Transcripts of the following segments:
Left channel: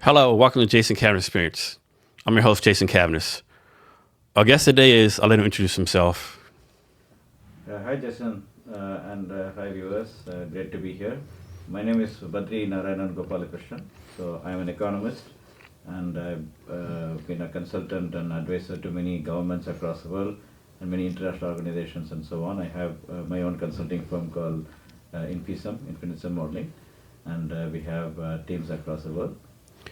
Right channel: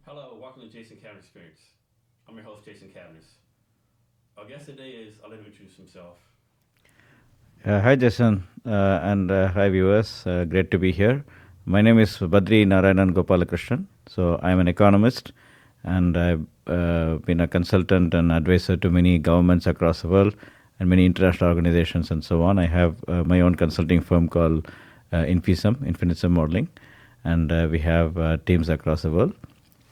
Hello, welcome to Jason Cavness Experience. I'm your host, Jason Cavness. Our guest today is, I'll let him introduce himself. Hi, Jason, and hi, viewers. Great to be here. My name is Badri Narayanan Gopalakrishnan. So, I'm an economist, and I've been a consultant and advisor to many governments across the world and many international organizations and so on. I have my own consulting firm called Infinism Modeling, and we have teams across the world.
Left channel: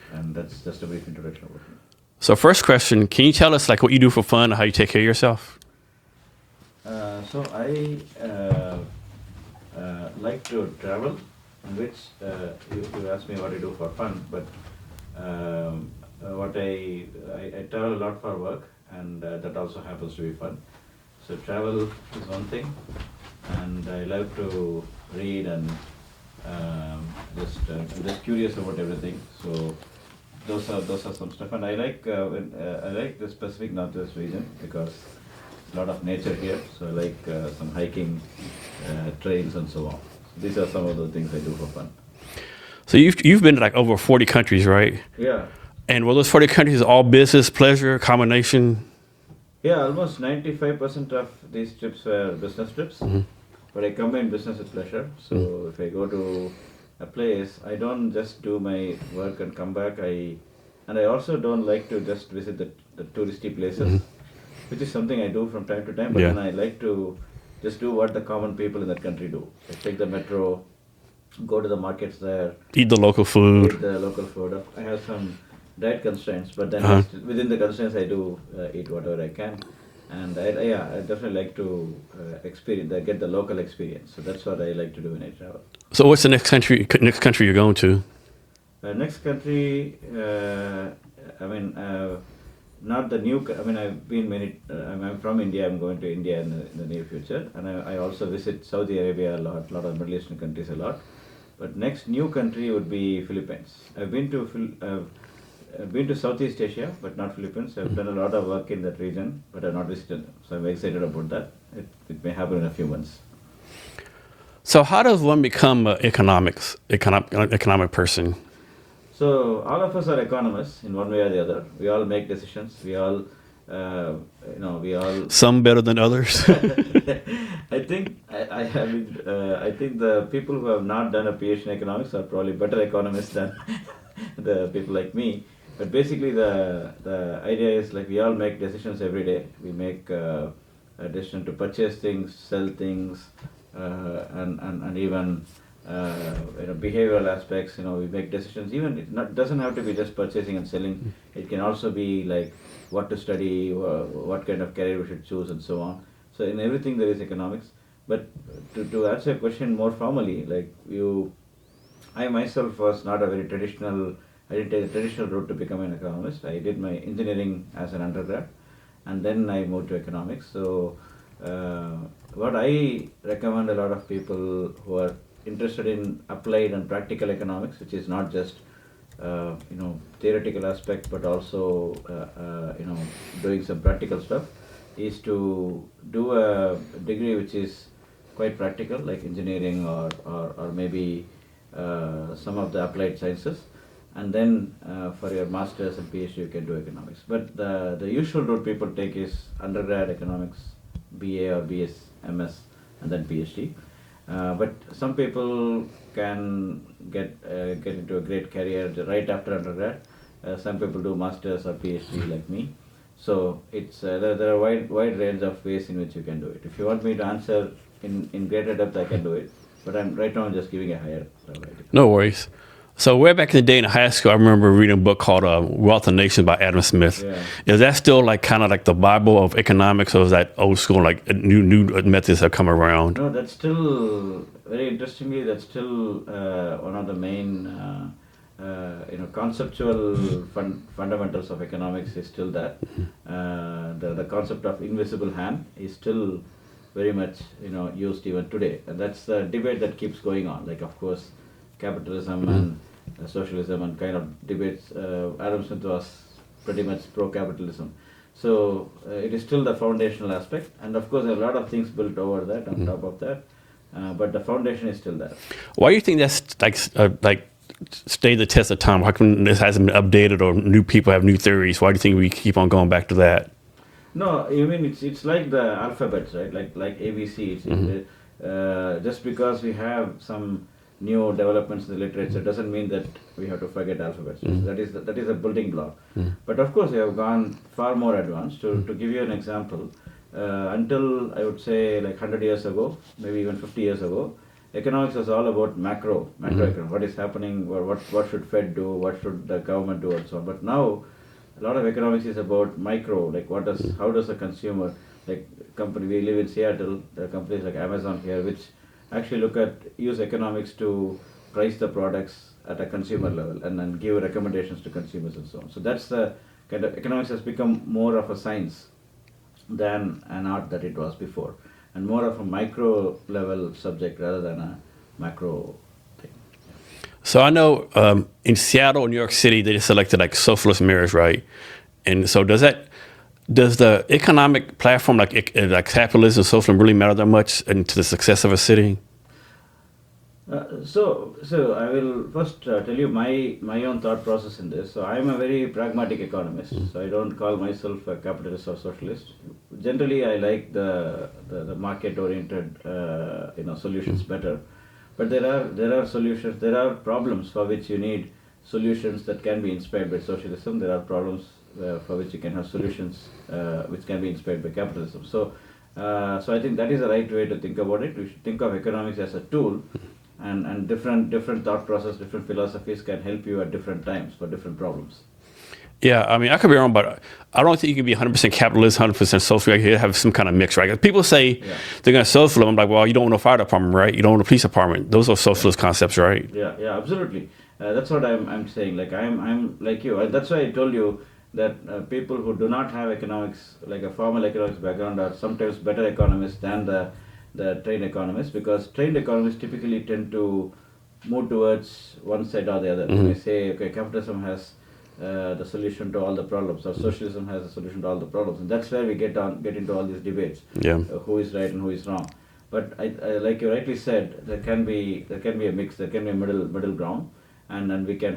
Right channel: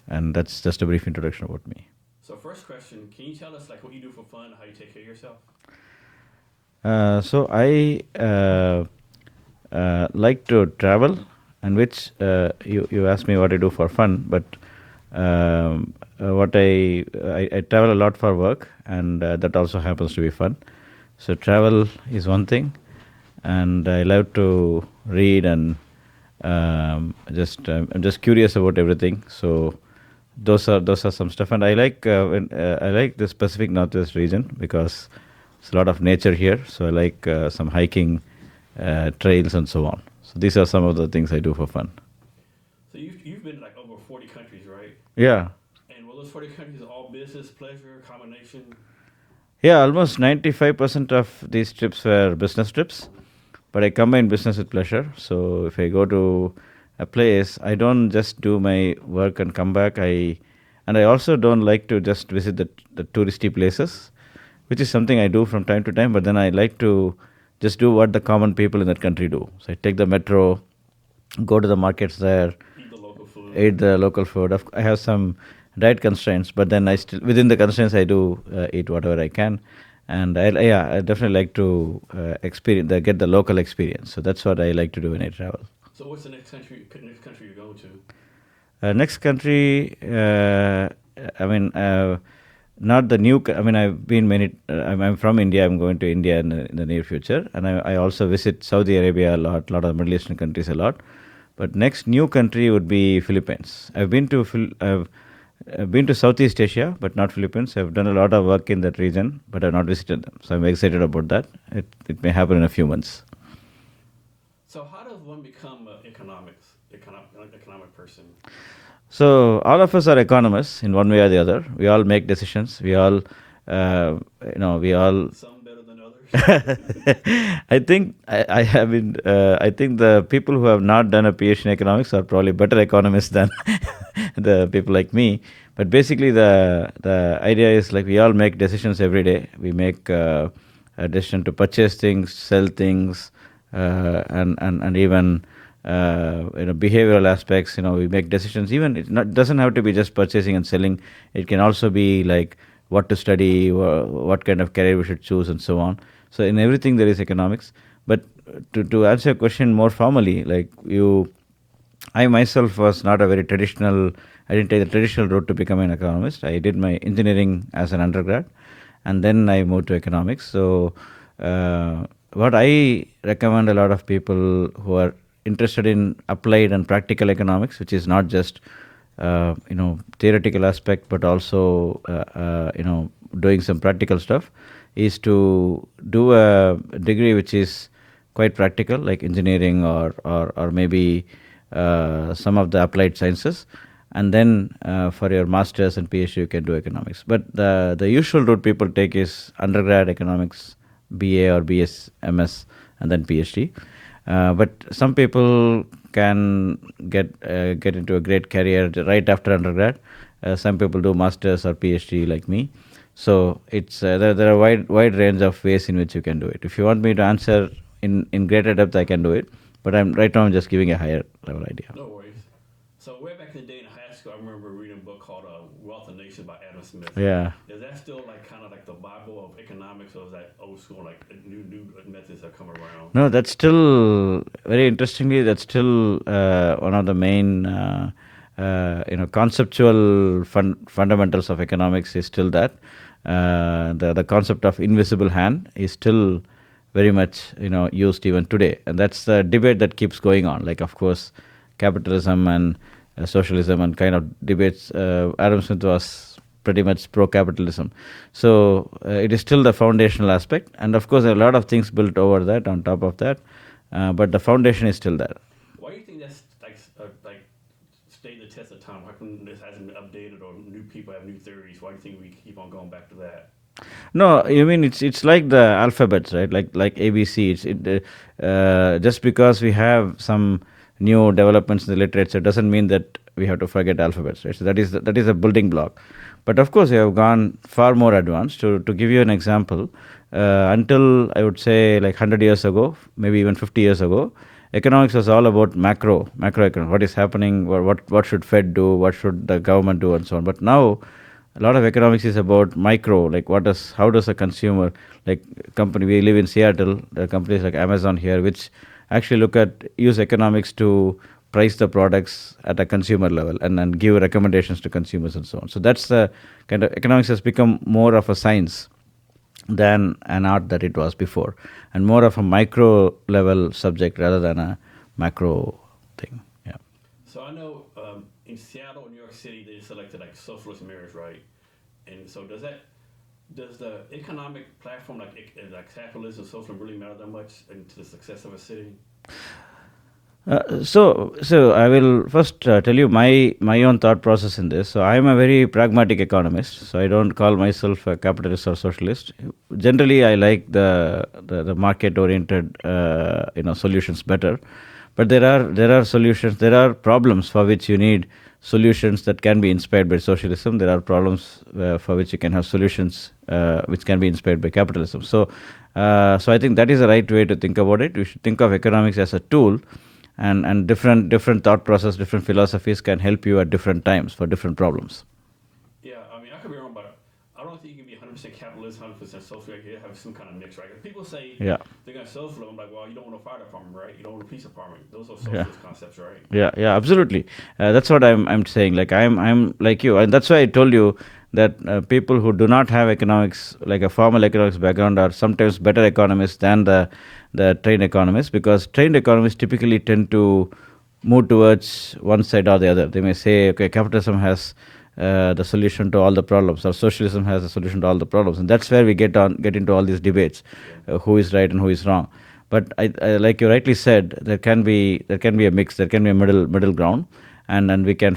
And that's just a brief introduction about me. So first question, can you tell us like what you do for fun, how you take care of yourself? So I like to travel, and which you asked me what I do for fun, but what I travel a lot for work, and that also happens to be fun. So travel is one thing, and I love to read and I'm just curious about everything. So those are some stuff, and I like I like the Pacific Northwest region because it's a lot of nature here. So I like some hiking, trails, and so on. So these are some of the things I do for fun. So you've been to like over 40 countries, right? Yeah, And were those 40 countries all business, pleasure, combination? yeah. Almost 95% of these trips were business trips, but I combine business with pleasure. So if I go to a place, I don't just do my work and come back. I also don't like to just visit the touristy places, which is something I do from time to time. But Yeah. then I like to just do what the common people in that country do. So I take the metro, go to the markets there, Eat the local food. eat the local food. I have some diet constraints, but then I still, within the constraints, I do eat whatever I can. And I definitely like to get the local experience. So that's what I like to do when I travel. So what's the next country you're going to? Next country, not the new. I mean, I've been many. I'm from India. I'm going to India in the near future, and I also visit Saudi Arabia a lot of Middle Eastern countries a lot. But next new country would be Philippines. I've been to Southeast Asia, but not Philippines. I've done a lot of work in that region, but I've not visited them. So I'm excited about that. It may happen in a few months. So how does one become an economic person? So all of us are economists in one way or the other. We all make decisions. We all, we all. Some better than others. I think I have been. I think the people who have not done a PhD in economics are probably better economists than the people like me. But basically, the idea is like we all make decisions every day. We make a decision to purchase things, sell things, and even behavioral aspects. We make decisions. Even doesn't have to be just purchasing and selling. It can also be like what to study, what kind of career we should choose, and so on. So in everything there is economics. But to answer your question more formally, like I myself was not a very traditional. I didn't take the traditional route to become an economist. I did my engineering as an undergrad, and then I moved to economics. So what I recommend a lot of people who are interested in applied and practical economics, which is not just theoretical aspect, but also doing some practical stuff, is to do a degree which is quite practical, like engineering or maybe some of the applied sciences, and then for your masters and PhD you can do economics. But the usual route people take is undergrad economics, BA or BS, MS, and then PhD. But some people can get into a great career right after undergrad. Some people do masters or PhD like me. So it's there are a wide range of ways in which you can do it. If you want me to answer in greater depth, I can do it. But I'm just giving a higher level idea. No worries. So way back in the day in high school, I remember reading a book called Wealth of Nations by Adam Smith. Yeah. Is that still like kind of like the Bible of economics, or is that old school, like new methods have come around? No, that's still very interestingly. That's still one of the main conceptual fundamentals of economics is still that. The concept of invisible hand is still very much used even today, and that's the debate that keeps going on. Like, of course, capitalism and socialism and kind of debates. Adam Smith was pretty much pro-capitalism. So it is still the foundational aspect. And of course, there are a lot of things built over that, on top of that. But the foundation is still there. Why do you think that's like stay the test of time? How come this hasn't been updated or new people have new theories? Why do you think we keep on going back to that? No, I mean it's like the alphabets, right? Like ABC. Just because we have some new developments in the literature doesn't mean that we have to forget alphabets. Right? So that is a building block. But of course, we have gone far more advanced. To give you an example, until I would say like 100 years ago, maybe even 50 years ago, economics was all about macroeconomics. What is happening? What should Fed do? What should the government do, and so on. But now, a lot of economics is about micro, like how does a consumer, like company, we live in Seattle, there are companies like Amazon here, which actually use economics to price the products at a consumer level and give recommendations to consumers and so on. So that's the kind of economics has become more of a science than an art that it was before, and more of a micro level subject rather than a macro thing. Yeah. So I know in Seattle, New York City, they just selected like socialist mayors, right? And so does the economic platform like capitalism, socialism really matter that much to the success of a city? So I will first tell you my own thought process in this. So I am a very pragmatic economist. So I don't call myself a capitalist or socialist. Generally, I like the market oriented solutions better. But there are solutions. There are problems for which you need solutions that can be inspired by socialism. There are problems for which you can have solutions which can be inspired by capitalism. So I think that is the right way to think about it. We should think of economics as a tool, and different thought process, different philosophies can help you at different times for different problems. Yeah, I mean, I could be wrong, but I don't think you can be 100% capitalist, 100% social. You have some kind of mix, right? People say they're going to socialism. I'm like, well, you don't want a fire department, right? You don't want a police department. Those are socialist concepts, right? Yeah, absolutely. That's what I'm saying. Like I'm like you, and that's why I told you that people who do not have economics, like a formal economics background, are sometimes better economists than the trained economists, because trained economists typically tend to move towards one side or the other. They may say, okay, capitalism has the solution to all the problems, or socialism has a solution to all the problems, and that's where we get into all these debates. Who is right and who is wrong. But I like you rightly said, there can be a mix, there can be a middle ground, and we can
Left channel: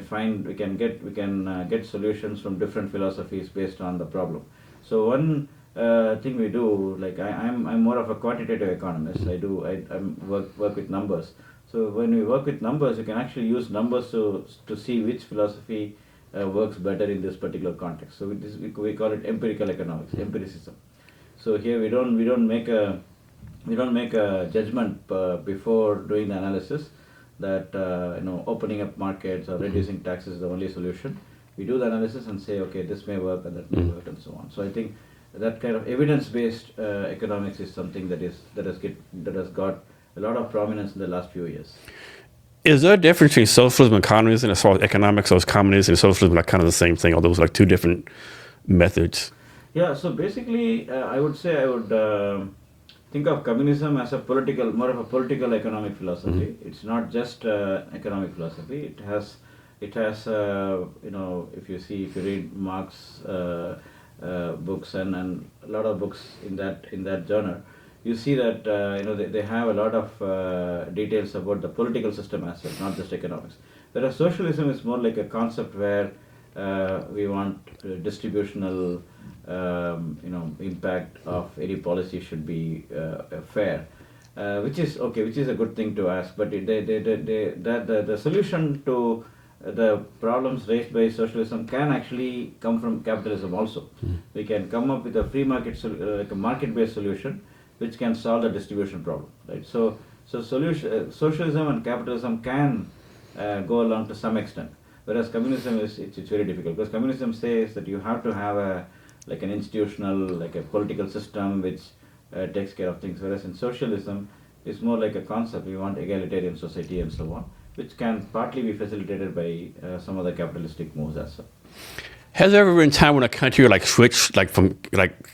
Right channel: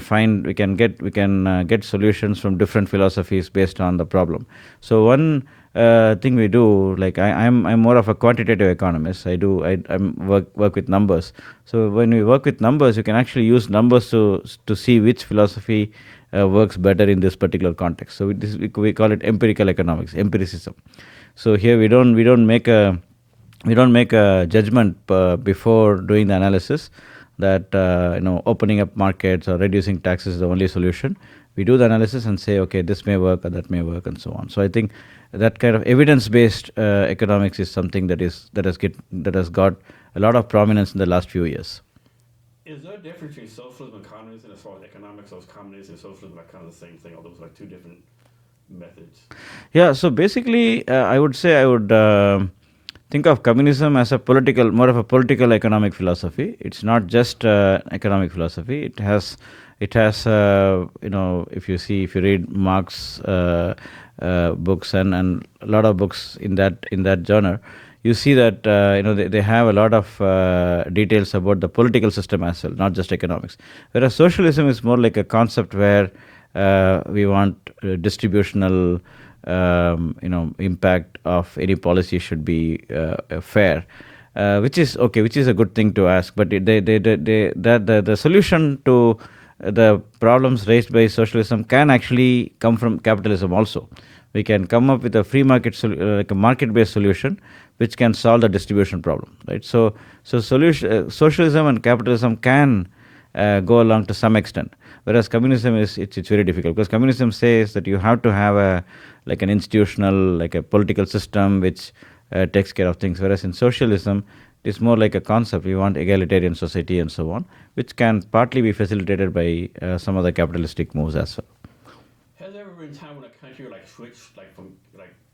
get solutions from different philosophies based on the problem. So one thing we do, like I'm more of a quantitative economist. I work with numbers. So when we work with numbers, you can actually use numbers to see which philosophy works better in this particular context. So we call it empirical economics, empiricism. So here we don't make a judgment before doing the analysis that opening up markets or reducing taxes is the only solution. We do the analysis and say, okay, this may work or that may work, and so on. So I think that kind of evidence-based economics is something that has got a lot of prominence in the last few years. Is there a difference between socialism and communism as far as economics? Or is communism and socialism like kind of the same thing, or those like two different methods? Yeah, so basically, I would think of communism as more of a political economic philosophy. It's not just economic philosophy. It has if you read Marx books and a lot of books in that genre, you see that they have a lot of details about the political system as well, not just economics. Whereas socialism is more like a concept where we want distributional impact of any policy should be fair, which is a good thing to ask. But the solution to the problems raised by socialism can actually come from capitalism also. We can come up with a free market, like a market-based solution, which can solve the distribution problem, right? So socialism and capitalism can go along to some extent, whereas communism it's very difficult, because communism says that you have to have an institutional, like a political system which takes care of things, whereas in socialism it's more like a concept. We want egalitarian society and so on, which can partly be facilitated by some of the capitalistic moves as well. Has there ever been a time when a country switched from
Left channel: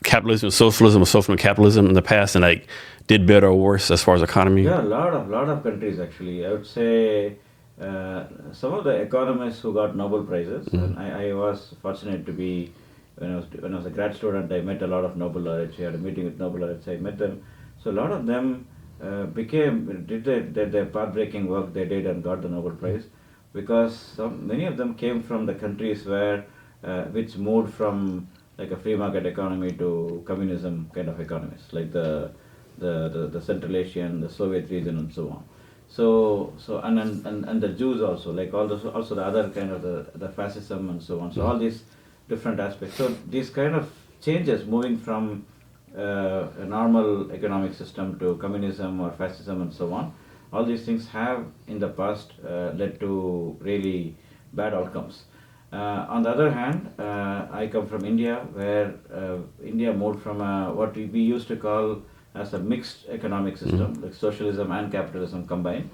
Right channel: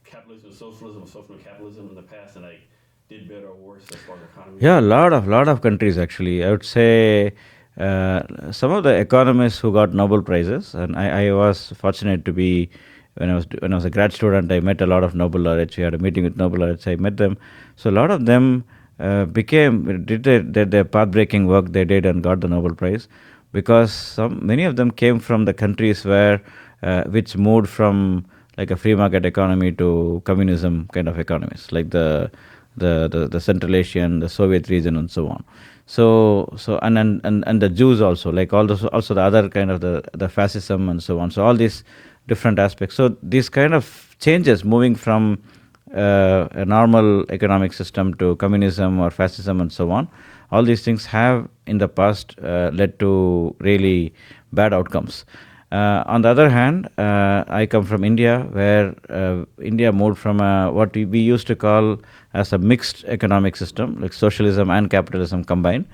capitalism to socialism or socialism to capitalism in the past and did better or worse as far as economy? Yeah, a lot of countries actually. I would say some of the economists who got Nobel Prizes, and I was fortunate to be, when I was a grad student, I met a lot of Nobel laureates. We had a meeting with Nobel laureates. I met them. So a lot of them did their path-breaking work they did and got the Nobel Prize. because many of them came from the countries where which moved from like a free market economy to communism kind of economies, like the Central Asian, the Soviet region, and so on. So and the Jews also, like also the other kind of the fascism and so on. So all these different aspects. So these kind of changes, moving from a normal economic system to communism or fascism and so on, all these things have in the past led to really bad outcomes. On the other hand, I come from India, where India moved from what we used to call as a mixed economic system, like socialism and capitalism combined,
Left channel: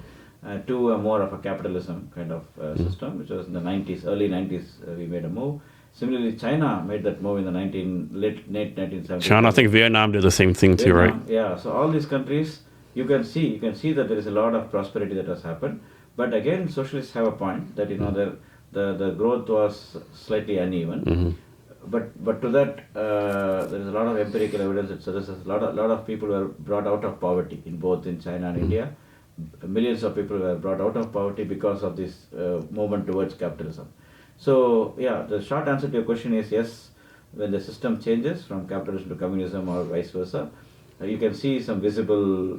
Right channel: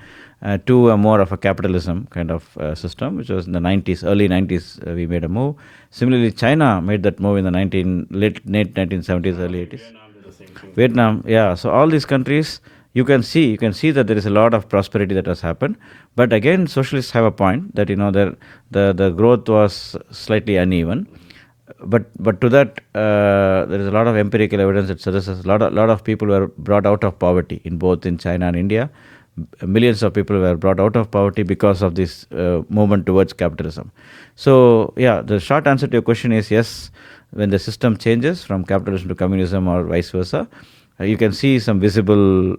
to a more of a capitalism kind of system, which was in the 90s, early 90s, we made a move. Similarly, China made that move in the late 1970s. China, I think Vietnam did the same thing too, right? Vietnam, yeah. So all these countries, you can see that there is a lot of prosperity that has happened. But again, socialists have a point that the growth was slightly uneven. But to that, there is a lot of empirical evidence that suggests a lot of people were brought out of poverty in China and India. Millions of people were brought out of poverty because of this movement towards capitalism. So yeah, the short answer to your question is yes. When the system changes from capitalism to communism or vice versa, you can see some visible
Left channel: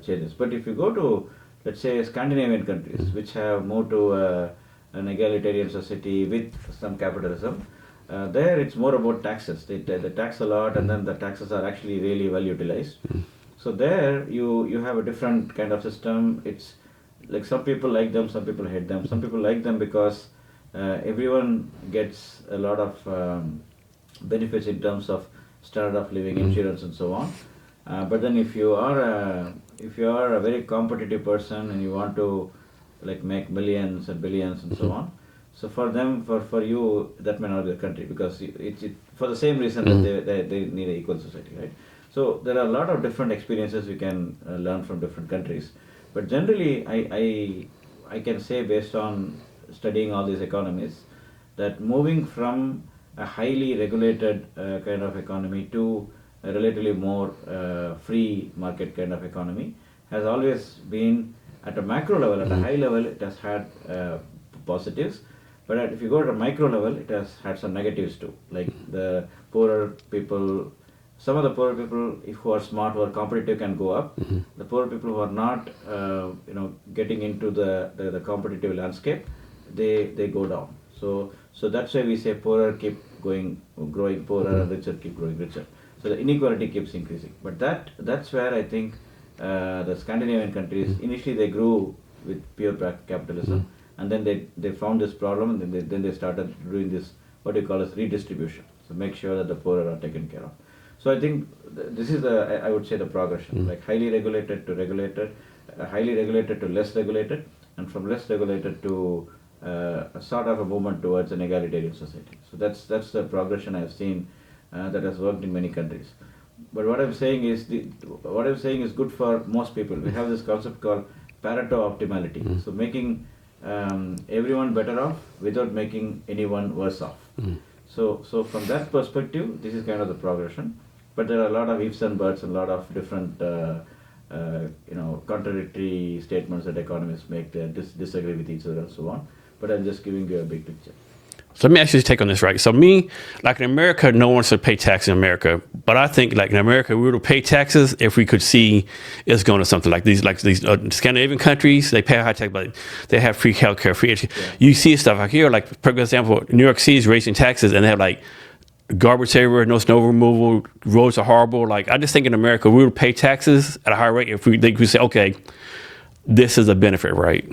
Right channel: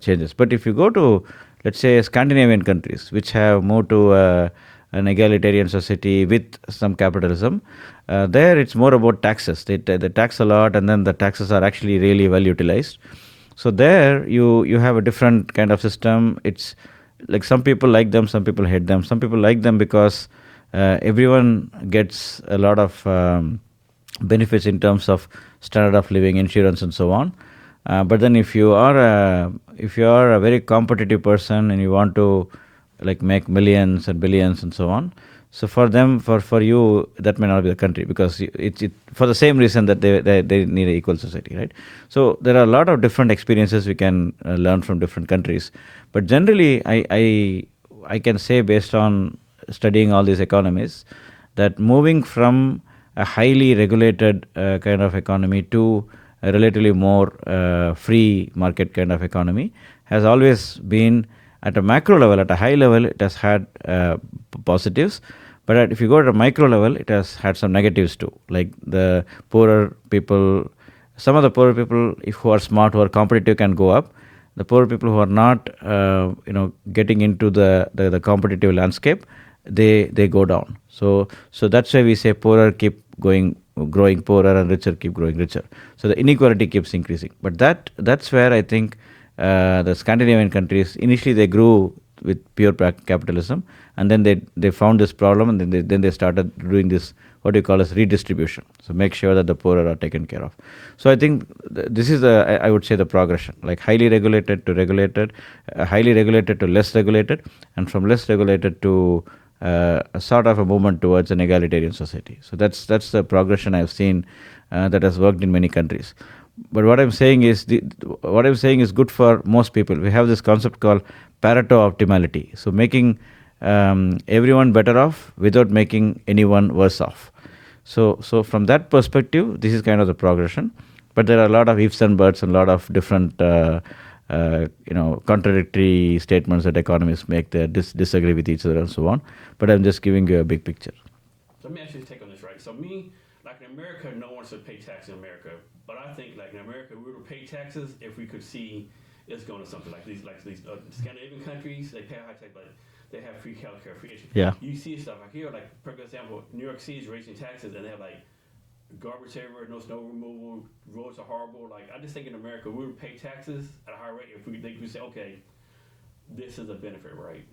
changes. But if you go to, let's say, Scandinavian countries, which have moved to an egalitarian society with some capitalism, there it's more about taxes. They tax a lot, and then the taxes are actually really well utilized. So there you have a different kind of system. It's like some people like them, some people hate them. Some people like them because everyone gets a lot of benefits in terms of standard of living, insurance, and so on. But then if you are a very competitive person and you want to like make millions and billions and so on, so for them, for you, that may not be the country, because it's for the same reason that they need an equal society, right? So there are a lot of different experiences we can learn from different countries. But generally, I can say, based on studying all these economies, that moving from a highly regulated kind of economy to a relatively more free market kind of economy has always been, at a macro level, at a high level, it has had positives. But if you go to a micro level, it has had some negatives too. Like the poorer people, some of the poorer people, who are smart, who are competitive, can go up. The poorer people who are not, getting into the competitive landscape, they go down. So that's why we say poorer keep growing poorer and richer keep growing richer. So the inequality keeps increasing. But that's where I think the Scandinavian countries, initially they grew with pure capitalism, and then they found this problem, and then they started doing this, what you call as redistribution. So make sure that the poorer are taken care of. So I think this is I would say the progression, like highly regulated to regulated, highly regulated to less regulated, and from less regulated to a sort of a movement towards an egalitarian society. So that's the progression I've seen that has worked in many countries. But what I'm saying is good for most people. We have this concept called Pareto optimality. So making everyone better off without making anyone worse off. So from that perspective, this is kind of the progression. But there are a lot of ifs and buts and a lot of different contradictory statements that economists make. They disagree with each other and so on. But I'm just giving you a big picture. So let me actually take on this, right? So like in America, no one should pay taxes in America. But I think like in America, we would pay taxes if we could see it's going to something like these Scandinavian countries, they pay high tax, but they have free healthcare, free education. Yeah. You see stuff like here, like for example, New York City is raising taxes and they have like garbage everywhere, no snow removal, roads are horrible. Like I just think in America, we would pay taxes at a high rate if they could say, okay, this is a benefit, right?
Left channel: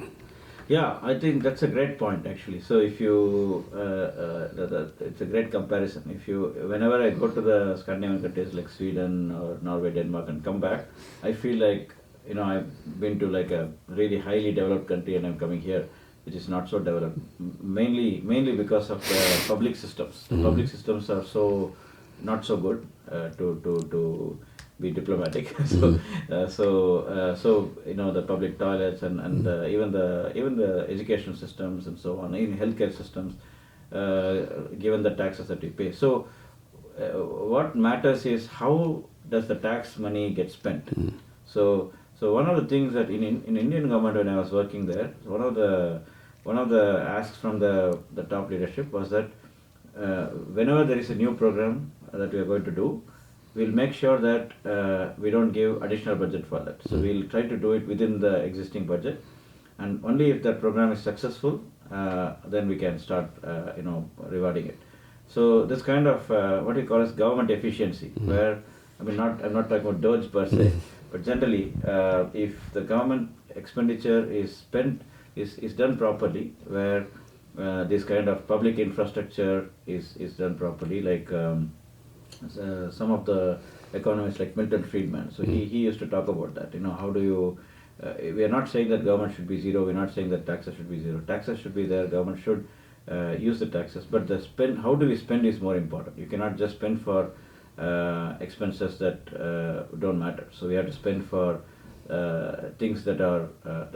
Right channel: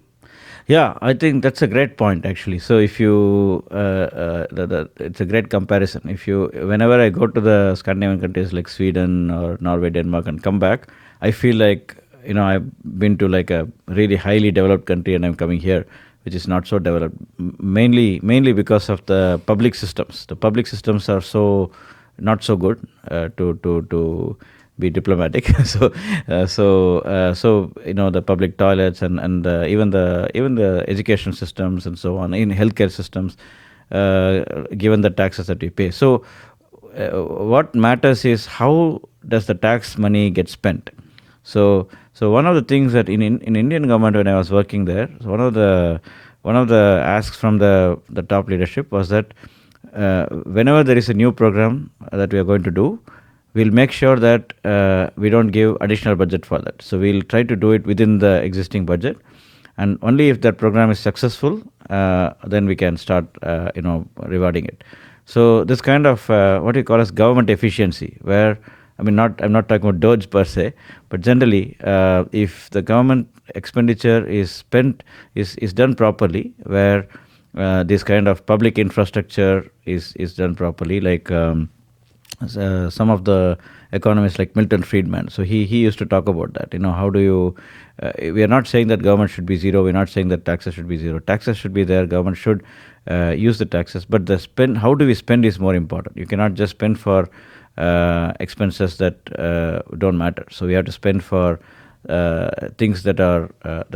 Yeah, I think that's a great point, actually. So if you, it's a great comparison. Whenever I go to the Scandinavian countries like Sweden or Norway, Denmark, and come back, I feel like, I've been to like a really highly developed country and I'm coming here, which is not so developed, mainly because of the public systems. The public systems are not so good to be diplomatic. The public toilets and even the education systems and so on, in healthcare systems, given the taxes that we pay. So what matters is how does the tax money get spent. So one of the things that in Indian government, when I was working there, one of the one of the asks from the top leadership was that whenever there is a new program that we are going to do, we'll make sure that we don't give additional budget for that. So we'll try to do it within the existing budget, and only if that program is successful, then we can start, rewarding it. So this kind of what we call as government efficiency, where I'm not talking about Doge per se, but generally, if the government expenditure is done properly, where this kind of public infrastructure is done properly, like some of the economists like Milton Friedman. So he used to talk about that. How do you? We are not saying that government should be zero. We're not saying that taxes should be zero. Taxes should be there. Government should use the taxes, but the spend. How do we spend is more important. You cannot just spend for expenses that don't matter. So we have to spend for things that are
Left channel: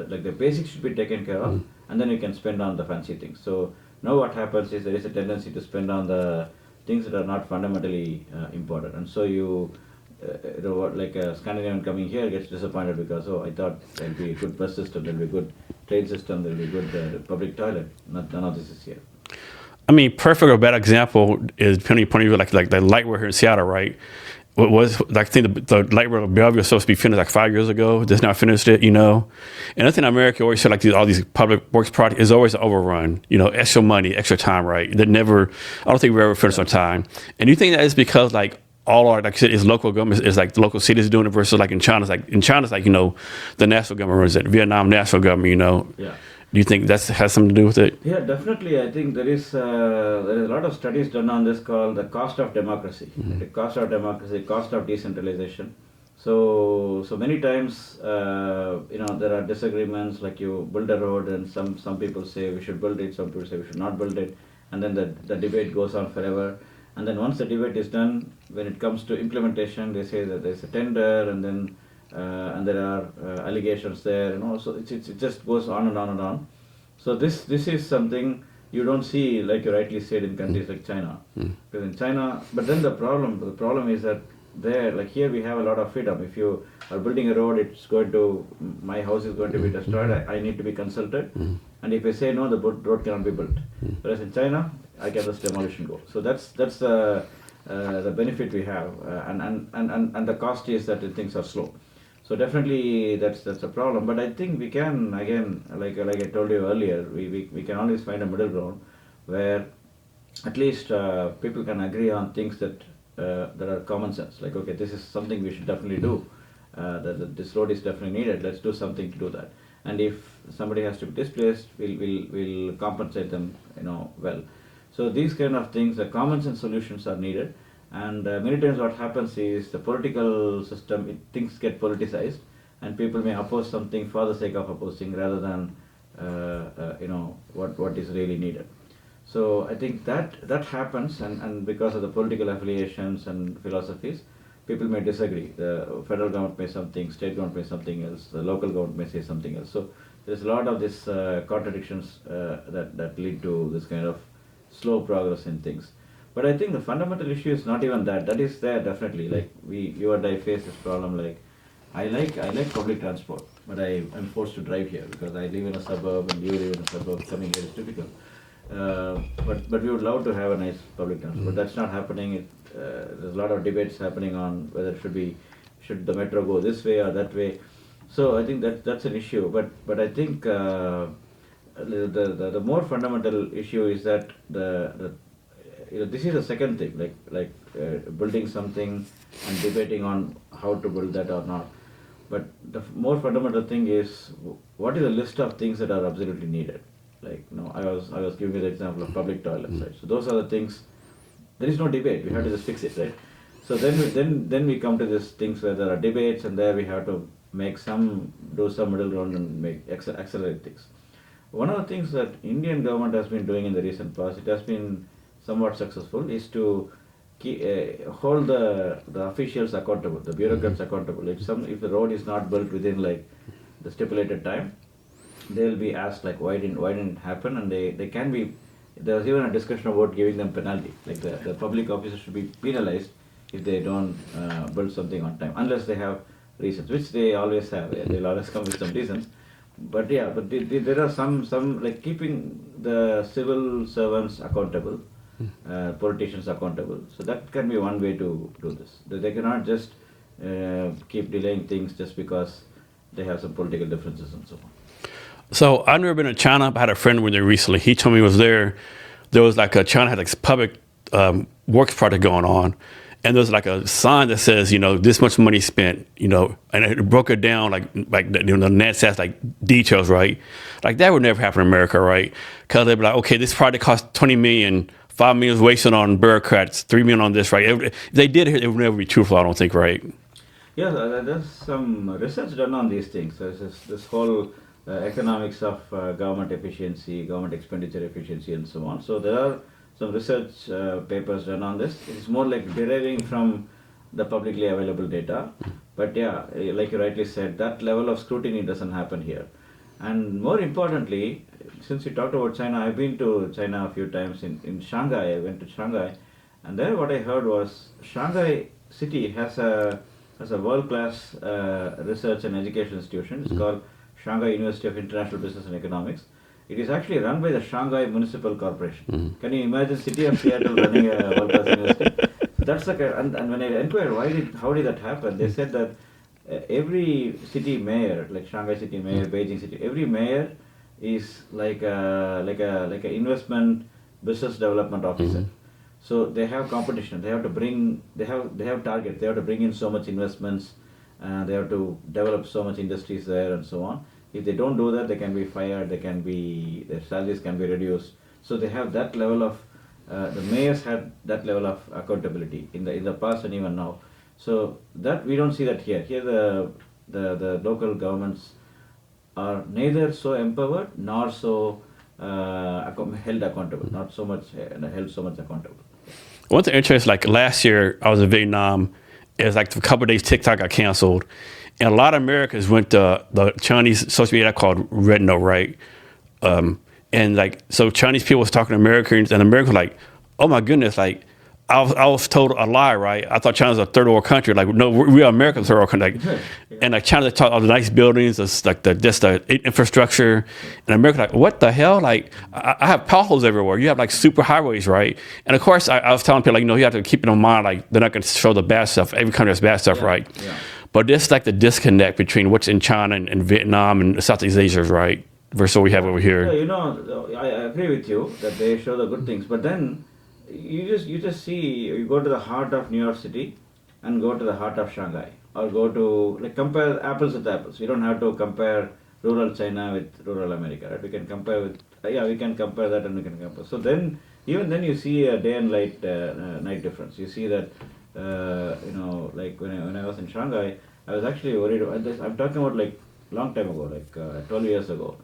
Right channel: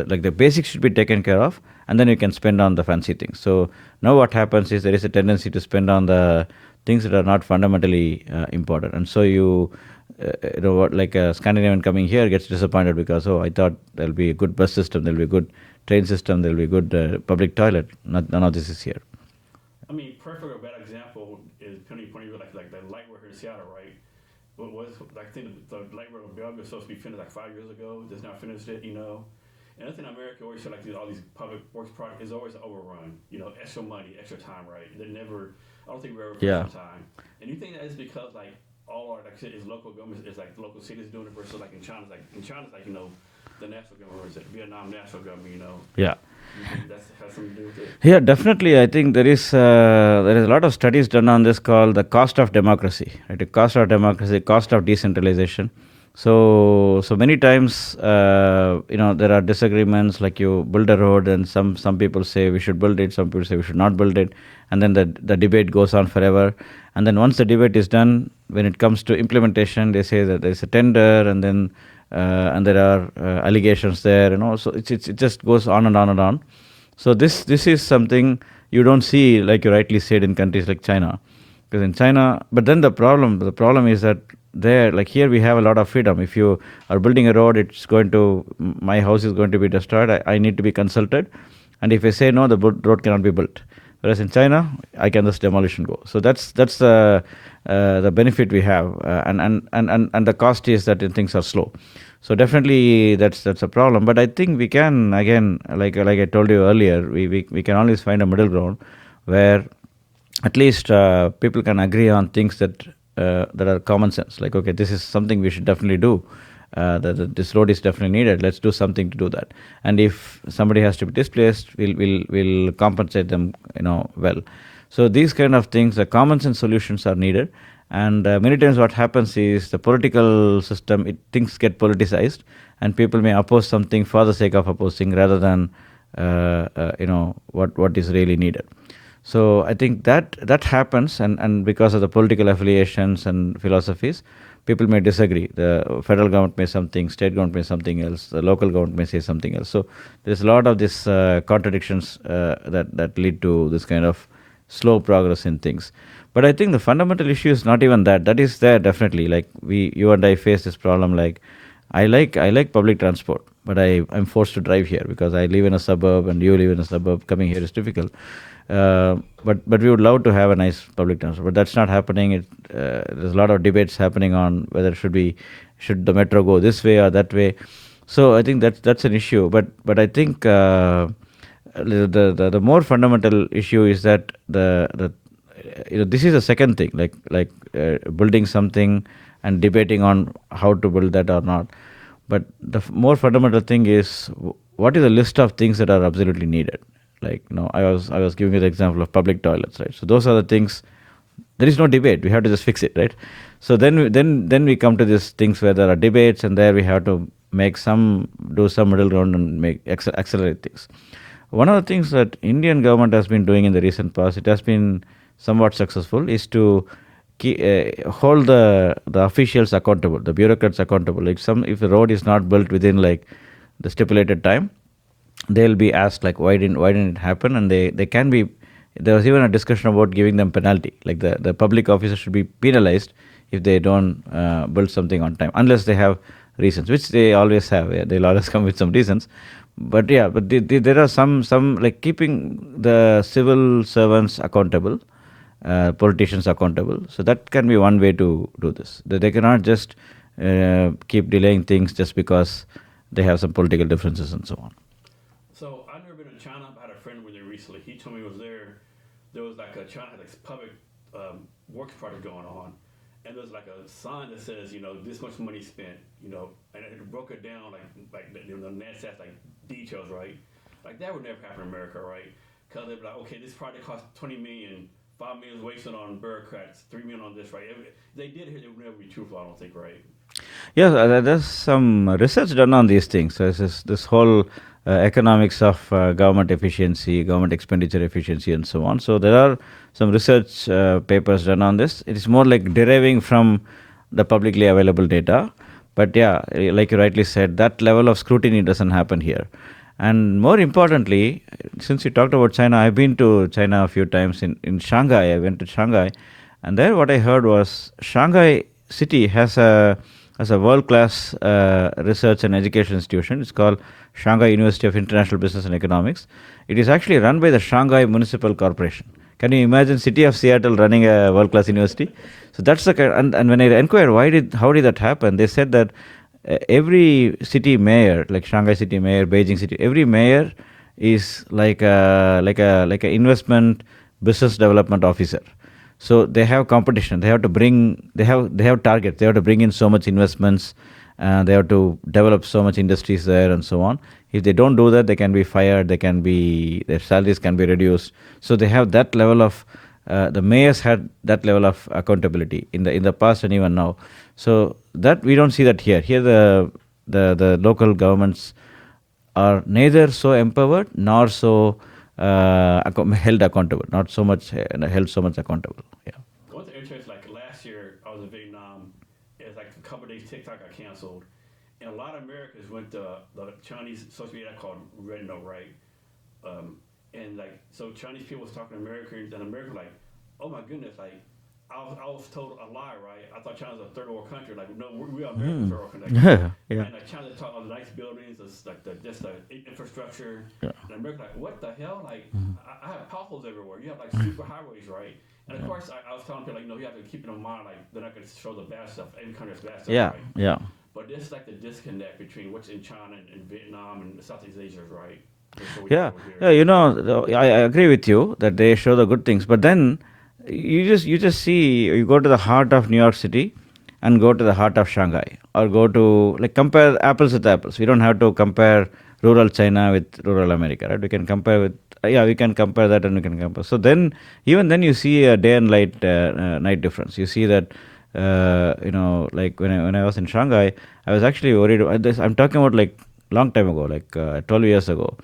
like the basics should be taken care of, and then you can spend on the fancy things. So now what happens is there is a tendency to spend on the things that are not fundamentally important, and so like a Scandinavian coming here gets disappointed because, I thought there'll be a good bus system, there'll be a good train system, there'll be a good public toilet. None of this is here. I mean, perfect or bad example is depending upon you, like the light rail here in Seattle, right? What was, I think the light rail of Bellevue was supposed to be finished like 5 years ago. Just not finished it, And I think in America, always said like all these public works projects is always overrun. Extra money, extra time, right? I don't think we ever finish on time. And do you think that is because like all our, like I said, is local governments, is like the local cities doing it versus like in China, the national government runs it, Vietnam national government, Yeah. Do you think that has something to do with it? Yeah, definitely. I think there is a lot of studies done on this called the cost of democracy. Right? The cost of democracy, cost of decentralization. So many times, there are disagreements. Like you build a road, and some people say we should build it, some people say we should not build it, and then the debate goes on forever. And then once the debate is done, when it comes to implementation, they say that there is a tender, and then and there are allegations there, So it just goes on and on and on. So this is something you don't see, like you rightly said, in countries like China, because in China. But then the problem is that there, like here, we have a lot of freedom. If you are building a road, my house is going to be destroyed. I need to be consulted, and if I say no, the road cannot be built. Whereas in China, I can just demolition go. So that's the benefit we have, and the cost is that things are slow. So definitely that's a problem. But I think we can, again, like I told you earlier, we can always find a middle ground where at least people can agree on things that are common sense. Like, okay, this is something we should definitely do. This road is definitely needed. Let's do something to do that. And if somebody has to be displaced, we'll compensate them, well. So these kind of things, the common sense solutions are needed. And many times what happens is the political system, things get politicized, and people may oppose something for the sake of opposing rather than what is really needed. So I think that happens, and because of the political affiliations and philosophies, people may disagree. The federal government may something, state government may something else, the local government may say something else. So there's a lot of these contradictions that lead to this kind of slow progress in things. But I think the fundamental issue is not even that. That is there definitely. Like you and I face this problem. Like I like public transport, but I'm forced to drive here because I live in a suburb and you live in a suburb. Coming here is difficult. But we would love to have a nice public transport, but that's not happening. There's a lot of debates happening on whether should the metro go this way or that way. So I think that's an issue. But I think the more fundamental issue is that this is the second thing, like building something and debating on how to build that or not. But the more fundamental thing is what is the list of things that are absolutely needed. Like I was giving you the example of public toilets, right? So those are the things. There is no debate. We have to just fix it, right? So then we come to these things where there are debates, and there we have to do some middle ground and accelerate things. One of the things that Indian government has been doing in the recent past, it has been somewhat successful, is to hold the officials accountable, the bureaucrats accountable. Like if a road is not built within like the stipulated time, they'll be asked like why didn't it happen, and they can be. There was even a discussion about giving them penalty, like the public officers should be penalized if they don't build something on time, unless they have reasons, which they always have. Yeah, they'll always come with some reasons. but yeah, but there are some like keeping the civil servants accountable, politicians accountable. So that can be one way to do this. They cannot just keep delaying things just because they have some political differences and so on. So I've never been to China. I had a friend went there recently. He told me he was there. There was like China had like public works project going on, and there's like a sign that says, this much money spent, and it broke it down like the net says like details, right? Like that would never happen in America, right? Because they'd be like, okay, this project cost $20 million, $5 million is wasted on bureaucrats, $3 million on this, right? If they did it, it would never be truthful, I don't think, right? Yeah, there's some research done on these things. So this whole economics of government efficiency, government expenditure efficiency, and so on. So there are some research papers done on this. It is more like deriving from the publicly available data. But yeah, like you rightly said, that level of scrutiny doesn't happen here. And more importantly, since you talked about China, I've been to China a few times in Shanghai. I went to Shanghai, and there what I heard was Shanghai city has a world-class research and education institution. It's called Shanghai University of International Business and Economics. It is actually run by the Shanghai Municipal Corporation. Can you imagine city of Seattle running a world-class university? So that's the kind. And when I inquired how did that happen, they said that every city mayor, like Shanghai city mayor, Beijing city, every mayor is like a investment business development officer. So they have competition. They have to bring. They have targets. They have to bring in so much investments. They have to develop so much industries there and so on. If they don't do that, they can be fired. Their salaries can be reduced. So they have that level of. The mayors had that level of accountability in the past and even now. So that we don't see that here. Here the local governments are neither so empowered nor so held accountable. Not so much held so much accountable. Yeah. One thing interesting, like last year I was in Vietnam. It was like a couple of days TikTok got canceled, and a lot of Americans went to the Chinese social media called Red Note, right? And like so, Chinese people was talking to Americans, and Americans were like, "Oh my goodness!" Like I was told a lie, right? I thought China was a third world country. Like, no, we are American third world country. Like, and like China taught all the nice buildings, like the infrastructure, and America like, what the hell? Like, I have potholes everywhere. You have like super highways, right? And of course, I was telling people like, you have to keep it in mind, like they're not going to show the bad stuff. Every country has bad stuff, right? Yeah. But this like the disconnect between what's in China and Vietnam and Southeast Asia, right? Versus what we have over here. Yeah, I agree with you that they show the good things, but then. You just see, you go to the heart of New York City and go to the heart of Shanghai, or go to, like, compare apples with apples. We don't have to compare rural China with rural America, right? We can compare we can compare that, and we can compare. So then, even then you see a day and night difference. You see that, like when I was in Shanghai, I was actually worried about this. I'm talking about like long time ago, like 12 years ago.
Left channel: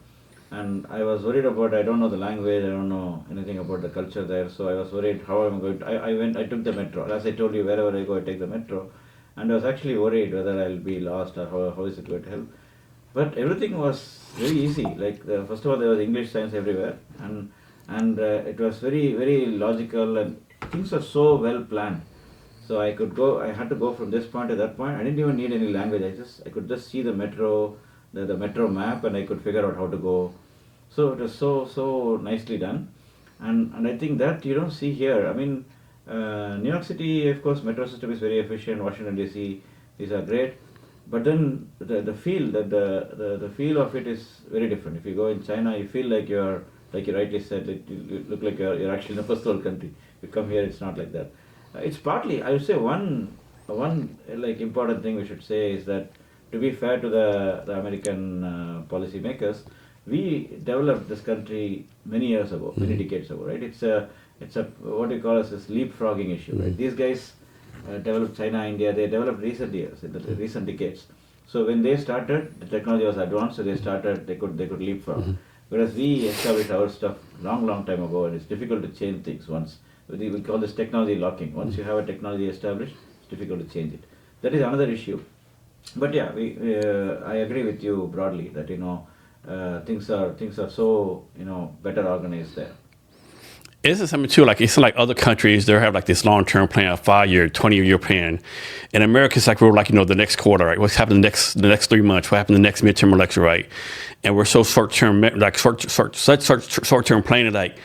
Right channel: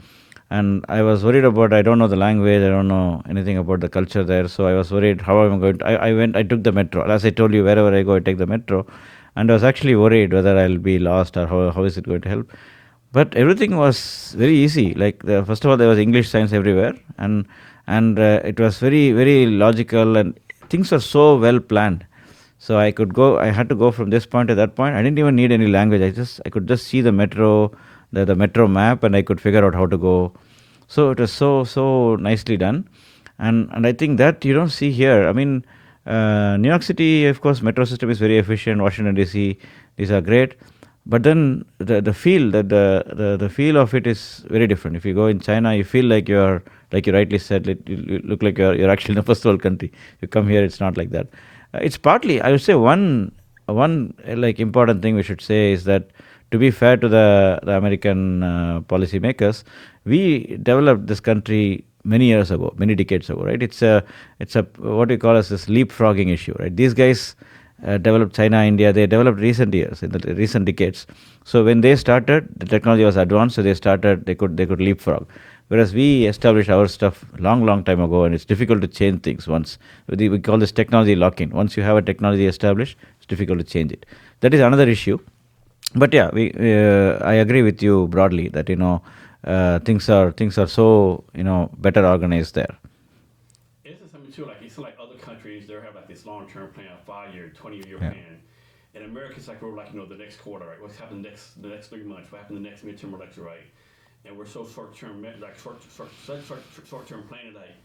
And I was worried about, I don't know the language, I don't know anything about the culture there, so I was worried how am I going to, I took the metro. As I told you, wherever I go, I take the metro. And I was actually worried whether I'll be lost or how is it going to help. But everything was very easy. Like, first of all, there was English signs everywhere, and it was very, very logical, and things were so well planned. So I had to go from this point to that point. I didn't even need any language. I could just see the metro, the metro map, and I could figure out how to go. So it was so nicely done, and I think that you don't see here. I mean, New York City, of course, metro system is very efficient. Washington DC, these are great, but then the feel the feel of it is very different. If you go in China, you feel like you're, like you rightly said, you look like you're actually in a first world country. You come here, it's not like that. It's partly, I would say, one like important thing we should say is that, to be fair to the American policymakers, we developed this country many years ago, many decades ago, right? It's a what we call as this leapfrogging issue, right? These guys developed China, India. They developed recent years, in the recent decades. So when they started, the technology was advanced, so they could leapfrog. Whereas we established our stuff long time ago, and it's difficult to change things once. We call this technology lock-in. Once you have a technology established, it's difficult to change it. That is another issue. But yeah, I agree with you broadly that things are so better organized there. It's something too, like it's like other countries, they have like this long-term plan, a 5-year, 20-year plan. In America, it's like we're like the next quarter, right? What's happening the next 3 months? What happened the next midterm election, right? and we're so short-term, like short-term planning, like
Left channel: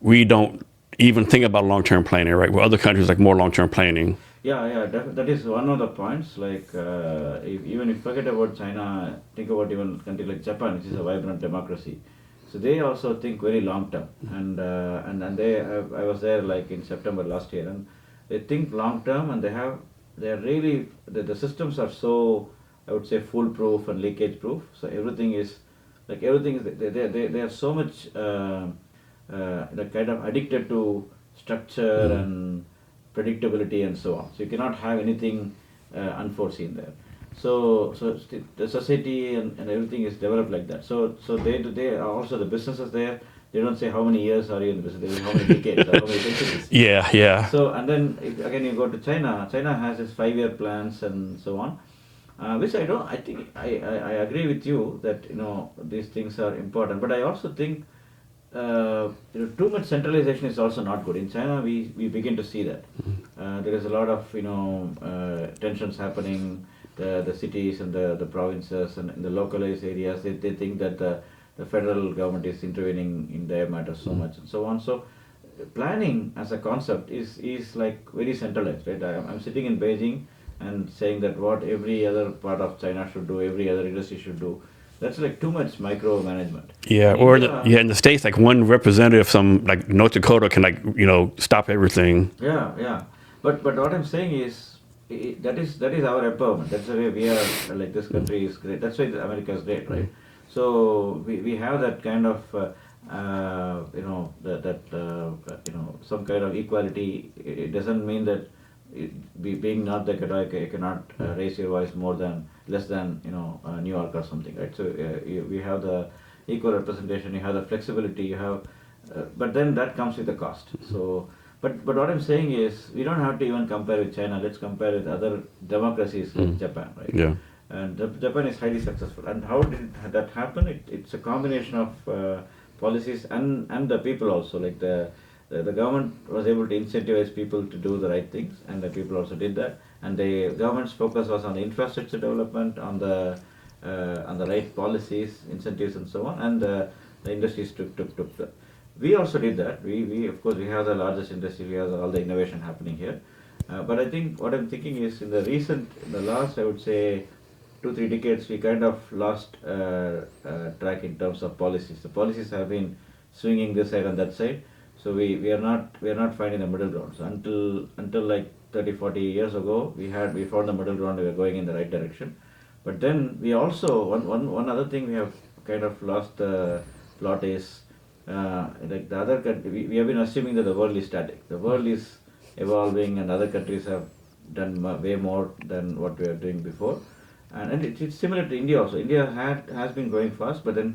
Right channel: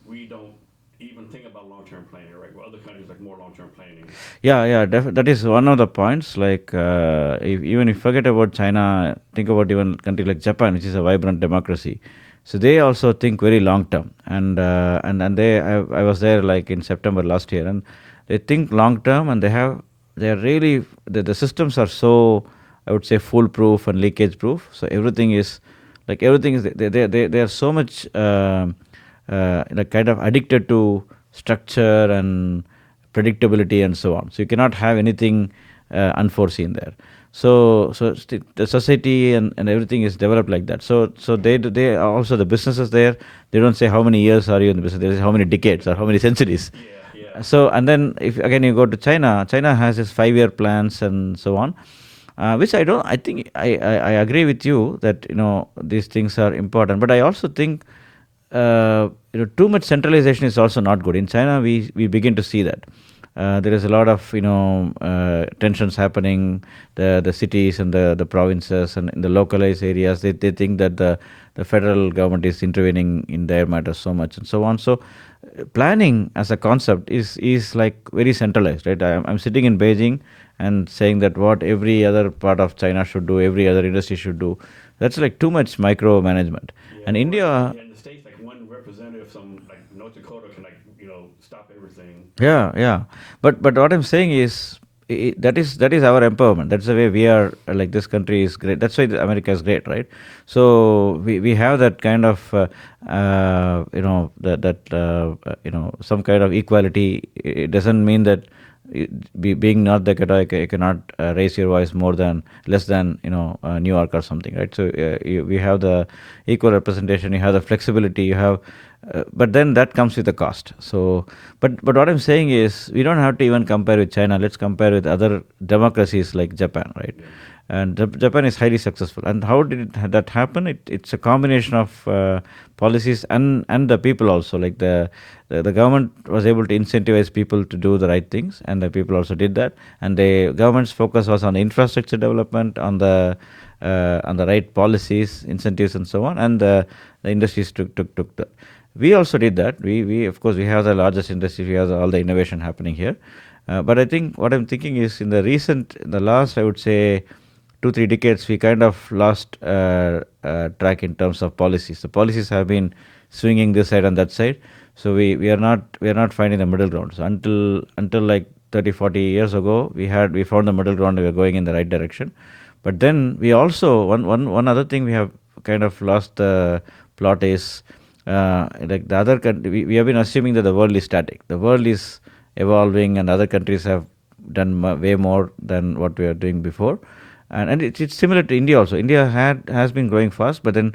we don't even think about long-term planning, right? Where other countries like more long-term planning. Yeah, that is one of the points. Like, even if you forget about China, think about even a country like Japan, which is a vibrant democracy. So they also think very long term, and I was there like in September last year, and they think long term, and they are really the systems are so, I would say, foolproof and leakage proof. So everything is they are so much like kind of addicted to structure and predictability and so on. So you cannot have anything unforeseen there. The society and everything is developed like that. So they are also the businesses there. They don't say how many years are you in the business. They say how many decades or how many centuries. Yeah. So and then if again you go to China, China has its 5-year plans and so on. Which I don't. I think I agree with you that these things are important, but I also think too much centralization is also not good. In China, we begin to see that there is a lot of tensions happening. The cities and the provinces and in the localized areas, they think that the federal government is intervening in their matters so much and so on. So planning as a concept is like very centralized, right? I'm sitting in Beijing and saying that what every other part of China should do, every other industry should do. That's like too much micromanagement. Yeah, And or India, in the States, like one representative from like North Dakota can stop everything. yeah. But what I'm saying is that is our empowerment. That's the way we are. Like this country is great. That's why America is great, right? So we have that kind of some kind of equality. It doesn't mean that being North Dakota, you cannot raise your voice less than New York or something, right? So we have the equal representation, you have the flexibility, you have, but then that comes with a cost. So, but what I'm saying is we don't have to even compare with China. Let's compare with other democracies like Japan, right? Yeah. And Japan is highly successful. And how did that happen? It's a combination of policies and the people also. Like the government was able to incentivize people to do the right things, and the people also did that. And the government's focus was on infrastructure development, on the right policies, incentives, and so on. And the industries took the. We also did that. We of course we have the largest industry. We have all the innovation happening here. But I think what I'm thinking is in the last, I would say, 2-3 decades, we kind of lost track in terms of policies. The policies have been swinging this side and that side. So we are not finding the middle ground. So until like 30-40 years ago, we found the middle ground. We were going in the right direction. But then we also one other thing we have kind of lost the plot is like the other country. We have been assuming that the world is static. The world is evolving, and other countries have done way more than what we are doing before. And it's similar to India also. India has been growing fast, but then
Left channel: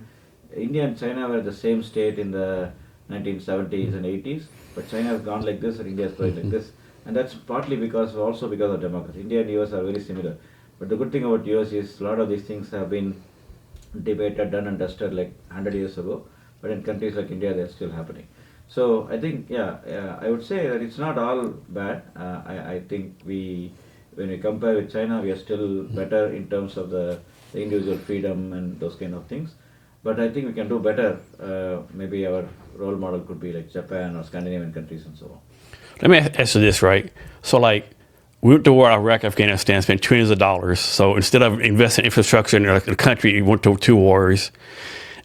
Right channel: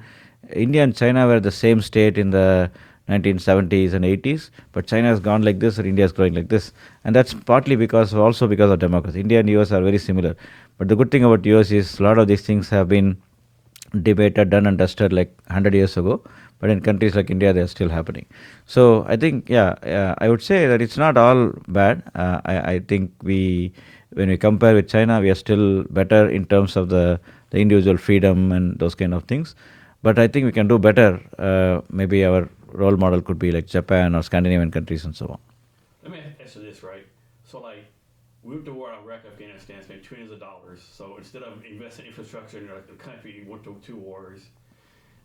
India and China were the same state in the 1970s and 80s, but China has gone like this, and India is growing like this, and that's partly because of democracy. India and US are very similar, but the good thing about US is a lot of these things have been debated, done and dusted like 100 years ago, but in countries like India, they're still happening. So I think, I would say that it's not all bad. I think when we compare with China, we are still better in terms of the individual freedom and those kind of things. But I think we can do better. Maybe our role model could be like Japan or Scandinavian countries and so on. Let me ask you this, right? So like we went to war, Iraq, Afghanistan, spent trillions of dollars. So instead of investing in infrastructure in the country, we went to 2 wars.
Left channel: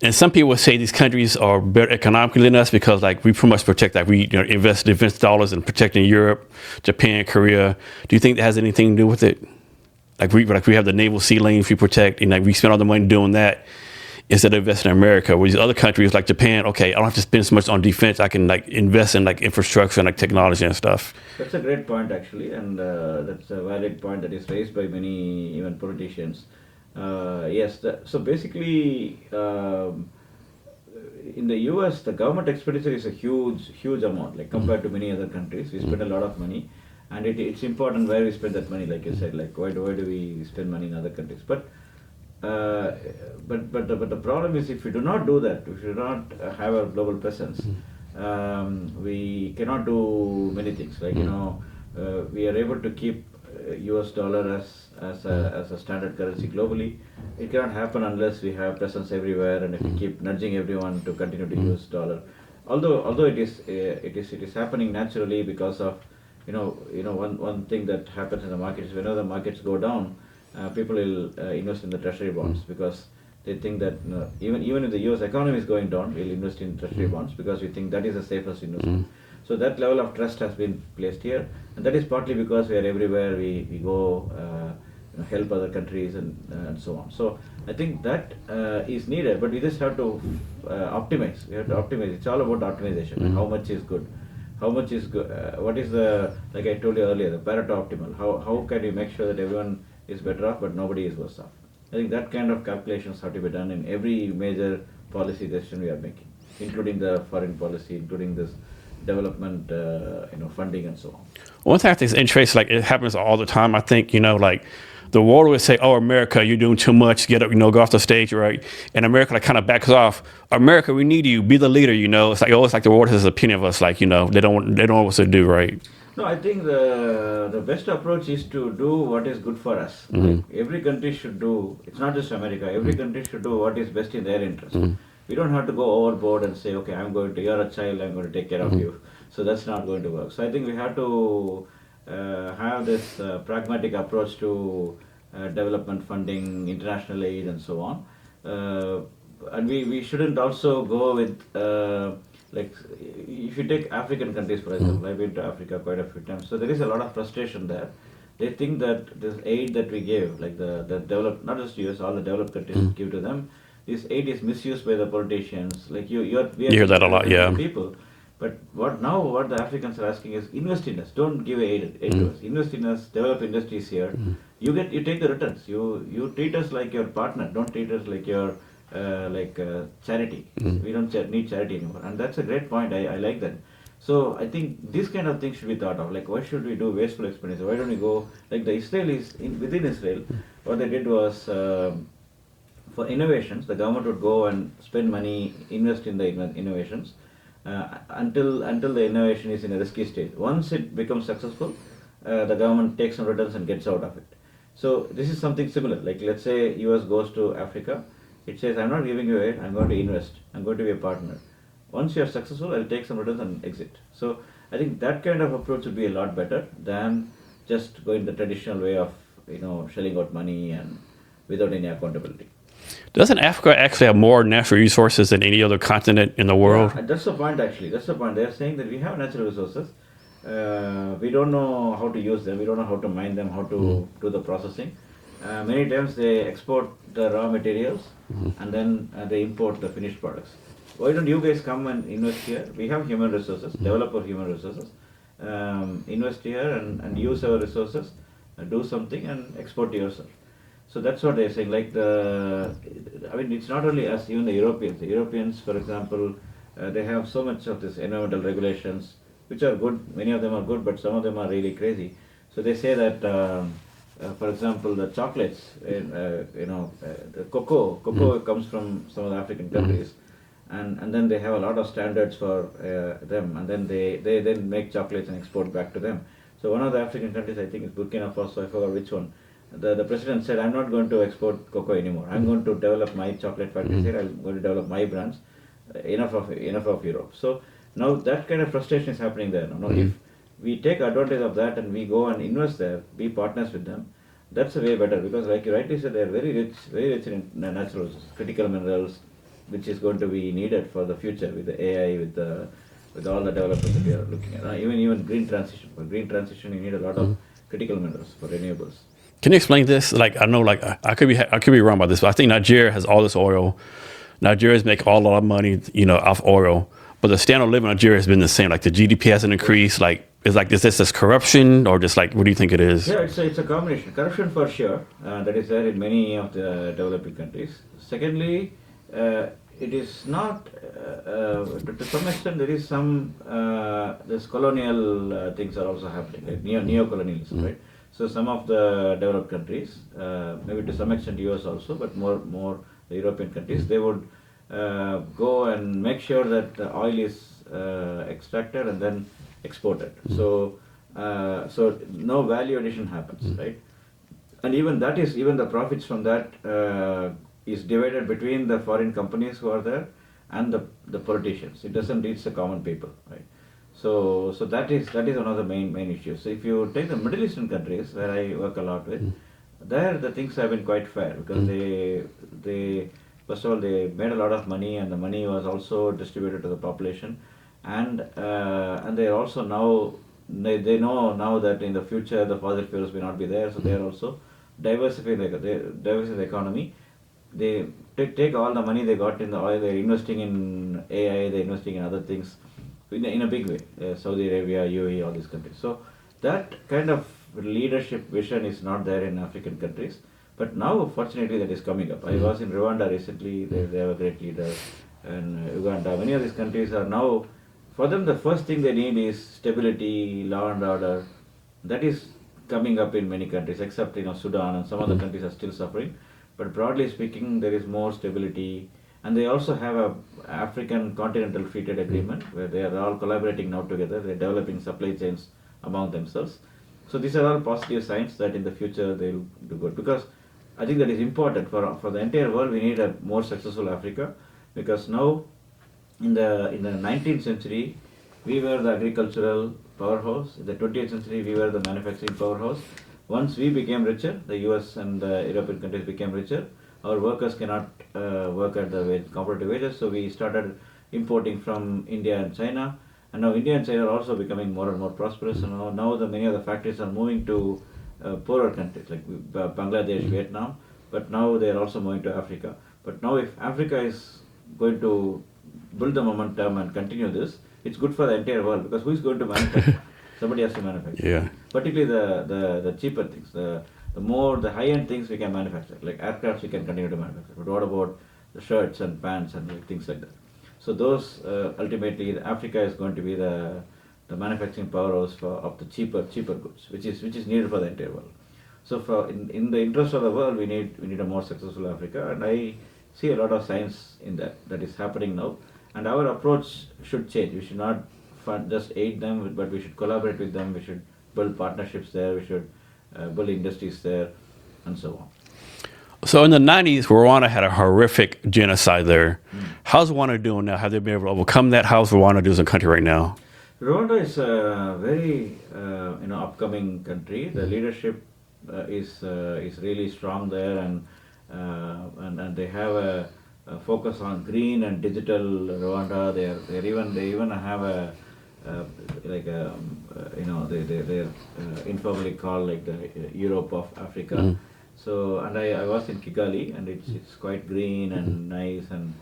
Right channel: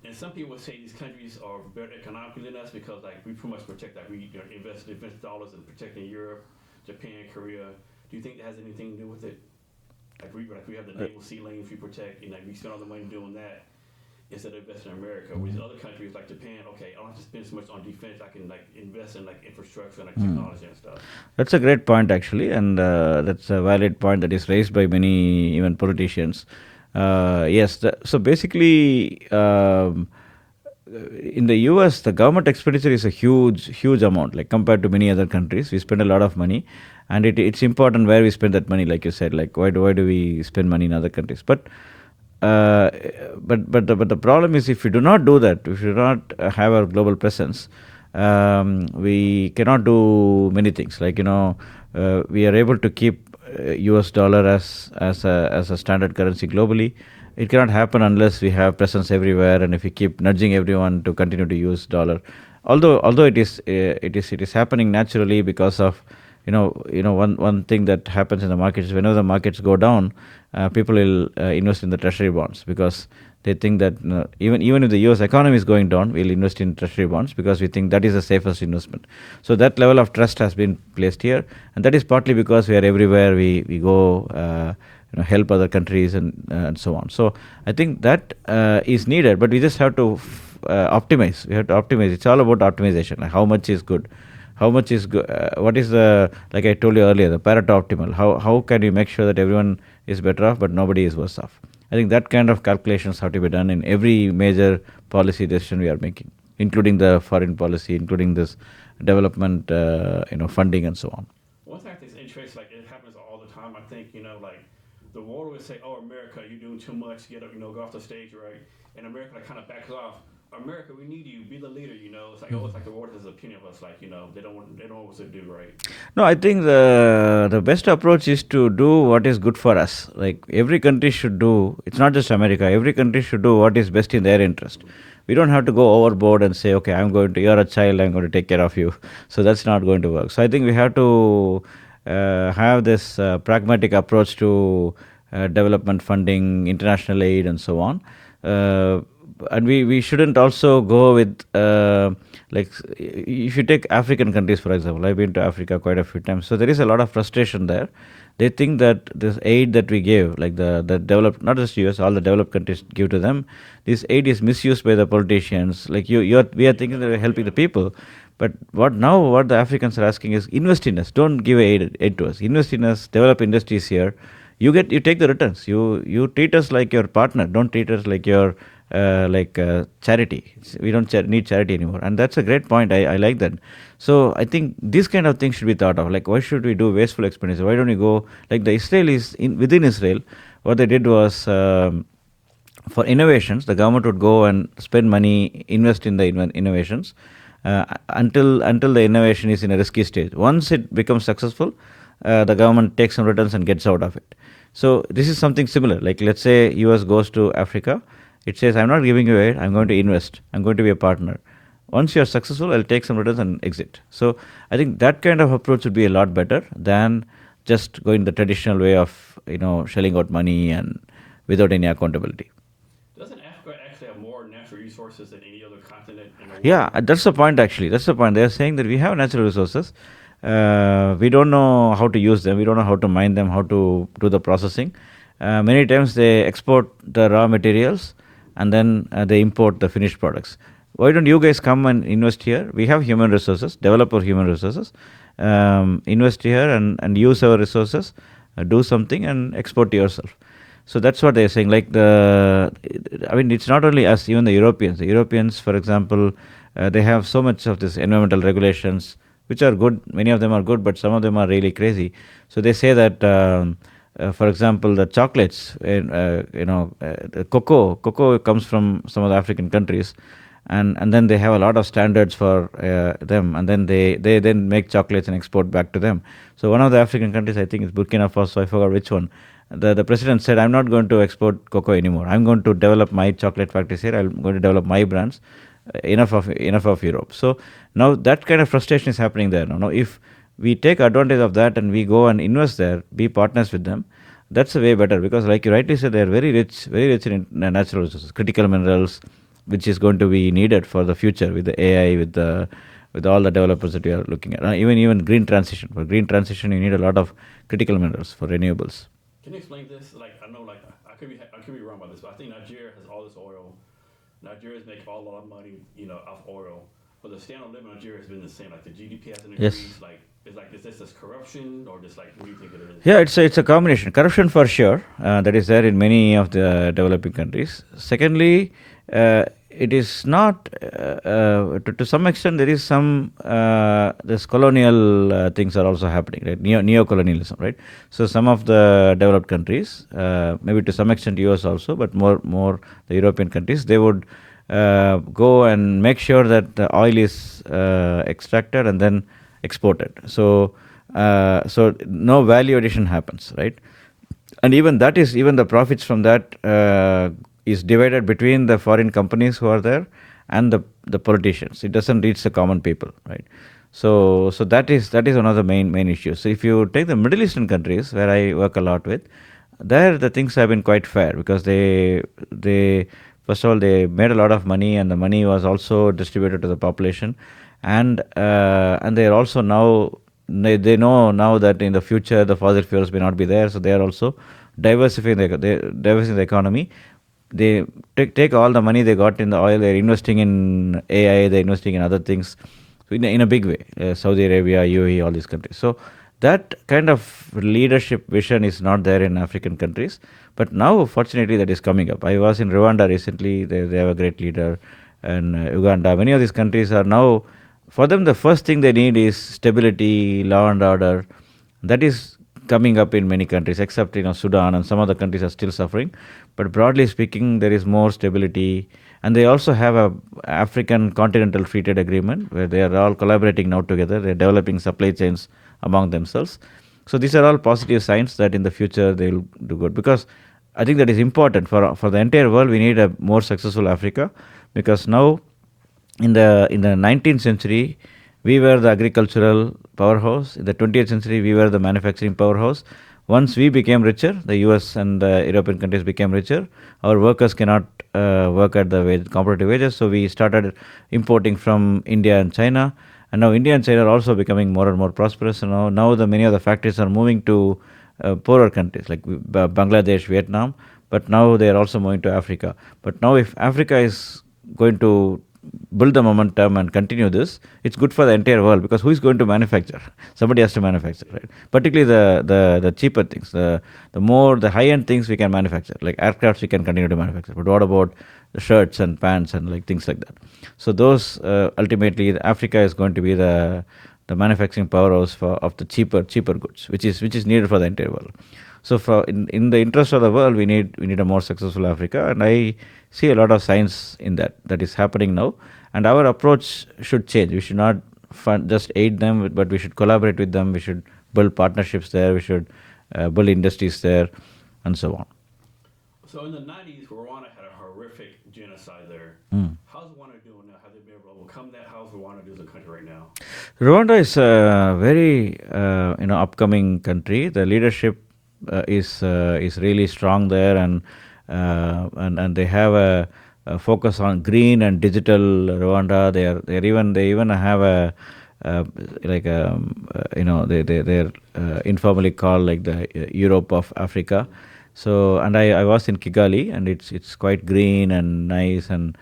And some people would say these countries are better economically than us because like we pretty much protect, like we invest defense dollars in protecting Europe, Japan, Korea. Do you think that has anything to do with it? Like we have the naval sea lanes we protect, and like we spend all the money doing that instead of investing in America. Where these other countries like Japan, okay, I don't have to spend so much on defense. I can like invest in like infrastructure and like technology and stuff. That's a great point actually, and that's a valid point that is raised by many even politicians. Yes, so basically, in the US, the government expenditure is a huge amount, like compared to many other countries. We spend a lot of money, and it's important where we spend that money, like you said, like why do we spend money in other countries? But the problem is if we do not do that, if we do not have a global presence, we cannot do many things. Like we are able to keep US dollar as a standard currency globally. it cannot happen unless we have presence everywhere, and if we keep nudging everyone to continue to use dollar. Although it is happening naturally because of one thing that happens in the markets, whenever the markets go down, people will invest in the treasury bonds, because they think that even if the US economy is going down, we'll invest in treasury bonds because we think that is the safest investment. So that level of trust has been placed here, and that is partly because we are everywhere. We go help other countries and so on. So I think that is needed, but we just have to optimize. We have to optimize. It's all about optimization. Like how much is good, how much is good. What is the, like I told you earlier, the Pareto optimal? How can you make sure that everyone is better off but nobody is worse off? I think that kind of calculations have to be done in every major policy decision we are making, including the foreign policy, including this development, funding and so on. One thing I think is interesting, like it happens all the time. I think, like the world would say, "Oh, America, you're doing too much. Get up, go off the stage, right?" And America like kind of backs off. America, we need you. Be the leader. It's like always like the world has an opinion of us. Like they don't know what to do, right? No, I think the best approach is to do what is good for us. Like every country should do. It's not just America. Every country should do what is best in their interest. We don't have to go overboard and say, "Okay, you're a child. I'm going to take care of you." So that's not going to work. So I think we have to have this pragmatic approach to development funding, international aid, and so on. And we shouldn't also go with, like, if you take African countries, for example, I've been to Africa quite a few times. So there is a lot of frustration there. They think that this aid that we give, like the developed, not just US, all the developed countries give to them, this aid is misused by the politicians. Like we are thinking that helping the people. But what the Africans are asking is, invest in us. Don't give aid to us. Invest in us. Develop industries here. You take the returns. You treat us like your partner. Don't treat us like your charity. We don't need charity anymore. And that's a great point. I like that. So I think these kind of things should be thought of. Like, why should we do wasteful expenditure? Why don't we go, like the Israelis within Israel? What they did was, for innovations, the government would go and spend money, invest in the innovations. Until the innovation is in a risky stage. Once it becomes successful, the government takes some returns and gets out of it. So this is something similar. Like let's say US goes to Africa, it says, "I'm not giving you aid, I'm going to invest, I'm going to be a partner. Once you are successful, I'll take some returns and exit." So I think that kind of approach would be a lot better than just going the traditional way of shelling out money and without any accountability. Doesn't Africa actually have more natural resources than any other continent in the world? Yeah, that's the point actually. That's the point. They're saying that we have natural resources. We don't know how to use them. We don't know how to mine them, how to do the processing. Many times they export the raw materials and then they import the finished products. Why don't you guys come and invest here? We have human resources, develop our human resources, invest here and use our resources, do something and export to yourself. So that's what they're saying. Like it's not only us, even the Europeans. The Europeans, for example, they have so much of this environmental regulations, which are good. Many of them are good, but some of them are really crazy. So they say that, for example, the chocolates, the cocoa comes from some of the African countries, and then they have a lot of standards for them, and then they then make chocolates and export back to them. So one of the African countries, I think it's Burkina Faso, I forgot which one. The president said, "I'm not going to export cocoa anymore. I'm going to develop my chocolate factories here. I'm going to develop my brands. Enough of Europe." So now that kind of frustration is happening there. Now, if we take advantage of that and we go and invest there, be partners with them, that's a way better, because like you rightly said, they're very rich in natural resources, critical minerals, which is going to be needed for the future with the AI, with all the developers that we are looking at. Even green transition. For green transition, you need a lot of critical minerals for renewables. Can you explain this? Like I know, like I could be wrong about this, but I think Nigeria has all this oil. Nigerians make all of money, off oil. But the standard of living in Nigeria has been the same. Like the GDP hasn't increased. Yes. Is this corruption or just what do you think it is? Yeah, it's a combination. Corruption for sure. That is there in many of the developing countries. Secondly, it is not, to some extent, there is some, this colonial things are also happening, right? Neo-colonialism, right? So some of the developed countries, maybe to some extent US also, but more the European countries, they would go and make sure that the oil is extracted and then exported. So no value addition happens, right? And even the profits from that is divided between the foreign companies who are there and the politicians. It doesn't reach the common people, right? So that is one of the main issues. So if you take the Middle Eastern countries where I work a lot with, there the things have been quite fair because they first of all they made a lot of money, and the money was also distributed to the population, and they are also now they know now that in the future the fossil fuels may not be there, so they are also diversifying the economy. They take all the money they got in the oil, they're investing in AI, they're investing in other things in a big way. Saudi Arabia, UAE, all these countries. So that kind of leadership vision is not there in African countries. But now, fortunately, that is coming up. I was in Rwanda recently. They have a great leader. And Uganda. Many of these countries are now, for them, the first thing they need is stability, law and order. That is coming up in many countries, except Sudan and some other countries are still suffering. But broadly speaking, there is more stability, and they also have a African Continental Free Trade Agreement where they are all collaborating now together. They are developing supply chains among themselves. So these are all positive signs that in the future they will do good, because I think that is important for the entire world. We need a more successful Africa, because now in the 19th century we were the agricultural powerhouse. In the 20th century we were the manufacturing powerhouse. Once we became richer, the US and the European countries became richer, our workers cannot work at the competitive wages, so we started importing from India and China, and now India and China are also becoming more and more prosperous. Now many of the factories are moving to poorer countries like Bangladesh, Vietnam, but now they are also moving to Africa. But now if Africa is going to build the momentum and continue this, it's good for the entire world, because who is going to manufacture? Somebody has to manufacture. Yeah. Particularly the cheaper things, the high-end things we can manufacture, like aircrafts we can continue to manufacture. But what about the shirts and pants and like things like that? So those ultimately Africa is going to be the manufacturing powerhouse of the cheaper goods, which is needed for the entire world. So in the interest of the world, we need a more successful Africa, and I see a lot of signs in that is happening now. And our approach should change. We should not just aid them, but we should collaborate with them. We should build partnerships there. We should build industries there, and so on. So in the 90s, Rwanda had a horrific genocide there. How's Rwanda doing now? Have they been able to overcome that? How's Rwanda doing as a country right now? Rwanda is a very upcoming country. The leadership is really strong there, and they have a focus on green and digital Rwanda. They even have a they're informally called like the Europe of Africa. So, and I was in Kigali, and it's quite green and nice, and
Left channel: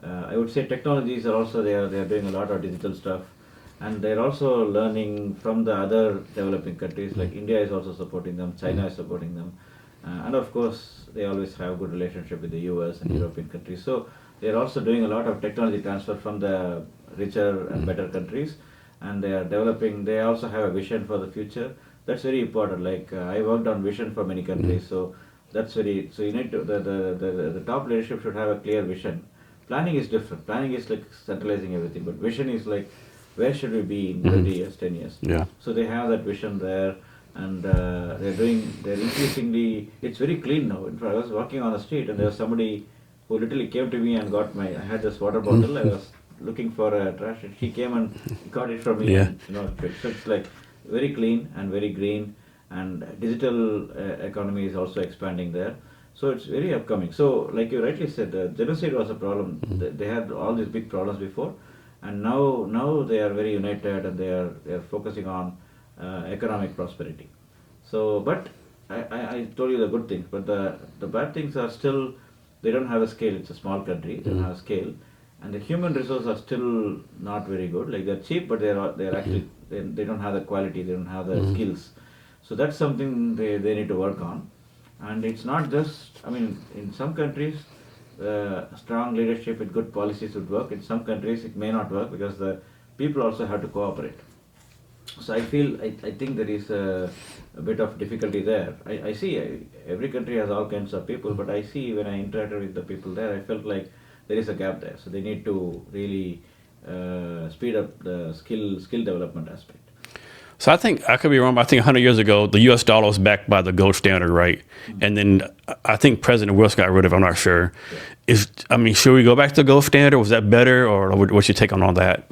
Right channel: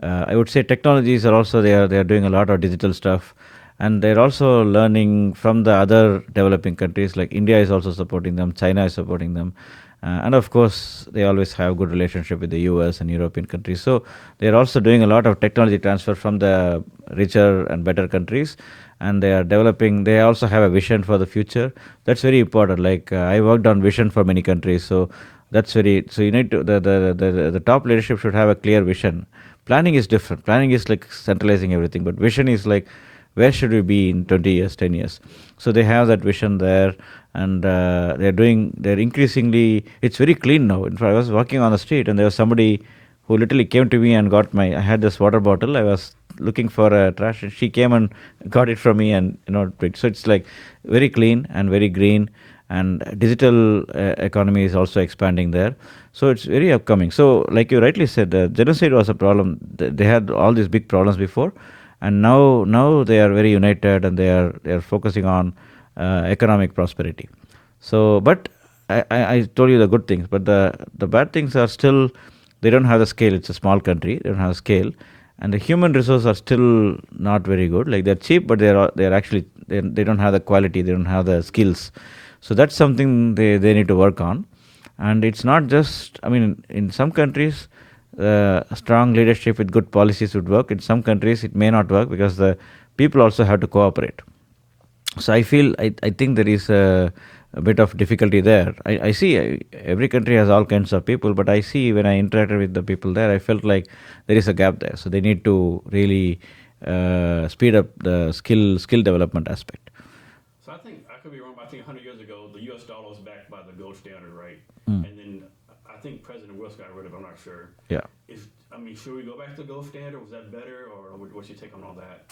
I would say technologies are also they are doing a lot of digital stuff, and they're also learning from the other developing countries. Like India is also supporting them, China is supporting them, and of course they always have good relationship with the US and European countries. So they're also doing a lot of technology transfer from the richer and better countries, and they are developing. They also have a vision for the future. That's very important. Like I worked on vision for many countries, so that's very. So you need to the top leadership should have a clear vision. Planning is different. Planning is like centralizing everything, but vision is like where should we be in 20 years, 10 years. Yeah. So they have that vision there, and they're increasingly. It's very clean now. In fact, I was walking on the street, and there was somebody who literally came to me and got I had this water bottle. I was looking for a trash, and she came and got it from me. Yeah. And so it's like very clean and very green, and digital economy is also expanding there. So it's very upcoming. So like you rightly said, genocide was a problem. They had all these big problems before, and now they are very united, and they are focusing on economic prosperity. So, but I told you the good things, but the bad things are still, they don't have the scale. It's a small country. They don't have scale, and the human resources are still not very good. Like they're cheap, but they're actually they don't have the quality. They don't have the skills. So that's something they need to work on. And it's not just, I mean, in some countries, strong leadership with good policies would work. In some countries, it may not work because the people also have to cooperate. So I think there is a bit of difficulty there. I see every country has all kinds of people, but I see when I interacted with the people there, I felt like there is a gap there. So they need to really speed up the skill development aspect. So I think I could be wrong, but I think 100 years ago, the U.S. dollar was backed by the gold standard, right? And then I think President Wilson got rid of it. I'm not sure. Yeah. Should we go back to the gold standard? Was that better, or what's your take on all that?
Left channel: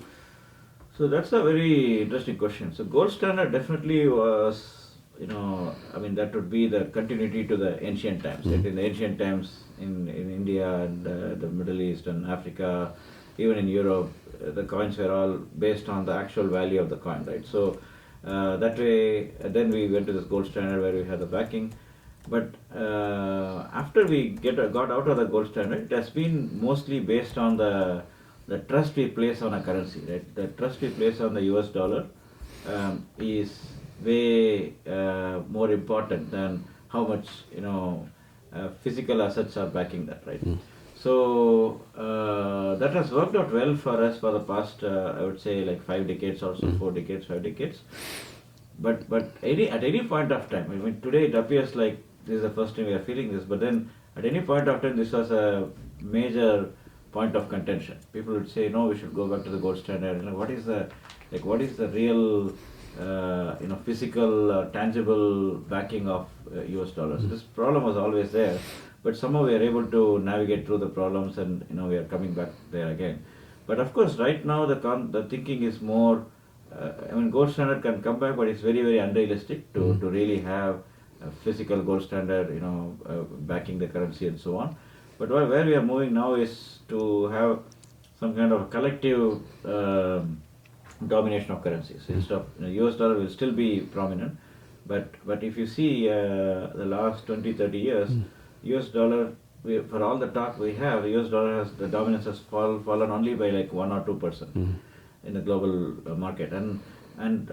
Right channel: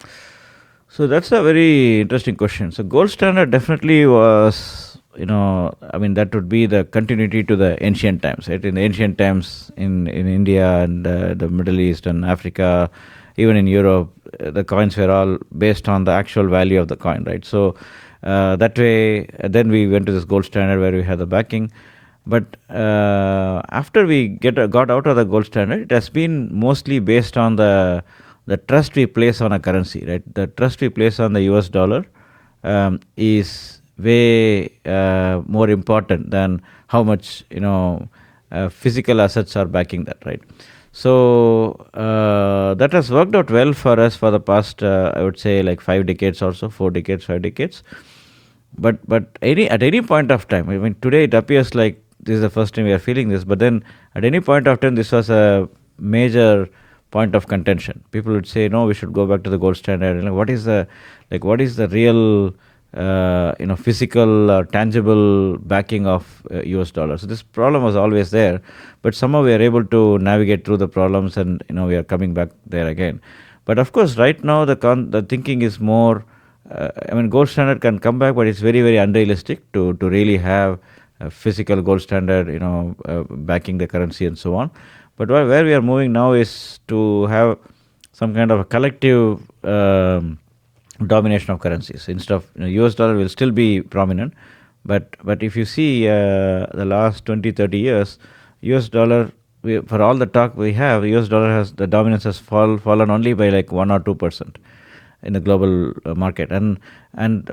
So that's a very interesting question. So gold standard definitely was, that would be the continuity to the ancient times, right? In the ancient times in India and the Middle East and Africa, even in Europe, the coins were all based on the actual value of the coin, right? So that way, then we went to this gold standard where we had the backing. But after we got out of the gold standard, it has been mostly based on the trust we place on a currency, right? The trust we place on the US dollar is way more important than how much physical assets are backing that, right? So that has worked out well for us for the past, I would say, like 5 decades or so, 4 decades, 5 decades. But at any point of time, I mean, today it appears like this is the first time we are feeling this, but then at any point of time, this was a major point of contention. People would say, no, we should go back to the gold standard. And what is the real physical, tangible backing of US dollars? So this problem was always there, but somehow we are able to navigate through the problems, and we are coming back there again. But of course, right now the thinking is more. Gold standard can come back, but it's very, very unrealistic to really have a physical gold standard, backing the currency and so on. But where we are moving now is to have some kind of a collective domination of currencies. Instead of US dollar will still be prominent, but if you see the last 20, 30 years, US dollar, for all the talk we have, US dollar the dominance has fallen only by like 1 or 2%. In the global market, and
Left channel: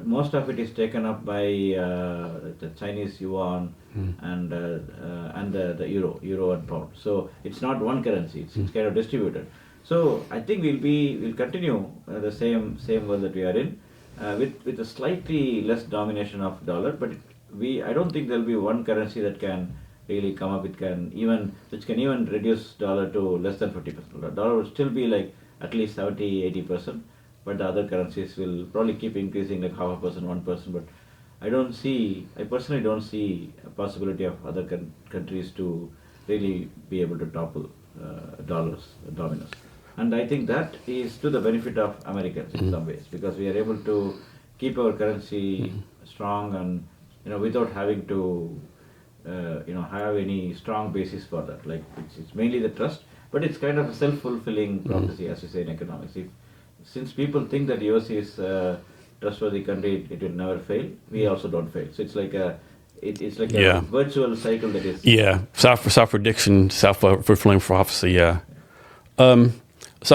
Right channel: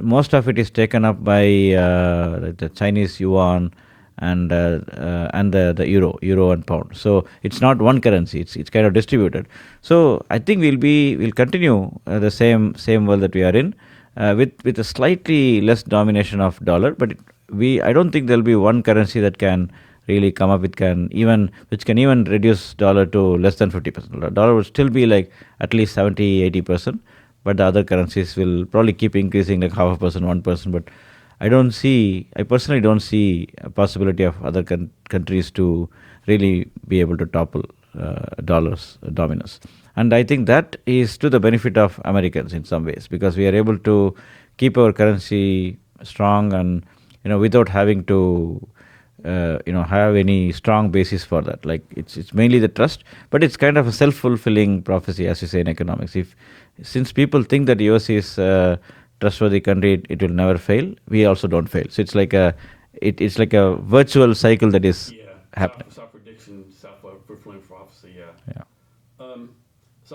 most of it is taken up by the Chinese yuan and the euro and pound. So it's not one currency; it's kind of distributed. So I think we'll continue the same world that we are in, with a slightly less domination of dollar. But I don't think there'll be one currency that can really come up which can even reduce dollar to less than 50%. Dollar will still be like at least 70-80%. But the other currencies will probably keep increasing like 0.5%, 1%. But I personally don't see a possibility of other countries to really be able to topple dollar's dominance. And I think that is to the benefit of Americans in some ways, because we are able to keep our currency strong and without having to have any strong basis for that. Like it's mainly the trust, but it's kind of a self-fulfilling prophecy, as you say in economics. Since people think that US is a trustworthy country, it will never fail. We also don't fail. So it's like a virtual cycle that is self-prediction, self-fulfilling prophecy. Yeah. So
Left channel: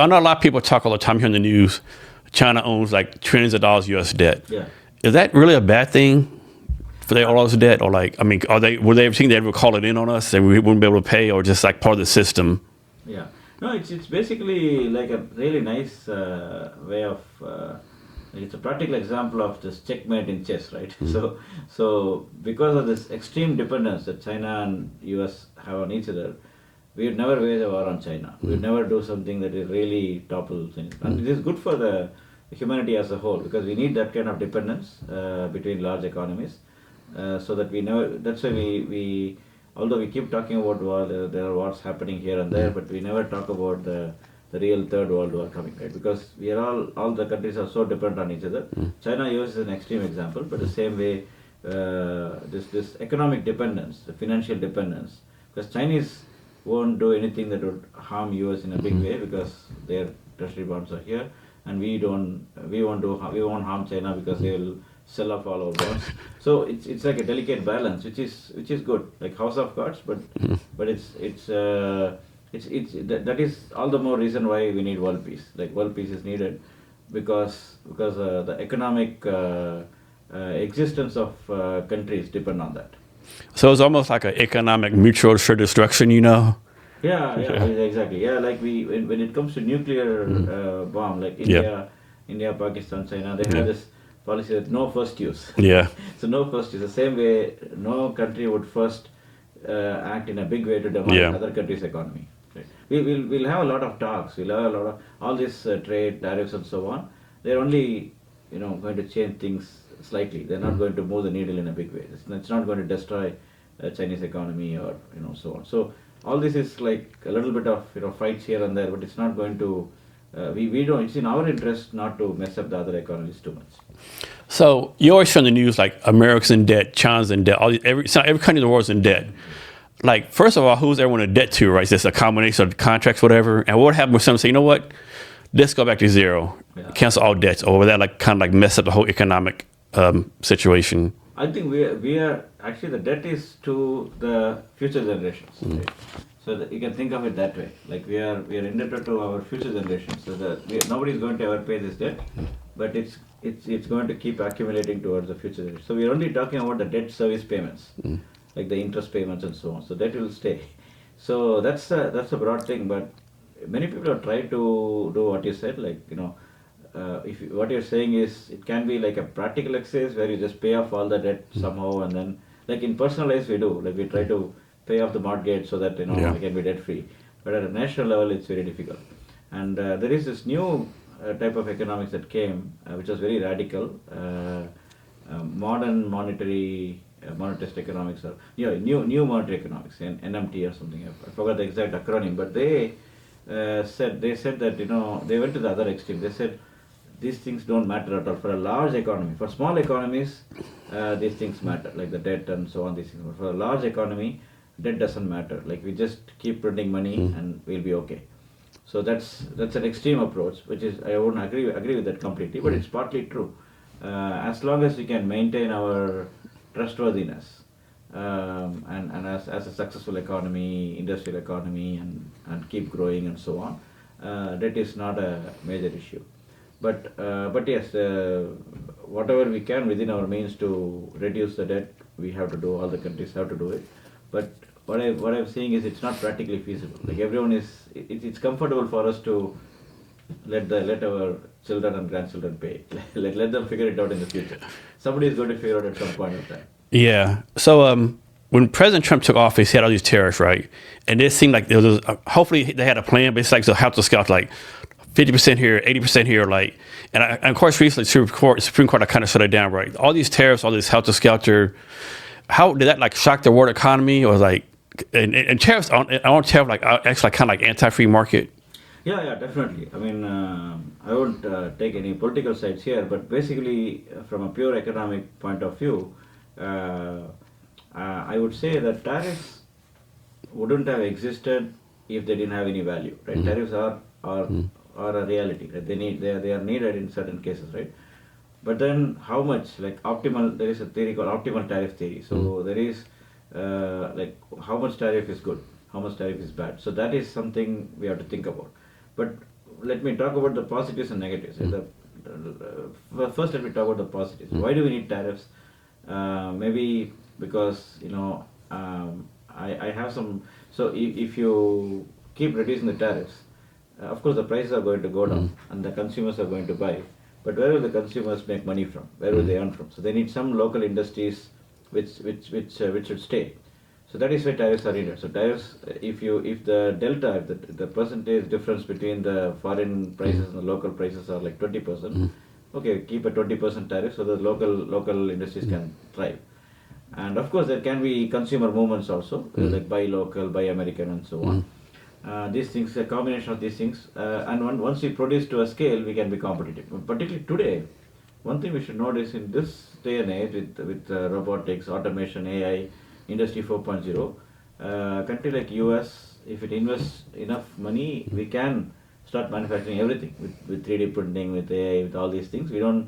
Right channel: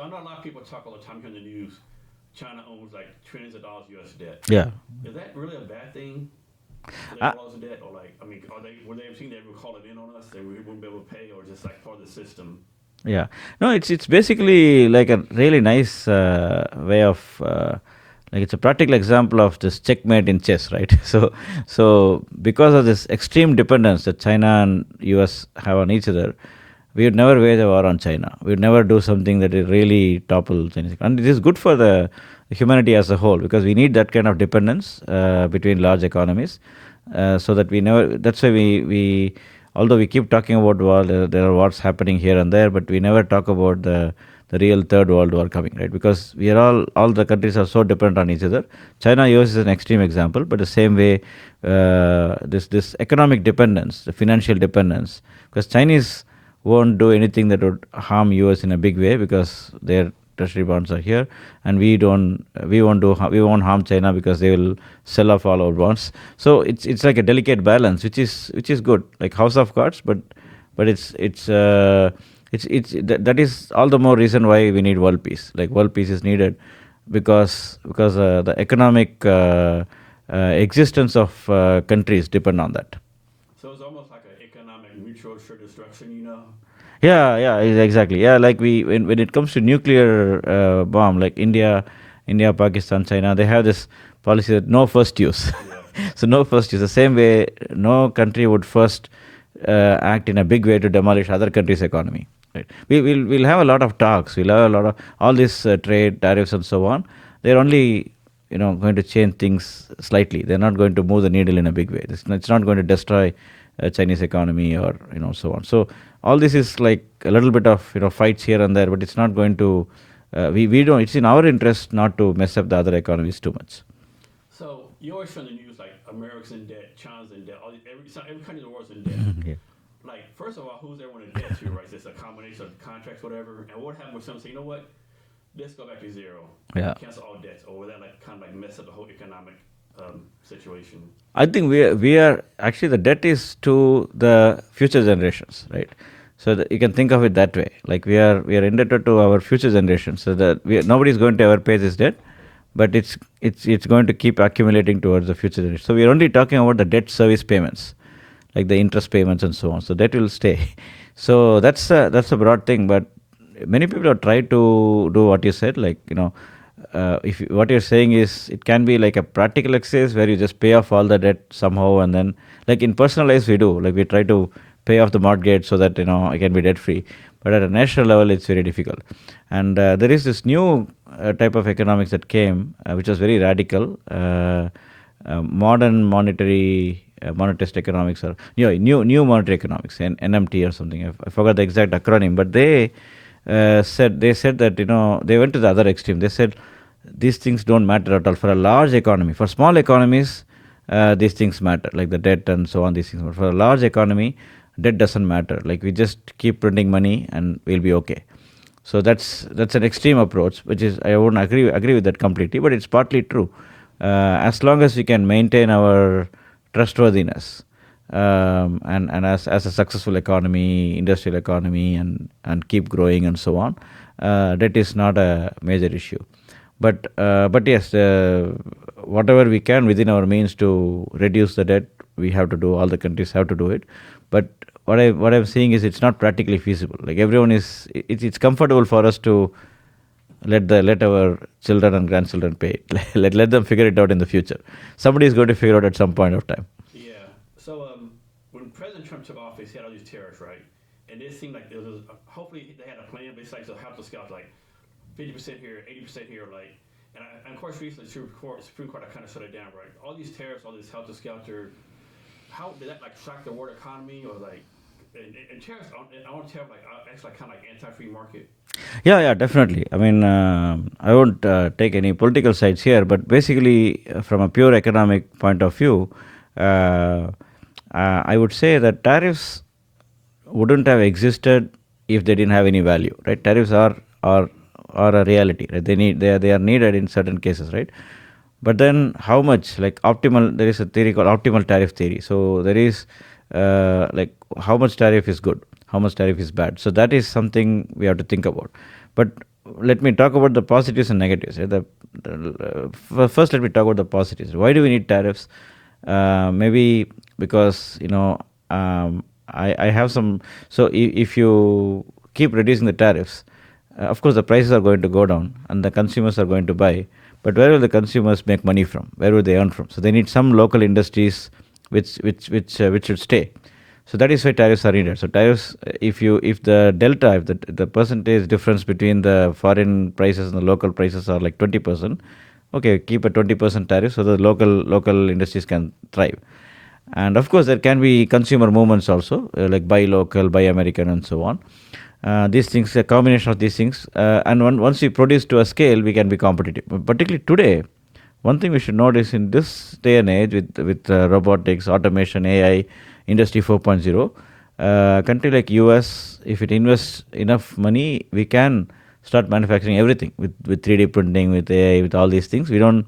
I know a lot of people talk all the time here in the news. China owns like trillions of dollars US debt. Yeah. Is that really a bad thing for all this debt, or were they ever think they ever call it in on us and we wouldn't be able to pay, or just like part of the system? Yeah, no, it's basically like a really nice way of it's a practical example of this checkmate in chess, right? So because of this extreme dependence that China and US have on each other, we would never wage a war on China. We would never do something that will really topple Chinese. And it is good for the humanity as a whole, because we need that kind of dependence between large economies, so that we never. That's why we although we keep talking about war, there are wars happening here and there, but we never talk about the real third world war coming, right? Because we are all the countries are so dependent on each other. China, US is an extreme example, but the same way, this economic dependence, the financial dependence, because Chinese won't do anything that would harm US in a big way, because their treasury bonds are here, and we won't harm China because they will sell off all our bonds. So it's like a delicate balance, which is good, like house of cards, but that is all the more reason why we need world peace. Like world peace is needed because the economic existence of countries depend on that. So it's almost like an economic mutual assured destruction, Yeah, exactly. Yeah, like when it comes to nuclear bomb, like India, Pakistan, China, they have this policy that no first use. Yeah. So no first use. The same way, no country would first act in a big way to demolish other countries' economy. Right? We'll have a lot of talks. We'll have a lot of all this trade tariffs and so on. They're only going to change things slightly. They're not going to move the needle in a big way. It's not going to destroy Chinese economy or so on. So all this is like a little bit of fights here and there, but it's not going to. We don't. It's in our interest not to mess up the other economies too much. So you always show in the news like America's in debt, China's in debt, every country in the world's in debt. Like, first of all, who's everyone in debt to, right? Is this a combination of contracts, whatever? And what happens when someone say, you know what, let's go back to zero, cancel all debts, or will that like kind of like mess up the whole economic situation? I think we are actually, the debt is to the future generations, right? So that you can think of it that way. Like we are indebted to our future generations. So that nobody is going to ever pay this debt, but it's going to keep accumulating towards the future generation. So we are only talking about the debt service payments, like the interest payments and so on. So that will stay. So that's a broad thing. But many people have tried to do what you said, like what you're saying is it can be like a practical exercise where you just pay off all the debt somehow, and then like in personal life we do, like we try to pay off the mortgage so that I can be debt free. But at a national level, it's very difficult. And there is this new type of economics that came, which was very radical. Modern monetarist economics, or new monetary economics, NMT or something. I forgot the exact acronym, but they said that they went to the other extreme. They said these things don't matter at all for a large economy. For small economies, these things matter, like the debt and so on. These things, but for a large economy, debt doesn't matter. Like we just keep printing money and we'll be okay. So that's an extreme approach, which is, I wouldn't agree with that completely, but it's partly true. As long as we can maintain our trustworthiness, and as a successful economy, industrial economy, and keep growing and so on, debt is not a major issue. But yes, whatever we can within our means to reduce the debt, we have to do. All the countries have to do it. But what I'm saying is it's not practically feasible. Like everyone is, it's comfortable for us to let our children and grandchildren pay it. let them figure it out in the future. Somebody is going to figure out at some point of time. Yeah. So when President Trump took office, he had all these tariffs, right? And it seemed like there was hopefully they had a plan, but it's like the House of Scouts, like 50% here, 80% here, like, and of course recently Supreme Court kind of shut it down, right? All these tariffs, all this House of Scouts, how did that like shock the world economy, or like, and tariffs on tariff like actually kind of like anti-free market? Yeah, definitely. I mean, I won't take any political sides here, but basically, from a pure economic point of view, I would say that tariffs wouldn't have existed if they didn't have any value, right? Tariffs are a reality, right? They are needed in certain cases, right? But then how much, like optimal, there is a theory called optimal tariff theory. So there is like how much tariff is good, how much tariff is bad. So that is something we have to think about. But let me talk about the positives and negatives. First, let me talk about the positives. Why do we need tariffs? Maybe because I have some. So if you keep reducing the tariffs, of course the prices are going to go down and the consumers are going to buy. But where will the consumers make money from? Where will they earn from? So they need some local industries which should stay. So that is why tariffs are needed. So tariffs, if the percentage difference between the foreign prices and the local prices are like 20%, okay, keep a 20% tariff so the local industries can thrive. And of course, there can be consumer movements also, like buy local, buy American, and so on. These things, a combination of these things, and once we produce to a scale, we can be competitive. But particularly today, one thing we should notice in this day and age with robotics, automation, AI, Industry 4.0, country like US, if it invests enough money, we can start manufacturing everything with 3D printing, with AI, with all these things. We don't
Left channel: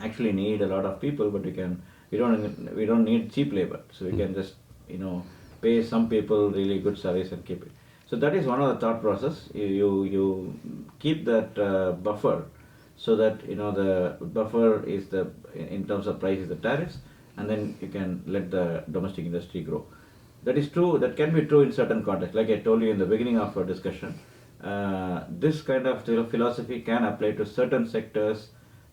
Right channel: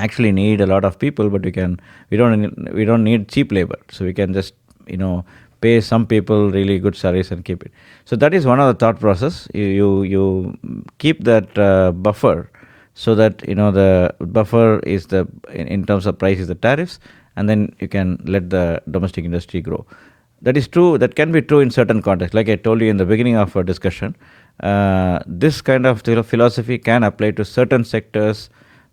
actually need a lot of people, but we don't need cheap labor, so we can just pay some people really good salaries and keep it. So that is one of the thought process. You keep that buffer, so that the buffer is in terms of price is the tariffs, and then you can let the domestic industry grow. That is true. That can be true in certain contexts. Like I told you in the beginning of our discussion, this kind of philosophy can apply to certain sectors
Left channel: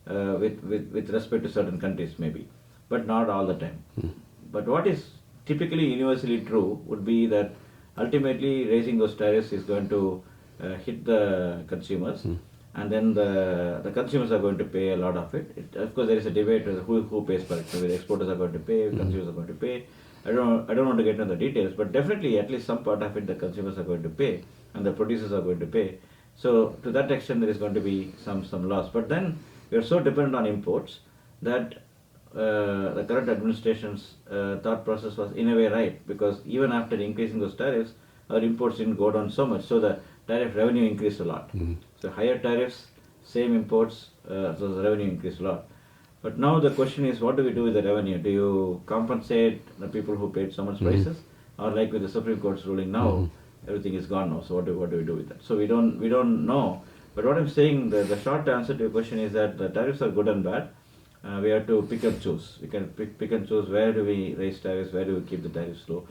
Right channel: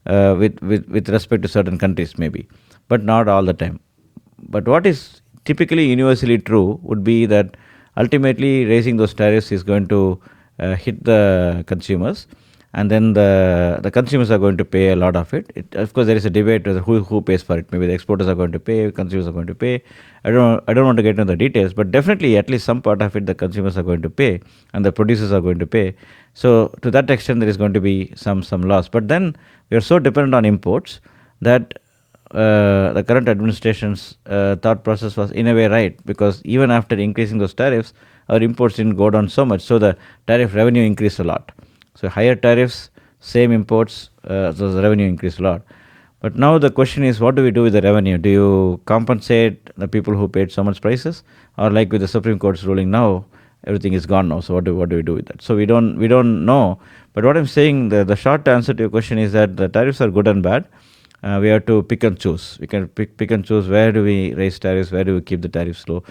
with respect to certain countries maybe, but not all the time. But what is typically universally true would be that ultimately raising those tariffs is going to hit the consumers, and then the consumers are going to pay a lot of it. Of course, there is a debate whether who pays for it. Maybe the exporters are going to pay, consumers are going to pay. I don't want to get into the details, but definitely at least some part of it the consumers are going to pay and the producers are going to pay. So to that extent, there is going to be some loss. But then we are so dependent on imports that the current administration's thought process was in a way right, because even after increasing those tariffs, our imports didn't go down so much. So the tariff revenue increased a lot. So higher tariffs, same imports, so the revenue increased a lot. But now the question is, what do we do with the revenue? Do you compensate the people who paid so much prices, or like with the Supreme Court's ruling now, everything is gone now? So what do we do with that? So we don't know. But what I'm saying, the short answer to your question is that the tariffs are good and bad. We have to pick and choose. We can pick and choose where do we raise tariffs, where do we keep the tariffs low.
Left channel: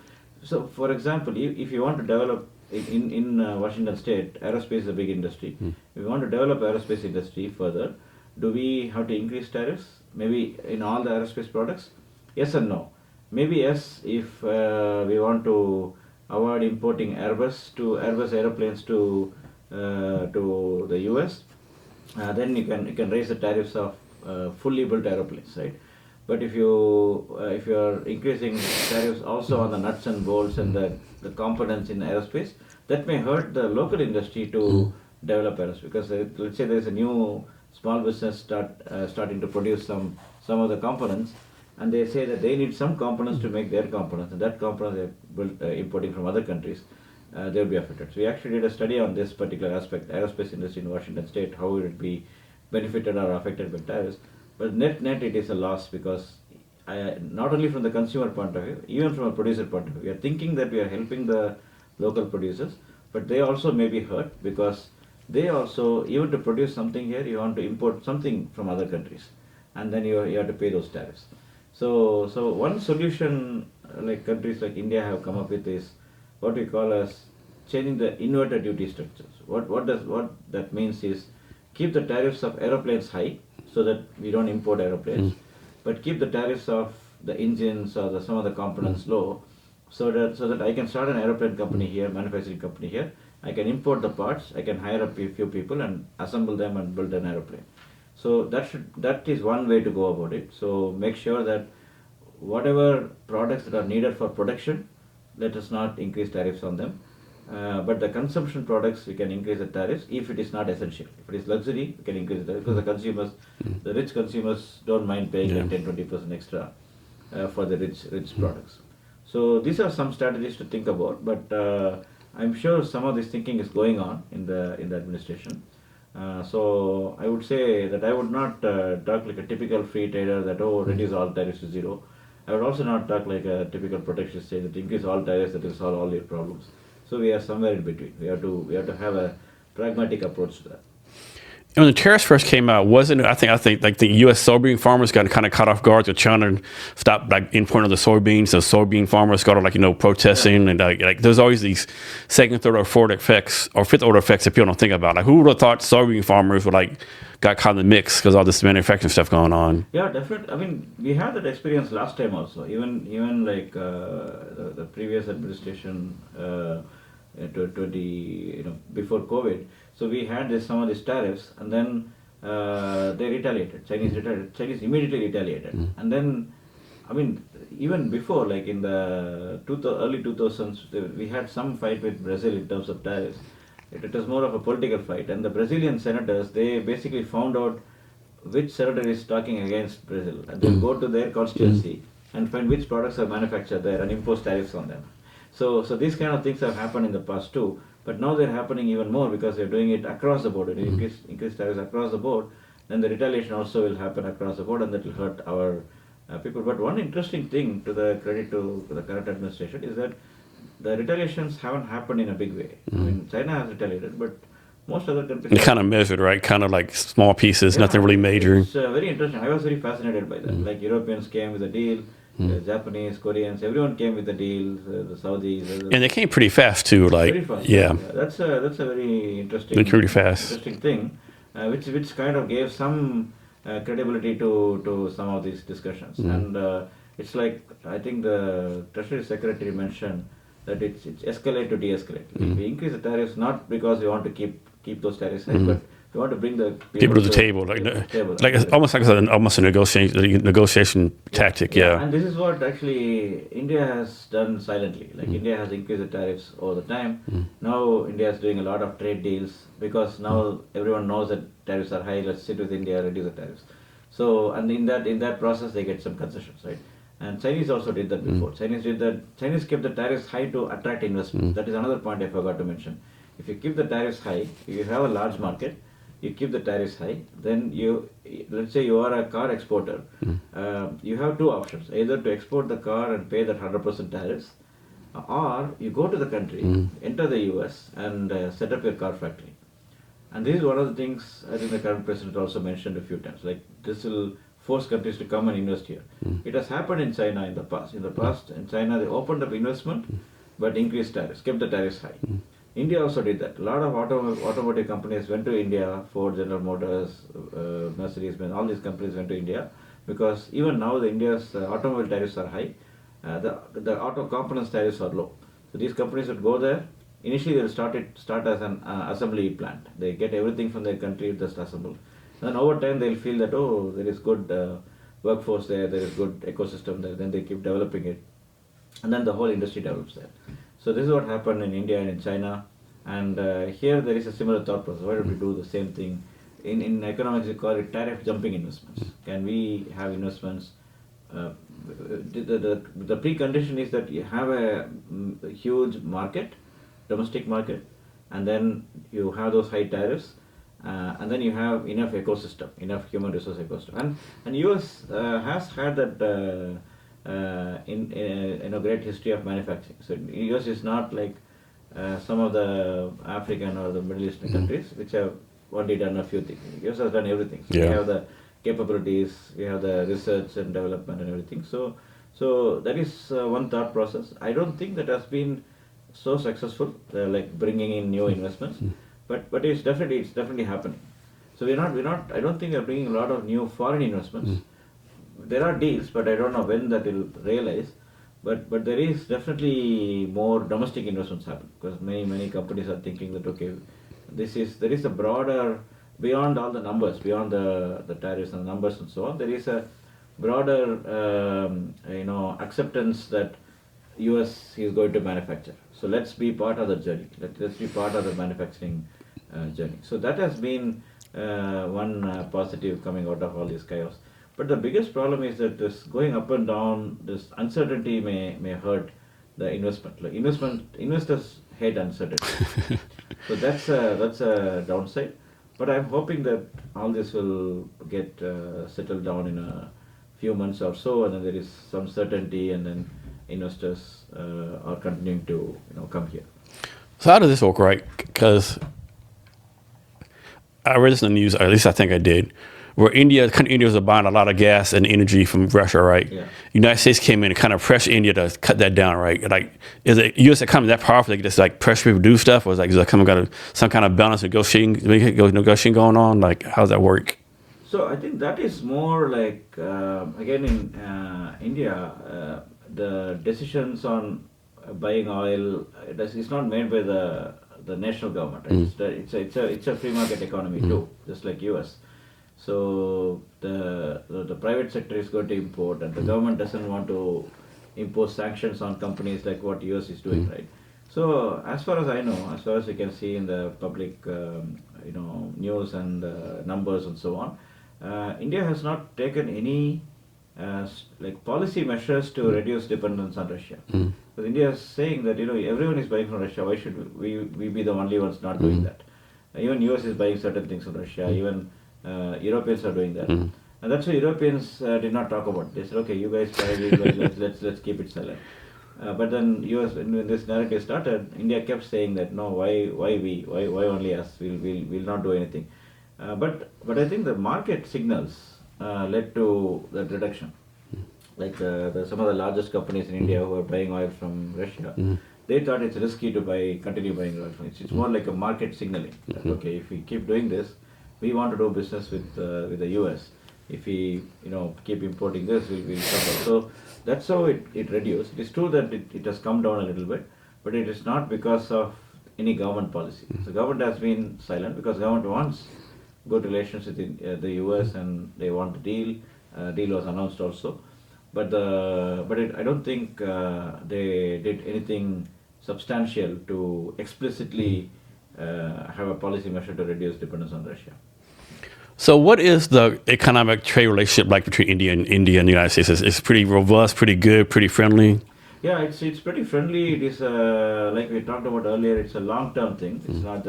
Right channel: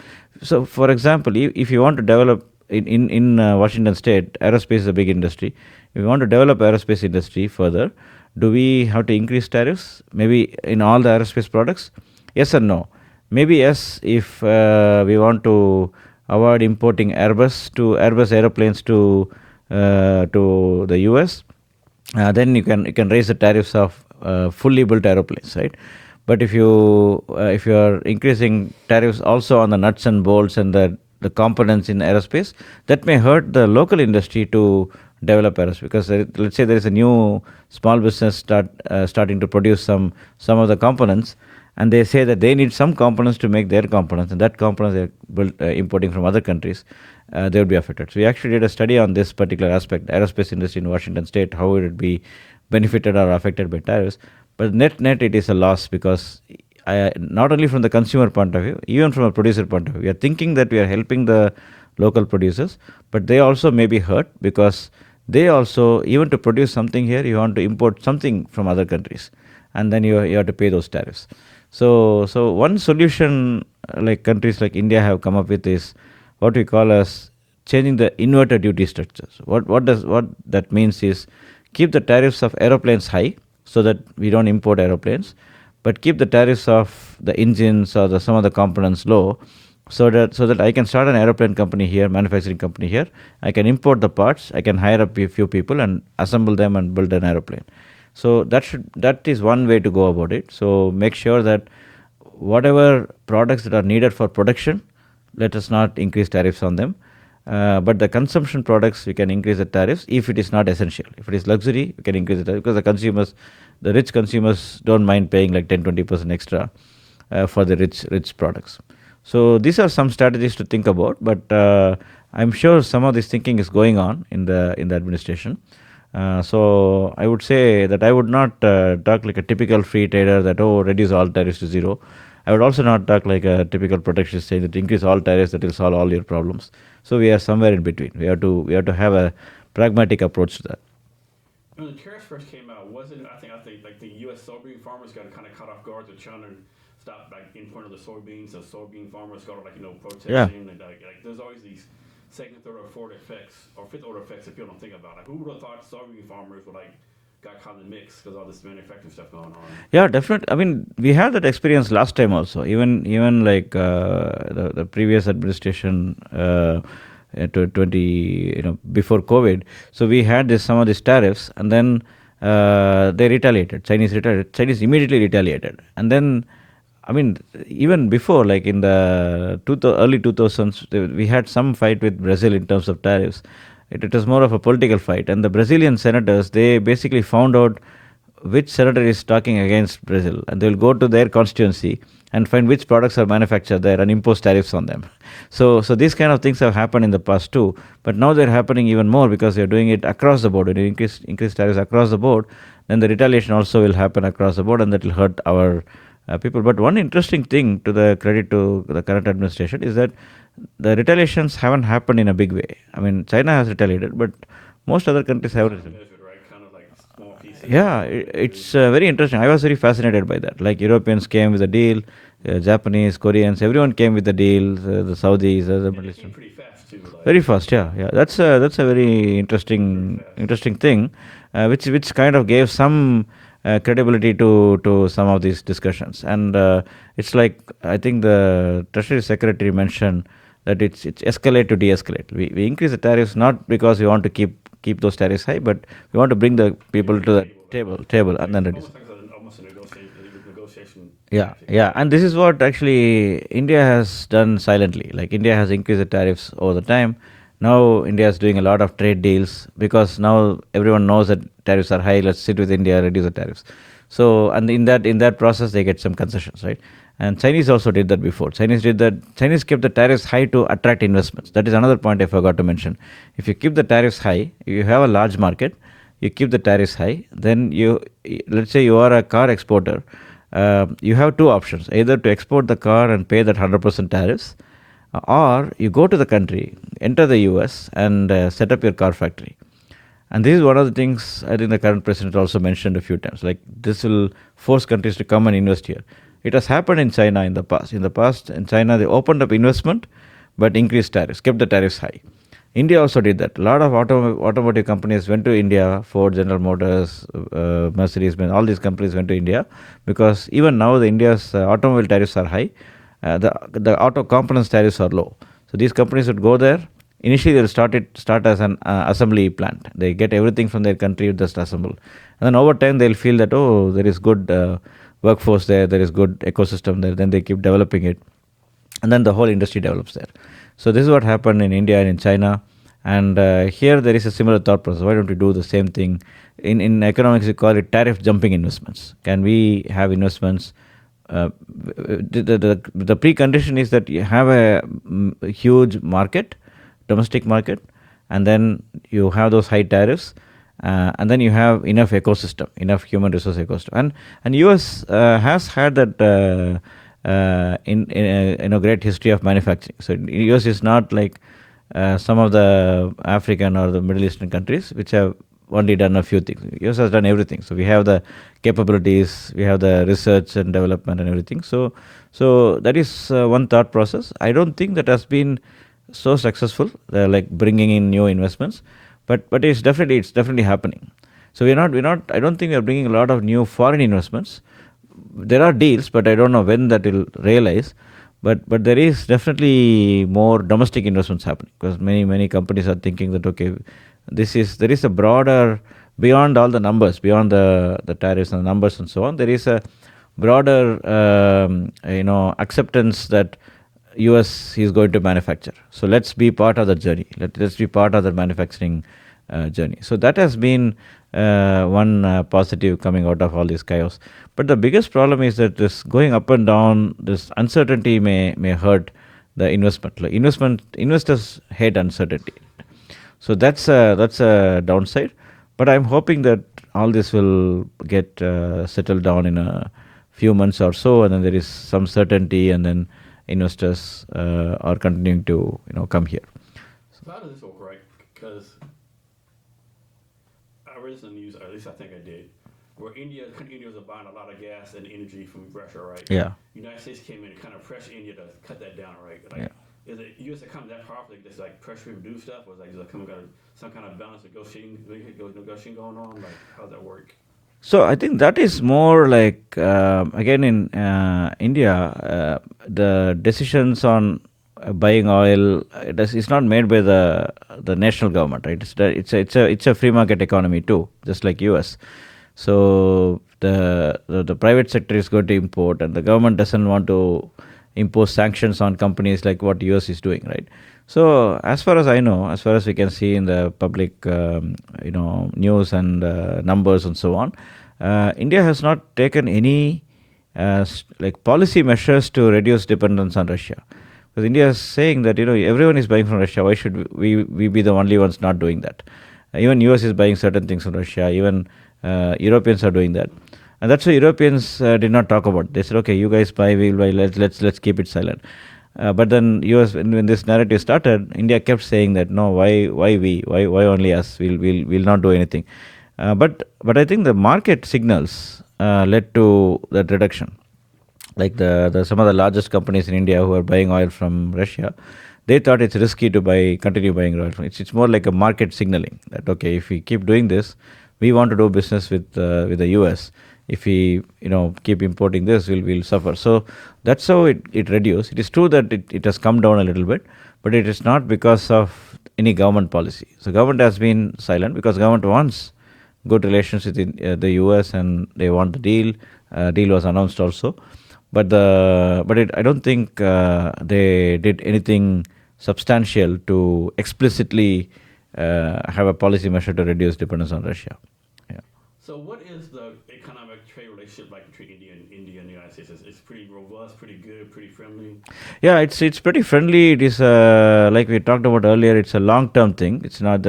So, for example, if you want to develop in Washington State, aerospace is a big industry. If you want to develop aerospace industry further, do we have to increase tariffs? Maybe in all the aerospace products? Yes or no? Maybe yes, if we want to avoid importing Airbus aeroplanes to the US, then you can raise the tariffs of fully built aeroplanes, right? But if you are increasing tariffs also on the nuts and bolts and the components in aerospace, that may hurt the local industry to develop aerospace. Because let's say there is a new small business starting to produce some of the components, and they say that they need some components to make their components, and that components they are importing from other countries, they would be affected. So we actually did a study on this particular aspect, aerospace industry in Washington State, how would it be benefited or affected by tariffs. But net it is a loss, because not only from the consumer point of view, even from a producer point of view, we are thinking that we are helping the local producers, but they also may be hurt, because they also, even to produce something here, you want to import something from other countries, and then you have to pay those tariffs. So one solution like countries like India have come up with is what we call as changing the inverted duty structures. What that means is keep the tariffs of aeroplanes high, so that we don't import aeroplanes, but keep the tariffs of the engines or some of the components low, so that I can start an aeroplane company here, manufacturing company here. I can import the parts, I can hire up a few people and assemble them and build an aeroplane. So that is one way to go about it. So make sure that whatever products that are needed for production, let us not increase tariffs on them. But the consumption products, we can increase the tariffs if it is not essential. If it is luxury, we can increase the tariff, because the rich consumers don't mind paying like 10-20% extra for the rich products. So these are some strategies to think about, but I'm sure some of this thinking is going on in the administration. So I would say that I would not talk like a typical free trader that, reduce all tariffs to zero. I would also not talk like a typical protectionist saying that increase all tariffs, that will solve all your problems. So we are somewhere in between. We have to have a pragmatic approach to that. When the tariffs first came out, wasn't it? I think like the U.S. soybean farmers got kind of caught off guard with China stop like importing the soybeans. The soybean farmers started protesting, and like there's always these second, third, or fourth effects or fifth order effects that people don't think about. Like who would have thought soybean farmers would got caught in the mix because all this manufacturing stuff going on? Yeah, definitely. I mean, we had that experience last time also. Even like the previous administration. Before COVID, so we had some of these tariffs, and then they retaliated. Chinese immediately retaliated, and then, I mean, even before, like in the early 2000s, we had some fight with Brazil in terms of tariffs. It was more of a political fight, and the Brazilian senators, they basically found out which senator is talking against Brazil, and they'll go to their constituency and find which products are manufactured there and impose tariffs on them. So these kind of things have happened in the past too, but now they're happening even more because they're doing it across the board. When you increase tariffs across the board, then the retaliation also will happen across the board, and that will hurt our people. But one interesting thing, to the credit to the current administration, is that the retaliations haven't happened in a big way. I mean, China has retaliated, but most other countries have kind of measured, right? Kind of like small pieces, nothing really major. It's very interesting. I was very fascinated by that. Like Europeans came with a deal. Japanese, Koreans, everyone came with the deal. The Saudis, and they came pretty fast too. Like very fast, yeah. That's a very interesting, interesting thing, which kind of gave some credibility to some of these discussions. And it's like, I think the Treasury Secretary mentioned that it's escalate to de-escalate. We increase the tariffs not because we want to keep keep those tariffs high, but we want to bring the people to to the table. table. Like it's almost a negotiation tactic. Yeah, and this is what actually India has done silently. Like India has increased the tariffs over the time. Now India is doing a lot of trade deals because now everyone knows that tariffs are high. Let's sit with India, reduce the tariffs. So, and in that process, they get some concessions, right? And Chinese also did that before. Chinese did that. Chinese kept the tariffs high to attract investments. That is another point I forgot to mention. If you keep the tariffs high, if you have a large market, you keep the tariffs high, then let's say you are a car exporter, you have two options: either to export the car and pay that 100% tariffs, or you go to the country, enter the US, and set up your car factory. And this is one of the things I think the current president also mentioned a few times. Like this will force countries to come and invest here. It has happened in China in the past. In the past, in China, they opened up investment, but increased tariffs, kept the tariffs high. India also did that. A lot of automotive companies went to India. Ford, General Motors, Mercedes-Benz, all these companies went to India because even now the India's automobile tariffs are high. The auto components tariffs are low. So these companies would go there. Initially, they'll start as an assembly plant. They get everything from their country, just assemble. And then over time, they'll feel that, oh, there is good workforce there is good ecosystem there. Then they keep developing it. And then the whole industry develops there. So this is what happened in India and in China. And here there is a similar thought process. Why don't we do the same thing? In economics, we call it tariff jumping investments. Can we have investments? The precondition is that you have a huge market, domestic market, and then you have those high tariffs, and then you have enough ecosystem, enough human resource ecosystem. And US has had that in a great history of manufacturing. So US is not like some of the African or the Middle Eastern countries which have only done a few things. US has done everything. So we have the capabilities, we have the research and development and everything. So that is one thought process. I don't think that has been so successful, like bringing in new investments, but it's definitely happening. So we're not. I don't think we're bringing a lot of new foreign investments. There are deals, but I don't know when that will realize. But there is definitely more domestic investments happening because many companies are thinking that okay, there is a broader, beyond all the numbers, beyond the tariffs and the numbers and so on. There is a broader acceptance that US is going to manufacture. So let's be part of the journey. Let's be part of the manufacturing journey. So that has been one positive coming out of all this chaos. But the biggest problem is that this going up and down, this uncertainty may hurt the investment. Like investors hate uncertainty. So that's a downside. But I'm hoping that all this will get settled down in a few months or so, and then there is some certainty, and then investors are continuing to come here. So how does this work, right? Because I read this in the news, or at least I think I did, where India was buying a lot of gas and energy from Russia, right? Yeah. United States came in and kind of pressure India to cut that down, right? Like, is the U.S. economy that powerful? They can just like pressure people to do stuff, or is there some kind of balance negotiation going on? Like, how does that work? So I think that is more like again in India, the decisions on buying oil it's not made by the national government, right? It's a free market economy too, just like US. So the private sector is going to import, and the government doesn't want to impose sanctions on companies like what US is doing, right? So as far as I know, as far as we can see in the public news and numbers and so on, India has not taken any policy measures to reduce dependence on Russia. Because India is saying that everyone is buying from Russia. Why should we be the only ones not doing that? Even US is buying certain things from Russia. Even Europeans are doing that, and that's why Europeans did not talk about it. They said, okay, you guys buy, we buy. Let's keep it silent. But then US, when this narrative started, India kept saying that no, why only us? We'll not do anything. But I think the market signals led to that reduction. Like some of the largest companies in India who are buying oil from Russia, they thought it's risky to continue buying oil from it. It's more like a market signaling that okay, if we keep doing this, we want to do business with the US. If we keep importing this, we'll suffer. So that's how it reduced. It is true that it has come down a little bit, but it is not because of any government policy. So government has been silent because government wants good relations with the US, and they want the deal. Deal was announced also, but I don't think they did anything substantial to explicitly have a policy measure to reduce dependence on Russia. Yeah. So what is the economic trade relationship like between India and the United States? It's pretty robust, pretty good, pretty friendly? Yeah, it's pretty friendly. It is, like we talked about earlier, it's a long-term thing. It's not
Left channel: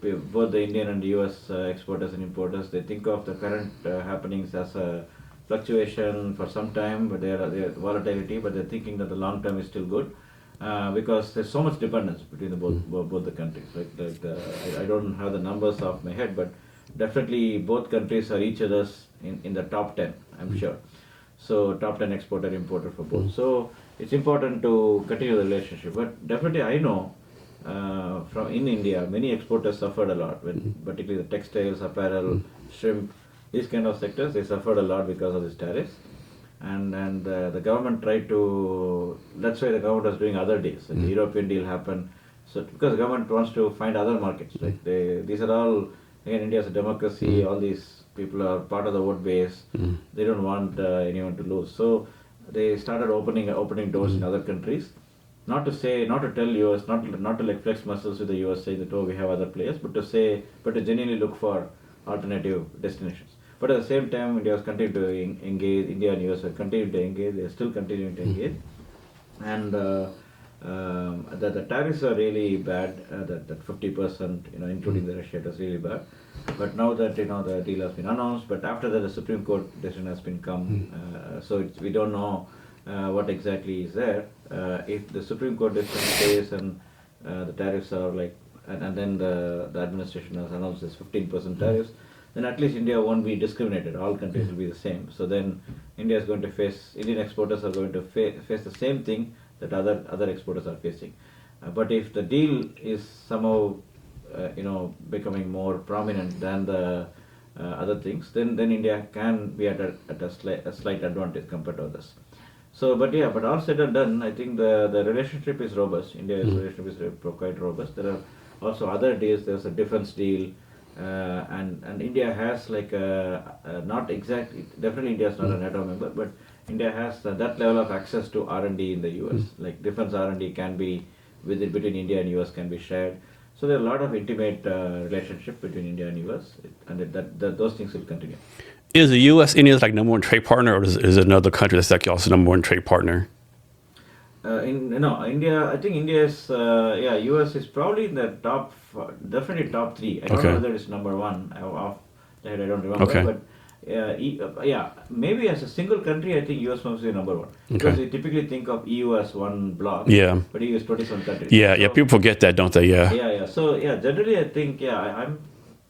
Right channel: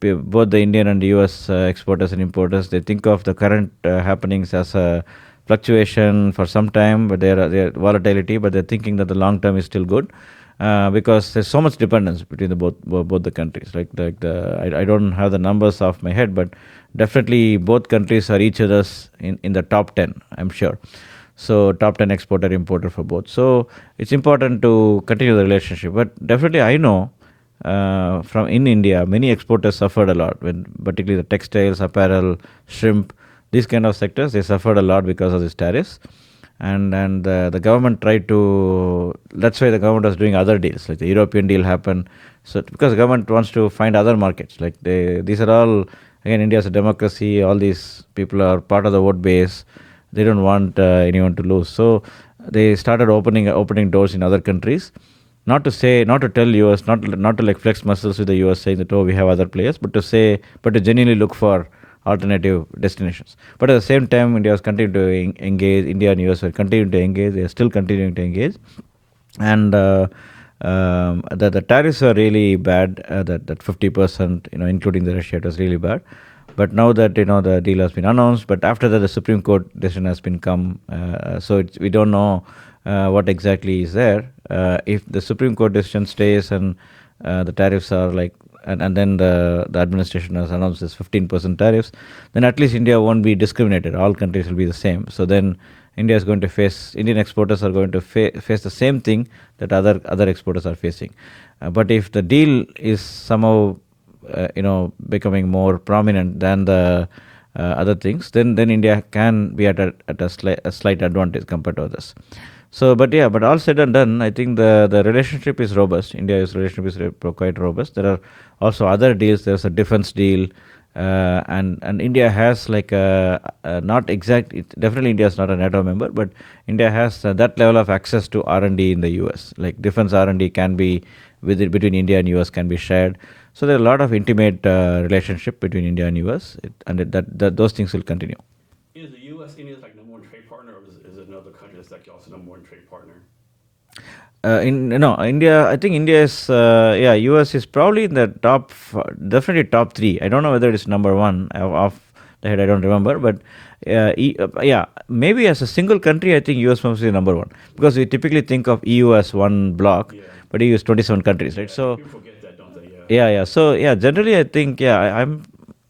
both the Indian and the US exporters and importers, they think of the current happenings as a fluctuation for some time, but they're volatility, but they're thinking that the long term is still good. Because there's so much dependence between the both the countries. I don't have the numbers off my head, but definitely both countries are each other's in the top 10, I'm sure. So top 10 exporter importer for both. So it's important to continue the relationship. But definitely I know from in India, many exporters suffered a lot, particularly the textiles, apparel, shrimp, these kind of sectors, they suffered a lot because of these tariffs. And the government tried to, that's why the government was doing other deals, like the European deal happened. So because the government wants to find other markets, like these are all, again, India is a democracy, all these people are part of the vote base, they don't want anyone to lose. So they started opening doors in other countries, not to tell US, not to like flex muscles with the US saying that, oh, we have other players, but to genuinely look for alternative destinations. But at the same time, India was continuing to engage. India and US were continuing to engage. They are still continuing to engage. And the tariffs are really bad. That 50%, including the Russia, it was really bad. But now that the deal has been announced, but after that the Supreme Court decision has been come. So we don't know what exactly is there. If the Supreme Court decision stays and the tariffs are like, and then the administration has announced this 15% tariffs, then at least India won't be discriminated. All countries will be the same. So then Indian exporters are going to face the same thing that other exporters are facing. But if the deal is somehow becoming more prominent than the other things, then India can be at a slight advantage compared to others. So, but all said and done, I think the relationship is robust. India's relationship is quite robust. There are also other deals. There's a defense deal, and India has like definitely India is not a NATO member, but India has that level of access to R&D in the US. Like defense R&D can be between India and US can be shared. So there are a lot of intimate relationship between India and US, and those things will continue. Is the U.S. India's like number one trade partner, or is it another country that's like also number one trade partner? India. I think India is. U.S. is probably in the top, definitely top 3. I don't know whether it's number 1 off the head. I don't remember, but maybe as a single country, I think U.S. must be number 1 because we typically think of EU as one block. Yeah. But EU is 27 countries. Yeah, people forget that, don't they? Yeah. Yeah. So generally, I think I'm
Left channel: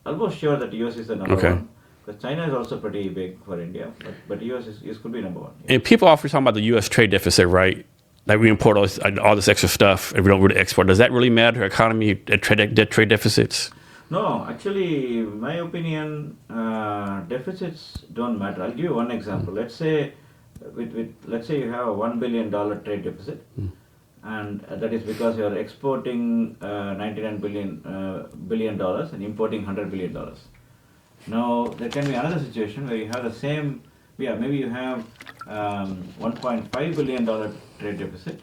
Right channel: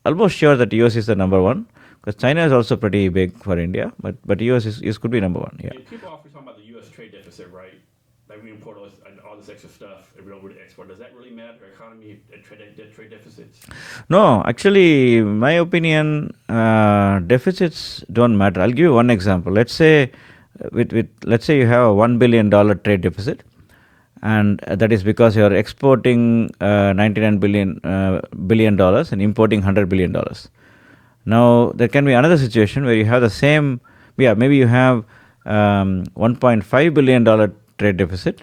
almost sure that U.S. is the number 1. Because China is also pretty big for India, but US could be number 1. Yeah. And people often talk about the U.S. trade deficit, right? Like we import all this extra stuff and we don't really export. Does that really matter to our economy, trade deficits? No, actually, my opinion, deficits don't matter. I'll give you one example. Let's say let's say you have a $1 billion trade deficit, and that is because you're exporting $99 billion and importing $100 billion. Now, there can be another situation where you have the same, maybe you have $1.5 billion trade deficit,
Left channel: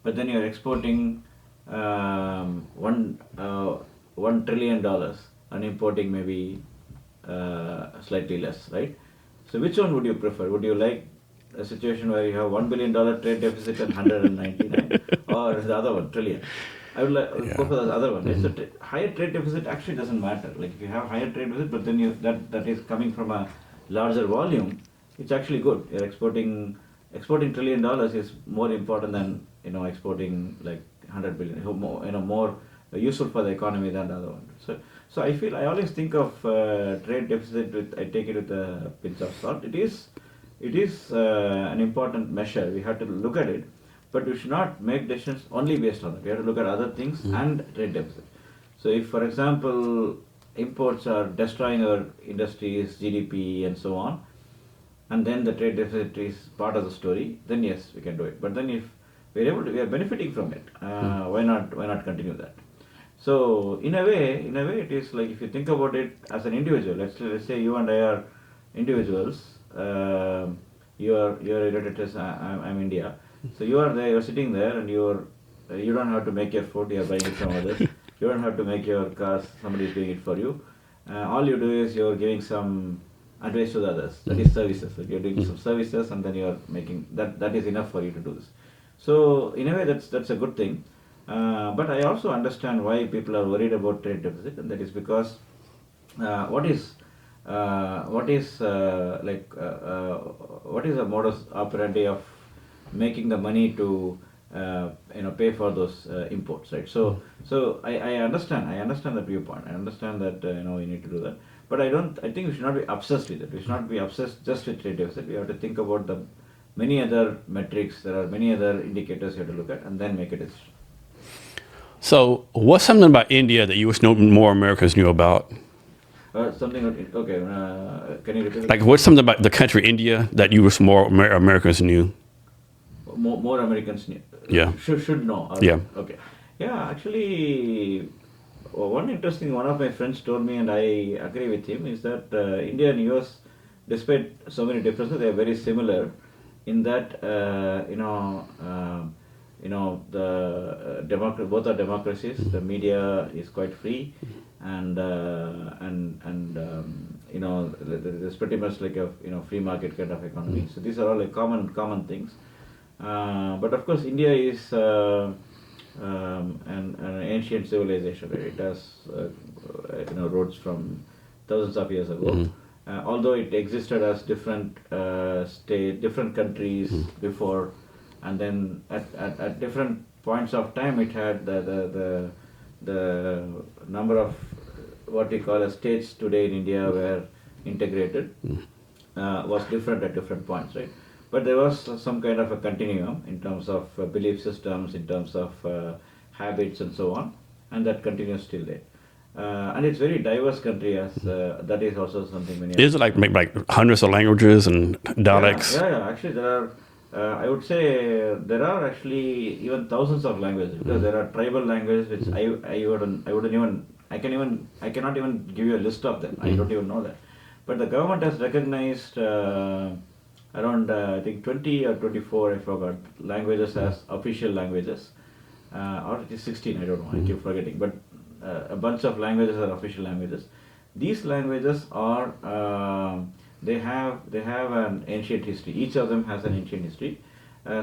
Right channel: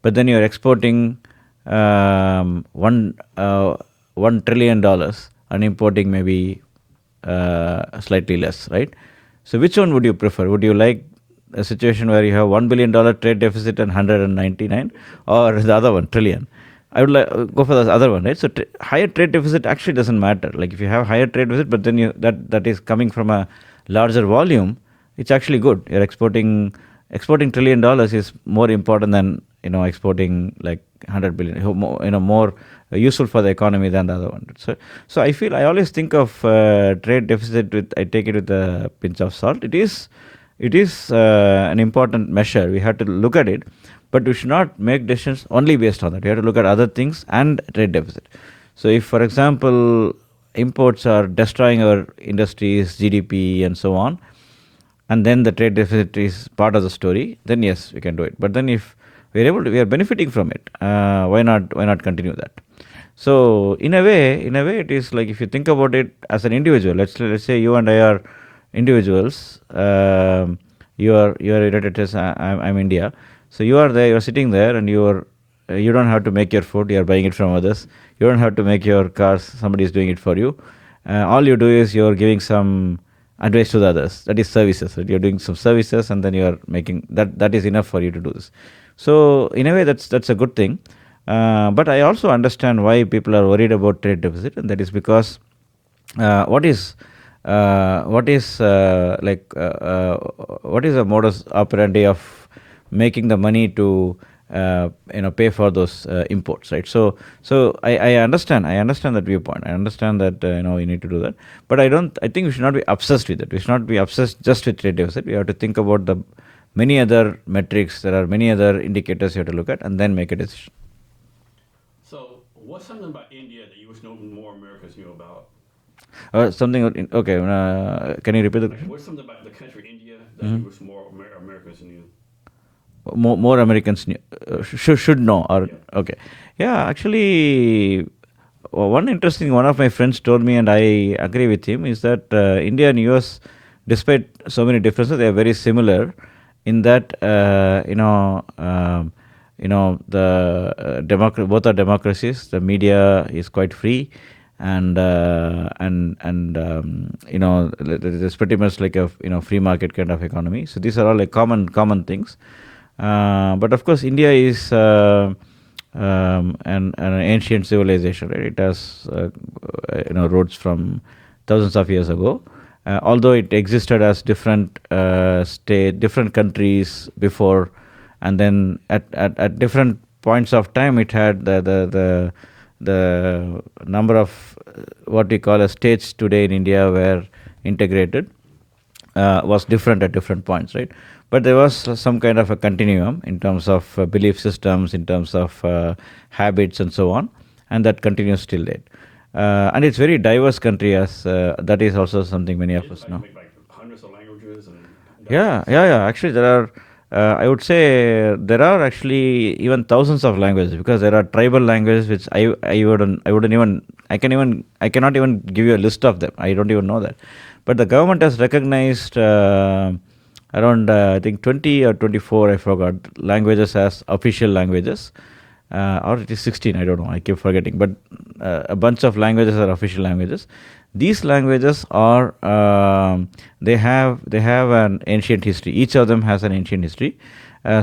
but then you're exporting $1 trillion and importing maybe slightly less, right? So which one would you prefer? Would you like a situation where you have $1 billion trade deficit and 199, or the other one, trillion? I would go for the other one, right? So higher trade deficit actually doesn't matter. Like if you have higher trade deficit, but then that is coming from a larger volume, it's actually good. You're exporting $1 trillion is more important than exporting like 100 billion. More useful for the economy than the other one. So I always think of trade deficit I take it with a pinch of salt. It is an important measure. We have to look at it. But we should not make decisions only based on that. We have to look at other things and trade deficit. So if, for example, imports are destroying our industries, GDP, and so on, and then the trade deficit is part of the story, then yes, we can do it. But then if we are benefiting from it, why not continue that? So in a way, it is like, if you think about it as an individual, let's say you and I are individuals. You are United States. I'm India. So you are there. You're sitting there, and you don't have to make your food. You're buying it from others. You don't have to make your cars. Somebody is doing it for you. All you do is you're giving some advice to the others. That is services. Right? You're doing some services, and then you are making that. That is enough for you to do this. So in a way, that's a good thing. But I also understand why people are worried about trade deficit, and that is because what is what is the modus operandi of making the money to pay for those imports, right? So I understand that viewpoint. I understand that you need to do that, but I think we should not be obsessed with it. We should not be obsessed just with trade deficit. We have to think about the many other metrics. There are many other indicators you have to look at, and then make a decision. So, what's something about India that you wish more Americans knew about? Something. Okay. Can you repeat the Like, what's something about the country India that you wish more Americans knew? More Americans knew, Yeah. should know. Or, Yeah. Okay. Yeah. Actually, one of my friends told me, and I agree with him, is that India and US, despite so many differences, they are very similar in that both are democracies. The media is quite free, and it's pretty much like a free market kind of economy. So these are all like common things. But of course, India is an ancient civilization. Right? It has roots from thousands of years ago. Although it existed as different different countries before, and then at different points of time, it had the number of what we call as states today in India were integrated, was different at different points, right? But there was some kind of a continuum in terms of belief systems, in terms of habits, and so on, and that continues till date. And it's very diverse country, as that is also something many of us Is it like know. like hundreds of languages and dialects? Yeah. Actually, there are. I would say there are actually even thousands of languages, because there are tribal languages which I cannot even give you a list of them. I don't even know that. But the government has recognized around I think 20 or 24, I forgot, languages as official languages, or it is 16. I don't know. I keep forgetting. But a bunch of languages are official languages. These languages are they have an ancient history. Each of them has an ancient history.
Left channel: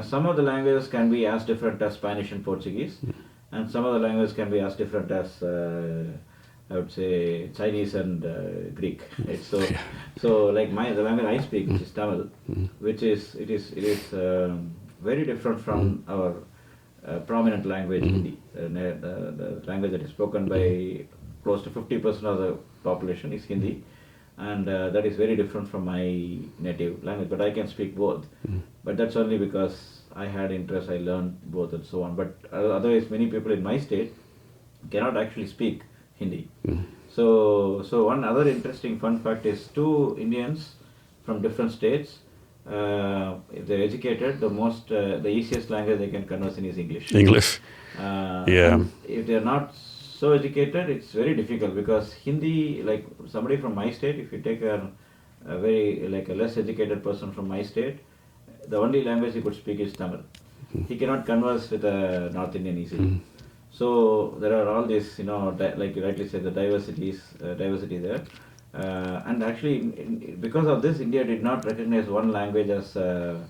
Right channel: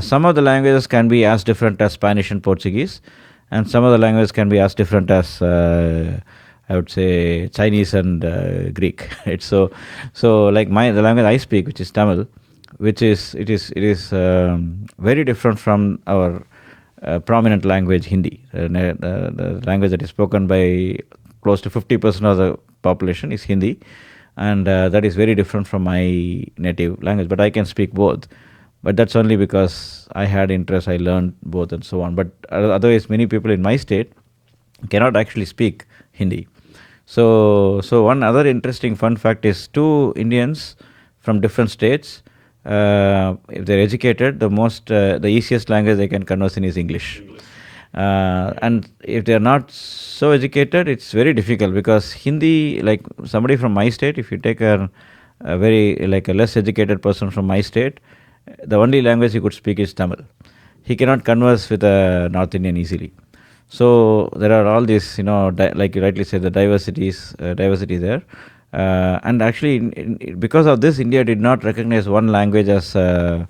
Some of the languages can be as different as Spanish and Portuguese, and some of the languages can be as different as I would say Chinese and Greek. Right? So like the language I speak, which is Tamil, which is very different from our prominent language Hindi. The language that is spoken by close to 50% of the population is Hindi, and that is very different from my native language. But I can speak both. But that's only because I had interest. I learned both and so on. But otherwise, many people in my state cannot actually speak Hindi. So one other interesting fun fact is, two Indians from different states, if they're educated, the easiest language they can converse in is English. And if they're not so educated, it's very difficult, because Hindi, like somebody from my state, if you take a very like a less educated person from my state, the only language he could speak is Tamil. He cannot converse with a North Indian easily. So there are all these, like you rightly said, the diversity there. And actually, because of this, India did not recognize one language as an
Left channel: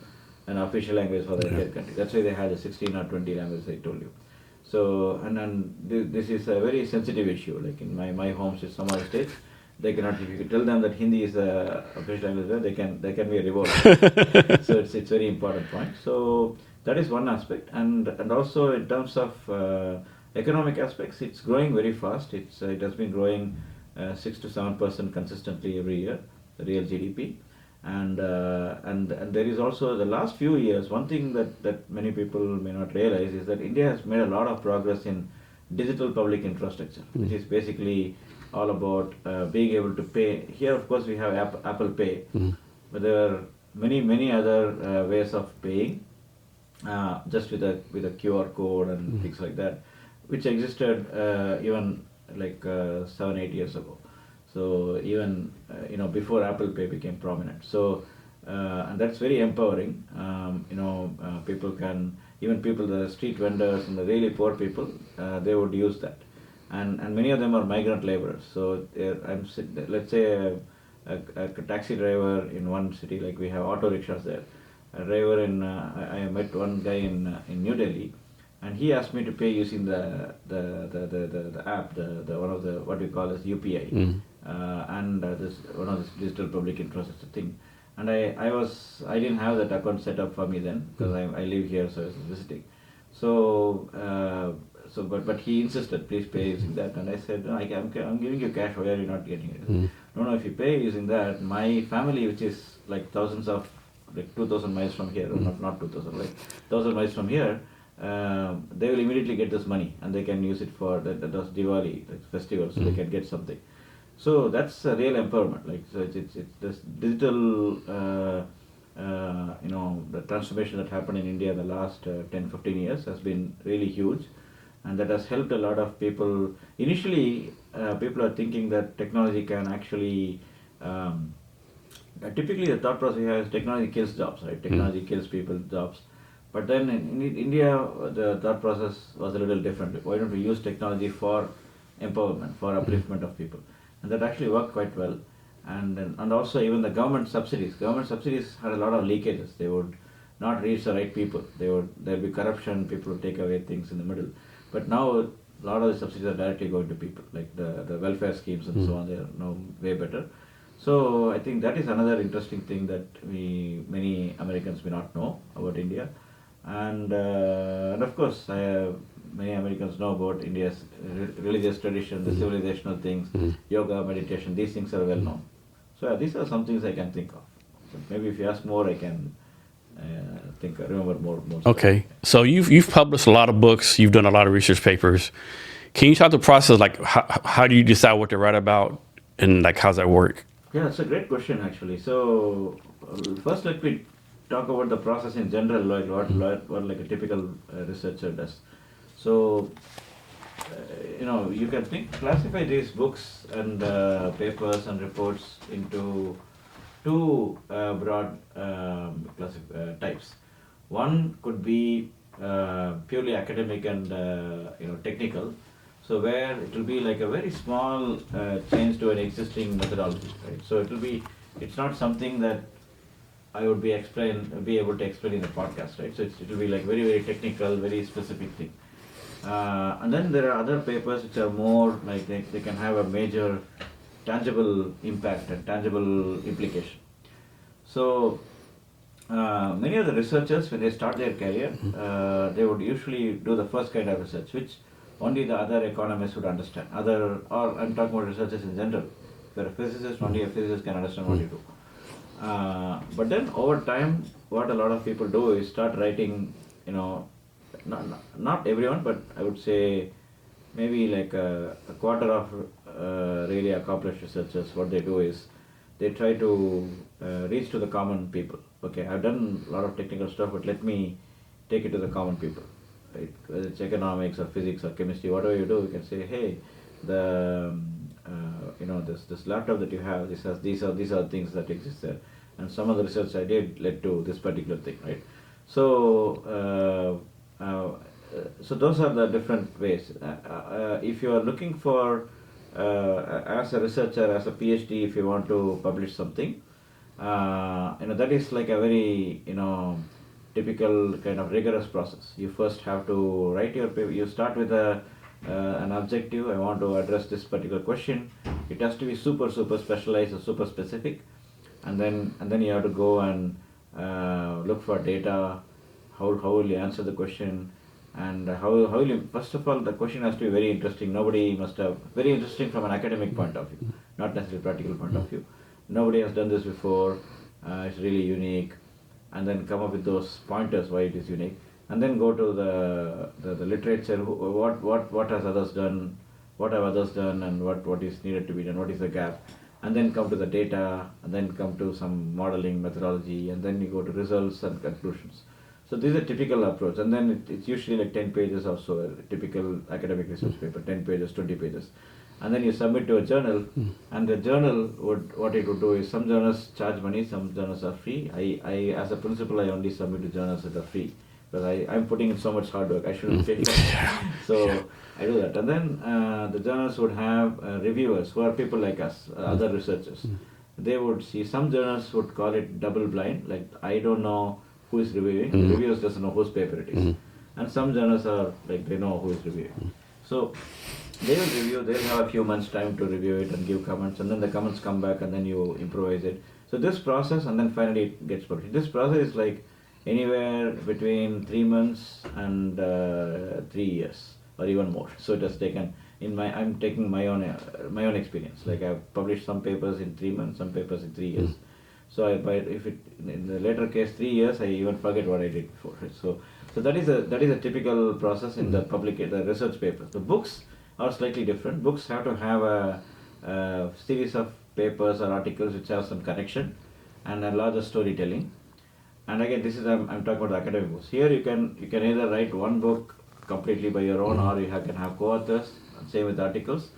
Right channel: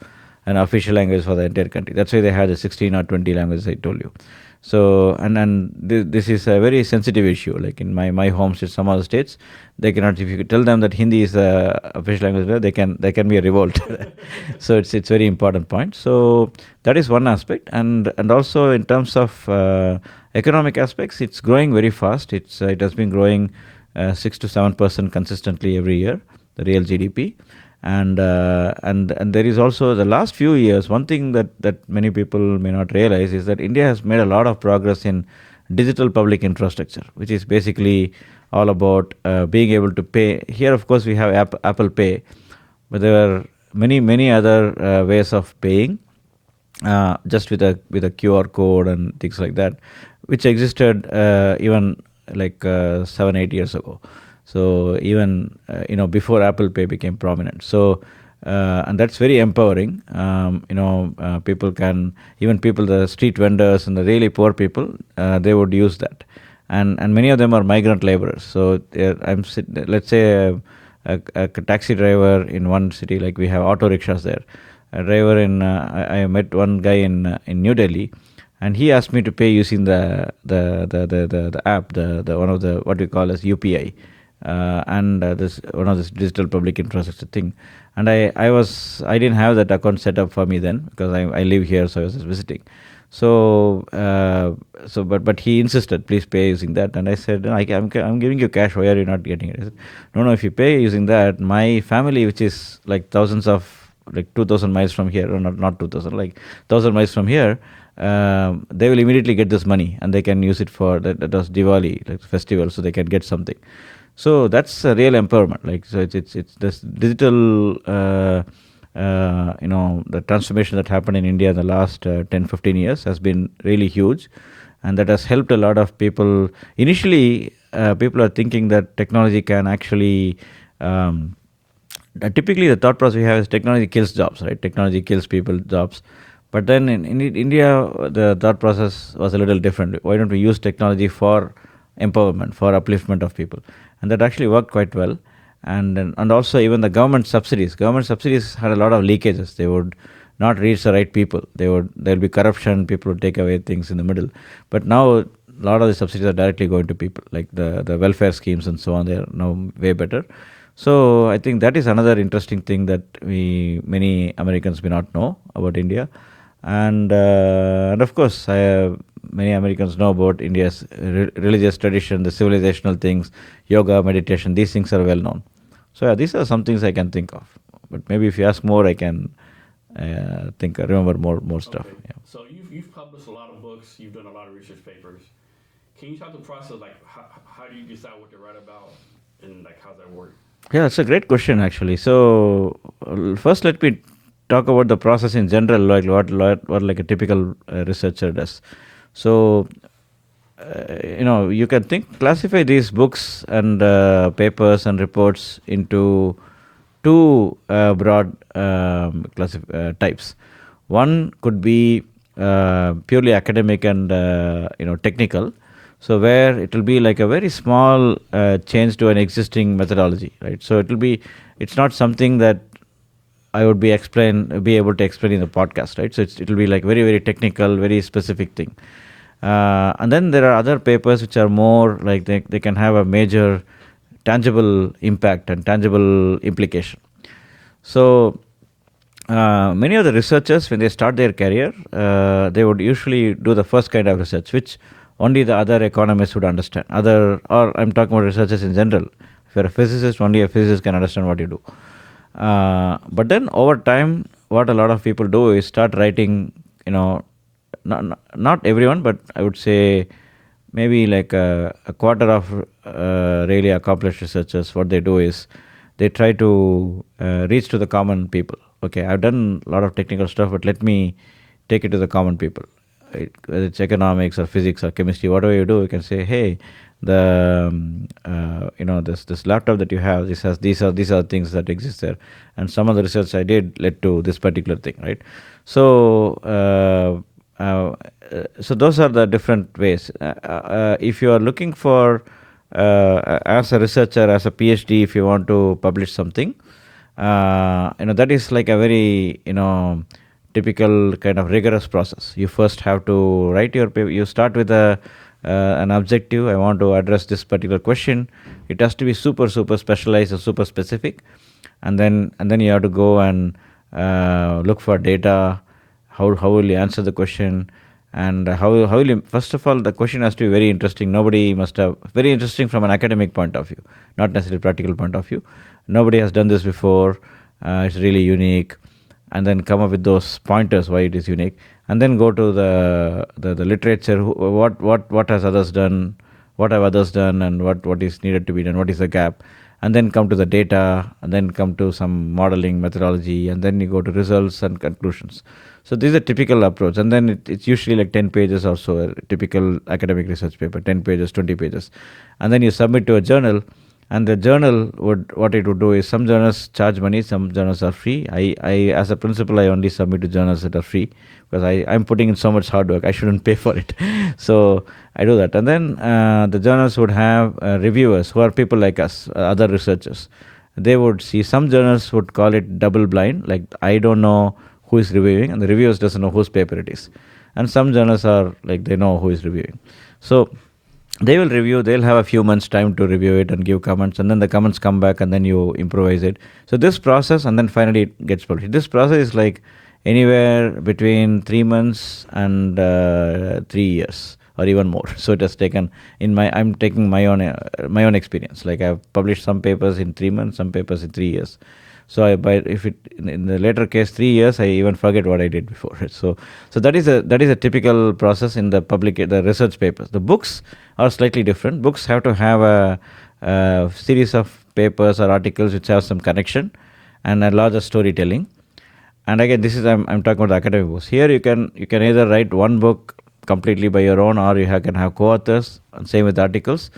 official language for the entire country. That's why they had the 16 or 20 languages I told you. So, and this is a very sensitive issue. Like in my home state, some other states, they cannot. If you tell them that Hindi is the official language there, there can be a revolt. So it's very important point. So that is one aspect, and also in terms of economic aspects, it's growing very fast. It has been growing 6 to 7% consistently every year, the real GDP. And there is also, the last few years, one thing that many people may not realize is that India has made a lot of progress in digital public infrastructure, which is basically all about being able to pay. Here, of course, we have Apple Pay, but there are many other ways of paying, just with a QR code and things like that. which existed even like 7-8 years ago. So even before Apple Pay became prominent. So and that's very empowering. People can, even people, the street vendors and the really poor people, they would use that, and many of them are migrant laborers. So let's say a taxi driver in one city, like we have auto rickshaws there. A driver I met one guy in New Delhi, and he asked me to pay using the app, the one of the what we call as UPI, and this one of this digital public infrastructure thing. And I didn't have that account set up for me then, because I live here, so I was just visiting. But he insisted, please pay using that. And I said, no, I'm giving you cash. Why are you not getting it? He said, no, if you pay using that, my family, which is like thousands of, like 2,000 miles from here, or not 2,000, like 1,000 miles from here, they will immediately get this money, and they can use it for that was Diwali, like festival, so they can get something. So that's a real empowerment. Like, so it's this digital, the transformation that happened in India in the last 10-15 years has been really huge, and that has helped a lot of people. Initially, people are thinking that technology can actually. Typically, the thought process we have is technology kills jobs, right? Technology kills people's jobs. But then in India, the thought process was a little different. Why don't we use technology for empowerment, for upliftment of people? And that actually worked quite well. And also even the government subsidies had a lot of leakages. They would not reach the right people. There'll be corruption. People would take away things in the middle. But now a lot of the subsidies are directly going to people, like the welfare schemes and so on. They are now way better. So I think that is another interesting thing that many Americans may not know about India. And of course, many Americans know about India's religious tradition, the civilizational things, yoga, meditation. These things are well known. So yeah, these are some things I can think of. But maybe if you ask more, I can remember more stuff. Okay. Yeah. So you've published a lot of books. You've done a lot of research papers. Can you talk the process, like how do you decide what to write about, and like how's that work? Yeah, it's a great question actually. So first, let me talk about the process in general, like what like a typical researcher does. So you can classify these books and papers and reports into two broad types. One could be purely academic and technical. So where it will be like a very small change to an existing methodology, right? So it's not something that I would be able to explain in the podcast, right? So it will be like very, very technical, very specific thing. And then there are other papers which are more like they can have a major tangible impact and tangible implication. So many of the researchers, when they start their career, they would usually do the first kind of research, which only the other economists would understand. Or I'm talking about researchers in general. If you're a physicist, only a physicist can understand what you do. But then over time, what a lot of people do is start writing, not everyone, but I would say maybe like a quarter of really accomplished researchers, what they do is they try to reach to the common people. Okay, I've done a lot of technical stuff, but let me take it to the common people. Right? Whether it's economics or physics or chemistry, whatever you do, you can say, hey, this laptop that you have, these are things that exist there, and some of the research I did led to this particular thing, right? So so those are the different ways. If you are looking for as a researcher, as a PhD, if you want to publish something, that is like a very typical kind of rigorous process. You first have to write your paper. You start with an objective. I want to address this particular question. It has to be super specialized and super specific, and then you have to go and look for data. How will you answer the question, and how will you, first of all, the question has to be very interesting. Nobody must have very interesting from an academic point of view, not necessarily practical point of view. Nobody has done this before. It's really unique. And then come up with those pointers why it is unique, and then go to the literature. What has others done? What have others done, and what is needed to be done? What is the gap? and then come to the data, and then come to some modeling methodology, and then you go to results and conclusions. So this is a typical approach, and then it's usually like 10 pages or so, a typical academic research paper, 10 pages, 20 pages. And then you submit to a journal, and the journal what it would do is, some journals charge money, some journals are free. I as a principal, I only submit to journals that are free, because I'm putting in so much hard work, I shouldn't pay for it. So I do that. And then the journals would have reviewers who are people like us, other researchers. They would see, some journals would call it double blind, like I don't know who is reviewing, and the reviewers doesn't know whose paper it is. And some journals are like, they know who is reviewing. So they will review, they'll have a few months time to review it and give comments, and then the comments come back, and then you improvise it. So this process, and then finally it gets published. This process is like anywhere between 3 months and 3 years, or even more. So it has taken, I'm taking my own experience. Like I've published some papers in 3 months, some papers in 3 years. So if it in the later case 3 years, I even forget what I did before. So that is a typical process in the research papers. The books are slightly different. Books have to have a series of papers or articles which have some connection and a larger storytelling. And again, this is I'm talking about the academic books. Here you can either write one book completely by your own, or you can have co-authors, and same with articles.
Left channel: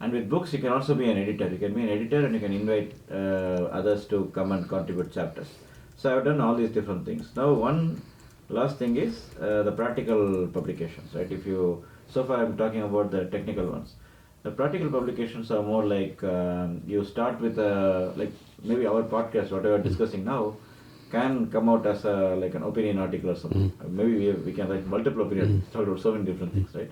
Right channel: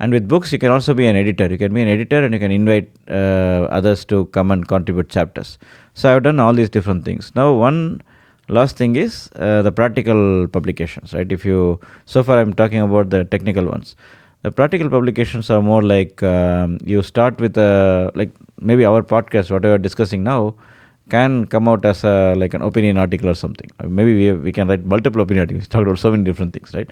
And with books, you can also be an editor. You can be an editor, and you can invite others to come and contribute chapters. So I've done all these different things. Now, one last thing is the practical publications, right? So far I'm talking about the technical ones. The practical publications are more like you start with like maybe our podcast, what we are discussing now, can come out as like an opinion article or something. Maybe we can write multiple opinion articles, talk about so many different things, right?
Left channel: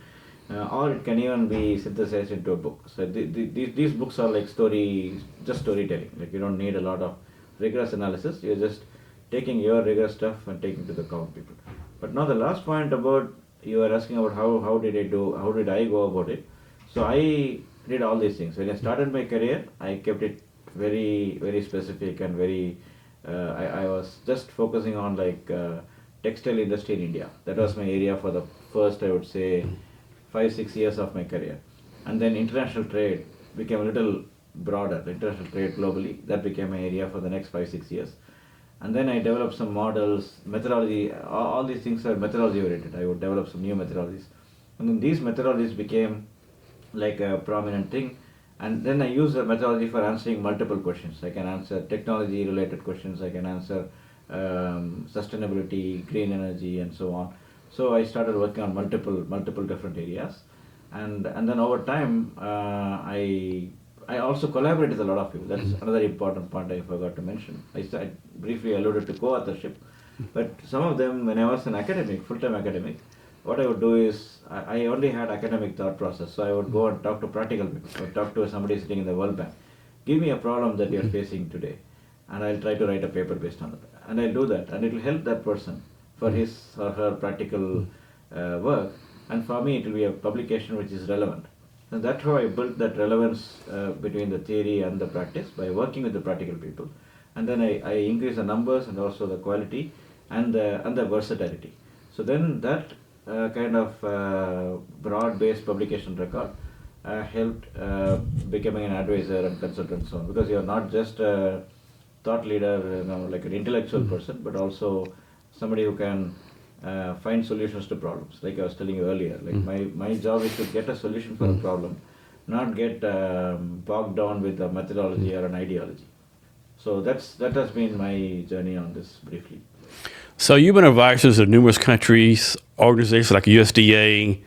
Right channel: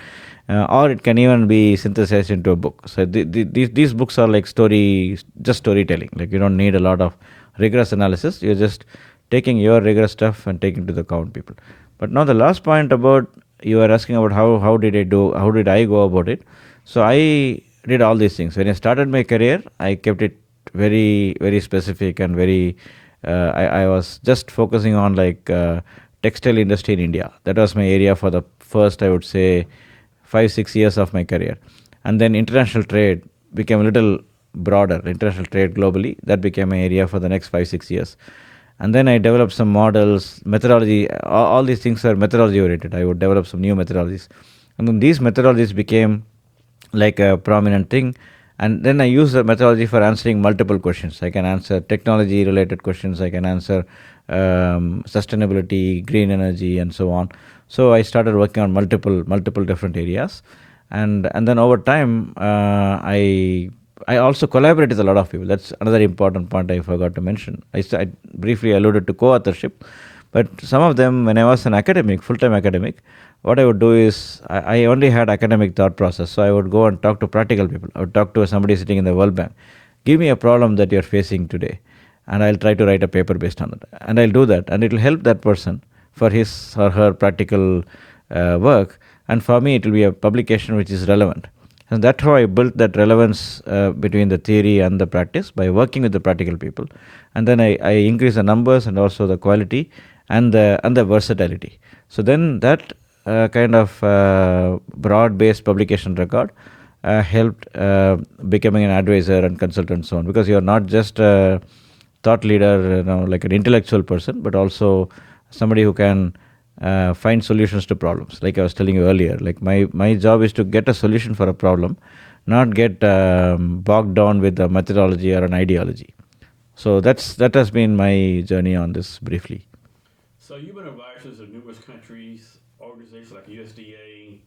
Or it can even be synthesized into a book. So these books are like just storytelling. Like you don't need a lot of rigorous analysis. You're just taking your rigorous stuff and taking to the common people. But now the last point about, you were asking about how did I go about it. So I did all these things. When I started my career, I kept it very, very specific and very, I was just focusing on like textile industry in India. That was my area for the first, I would say, 5-6 years of my career. And then international trade became a little broader, international trade globally. That became my area for the next 5-6 years. And then I developed some models, methodology, all these things are methodology oriented. I would develop some new methodologies. And then these methodologies became like a prominent thing. And then I use the methodology for answering multiple questions. I can answer technology related questions. I can answer sustainability, green energy, and so on. So I started working on multiple different areas. And then over time, I also collaborate with a lot of people. That's another important point I forgot to mention. I briefly alluded to co-authorship, but some of them, when I was an academic, full-time academic, what I would do is, I only had academic thought process, so I would go and talk to practical people. I would talk to somebody sitting in the World Bank. Give me a problem that you're facing today, and I'll try to write a paper based on it. And I'll do that, and it will help that person for his or her practical work, and for me it will be a publication which is relevant. And that's how I built that relevance between the theory and the practice, by working with the practical people. And then I increase the numbers and also the quality and the versatility. So then that kind of broad-based publication record helped becoming an advisor and consultant and so on, because you're not just a thought leader, like an intellectual person, but also somebody who can find solutions to problems. Like I was telling you earlier, like my job is to get a solution for a problem, not get bogged down with a methodology or an ideology. So that has been my journey on this briefly. So you've been advisors of numerous countries, organizations like USDA,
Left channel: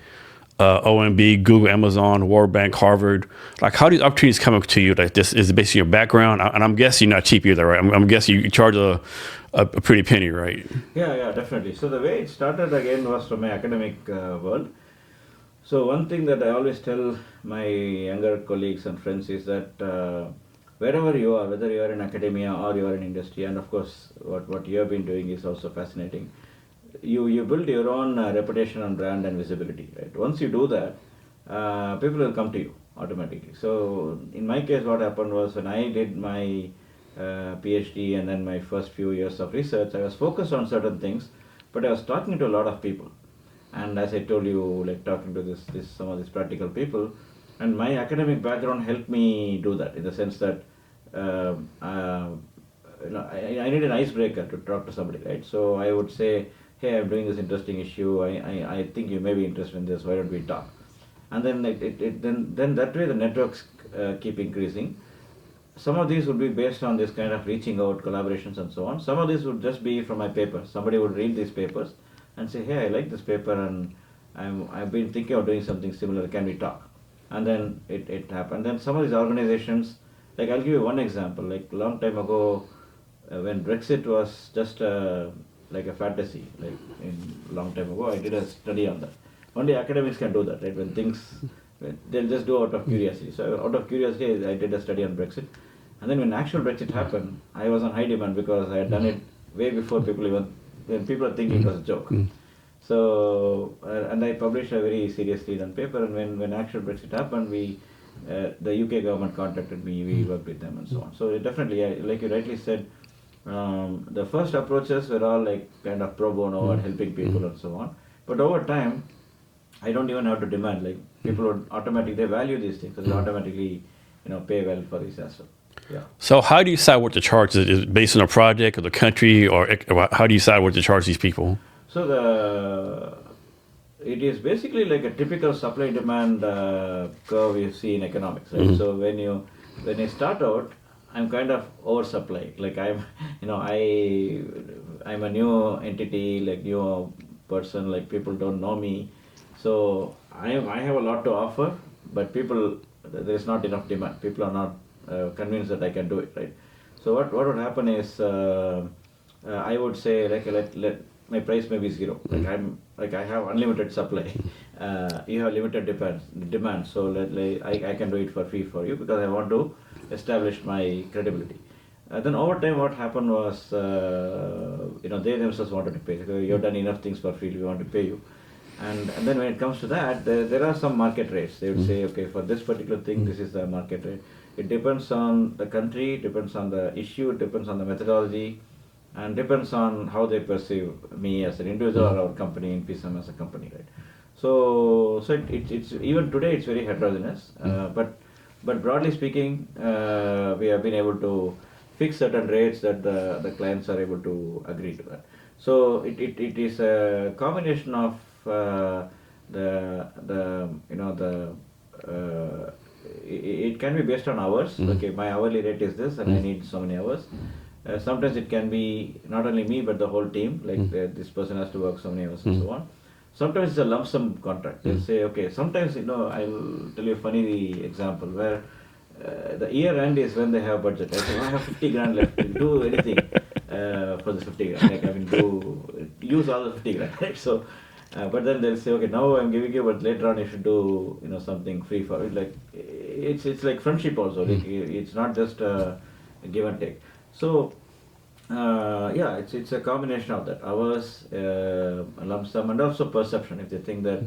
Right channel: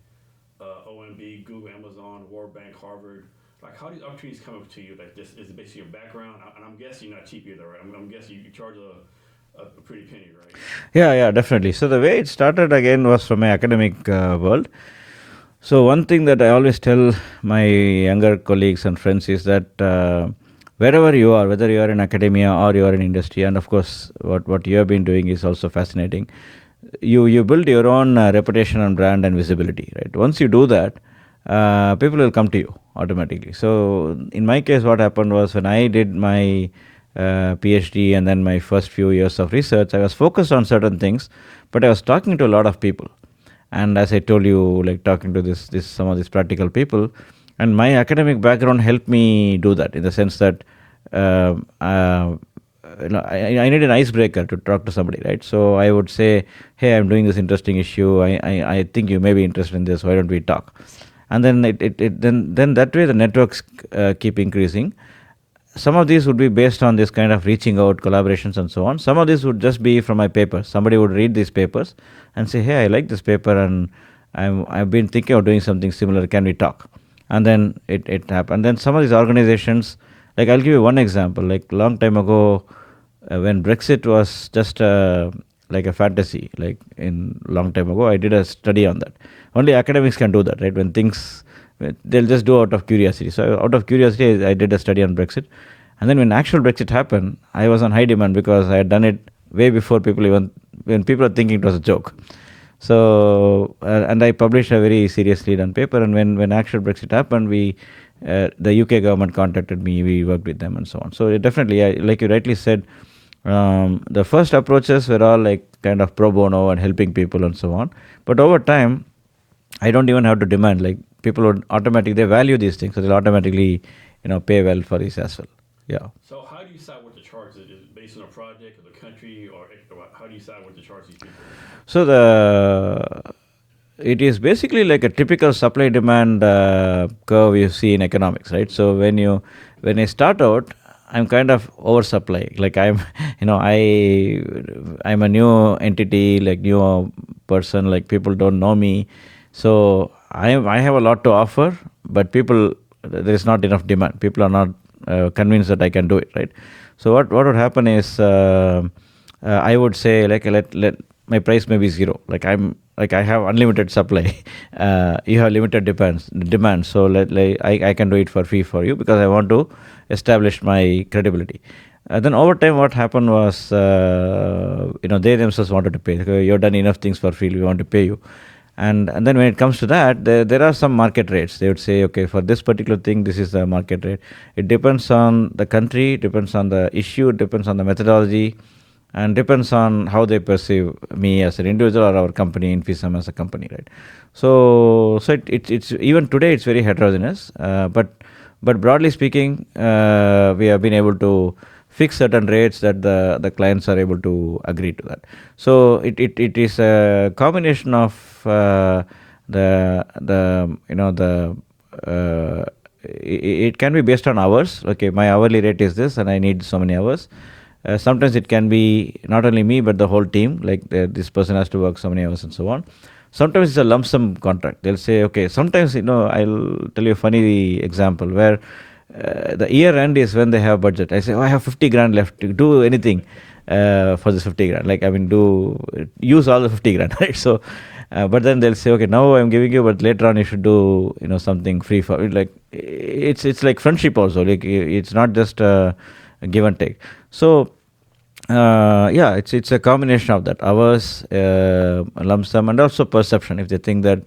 OMB, Google, Amazon, World Bank, Harvard. Like, how do these opportunities come up to you? Like, this is basically your background, and I'm guessing you're not cheap either, right? I'm guessing you charge a pretty penny, right? Yeah, definitely. So the way it started again was from my academic world. So one thing that I always tell my younger colleagues and friends is that wherever you are, whether you are in academia or you are in industry, and of course what you have been doing is also fascinating, you build your own reputation and brand and visibility, right? Once you do that, people will come to you automatically. So in my case, what happened was, when I did my PhD and then my first few years of research, I was focused on certain things, but I was talking to a lot of people. And as I told you, like talking to some of these practical people, and my academic background helped me do that, in the sense that I need an icebreaker to talk to somebody, right? So I would say, hey, I'm doing this interesting issue. I think you may be interested in this. Why don't we talk? And then then that way the networks keep increasing. Some of these would be based on this kind of reaching out, collaborations, and so on. Some of these would just be from my papers. Somebody would read these papers and say, hey, I like this paper, and I've been thinking of doing something similar. Can we talk? And then it happened. And then some of these organizations, like I'll give you one example. Like long time ago, when Brexit was just like a fantasy, like in long time ago, I did a study on that. Only academics can do that, right? When things, they'll just do out of curiosity. So out of curiosity, I did a study on Brexit. And then when actual Brexit happened, I was on high demand because I had done it way before when people were thinking it was a joke. So, and I published a very seriously done paper. And when actual Brexit happened, the UK government contacted me, we worked with them and so on. So it definitely, like you rightly said, the first approaches were all like kind of pro bono and helping people and so on. But over time, I don't even have to demand, like people would automatically, they value these things, so they'll automatically, pay well for this as well. Yeah. So how do you decide what to charge? Is it based on a project or the country, or how do you decide what to charge these people? So it is basically like a typical supply demand curve you see in economics, right? So when I start out, I'm kind of oversupply. Like I'm a new entity, like new person, like people don't know me. So I have a lot to offer, but there is not enough demand. People are not convinced that I can do it, right? So what would happen is I would say like let my price may be zero. Like I have unlimited supply. You have limited demand. So I can do it for free for you because I want to establish my credibility. Then over time, what happened was they themselves wanted to pay. Okay, you've done enough things for free. We want to pay you. And then when it comes to that, there are some market rates. They would say, okay, for this particular thing, this is the market rate. It depends on the country, depends on the issue, depends on the methodology, and depends on how they perceive me as an individual or our company, Infisum as a company, right? So it's even today it's very heterogeneous. But broadly speaking, we have been able to fix certain rates that the clients are able to agree to that. So it is a combination of it can be based on hours. Okay, my hourly rate is this, and I need so many hours. Sometimes it can be not only me but the whole team. Like this person has to work so many hours and so on. Sometimes it's a lump sum contract. They'll say, okay. Sometimes I'll tell you a funny example where the year end is when they have budget. I say, I have 50 grand left. Do anything for this 50 grand. Like use all the 50 grand, right? So, but then they'll say, okay, now I'm giving you, but later on you should do something free for it. Like it's like friendship also. Like it's not just a give and take. So it's a combination of that hours, lump sum, and also perception. If they think that,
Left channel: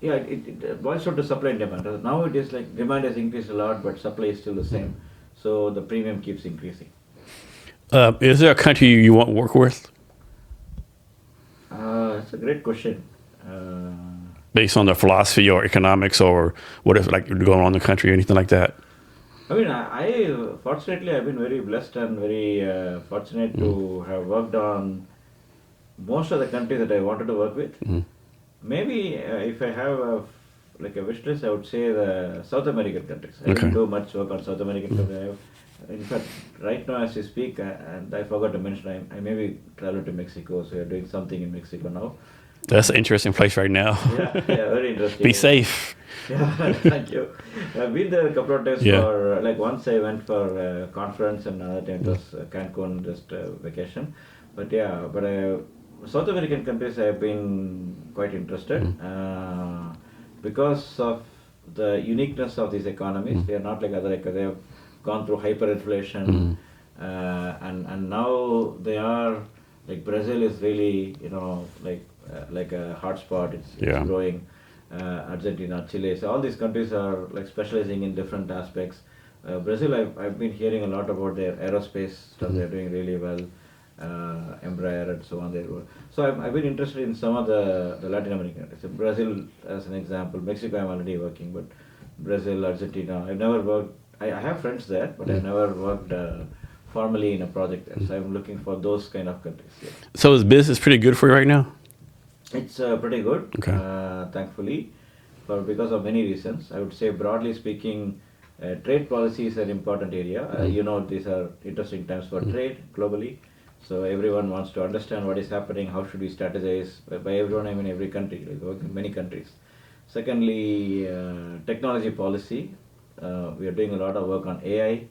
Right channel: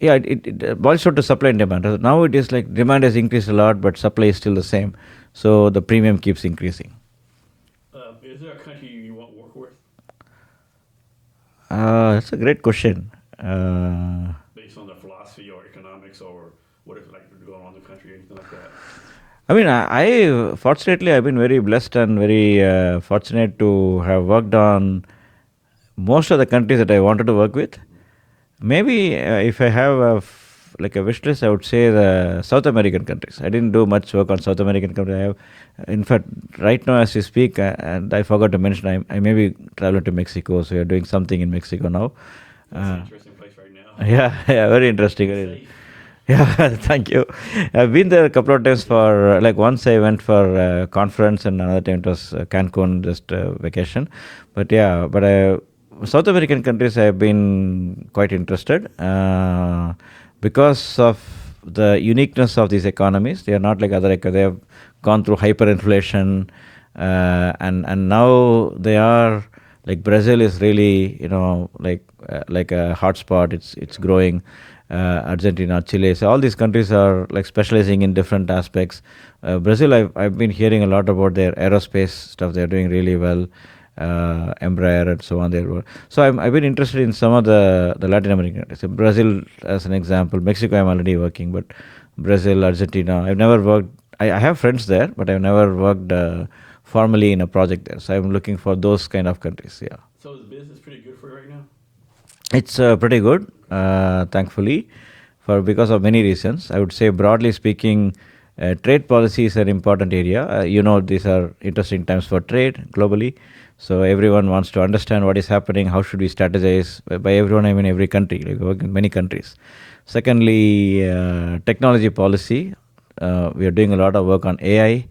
it boils down to supply and demand. Now it is like demand has increased a lot, but supply is still the same. So the premium keeps increasing. Is there a country you want to work with? That's a great question. Based on the philosophy or economics or what is like going on in the country or anything like that? I mean, I fortunately I've been very blessed and very fortunate to have worked on most of the countries that I wanted to work with. Maybe if I have a wish list, I would say the South American countries. I didn't do much work on South American countries. In fact, right now as we speak, and I forgot to mention, I may be traveling to Mexico, so we are doing something in Mexico now. That's an interesting place right now. Yeah, very interesting. Be safe. Yeah, thank you. I've been there a couple of times for, once I went for a conference and another time it was Cancun, just vacation. But South American countries I've been quite interested because of the uniqueness of these economies. They are not like other economies. They have gone through hyperinflation and now they are, like Brazil is really, like a hotspot. It's growing. Argentina, Chile, so all these countries are like specializing in different aspects. Brazil, I've been hearing a lot about their aerospace stuff. They're doing really well. Embraer and so on. So I've been interested in some of the Latin American countries. So Brazil as an example. Mexico I'm already working, but Brazil, Argentina. I've never worked I have friends there, but I've never worked formally in a project there. So I'm looking for those kind of countries. Yeah. So is business pretty good for you right now? It's pretty good, Okay. thankfully, because of many reasons. I would say, broadly speaking, trade policy is an important area. These are interesting times for trade globally. So everyone wants to understand what is happening. How should we strategize? By everyone, I mean every country. Like we work in many countries. Secondly, technology policy. We are doing a lot of work on AI.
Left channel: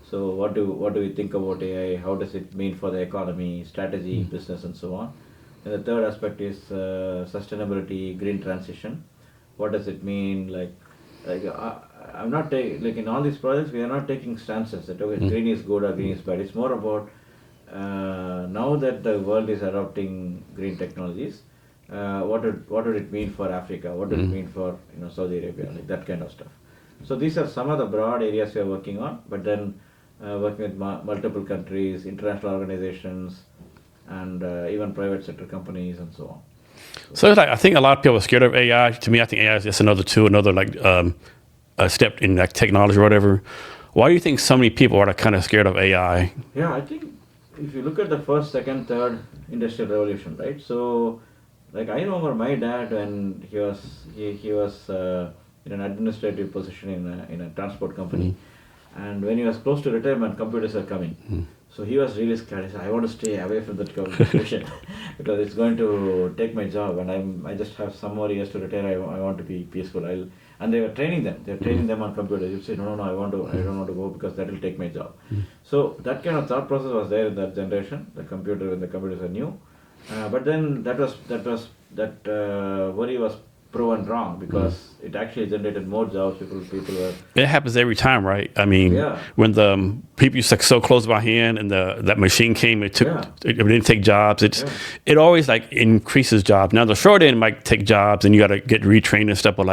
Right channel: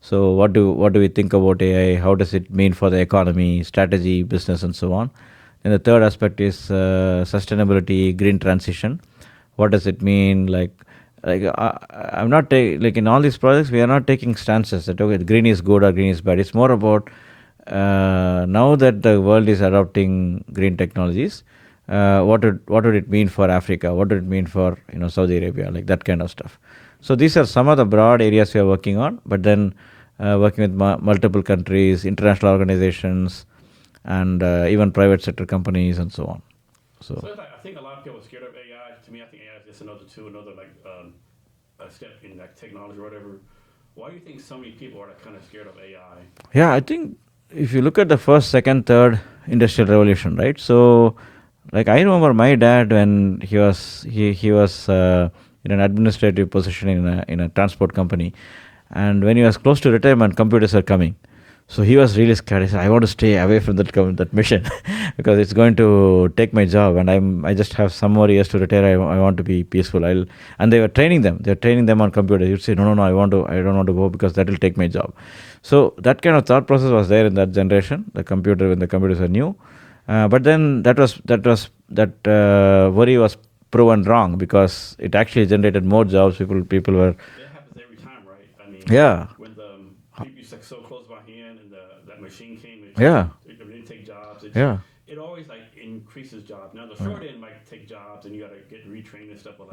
So what do we think about AI? How does it mean for the economy, strategy, business, and so on? And the third aspect is sustainability, green transition. What does it mean? I'm not like in all these projects, we are not taking stances that okay, green is good or green is bad. It's more about now that the world is adopting green technologies, what would it mean for Africa? What would it mean for Saudi Arabia? Like that kind of stuff. So these are some of the broad areas we are working on. But then working with multiple countries, international organizations, and even private sector companies and so on. So it's like, I think a lot of people are scared of AI. To me, I think AI is just another like a step in like technology or whatever. Why do you think so many people are kind of scared of AI? Yeah, I think if you look at the first, second, third industrial revolution, right? So, like I remember my dad when he was in an administrative position in a transport company, and when he was close to retirement, computers are coming. So he was really scared. He said, "I want to stay away from that mission because it's going to take my job, and I just have some more years to retire. I want to be peaceful." And they were training them. They were training them on computers. You'd say, "No, I don't want to go because that will take my job." So that kind of thought process was there in that generation. When the computers were new, but then that worry was proven wrong because it actually generated more jobs. People were. It happens every time, right? I mean, when the people used to so close by hand and that machine came, it didn't take jobs. It always like increases jobs. Now the short end might take jobs, and you got to get retrained and stuff, but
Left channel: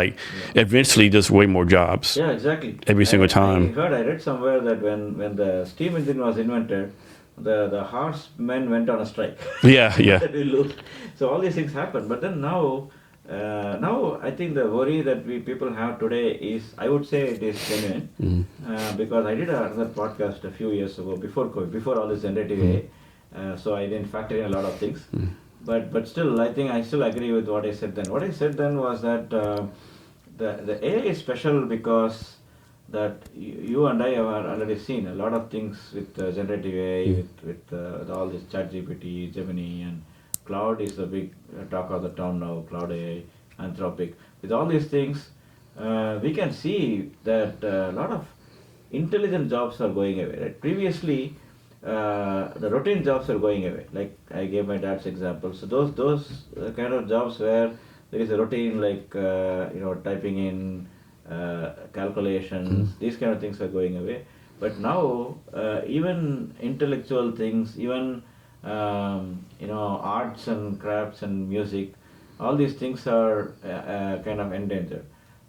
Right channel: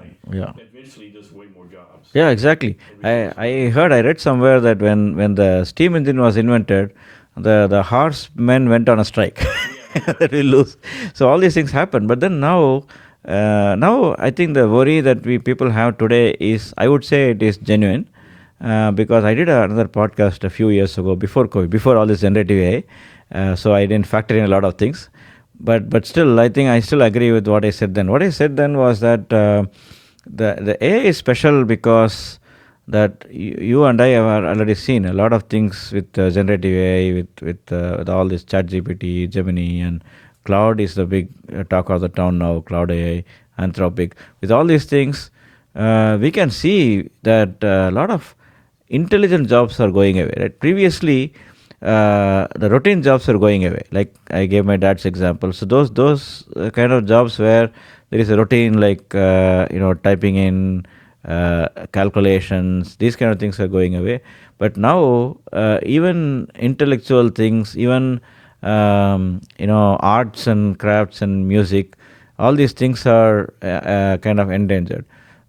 eventually there's way more jobs. Yeah, exactly. Every single time. I read somewhere that when the steam engine was invented, the horsemen went on a strike. Yeah. That we lose. So all these things happen. But then now I think the worry that people have today is, I would say it is genuine, because I did another podcast a few years ago before COVID, before all this generative AI, so I didn't factor in a lot of things, but still I think I still agree with what I said then. What I said then was that the AI is special because that you and I have already seen a lot of things with generative AI, with all this ChatGPT, Gemini, and Cloud is the big talk of the town now, Cloud AI, Anthropic. With all these things, we can see that a lot of intelligent jobs are going away. Right? Previously, the routine jobs are going away. Like I gave my dad's example. So those kind of jobs where there is a routine, like typing in calculations, these kind of things are going away. But now, even intellectual things, even arts and crafts and music, all these things are kind of endangered.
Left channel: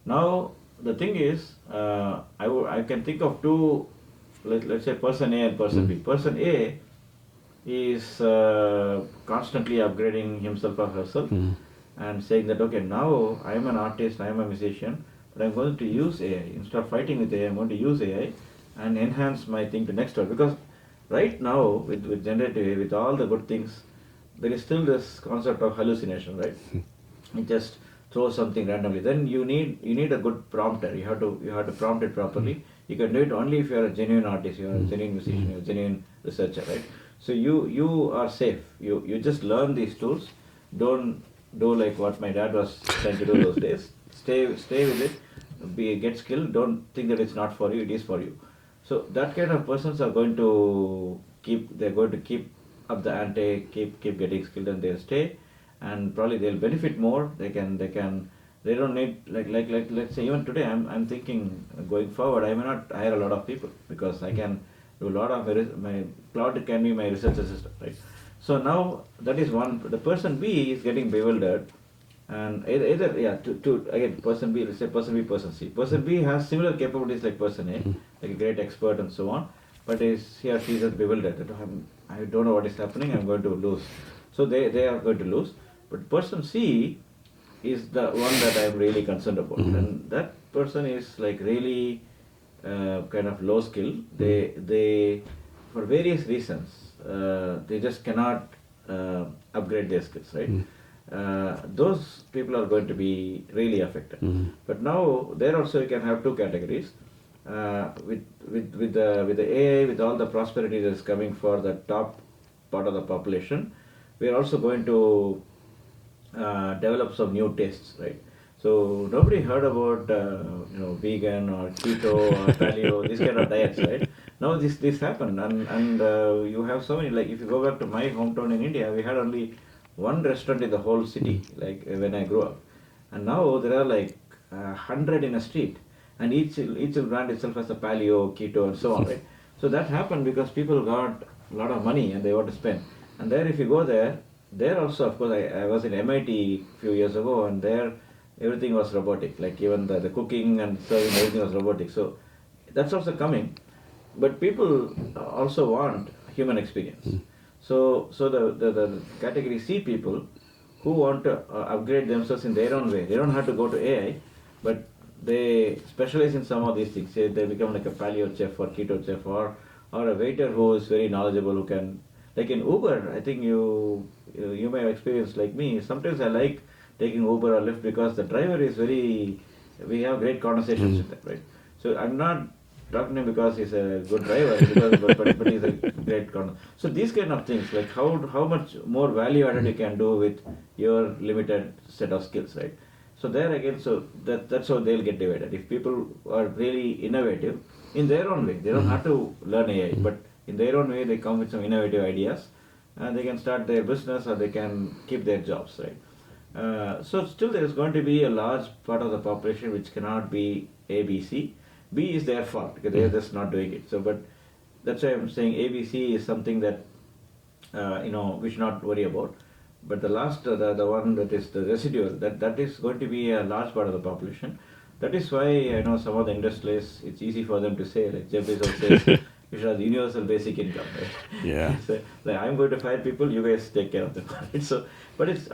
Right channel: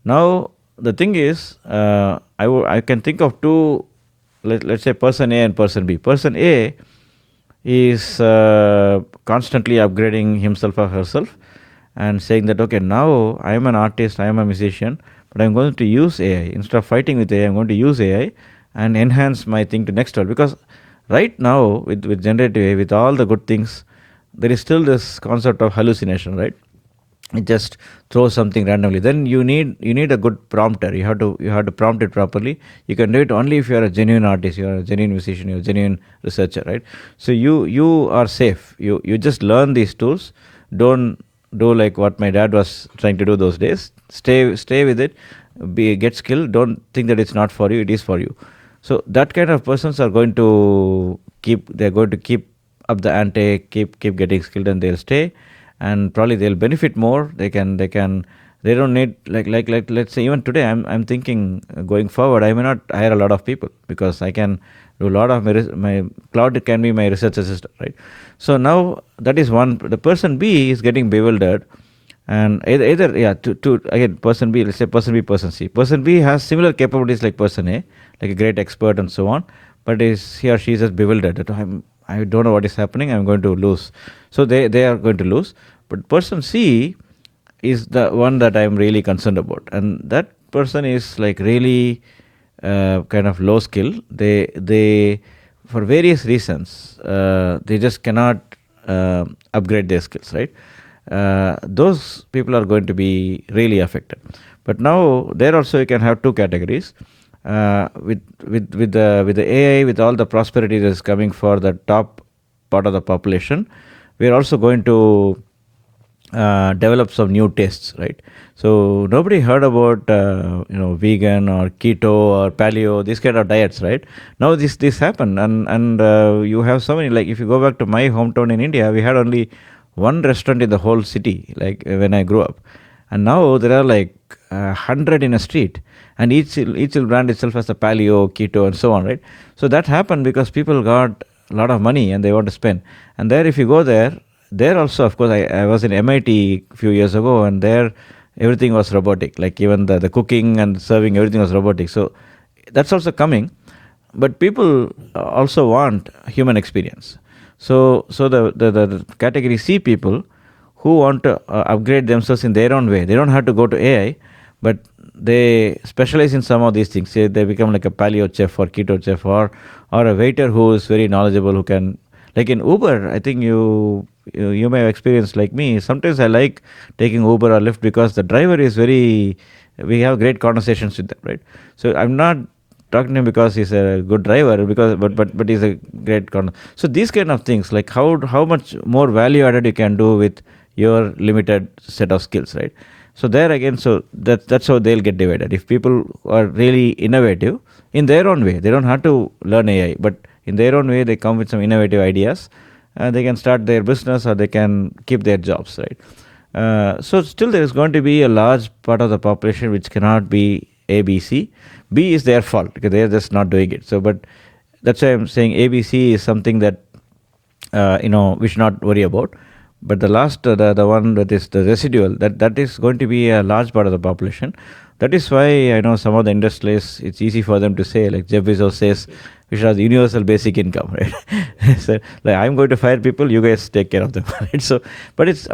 Now the thing is, I can think of two, let's say person A and person B. Person A is constantly upgrading himself or herself and saying that, okay, now I am an artist, I am a musician, but I'm going to use AI. Instead of fighting with AI, I'm going to use AI and enhance my thing to next level. Because right now, with generative AI, with all the good things, there is still this concept of hallucination, right? It just throws something randomly. Then you need a good prompter. You have to prompt it properly. You can do it only if you are a genuine artist, you are a genuine musician, you are a genuine researcher, right? So you are safe. You just learn these tools. Don't do like what my dad was trying to do those days. Stay with it. Get skilled. Don't think that it's not for you. It is for you. So that kind of persons are going to keep up the ante, keep getting skilled, and they'll stay, and probably they'll benefit more. They don't need like let's say even today I'm thinking going forward I may not hire a lot of people because I can do a lot of my cloud can be my research assistant, right? So now that is one. The person B is getting bewildered. And either again person B, let's say person B, person C. Person B has similar capabilities like person A, like a great expert and so on, but he or she is just bewildered that I don't know what is happening, I'm going to lose. So they are going to lose. But person C is the one that I'm really concerned about, and that person is like really kind of low skill, they for various reasons, they just cannot upgrade their skills, right? Those people are going to be really affected. But now there also you can have two categories. With the AI, with all the prosperity that is coming for the top part of the population, we are also going to develop some new tastes, right? So nobody heard about vegan or keto or paleo, these kind of diets, right? Now this happened, and you have so many. Like if you go back to my hometown in India, we had only one restaurant in the whole city, like when I grew up, and now there are like 100 in a street, and each will brand itself as a paleo, keto, and so on, right? So that happened because people got a lot of money and they want to spend. And there, if you go there also, of course, I was in MIT a few years ago, and there everything was robotic. Like even the cooking and serving, everything was robotic. So that's also coming, but people also want human experience. So the category C people who want to upgrade themselves in their own way, they don't have to go to AI, but they specialize in some of these things. Say they become like a paleo chef or keto chef, or a waiter who is very knowledgeable, who can, like in Uber, I think you may have experienced like me. Sometimes I like taking Uber or Lyft because the driver is we have great conversations with them, right? So I'm not talking to him because he's a good driver, but he's a great So these kind of things, like how much more value added you can do with your limited set of skills, right? So there again, so that's how they'll get divided. If people are really innovative in their own way, they don't have to learn AI, but in their own way, they come with some innovative ideas, and they can start their business or they can keep their jobs, right? So still there is going to be a large part of the population which cannot be A, B, C. B is their fault because they are just not doing it. So, but that's why I'm saying A, B, C is something that we should not worry about. But the last, the one that is the residual, that is going to be a large part of the population. That is why I know some of the industrialists, it's easy for them to say, like Jeff Bezos says, we should have the universal basic income, right? Yeah. So, like, I'm going to fire people, you guys take care of them, right? So, but it's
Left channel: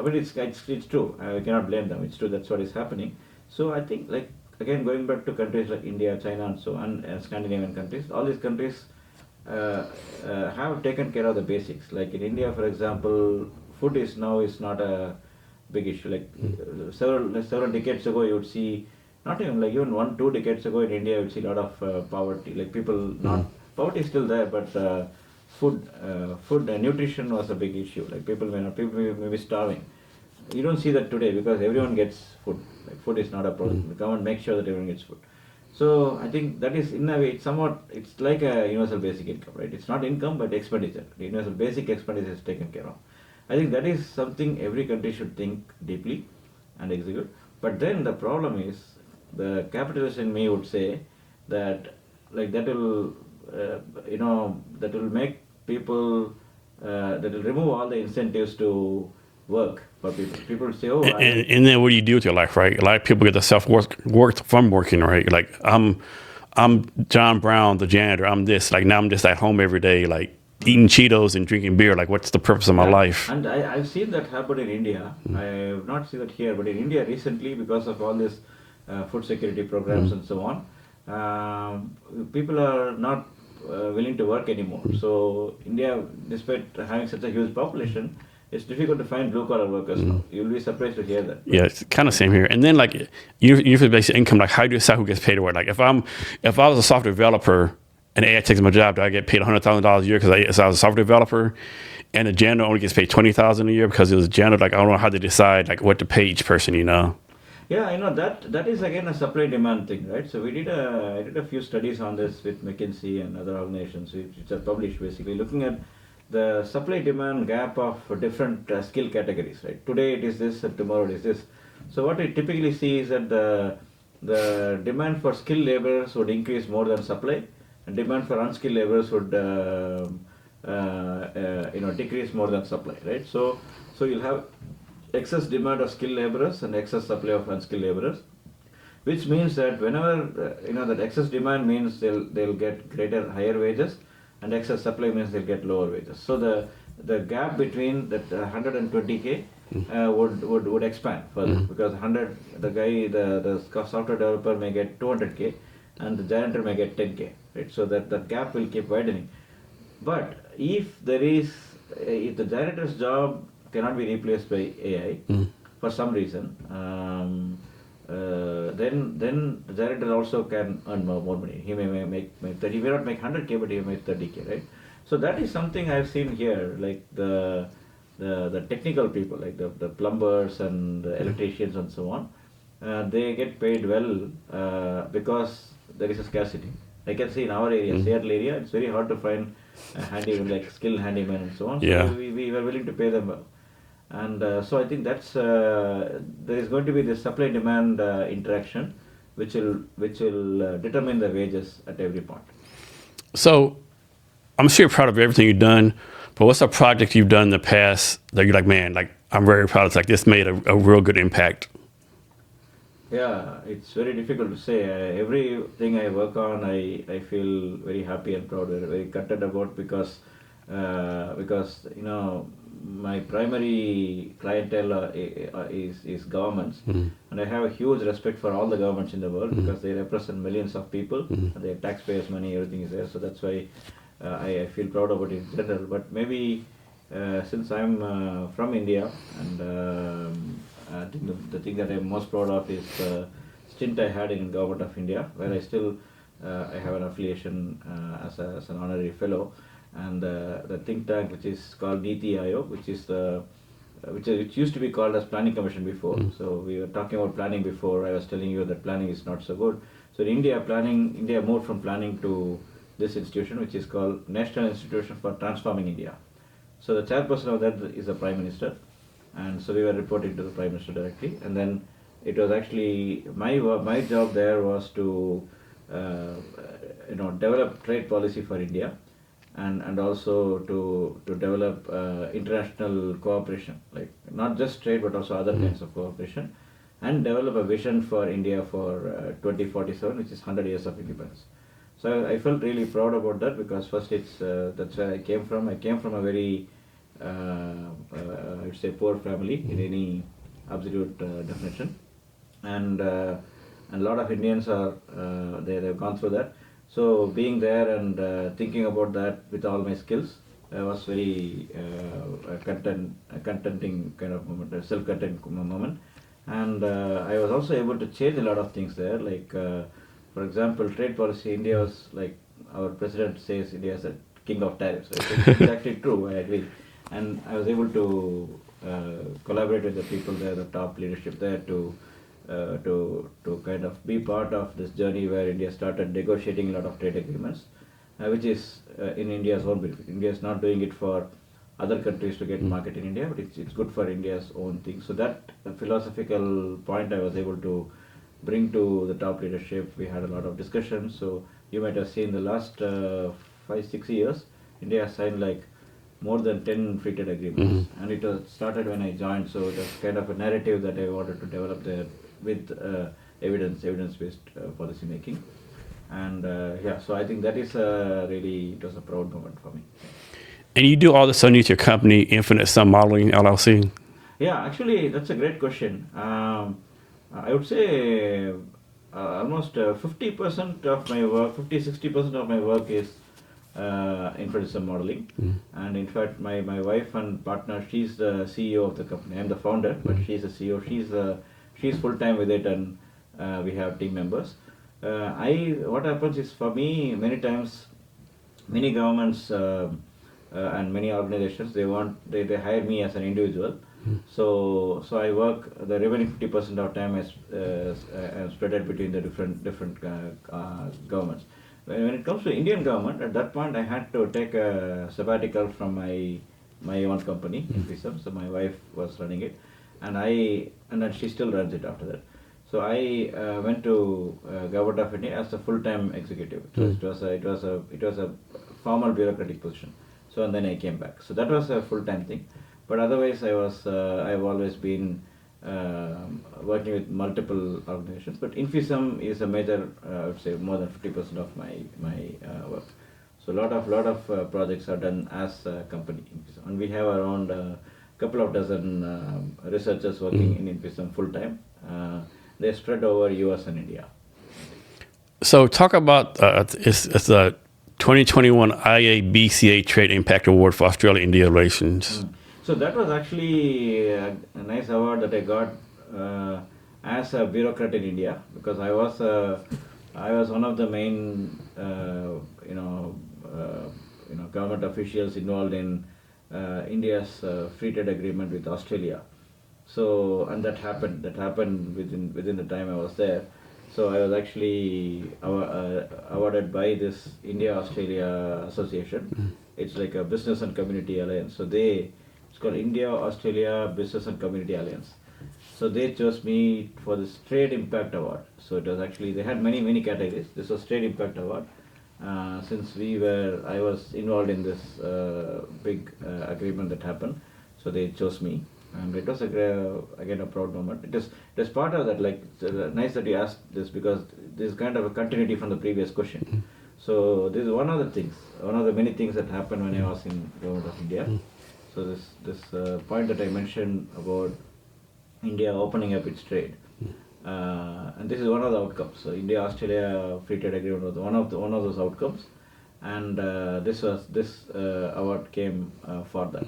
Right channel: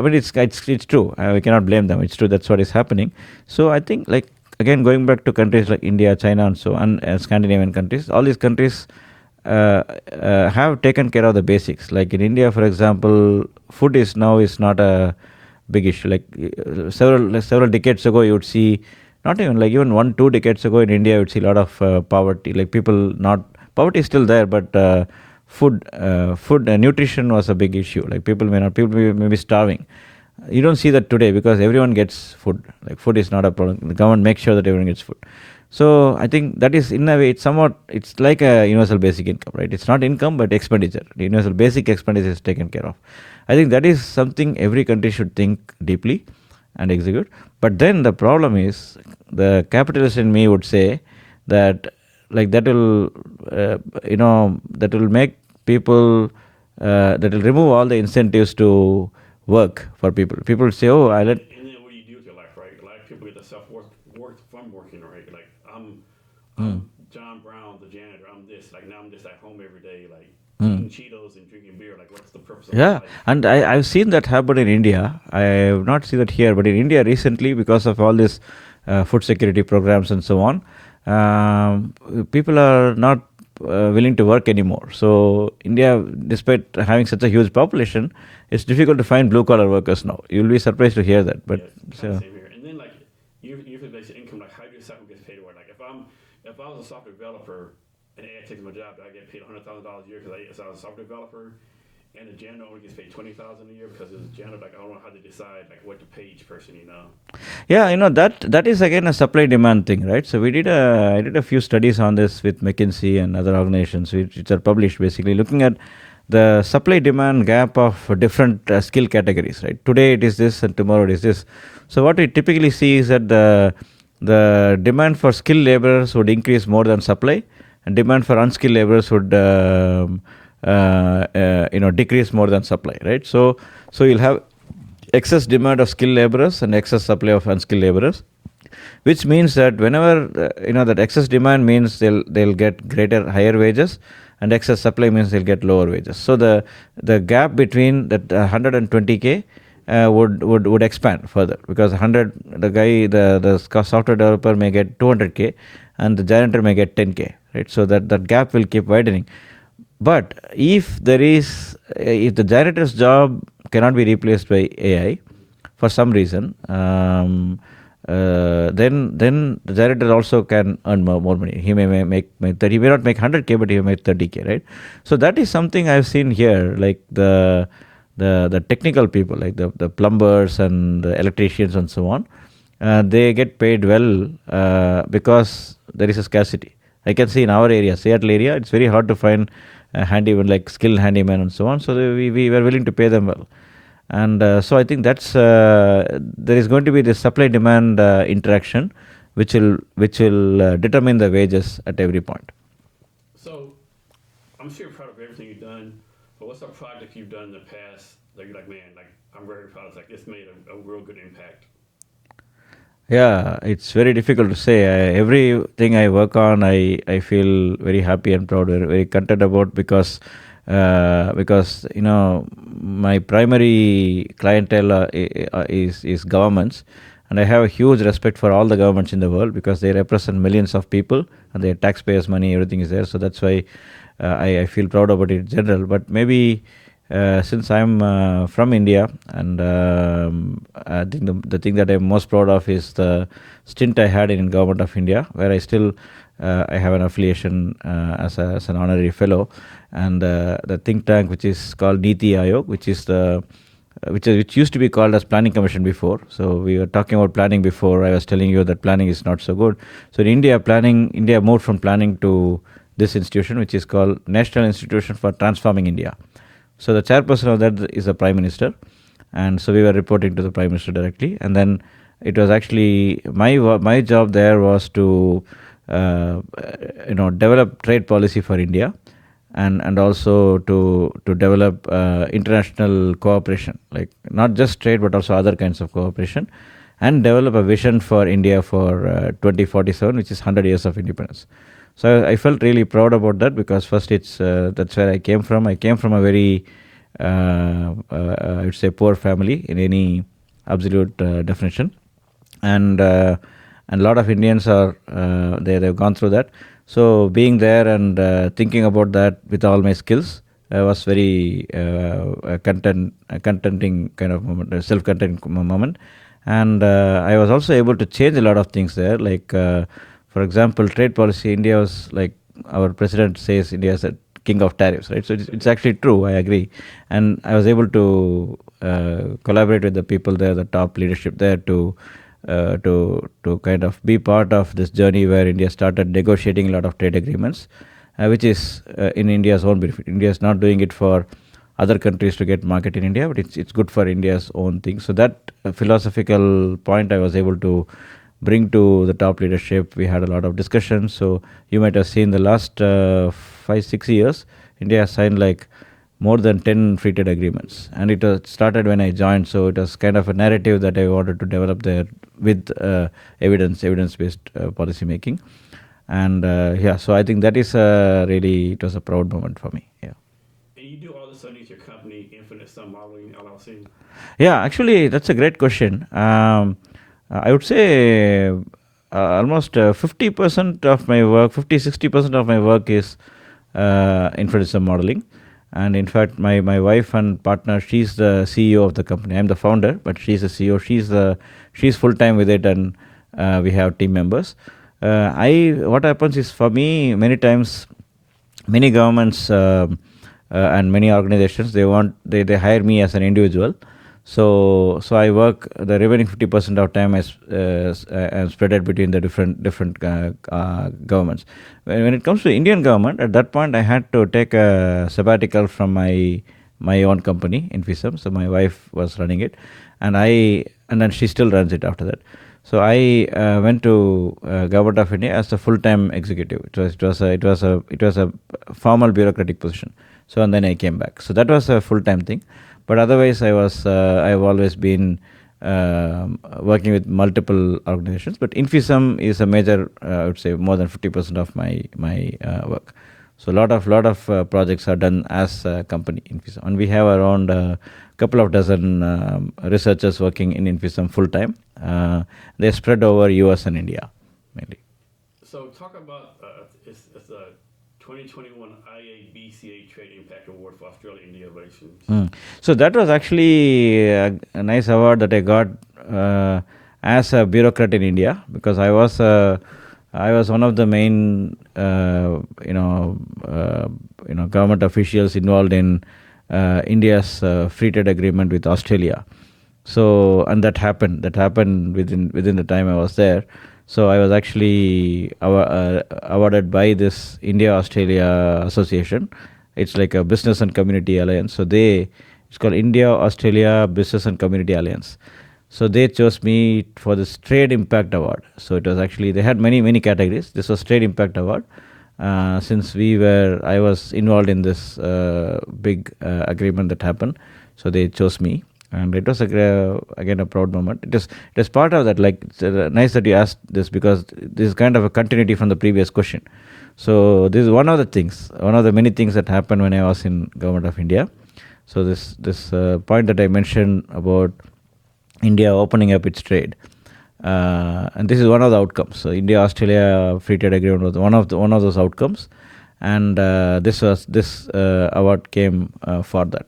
true. We cannot blame them. It's true. That's what is happening. So I think, like, again, going back to countries like India, China, and so on, Scandinavian countries, all these countries have taken care of the basics. Like in India, for example, food is not a big issue. Like several decades ago, you would see, not even like even 1-2 decades ago in India, you would see a lot of poverty. Like people poverty is still there, but food and nutrition was a big issue. Like people may be starving. You don't see that today because everyone gets food. Like food is not a problem. The government makes sure that everyone gets food. So I think that is, in a way, it's like a universal basic income, right? It's not income but expenditure. The universal basic expenditure is taken care of. I think that is something every country should think deeply and execute. But then the problem is, the capitalist in me would say that, like, that will make people, that will remove all the incentives to work for people. People say, "Oh, and then what do you do with your life, right? A lot of people get the self-worth from working, right? Like I'm John Brown, the janitor. I'm this. Like now I'm just at home every day, like eating Cheetos and drinking beer. Like what's the purpose of my life?" And I've seen that happen in India. I have not seen that here, but in India recently, because of all this food security programs and so on, people are not willing to work anymore. So India, despite having such a huge population, it's difficult to find blue-collar workers now. You'll be surprised to hear that. But, yeah, it's kind of same here. And then, like, universal basic income, like, how do you decide who gets paid to work? Like, if I was a software developer and AI takes my job, do I get paid $100,000 a year because I was a software developer? And the janitor only gets paid $20,000 a year because it was a janitor. Like, I don't know how they decide, like, what to pay each person, Yeah, that is again a supply-demand thing, right? So I did a few studies on this with McKinsey and other organizations which are published, basically looking at the supply-demand gap of different skill categories, right? Today it is this and tomorrow it is this. So what we typically see is that the demand for skilled laborers would increase more than supply, and demand for unskilled laborers would decrease more than supply, right? So you'll have excess demand of skilled laborers and excess supply of unskilled laborers, which means that whenever that excess demand means they'll get higher wages, and excess supply means they'll get lower wages. So the gap between that 120K would expand further, because the software developer may get 200K, and the janitor may get 10K, right? So that gap will keep widening. But if the janitor's job cannot be replaced by AI for some reason, then the janitor also can earn more money. He may make 30, he may not make 100K, but he may make 30K, right? So that is something I've seen here, like the technical people, like the plumbers and the electricians and so on. They get paid well because there is a scarcity. I can see in our area, Seattle area, it's very hard to find handyman, like skilled handyman and so on. So we were willing to pay them well. And so I think that's there is going to be this supply-demand interaction, which will determine the wages at every point. So I'm sure you're proud of everything you've done, but what's a project you've done in the past that you're like, man, like I'm very proud of, like this made a real good impact? Yeah, it's very difficult to say. Everything I work on, I feel very happy and proud, very content about, because my primary clientele is governments, and I have a huge respect for all the governments in the world because they represent millions of people and their taxpayers' money, everything is there. So that's why I feel proud about it in general. But maybe since I'm from India, and I think the thing that I'm most proud of is the stint I had in Government of India, where I still I have an affiliation as an honorary fellow, and the think tank which is called NITI Aayog, which used to be called as Planning Commission before. So we were talking about planning before. I was telling you that planning is not so good. So in India moved from planning to this institution, which is called National Institution for Transforming India. So the chairperson of that is the Prime Minister, and so we were reporting to the Prime Minister directly. And then it was actually my job there was to develop trade policy for India, and also to develop international cooperation, like not just trade but also other kinds of cooperation, and develop a vision for India for 2047, which is 100 years of independence. So I felt really proud about that, because first that's where I came from. I came from a very I would say poor family in any absolute definition, and a lot of Indians are they've gone through that. So being there and thinking about that with all my skills was very contenting kind of moment, a self-content moment. And I was also able to change a lot of things there. Like, for example, trade policy, India was like, our president says India is a king of tariffs, right? So it's actually true, I agree. And I was able to collaborate with the people there, the top leadership there, to kind of be part of this journey where India started negotiating a lot of trade agreements, which is in India's own benefit. India is not doing it for other countries to get market in India, but it's good for India's own thing. So that philosophical point I was able to bring to the top leadership. We had a lot of discussions. So you might have seen the last 5-6 years, India has signed like more than 10 free trade agreements, and it started when I joined. So it was kind of a narrative that I wanted to develop there with evidence-based policy making. And so I think that is it was a proud moment for me. Yeah. And you do all this underneath your company, Infinite Sum Modeling LLC? Yeah, actually, that's a great question. I would say almost 50% of my work, 50-60% of my work is Infinite Sum Modeling. And in fact, my wife and partner, she's the CEO of the company. I'm the founder, but she's the CEO. She's full-time with it, and we have team members. What happens is, for me, many times, many governments and many organizations, they hire me as an individual. So I work the remaining 50% of time as spread it between the different governments. When it comes to Indian government, at that point I had to take a sabbatical from my own company, Infisum. So my wife was running it, and then she still runs it after that. So I went to Government of India as a full-time executive. It was a formal bureaucratic position. So and then I came back. So that was a full-time thing. But otherwise, I've always been working with multiple organizations. But Infisum is a major, I would say, more than 50% of my work. So a lot of projects are done as a company, Infisum, and we have around a couple of dozen researchers working in Infisum full time. They're spread over US and India. So talk about it's the 2021 IA-BCA Trade Impact Award for Australia-India relations. So that was actually a nice award that I got as a bureaucrat in India, because I was one of the main government officials involved in India's free trade agreement with Australia. So, and that happened within the time I was there. So I was actually awarded by this India-Australia Association. It's like a business and community alliance. So it's called India-Australia Business and Community Alliance. So they chose me for this Trade Impact Award. So it was actually, they had many categories. This was Trade Impact Award. Since I was involved in this big agreement that happened, so they chose me. And it was again a proud moment. It is part of that. Like, it's nice that you asked this, because this is kind of a continuity from the previous question. So this is one of the many things that happened when I was in Government of India. So this point that I mentioned about India opening up its trade, and this is one of the outcomes. So India-Australia Free Trade Agreement was one of those outcomes, and this award came for that.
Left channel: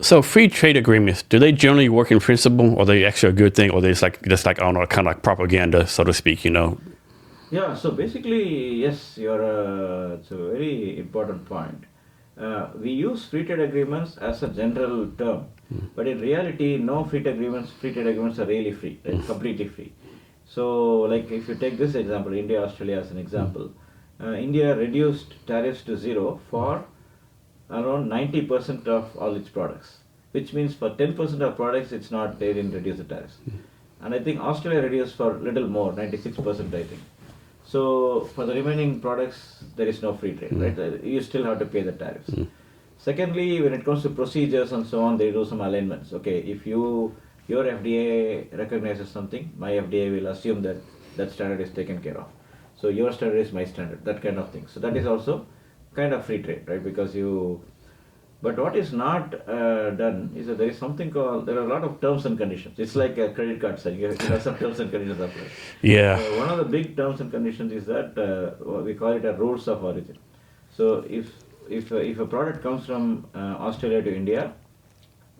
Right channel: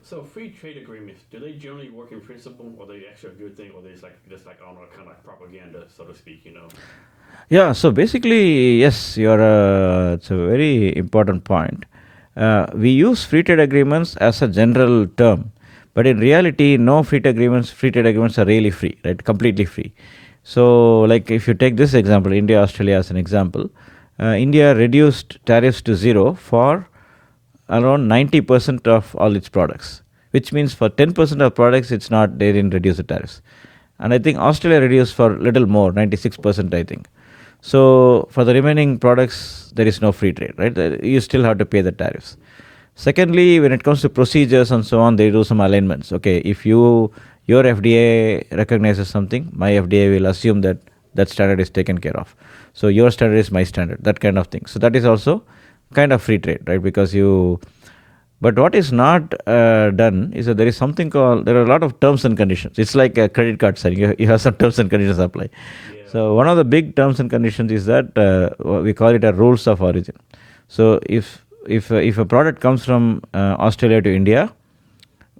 So free trade agreements, do they generally work in principle, or are they actually a good thing, or they just like I don't know, kind of like propaganda, so to speak, Yeah. So basically, yes, it's a very important point. We use free trade agreements as a general term, but in reality, no free trade agreements are really free, right? Completely free. So, like, if you take this example, India-Australia as an example, India reduced tariffs to zero for around 90% of all its products, which means for 10% of products, they didn't reduce the tariffs. And I think Australia reduced for a little more, 96%, I think. So for the remaining products, there is no free trade, right? You still have to pay the tariffs. Secondly, when it comes to procedures and so on, they do some alignments. Okay, if your FDA recognizes something, my FDA will assume that standard is taken care of. So your standard is my standard, that kind of thing. So that is also kind of free trade, right? But what is not done is that there are a lot of terms and conditions. It's like a credit card signing. You have some terms and conditions apply. Yeah. So one of the big terms and conditions is that we call it a rules of origin. So if a product comes from Australia to India,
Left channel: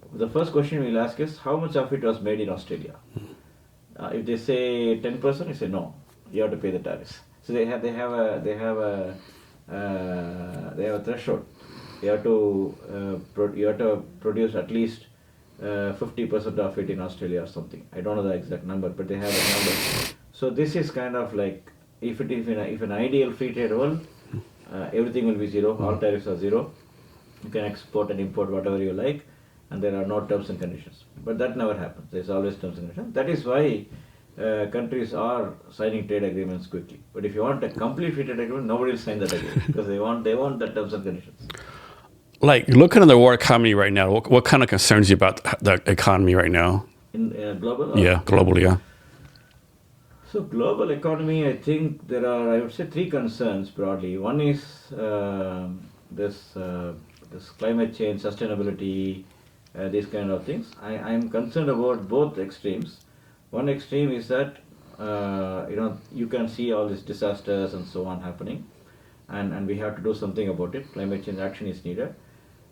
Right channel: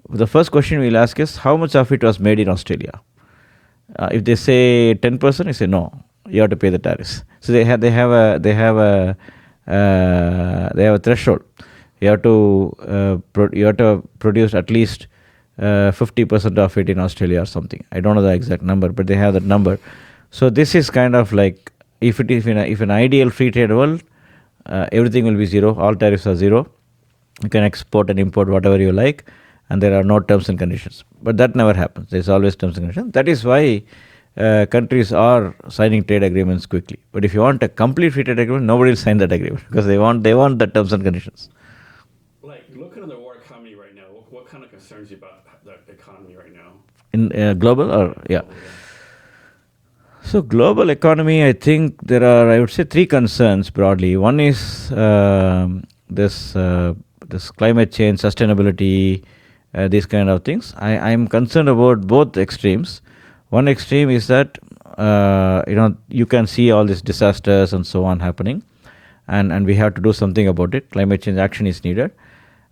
the first question we'll ask is how much of it was made in Australia. If they say 10%, you say no, you have to pay the tariffs. So they have a threshold. You have to produce at least 50% of it in Australia or something. I don't know the exact number, but they have that number. So this is kind of like, if an ideal free trade world, everything will be zero. All tariffs are zero. You can export and import whatever you like, and there are no terms and conditions. But that never happens. There's always terms and conditions. That is why countries are signing trade agreements quickly. But if you want a complete free trade agreement, nobody will sign that agreement because they want the terms and conditions. Like, looking at the world economy right now, what kind of concerns you about the economy right now? In global? Globally, yeah. So global economy, I think there are, I would say, three concerns broadly. One is this climate change, sustainability, these kind of things. I am concerned about both extremes. One extreme is that you can see all these disasters and so on happening, and we have to do something about it. Climate change action is needed.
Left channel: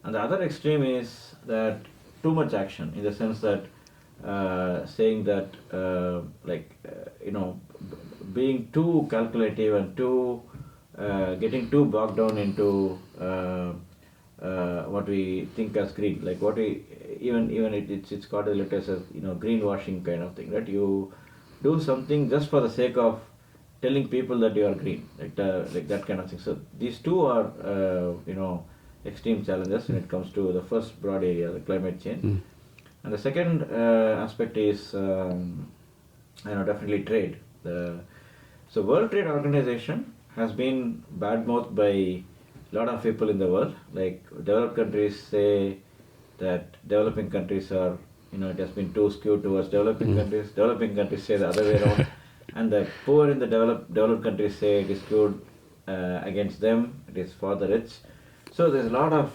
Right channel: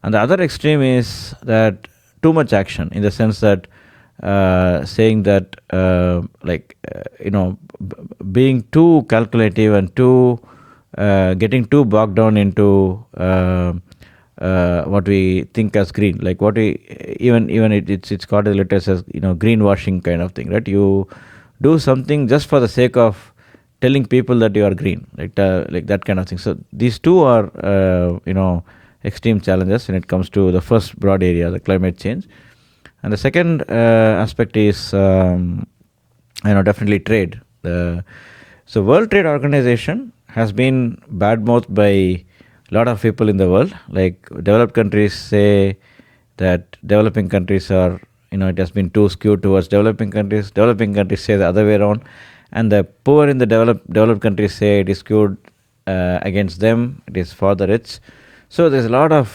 And the other extreme is that too much action, in the sense that saying that being too calculative and getting too bogged down into what we think as green, like what we it's called as letters as greenwashing kind of thing, right? You do something just for the sake of telling people that you are green, like that kind of thing. So these two are extreme challenges when it comes to the first broad area, the climate change. And the second aspect is definitely trade. So World Trade Organization has been badmouthed by a lot of people in the world. Like, developed countries say that developing countries are, it has been too skewed towards developing countries. Developing countries say the other way around. And the poor in the developed countries say it is skewed against them. It is for the rich. So there's a lot of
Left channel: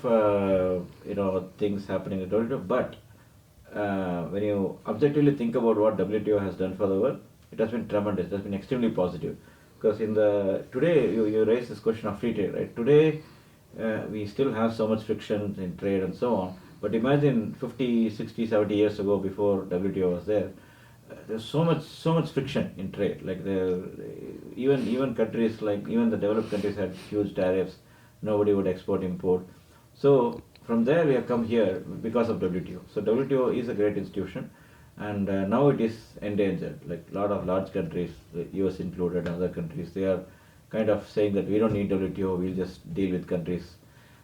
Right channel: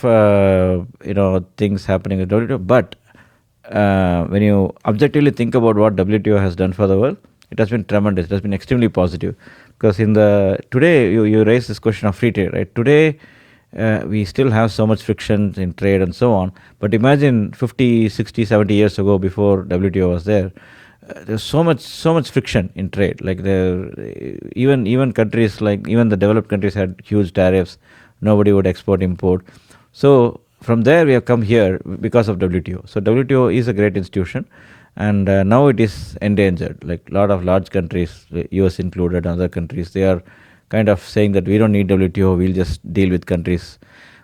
things happening with WTO. But when you objectively think about what WTO has done for the world, it has been tremendous. It has been extremely positive. Because today you raised this question of free trade, right? Today we still have so much friction in trade and so on. But imagine 50, 60, 70 years ago, before WTO was there, there's so much friction in trade. Like even countries, like even the developed countries, had huge tariffs. Nobody would export, import. So from there we have come here because of WTO. So WTO is a great institution, and now it is endangered. Like a lot of large countries, US included, other countries, they are kind of saying that we don't need WTO, we'll just deal with countries.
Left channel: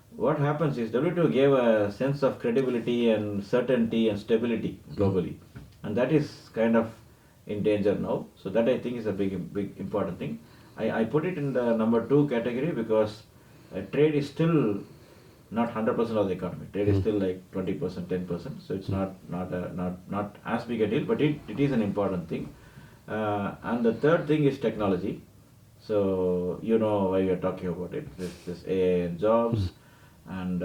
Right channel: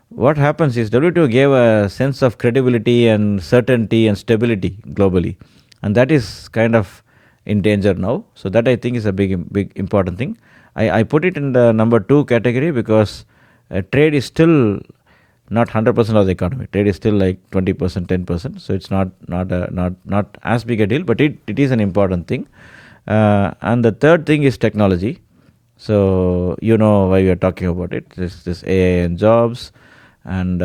What happens is WTO gave a sense of credibility and certainty and stability globally, and that is kind of in danger now. So that, I think, is a big important thing. I put it in the number 2 category because trade is still not 100% of the economy. Trade is still like 20%, 10%. So it's not as big a deal, but it is an important thing. And the third thing is technology. So you know why we are talking about it. This AI and jobs, and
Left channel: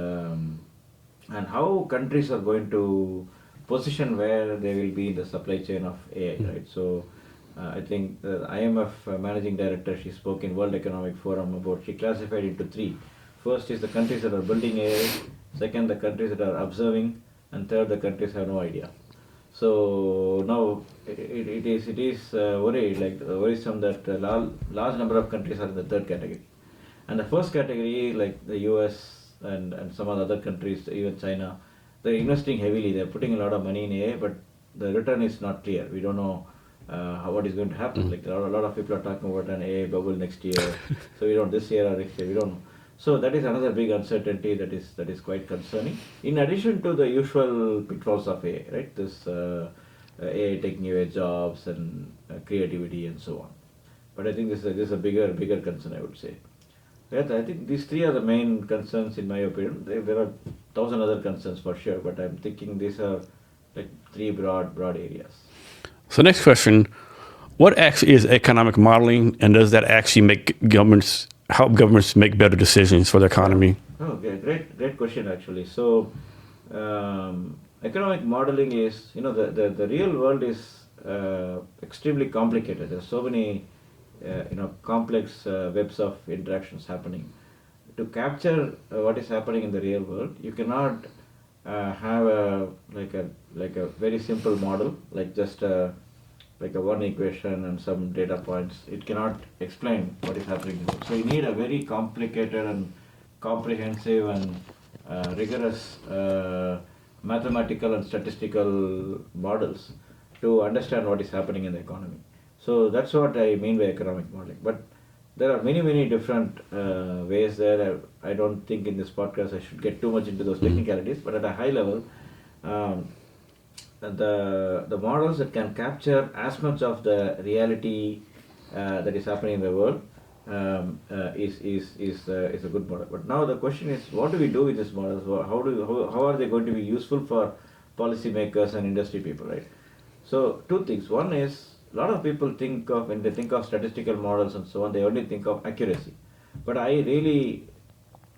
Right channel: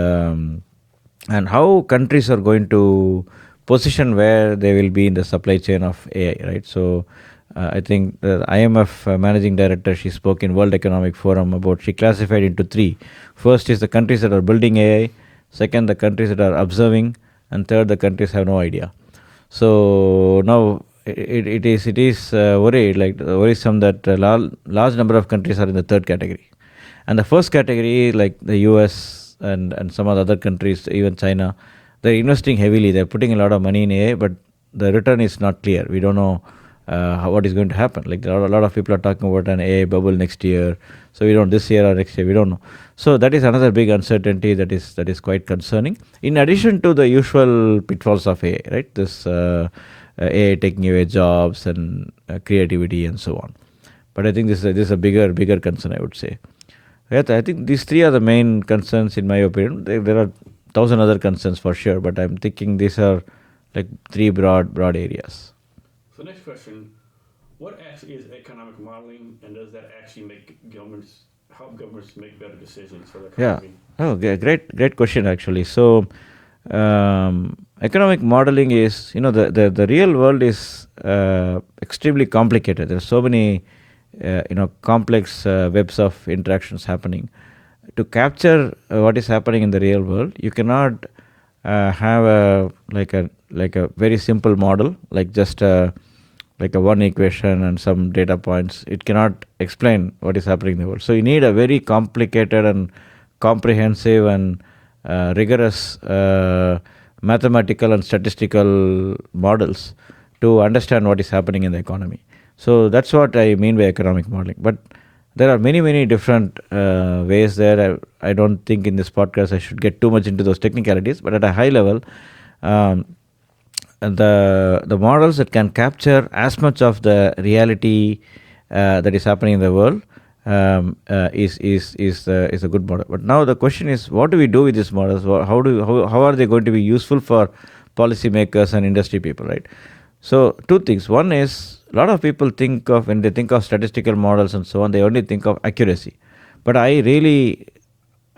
how countries are going to position where they will be in the supply chain of AI, right? So I think the IMF managing director, she spoke in World Economic Forum about, she classified into 3. First is the countries that are building AI, second the countries that are observing, and third the countries have no idea. So now it is worrisome that a large number of countries are in the third category. And the first category, like the US and some of the other countries, even China, they're investing heavily. They're putting a lot of money in AI, but the return is not clear. We don't know what is going to happen. Like a lot of people are talking about an AI bubble next year. So we don't, this year or next year, we don't know. So that is another big uncertainty that is quite concerning. In addition to the usual pitfalls of AI, right? This AI taking away jobs and creativity and so on. But I think this is a bigger concern, I would say. I think these 3 are the main concerns in my opinion. There are 1,000 other concerns for sure, but I'm thinking these are like 3 broad areas. So next question, what actually is economic modeling, and does that actually help governments make better decisions for the economy? Yeah. Oh, great question actually. So economic modeling is, the real world is extremely complicated. There are so many complex webs of interactions happening. To capture what is happening in the real world, you cannot have a very simple model, like just like a one equation and some data points. It cannot explain what is happening in the world. So you need a very complicated and comprehensive and rigorous mathematical and statistical models to understand what is happening in the economy. So that's what I mean by economic modeling. But there are many different ways there. I don't think in this podcast I should get too much into those technicalities, but at a high level, the models that can capture as much of the reality that is happening in the world is a good model. But now the question is, what do we do with these models? How are they going to be useful for policymakers and industry people, right? So 2 things. One is, a lot of people when they think of statistical models and so on, they only think of accuracy. But I really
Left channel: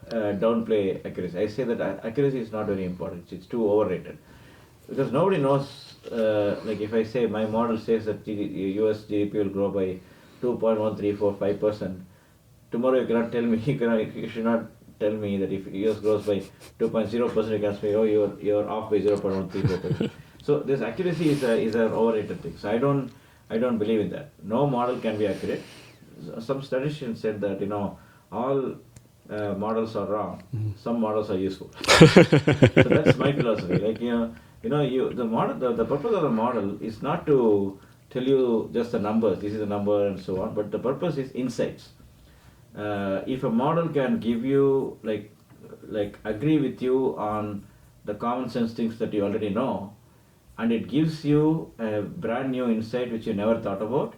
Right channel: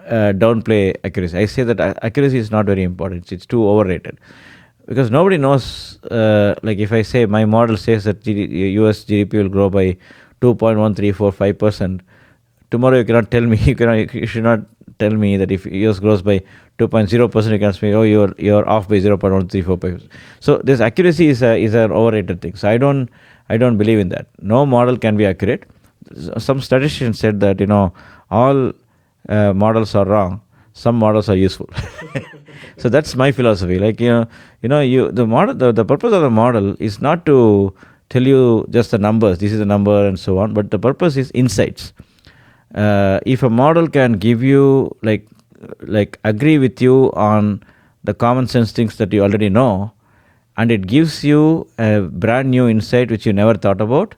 downplay accuracy. I say that accuracy is not very important. It's too overrated. Because nobody knows, like if I say my model says that US GDP will grow by 2.1345%, tomorrow you cannot tell me, you should not tell me that if US grows by 2.0%, you can say, oh, you're off by 0.1345. So this accuracy is an overrated thing. So I don't believe in that. No model can be accurate. Some statistician said that all models are wrong. Some models are useful. So that's my philosophy. Like the model, the purpose of the model is not to tell you just the numbers. This is the number and so on. But the purpose is insights. If a model can give you like agree with you on the common sense things that you already know, and it gives you a brand new insight which you never thought about,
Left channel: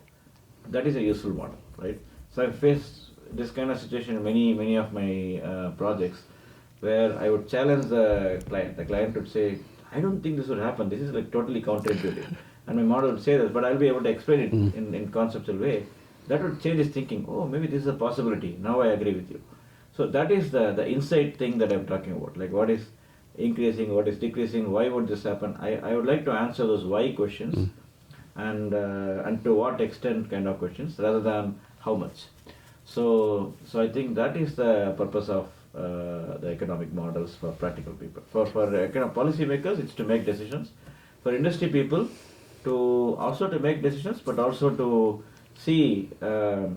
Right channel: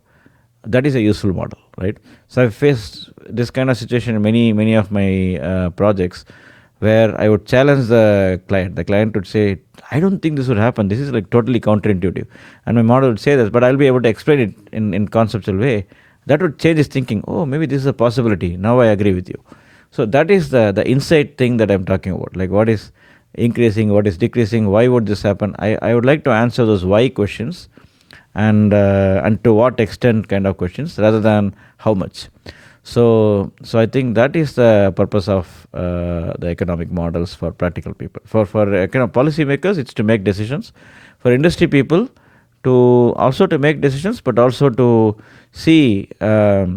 that is a useful model, right? So I've faced this kind of situation in many of my projects, where I would challenge the client. The client would say, I don't think this would happen. This is like totally counterintuitive. And my model would say this, but I'll be able to explain it in conceptual way. That would change his thinking. Oh, maybe this is a possibility. Now I agree with you. So that is the insight thing that I'm talking about. Like what is increasing, what is decreasing, why would this happen? I would like to answer those why questions and to what extent kind of questions rather than how much. So I think that is the purpose of the economic models for practical people. For policy makers, it's to make decisions. For industry people, to also to make decisions, but also to see, how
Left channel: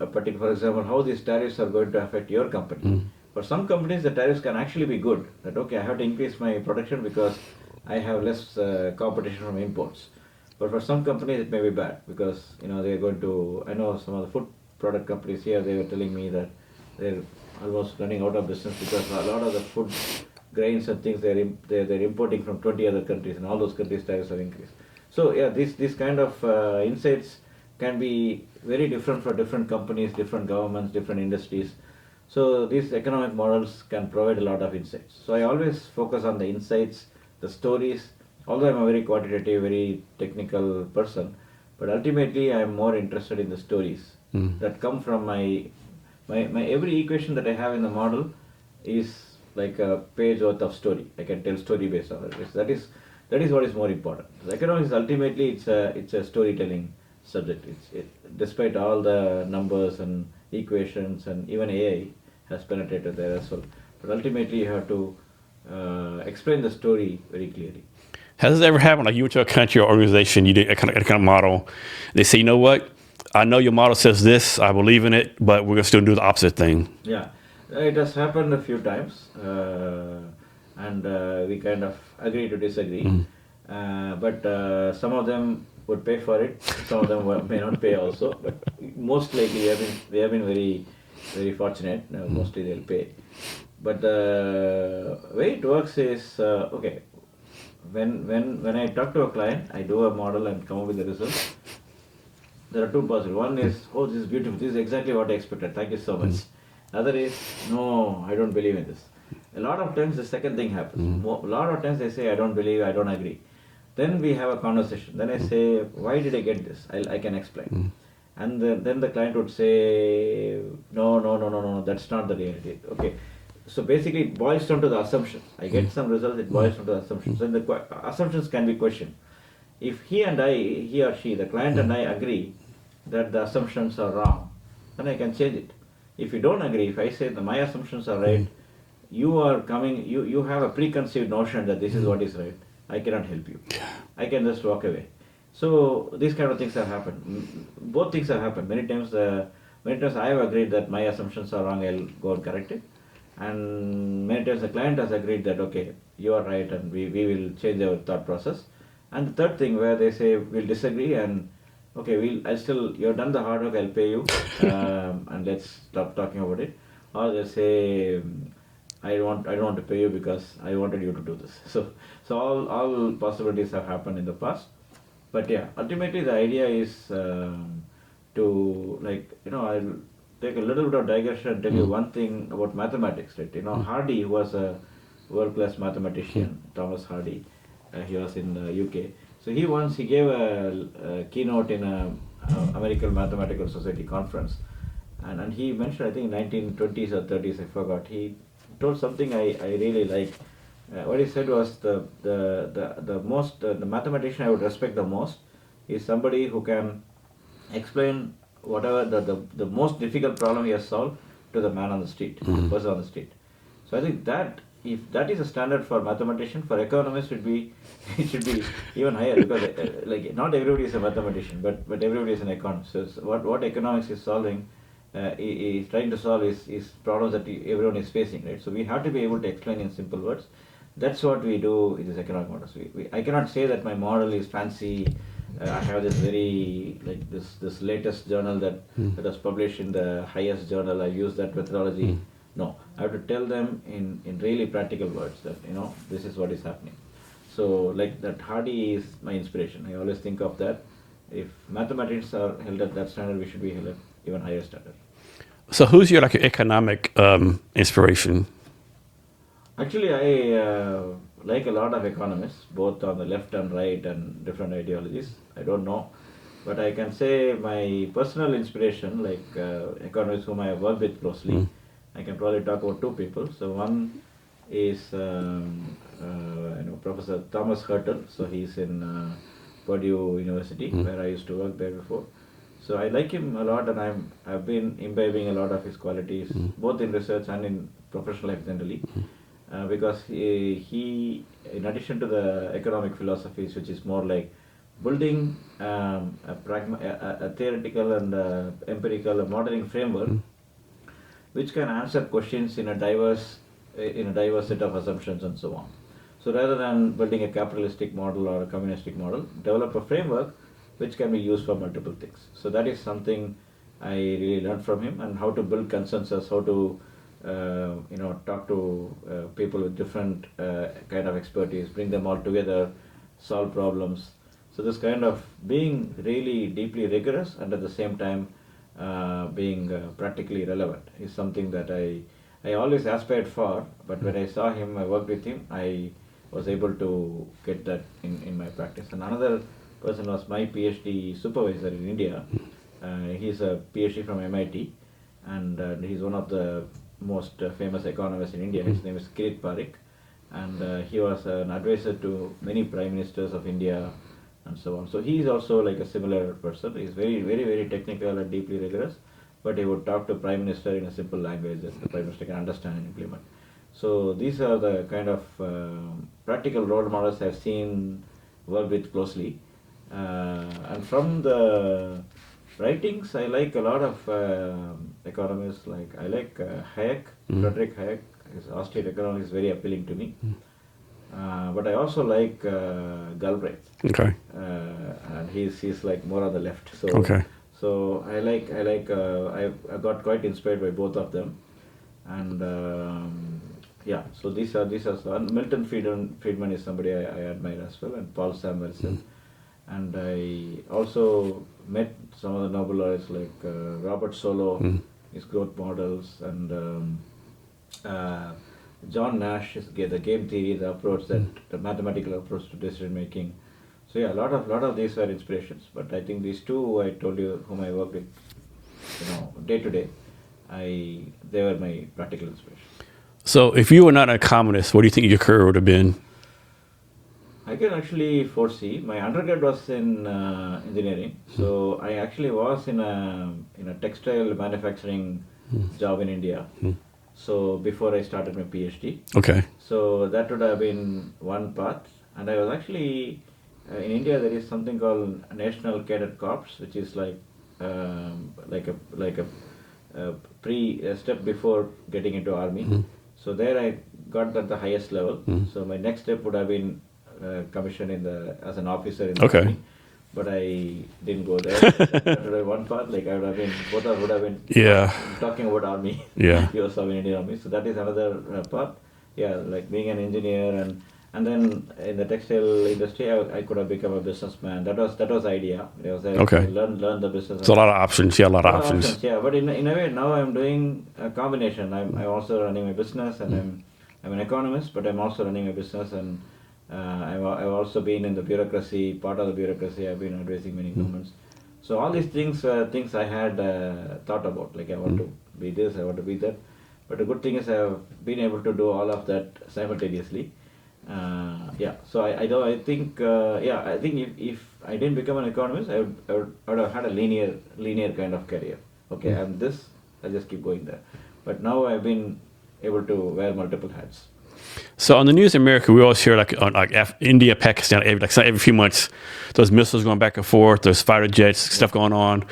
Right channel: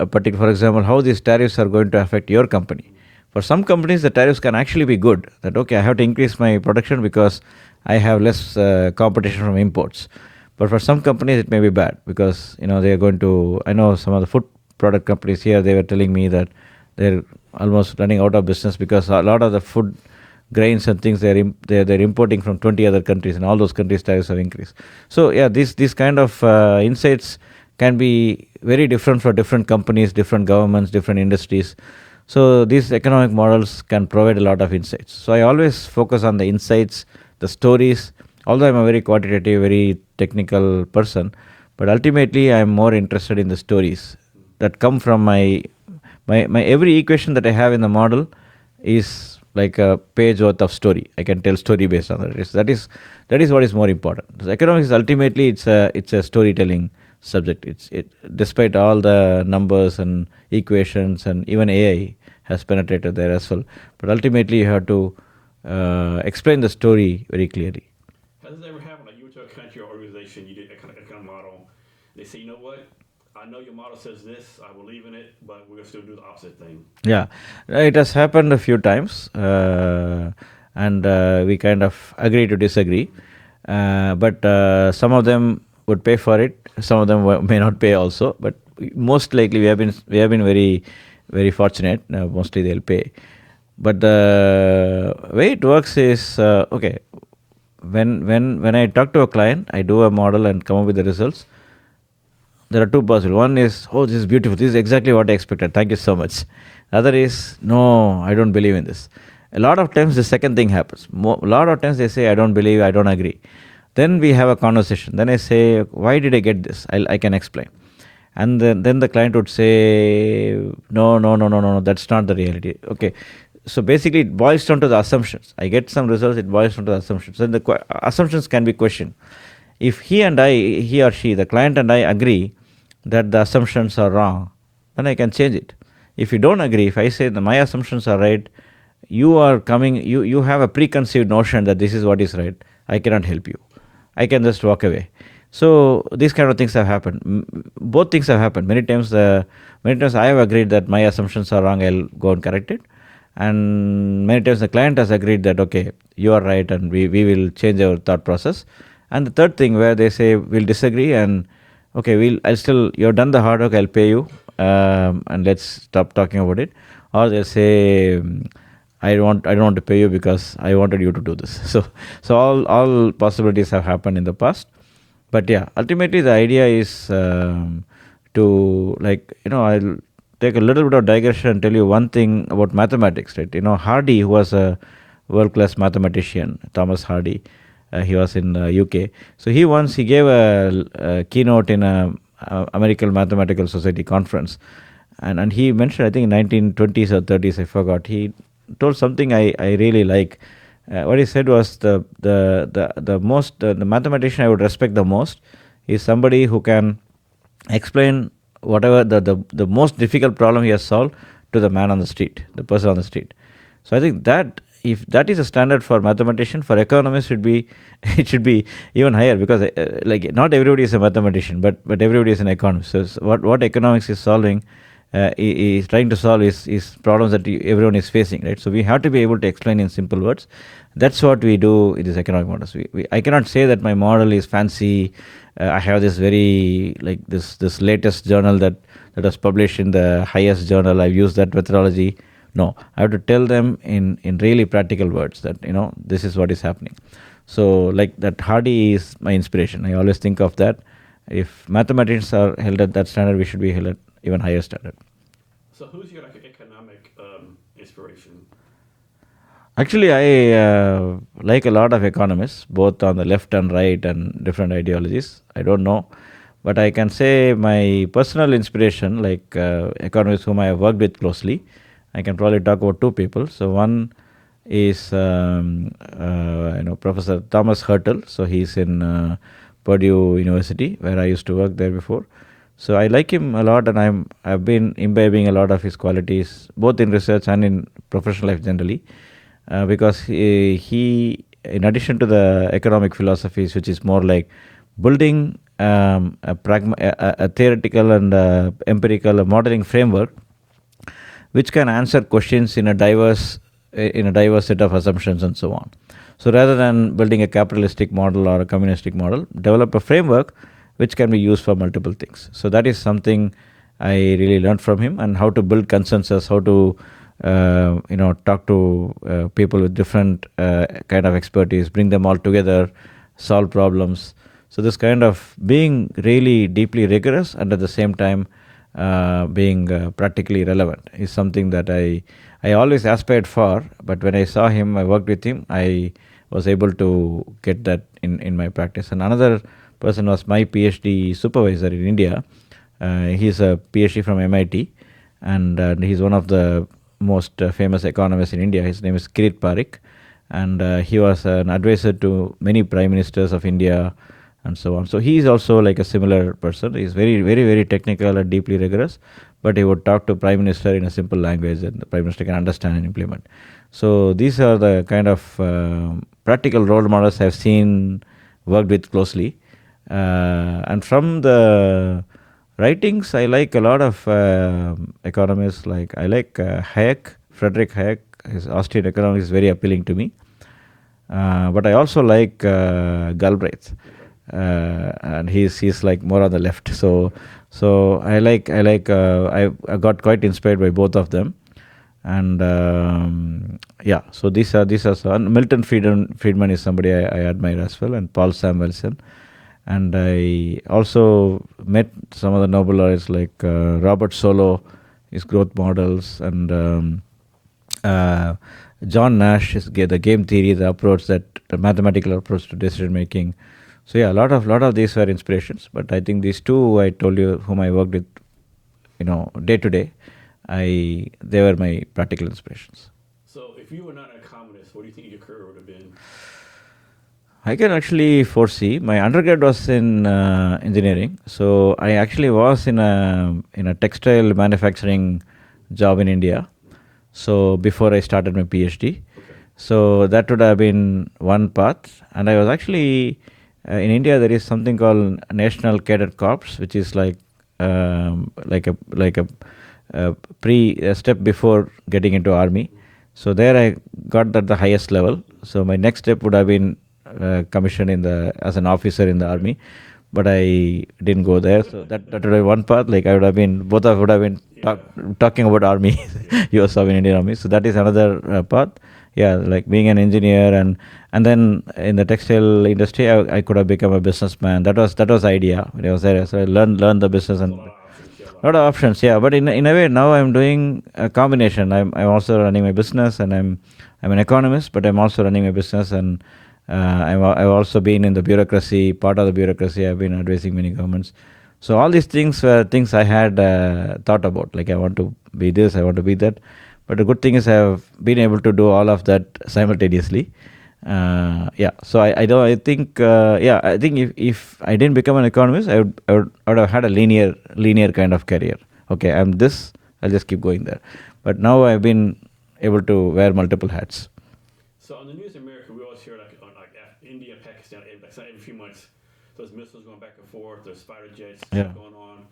a particular, for example, how these tariffs are going to affect your company. For some companies, the tariffs can actually be good. That okay, I have to increase my production because I have less competition from imports. But for some companies, it may be bad because they are going to. I know some of the food product companies here. They were telling me that they're almost running out of business because a lot of the food grains and things they're importing from 20 other countries, and all those countries' tariffs have increased. So yeah, these kind of insights can be very different for different companies, different governments, different industries. So these economic models can provide a lot of insights. So I always focus on the insights, the stories. Although I'm a very quantitative, very technical person, but ultimately I'm more interested in the stories that come from my every equation that I have in the model is like a page worth of story. I can tell story based on that. That is what is more important. So economics ultimately it's a storytelling subject. Despite all the numbers and equations and even AI has penetrated there as well. But ultimately you have to explain the story very clearly. Has it ever happened, like you went to a country or organization, you did a kind of model, they say, you know what, I know your model says this, I believe in it, but we're going to still do the opposite thing? Yeah, it has happened a few times, and we kind of agree to disagree. But some of them would pay for it, some of them may not pay also, but most likely we have been very, very fortunate. Mostly they'll pay. But the way it works is, okay, when I talk to a client, I do a model and come up with the results. There are two possible. One is, oh, this is beautiful. This is exactly what I expected. Thank you so much. Other is, no, I don't believe in this. A lot of times the second thing happens. A lot of times they say, I don't believe, I don't agree. Then we have a conversation. Then I say, why did I get this? I can explain. And then the client would say, no, that's not the reality. Okay. So basically it boils down to the assumptions. I get some results, it boils down to the assumptions. And the assumptions can be questioned. If he or she, the client and I agree that the assumptions are wrong, then I can change it. If you don't agree, if I say that my assumptions are right, you have a preconceived notion that this is what is right, I cannot help you. I can just walk away. So these kind of things have happened. Both things have happened. Many times I have agreed that my assumptions are wrong, I'll go and correct it. And many times the client has agreed that, okay, you are right and we will change our thought process. And the third thing where they say, we'll disagree and, okay, you've done the hard work, I'll pay you, and let's stop talking about it. Or they say, I don't want to pay you because I wanted you to do this. So all possibilities have happened in the past. But yeah, ultimately the idea is to, I'll take a little bit of digression and tell you one thing about mathematics, right? Hardy, who was a world-class mathematician, Thomas Hardy, he was in UK. So he gave a keynote in a American Mathematical Society conference, and he mentioned, I think in 1920s or 30s, I forgot. He told something I really like. What he said was the mathematician I would respect the most is somebody who can explain whatever the most difficult problem he has solved to the man on the street, the person on the street. So I think that if that is a standard for mathematician, for economists it should be even higher, because not everybody is a mathematician, but everybody is an economist. So what economics is solving, is trying to solve is problems that everyone is facing, right? So we have to be able to explain in simple words. That's what we do in these economic models. I cannot say that my model is fancy. I have this very this latest journal that was published in the highest journal. I've used that methodology. No, I have to tell them in really practical words that this is what is happening. So that Hardy is my inspiration. I always think of that. If mathematicians are held at that standard, we should be held at even higher standard. So who's your economic inspiration? Actually, I like a lot of economists, both on the left and right and different ideologies. I don't know. But I can say my personal inspiration, economists whom I have worked with closely, I can probably talk about two people. So one is Professor Thomas Hurtle. So he's in Purdue University, where I used to work there before. So I like him a lot, and I've been imbibing a lot of his qualities, both in research and in professional life generally, because he, in addition to the economic philosophies, which is more like building a theoretical and empirical modeling framework, which can answer questions in a diverse set of assumptions and so on. So rather than building a capitalistic model or a communistic model, develop a framework which can be used for multiple things. So that is something I really learned from him, and how to build consensus, how to talk to people with different kind of expertise, bring them all together, solve problems. So this kind of being really deeply rigorous and at the same time being practically relevant is something that I always aspired for. But when I saw him, I worked with him, I was able to get that in my practice. And another person was my PhD supervisor in India. He's a PhD from MIT, and he's one of the most famous economists in India. His name is Kirit Parikh, and he was an advisor to many prime ministers of India and so on. So he is also like a similar person. He's very, very, very technical and deeply rigorous, but he would talk to prime minister in a simple language that the prime minister can understand and implement. So these are the kind of practical role models I've seen, worked with closely. And from the writings, I like a lot of economists. Like I like Hayek, Friedrich Hayek. His Austrian economics is very appealing to me. But I also like Galbraith. Okay. And he's like more on the left. So Okay. so I got quite inspired by both of them. And so these are some. Milton Friedman is somebody I admire as well, and Paul Samuelson. And I also met some of the Nobel laureates like Robert Solow, his growth models, and John Nash is the game theory, the mathematical approach to decision making. So yeah, a lot of these were inspirations. But I think these two I told you, whom I worked with, day to day, they were my practical inspirations. So if you were not a communist, what do you think your career would have been? I can actually foresee. My undergrad was in engineering, so I actually was in a textile manufacturing job in India. So before I started my PhD. Okay. So that would have been one path. And I was actually in India. There is something called National Cadet Corps, which is like a step before getting into army. So there I got at the highest level. So my next step would have been commissioned as an officer in the army, but I didn't go there. So that would have one path. Like both would have been talking about army, US Army, Indian Army. So that is another path. Yeah, like being an engineer, and then in the textile industry, I could have become a businessman. That was the idea. I was there. So I learned the business. So a lot of options. Yeah, a lot of of options. Yeah, but in a way now I'm doing a combination. I'm also running my business, and I'm an economist, but I'm also running my business, and I've also been in the bureaucracy, part of the bureaucracy. I've been advising many governments. So all these things were things I had thought about. Like I want to be this, I want to be that. But the good thing is I have been able to do all of that simultaneously. So I think if I didn't become an economist, I would have had a linear kind of career. Okay, I'm this, I'll just keep going there. But now I've been able to wear multiple hats. So on the news in America, we always hear India, Pakistan, every few months, those missiles going back and forth, there's fighter jets, stuff going on.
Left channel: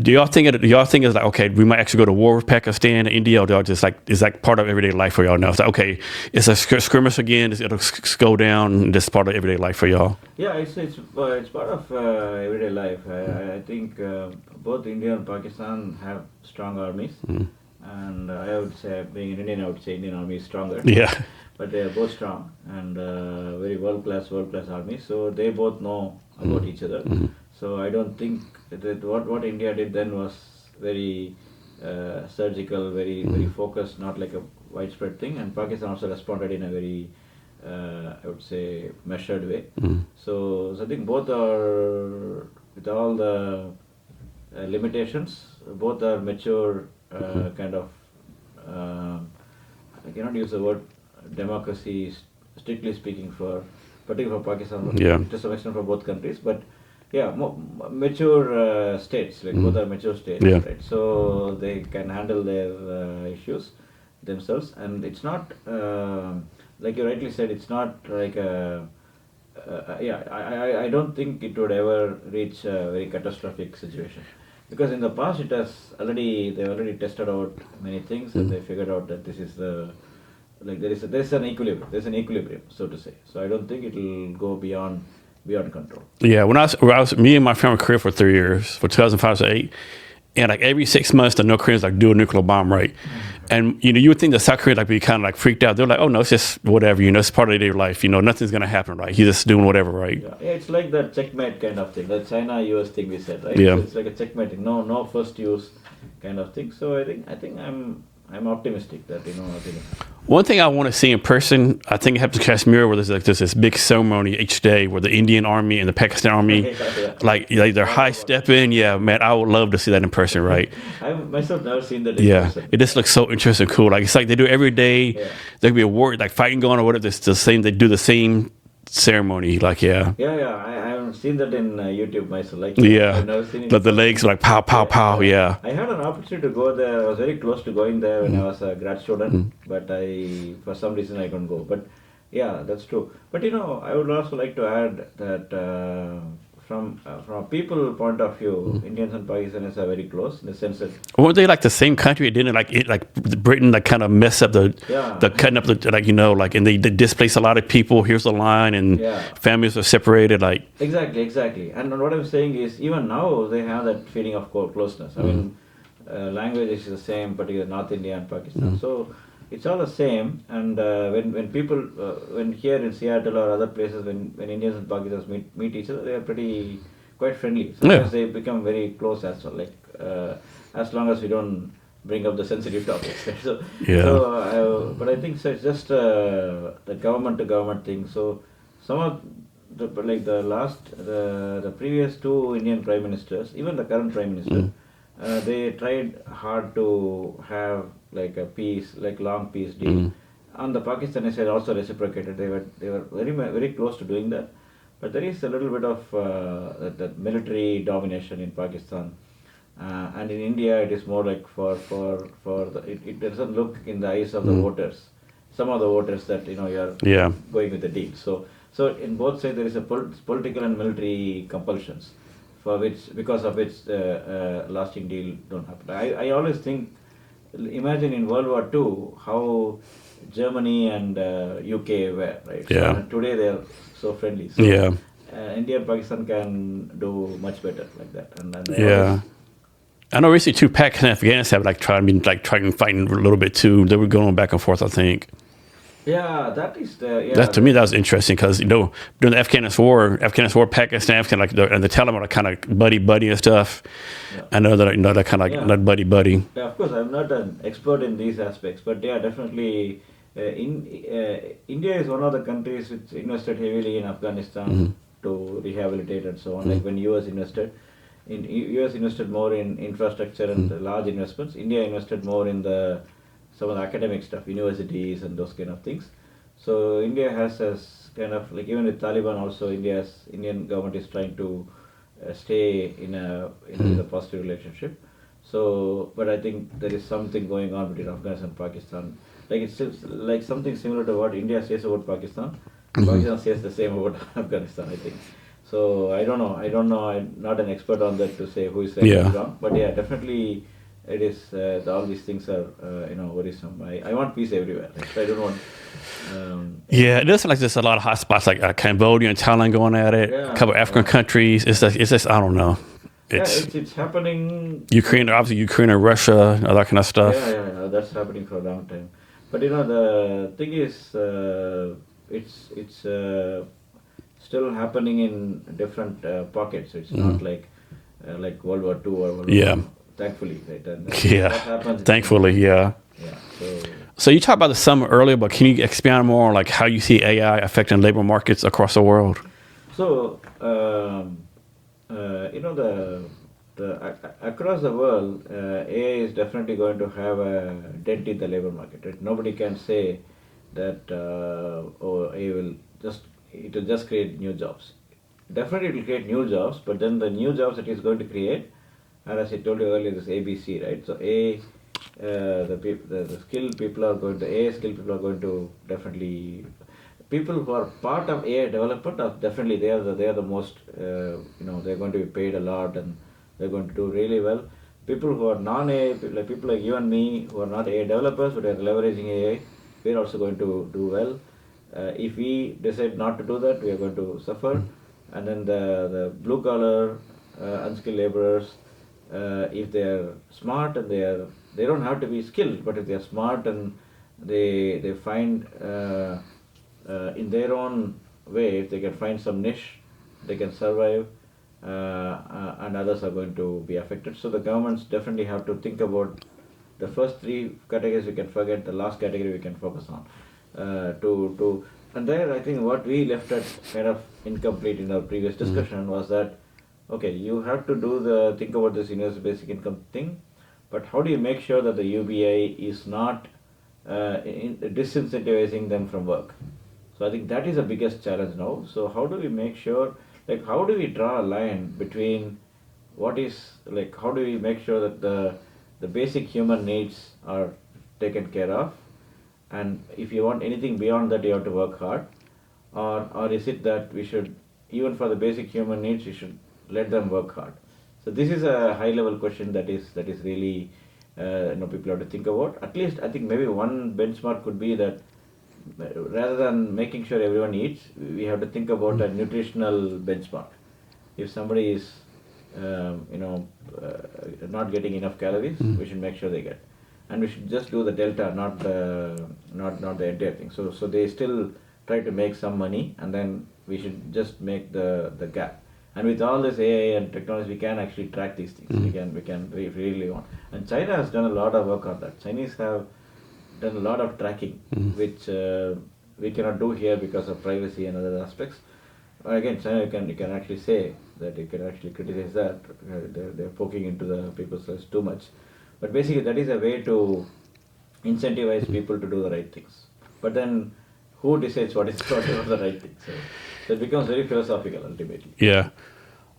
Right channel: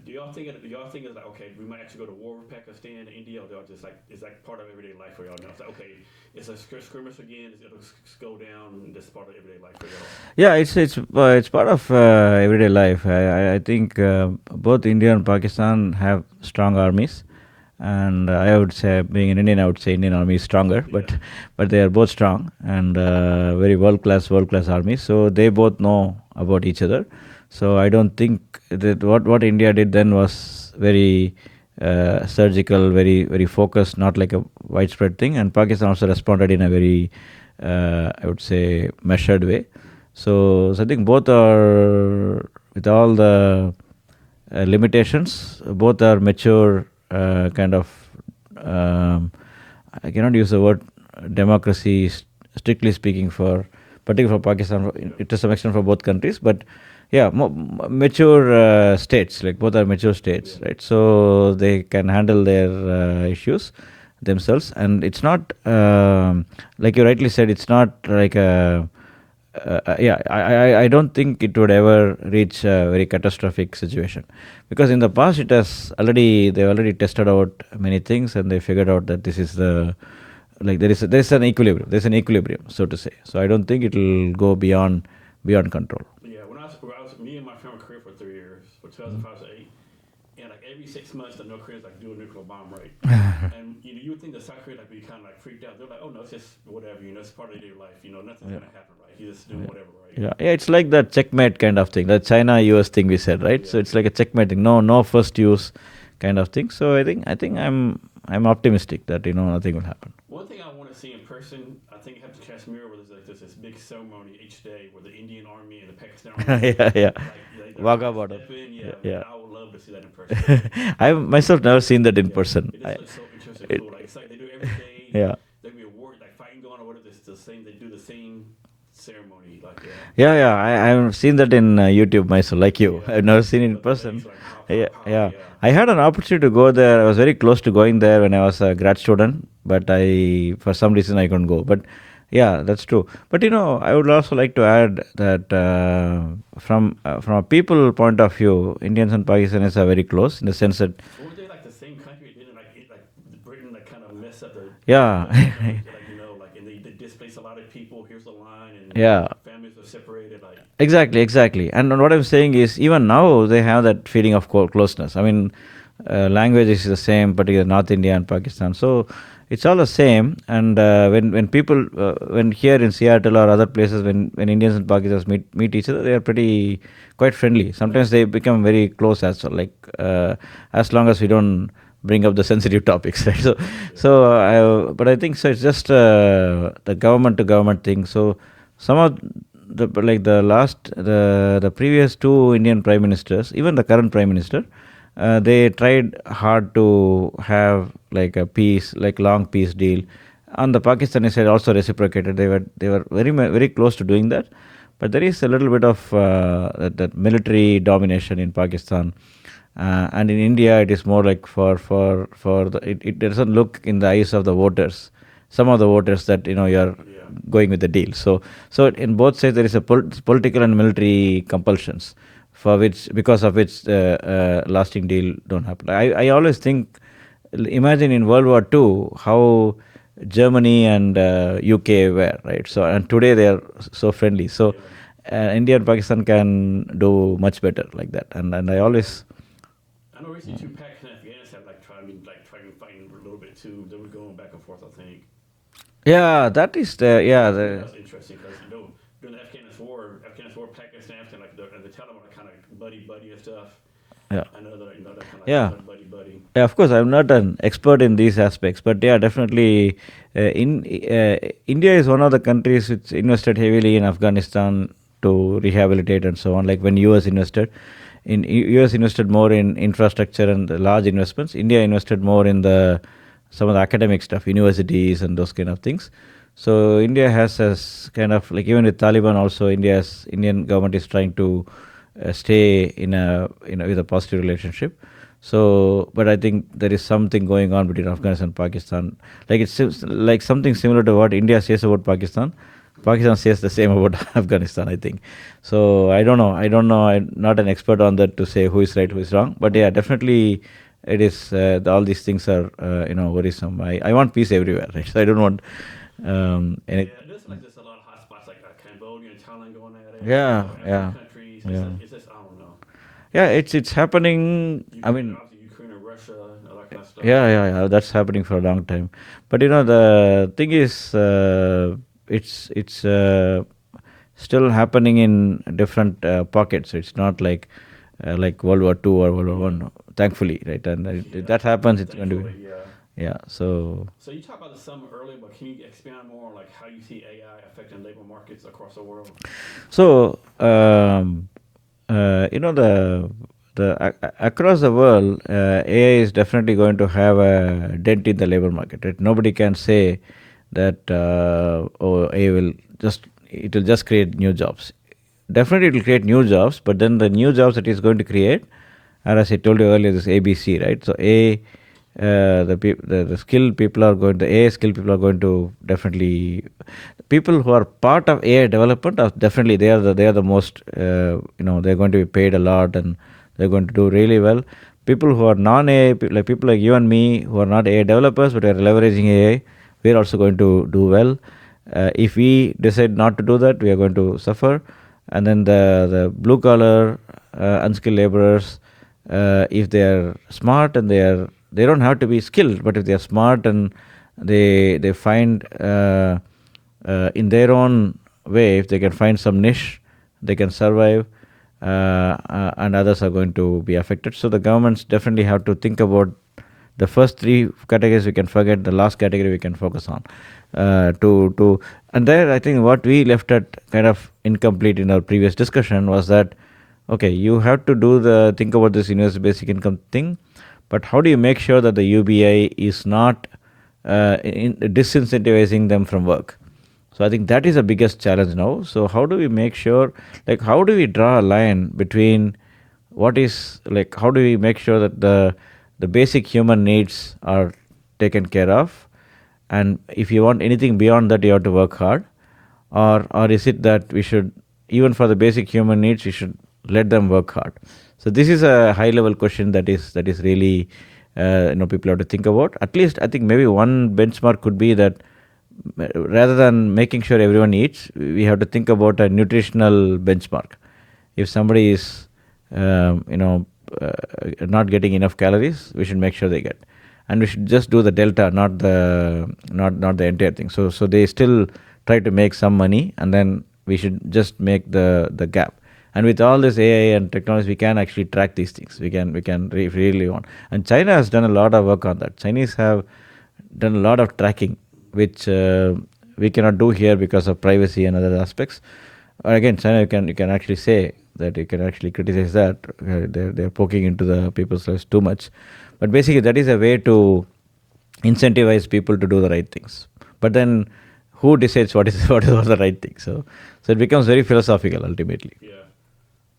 Do y'all think it's like, okay, we might actually go to war with Pakistan, India, or just like, is that part of everyday life for y'all now? It's like, okay, it's a skirmish again, it'll go down, this is part of everyday life for y'all? Yeah, it's part of everyday life. I think both India and Pakistan have strong armies. And I would say, being an Indian, I would say Indian Army is stronger. But they are both strong and very world-class armies. So they both know about each other. So I don't think that what India did then was very surgical, very focused, not like a widespread thing. And Pakistan also responded in a very, I would say, measured way. So I think both are, with all the limitations, both are mature. Kind of, I cannot use the word democracy strictly speaking, particularly for Pakistan, Yeah. to some extent for both countries, but yeah, mature states, like both are mature states, Yeah. right? So they can handle their issues themselves, and it's not like you rightly said, it's not like a yeah, I don't think it would ever reach a very catastrophic situation, because in the past they already tested out many things, and they figured out that this is the, like, there's an equilibrium, so to say. So I don't think it'll go beyond control. Yeah, when I was me and my family were Korea for 3 years, for 2005 to 8, and like every 6 months, the North Koreans like do a nuclear bomb, right? And you would think the South Koreans like be kind of like freaked out. They're like, oh no, it's just whatever, it's part of their life, nothing's gonna happen, right? He's just doing whatever, right? Yeah, it's like that checkmate kind of thing, the China-US thing we said, right? Yeah. So it's like a checkmate thing, no first use kind of thing. So I think I'm optimistic that nothing will happen. One thing I want to see in person, I think it happens in Kashmir, where there's this big ceremony each day where the Indian army and the Pakistan army, Yeah. like they're high stepping. Yeah, man, I would love to see that in person, right? I've myself never seen that in person. It just looks so interesting, cool. Like it's like they do it every day. Yeah. There could be a war, like fighting going or whatever. It's the same. They do the same ceremony, like Yeah. I've seen that in YouTube myself, like you. Yeah. I've never seen it. But the legs like pow, pow, pow. Yeah. I had an opportunity to go there. I was very close to going there when I was a grad student, but for some reason I couldn't go. But yeah, that's true. But I would also like to add that from a people point of view, Indians and Pakistanis are very close in the sense that Weren't they like the same country? Didn't like Britain like kind of mess up the cutting up the and they displaced a lot of people. Here's the line, and families are separated. Like exactly. And what I'm saying is, even now they have that feeling of closeness. I mean, language is the same, particularly North India and Pakistan. So it's all the same. And when people when here in Seattle or other places, when Indians and Pakistanis meet each other, they are quite friendly. Sometimes they become very close as well. Like as long as we don't bring up the sensitive topics, right? But I think so. It's just the government to government thing. So some of the previous two Indian prime ministers, even the current prime minister, they tried hard to have like a peace, like long peace deal. On the Pakistani side also reciprocated. They were very very close to doing that, but there is a little bit of that military domination in Pakistan, and in India it is more like it doesn't look in the eyes of the voters. Some of the voters that you're going with the deal. So in both sides there is a political and military compulsions, because of which lasting deal don't happen. I always think, imagine in World War II how Germany and UK were, right? So and today they are so friendly. So India and Pakistan can do much better like that. And I know recently too, Pakistan and Afghanistan have trying to fight a little bit too. They were going back and forth, I think. Yeah, that is to me that was interesting, because during the Afghanistan war, Pakistan, and the Taliban are kind of buddy and stuff. Yeah. I know that they're kind of not buddy. Yeah, of course, I'm not an expert in these aspects, but yeah, definitely. India is one of the countries which invested heavily in Afghanistan to rehabilitate and so on. Like when US invested more in infrastructure and large investments. India invested more in some of the academic stuff, universities and those kind of things. So India has kind of like, even with Taliban also, Indian government is trying to stay with a positive relationship. So, but I think there is something going on between Afghanistan and Pakistan. Like it's like something similar to what India says about Pakistan. Pakistan says the same about Afghanistan, I think. So I don't know. I'm not an expert on that to say who is right, who is wrong. But yeah, definitely it is. All these things are worrisome. I want peace everywhere. Right? So I don't want. It does like there's a lot of hot spots like Cambodia and Thailand going at it. A couple of African countries. It's just I don't know. It's happening. Ukraine and Russia, all that kind of stuff. Yeah. That's happening for a long time. But the thing is, it's still happening in different pockets. It's not like World War II or World War I. Thankfully, right? And that happens. Thankfully, yeah. So you talked about the summit earlier, but can you expand more on like how you see AI affecting labor markets across the world? So across the world, AI is definitely going to have a dent in the labor market. Right? Nobody can say that AI it will just create new jobs. Definitely, it will create new jobs, but then the new jobs that it's going to create, and as I told you earlier, this ABC, right? So the skilled people are going, the AI skilled people are going to definitely, people who are part of AI development are definitely, they are the most, they're going to be paid a lot and they're going to do really well. People who are non-AI, like people like you and me, who are not AI developers but are leveraging AI, we're also going to do well. If we decide not to do that, we are going to suffer. And then the blue collar, unskilled laborers, if they are smart and they don't have to be skilled, but if they are smart and they find in their own way, if they can find some niche, they can survive, and others are going to be affected. So the governments definitely have to think about the first three categories we can forget, the last category we can focus on. And there I think what we left at kind of incomplete in our previous discussion was that, okay, you have to think about this universal basic income thing, but how do you make sure that the UBI is not disincentivizing them from work? So I think that is the biggest challenge now. So how do we make sure, like how do we draw a line between what is, like how do we make sure that the basic human needs are taken care of, and if you want anything beyond that you have to work hard, or is it that we should, even for the basic human needs, we should let them work hard? So this is a high level question that is really people have to think about. At least I think maybe one benchmark could be that rather than making sure everyone eats, we have to think about a nutritional benchmark. If somebody is not getting enough calories, we should make sure they get, and we should just do the delta, not the entire thing. So they still try to make some money, and then we should just make the gap. And with all this AI and technology, we can actually track these things. We can really want. And China has done a lot of work on that. Chinese have done a lot of tracking, which we cannot do here because of privacy and other aspects. Again, China, you can actually say that, you can actually criticize that they're poking into the people's lives too much. But basically, that is a way to incentivize people to do the right things. But then, who decides what is the right thing? So it becomes very philosophical ultimately. Yeah.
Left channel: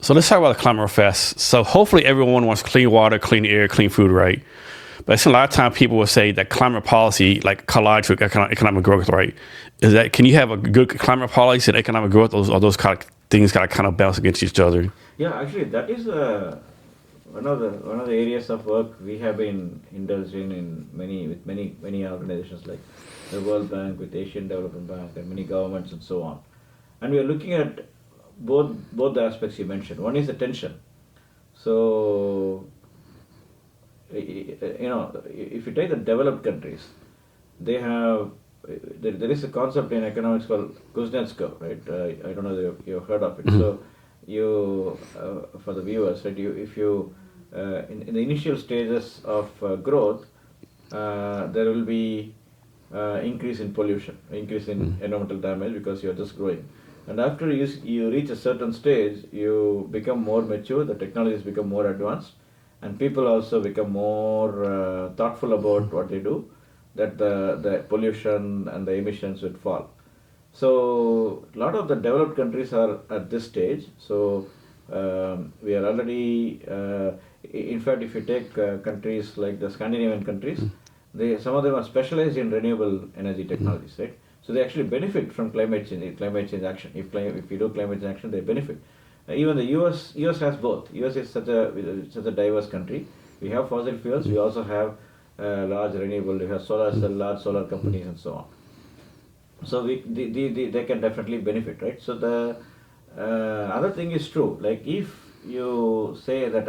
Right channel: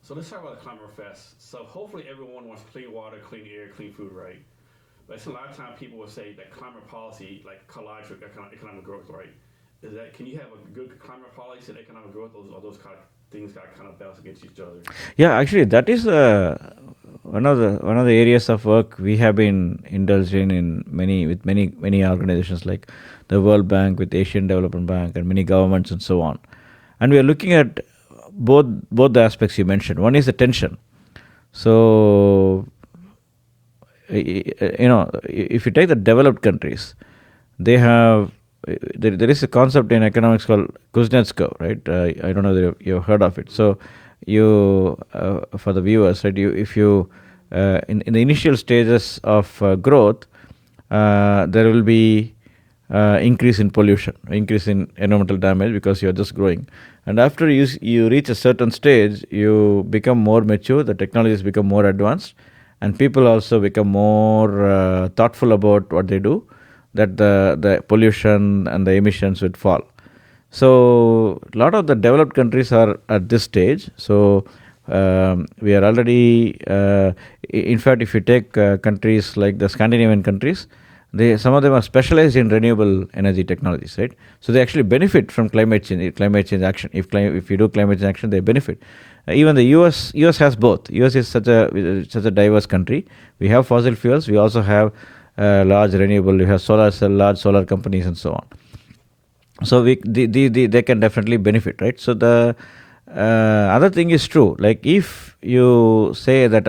So let's talk about the climate real fast. So hopefully everyone wants clean water, clean air, clean food, right? But I see a lot of times people will say that climate policy, like collides with economic growth, right? Is that, can you have a good climate policy and economic growth, or those kind of things got to kind of bounce against each other? Yeah, actually, that is one of the areas of work we have been indulging in many organizations like the World Bank, with Asian Development Bank, and many governments and so on. And we are looking at both the aspects you mentioned. One is the tension. So if you take the developed countries, they have there is a concept in economics called Kuznets curve, right? I don't know if you've heard of it. So you for the viewers, right? If you in the initial stages of growth, there will be increase in pollution, increase in environmental damage, because you are just growing. And after you reach a certain stage, you become more mature, the technologies become more advanced, and people also become more thoughtful about what they do, that the pollution and the emissions would fall. So a lot of the developed countries are at this stage. So we are already, in fact, if you take countries like the Scandinavian countries, some of them are specialized in renewable energy technologies, right? So they actually benefit from climate change action. If you do climate change action, they benefit. Even the US has both. US is such a diverse country. We have fossil fuels. We also have large renewable. We have large solar companies and so on. So they can definitely benefit, right? So the other thing is true. Like if you say that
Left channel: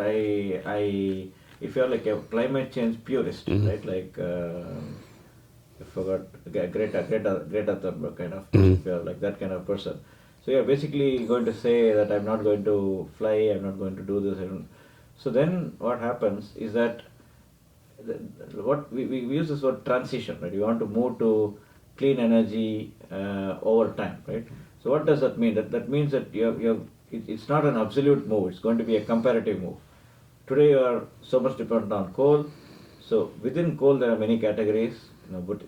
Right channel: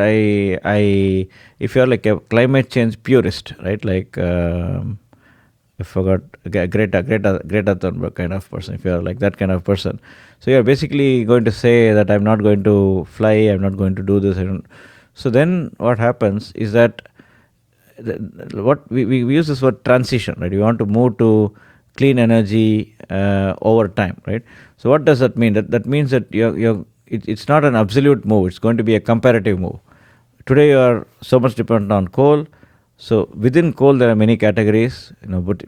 if you're like a climate change purist, right? Like I forgot, Greta Thunberg kind of person. If you're like that kind of person, so you're basically going to say that I'm not going to fly, I'm not going to do this. So then what happens is that what we use this word transition, right? We want to move to clean energy over time, right? So what does that mean? That means that it's not an absolute move. It's going to be a comparative move. Today you are so much dependent on coal. So within coal there are many categories,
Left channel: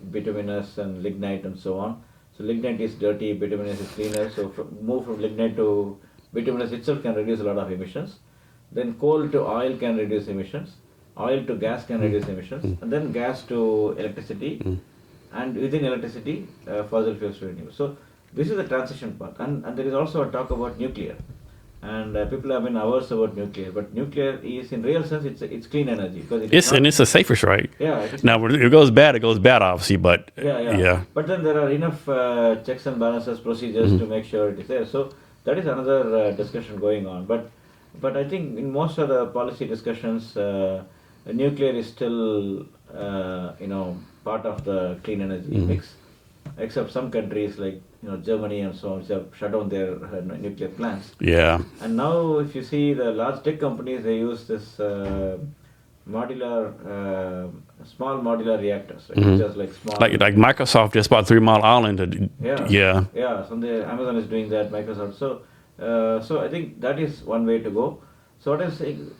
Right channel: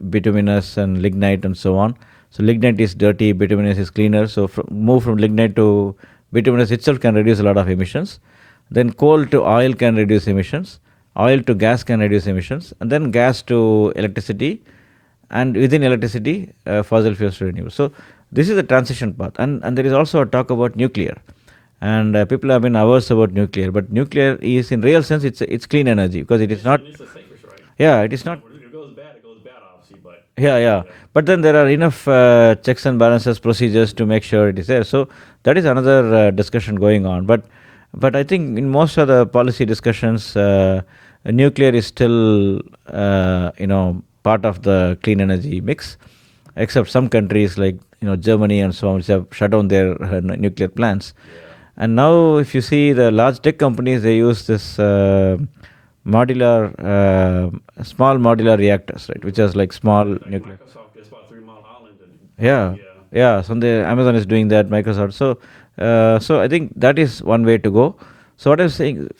bituminous and lignite and so on. So lignite is dirty, bituminous is cleaner. So move from lignite to bituminous itself can reduce a lot of emissions. Then coal to oil can reduce emissions. Oil to gas can reduce emissions. And then gas to electricity. And within electricity, fossil fuels to renewables. So this is the transition path. And there is also a talk about nuclear. And people have been averse about nuclear, but nuclear is, in real sense, it's clean energy because it is not. And it's the safest, right? Yeah, it is. Now, when it goes bad, obviously, but Yeah. But then there are enough checks and balances, procedures to make sure it is there. So that is another discussion going on. But I think in most of the policy discussions, nuclear is still part of the clean energy mix, except some countries like Germany and so on, which have shut down their nuclear plants. Yeah. And now, if you see the large tech companies, they use this small modular reactors, right? Which is like small. Like Microsoft just bought 3 Mile Island. Yeah. So Amazon is doing that. Microsoft. So I think that is one way to go. So what I'm saying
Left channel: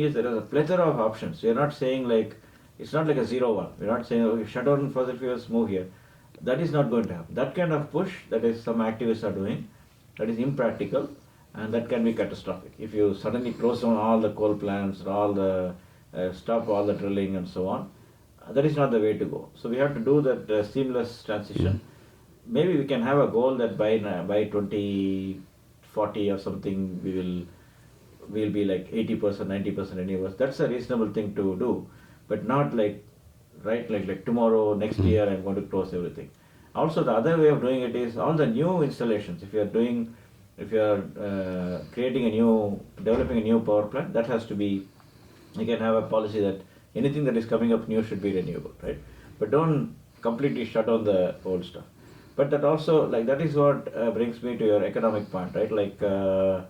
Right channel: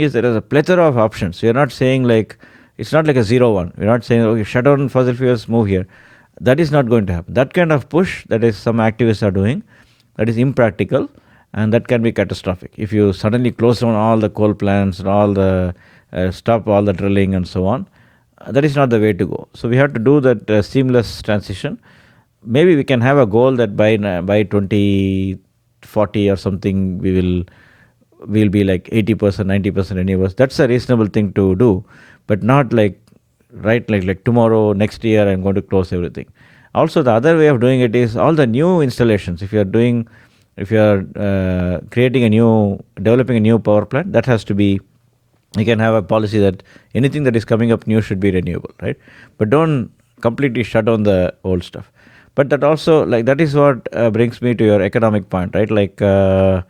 is there is a plethora of options. We are not saying like it's not like a 0-1. We're not saying okay, shut down fossil fuels, move here. That is not going to happen. That kind of push that is some activists are doing, that is impractical, and that can be catastrophic. If you suddenly close down all the coal plants and all the stop all the drilling and so on, that is not the way to go. So we have to do that seamless transition. Maybe we can have a goal that by 2040 or something we'll be like 80%, 90% renewables. That's a reasonable thing to do, but not like like tomorrow, next year, I'm going to close everything. Also, the other way of doing it is all the new installations. If you are developing a new power plant, that has to be, you can have a policy that anything that is coming up new should be renewable, right? But don't completely shut down the old stuff. But that also, like, that is what brings me to your economic point, right? Like, so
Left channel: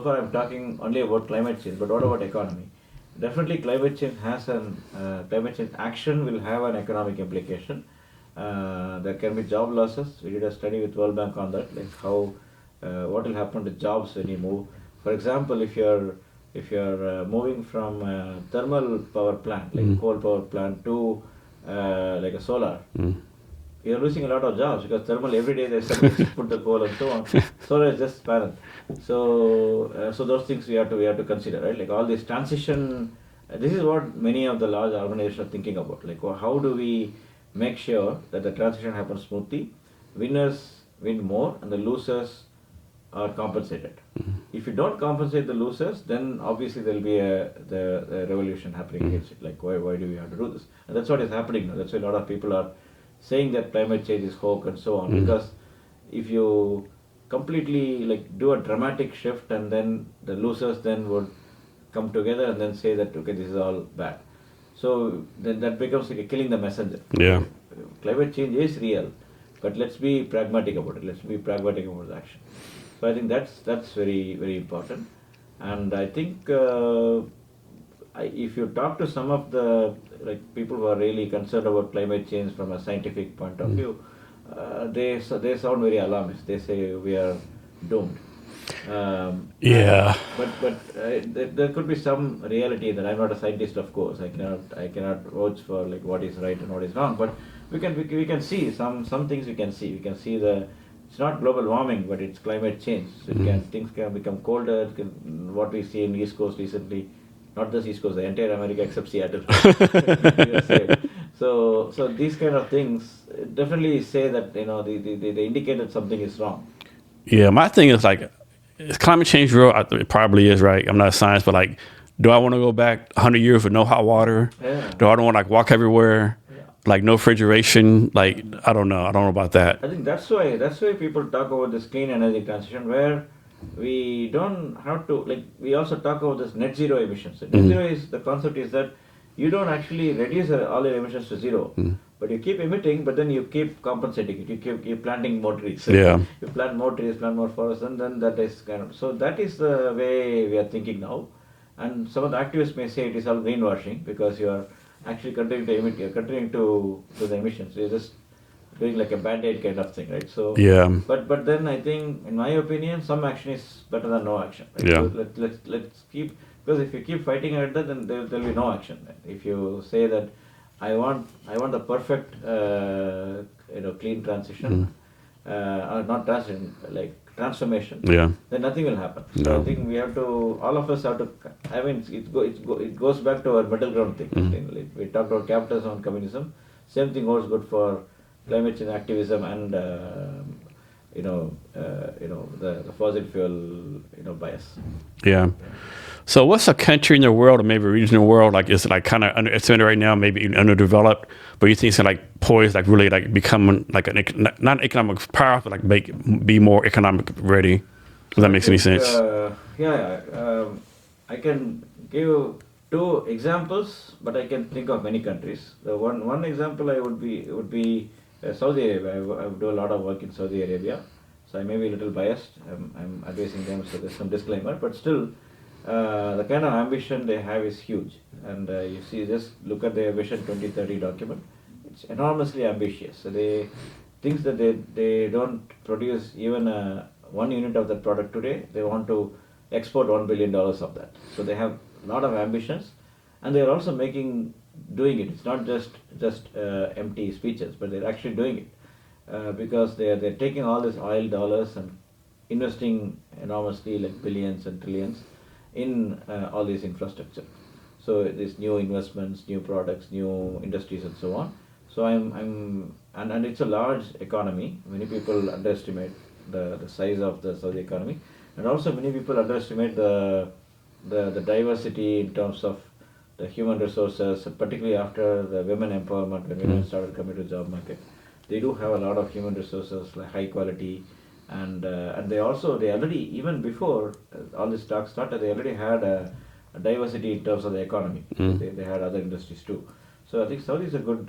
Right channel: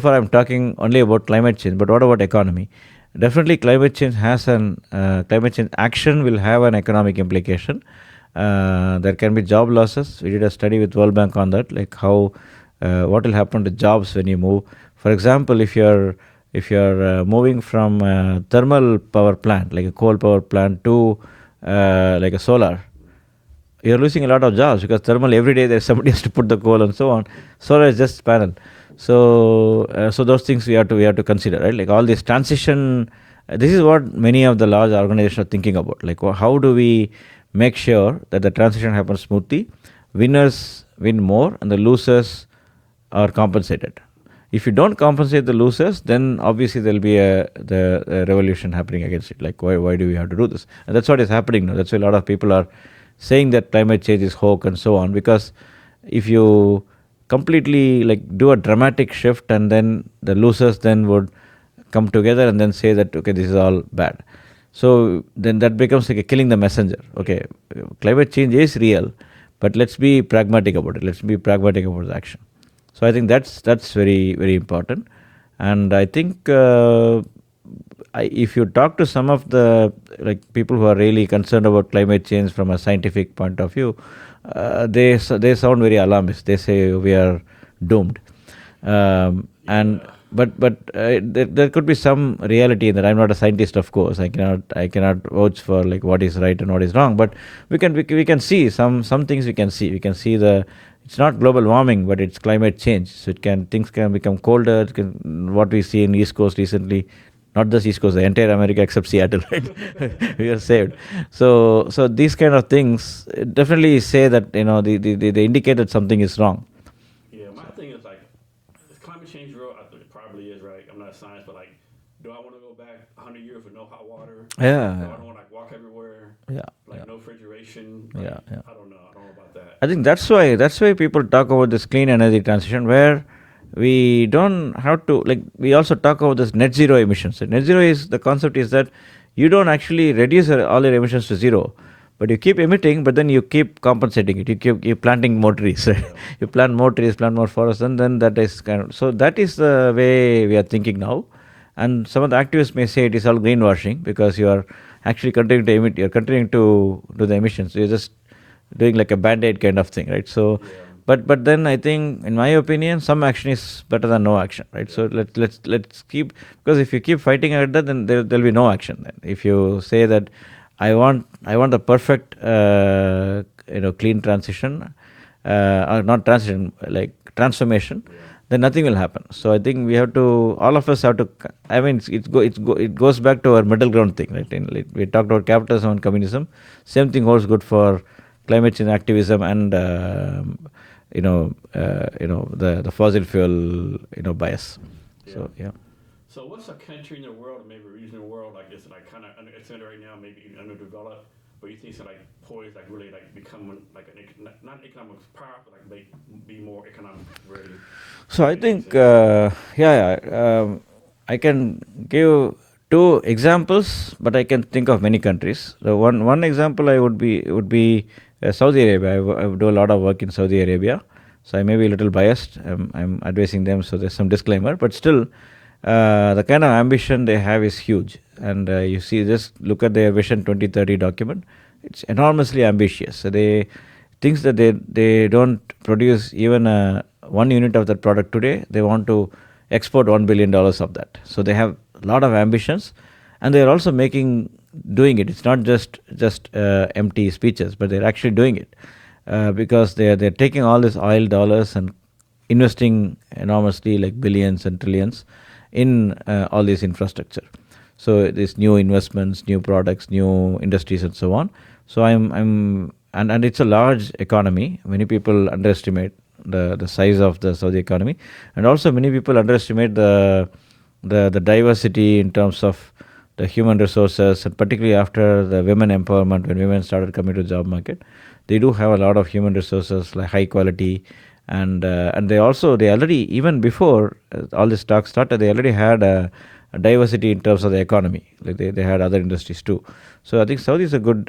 far I'm talking only about climate change, but what about economy? Definitely, climate change action will have an economic implication. There can be job losses. We did a study with World Bank on that, like what will happen to jobs when you move. For example, if you're moving from a thermal power plant, like a coal power plant, to like a solar, you're losing a lot of jobs because thermal every day there's somebody has to put the coal and so on. Solar is just panel. So those things we have to consider, right? Like all this transition, this is what many of the large organizations are thinking about. Like how do we make sure that the transition happens smoothly? Winners win more and the losers are compensated. If you don't compensate the losers, then obviously there'll be the revolution happening against it. Like why do we have to do this? And that's what is happening now. That's why a lot of people are saying that climate change is hoax and so on. Because if you completely like do a dramatic shift and then the losers then would come together and then say that okay, this is all bad. So then that becomes like killing the messenger. Okay, climate change is real, but let's be pragmatic about it. Let's be pragmatic about the action. So I think that's very, very important. And I think if you talk to some of the people who are really concerned about climate change from a scientific point of view, they sound very alarmist. They say we are doomed. But there could be some reality in that. I'm not a scientist, of course. I cannot vouch for like what is right and what is wrong. But we can see some things. We can see it's not global warming, but it's climate change. So things can become colder. What we see in East Coast recently. Not just East Coast, the entire America except Seattle. We are saved. So these kind of things definitely say that they indicate that something is wrong. Yeah, my thing is like, is climate change real? It probably is, right? I'm not a scientist, but like, do I want to go back 100 years with no hot water? Yeah. Do I want to like walk everywhere? Yeah. Like no refrigeration? Like I don't know. I don't know about that. I think that's why people talk about this clean energy transition where we don't have to, like, we also talk about this net zero emissions. So net zero is, the concept is that you don't actually reduce all your emissions to zero, but you keep emitting, but then you keep compensating it. You keep planting more trees. Yeah. You plant more trees, plant more forests, and then that is so that is the way we are thinking now. And some of the activists may say it is all greenwashing because you are actually continuing to emit, you're continuing to do the emissions. So you're just doing like a band-aid kind of thing, right? So Yeah. but then I think, in my opinion, some action is better than no action, right? Yeah. So let's keep, because if you keep fighting at that, then there'll be no action. Then if you say that I want the perfect clean transition, or not transition, like transformation, Yeah. then nothing will happen. So No. I think we have to, all of us have to. I mean, it goes back to our middle ground thing, right? Like we talked about capitalism and communism. Same thing holds good for climate change activism and the fossil fuel bias. Yeah. Yeah. So what's a country in the world, or maybe a region in the world, like it's like kind of underestimated right now, maybe even underdeveloped, but you think it's like poised, like really like becoming like not an economic power, but like be more economic ready? So that makes any sense. I can give two examples, but I can think of many countries. So one example would be Saudi Arabia. I do a lot of work in Saudi Arabia, so I may be a little biased. I'm advising them, so there's some disclaimer, but still. The kind of ambition they have is huge, and you see, just look at their Vision 2030 document. It's enormously ambitious. So they thinks that they don't produce even 1 unit of that product today. They want to export $1 billion of that. So they have a lot of ambitions, and they're also doing it. It's not just empty speeches, but they're actually doing it, because they're taking all these oil dollars and investing enormously, like billions and trillions, in all this infrastructure. So these new investments, new products, new industries, and so on. So and it's a large economy. Many people underestimate the size of the Saudi economy, and also many people underestimate the diversity in terms of the human resources, and particularly after the women empowerment, when women started coming to the job market, they do have a lot of human resources, like high quality. And they already, even before all this talk started, they already had a diversity in terms of the economy. They had other industries too. So I think Saudi is a good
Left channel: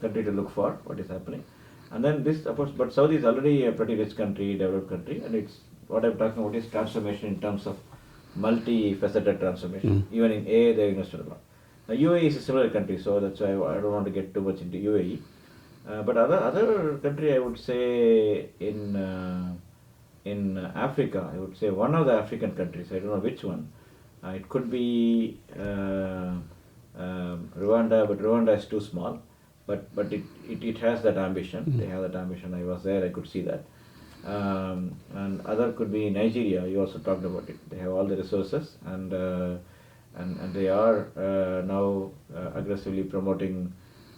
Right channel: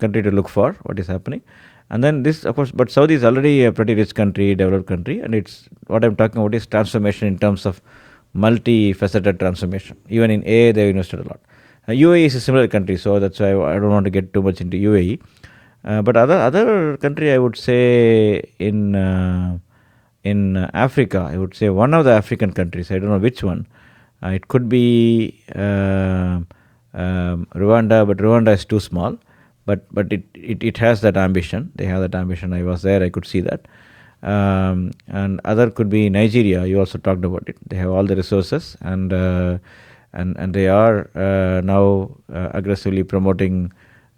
country to look for what is happening. And then this, of course, but Saudi is already a pretty rich country, developed country, and it's what I'm talking about is transformation in terms of multifaceted transformation. Even in AA, they've invested a lot. UAE is a similar country, so that's why I don't want to get too much into UAE. But other country, I would say in Africa, I would say one of the African countries. I don't know which one. It could be Rwanda, but Rwanda is too small. But it has that ambition. They have that ambition. I was there. I could see that. And other could be Nigeria. You also talked about it. They have all the resources, and they are now aggressively promoting.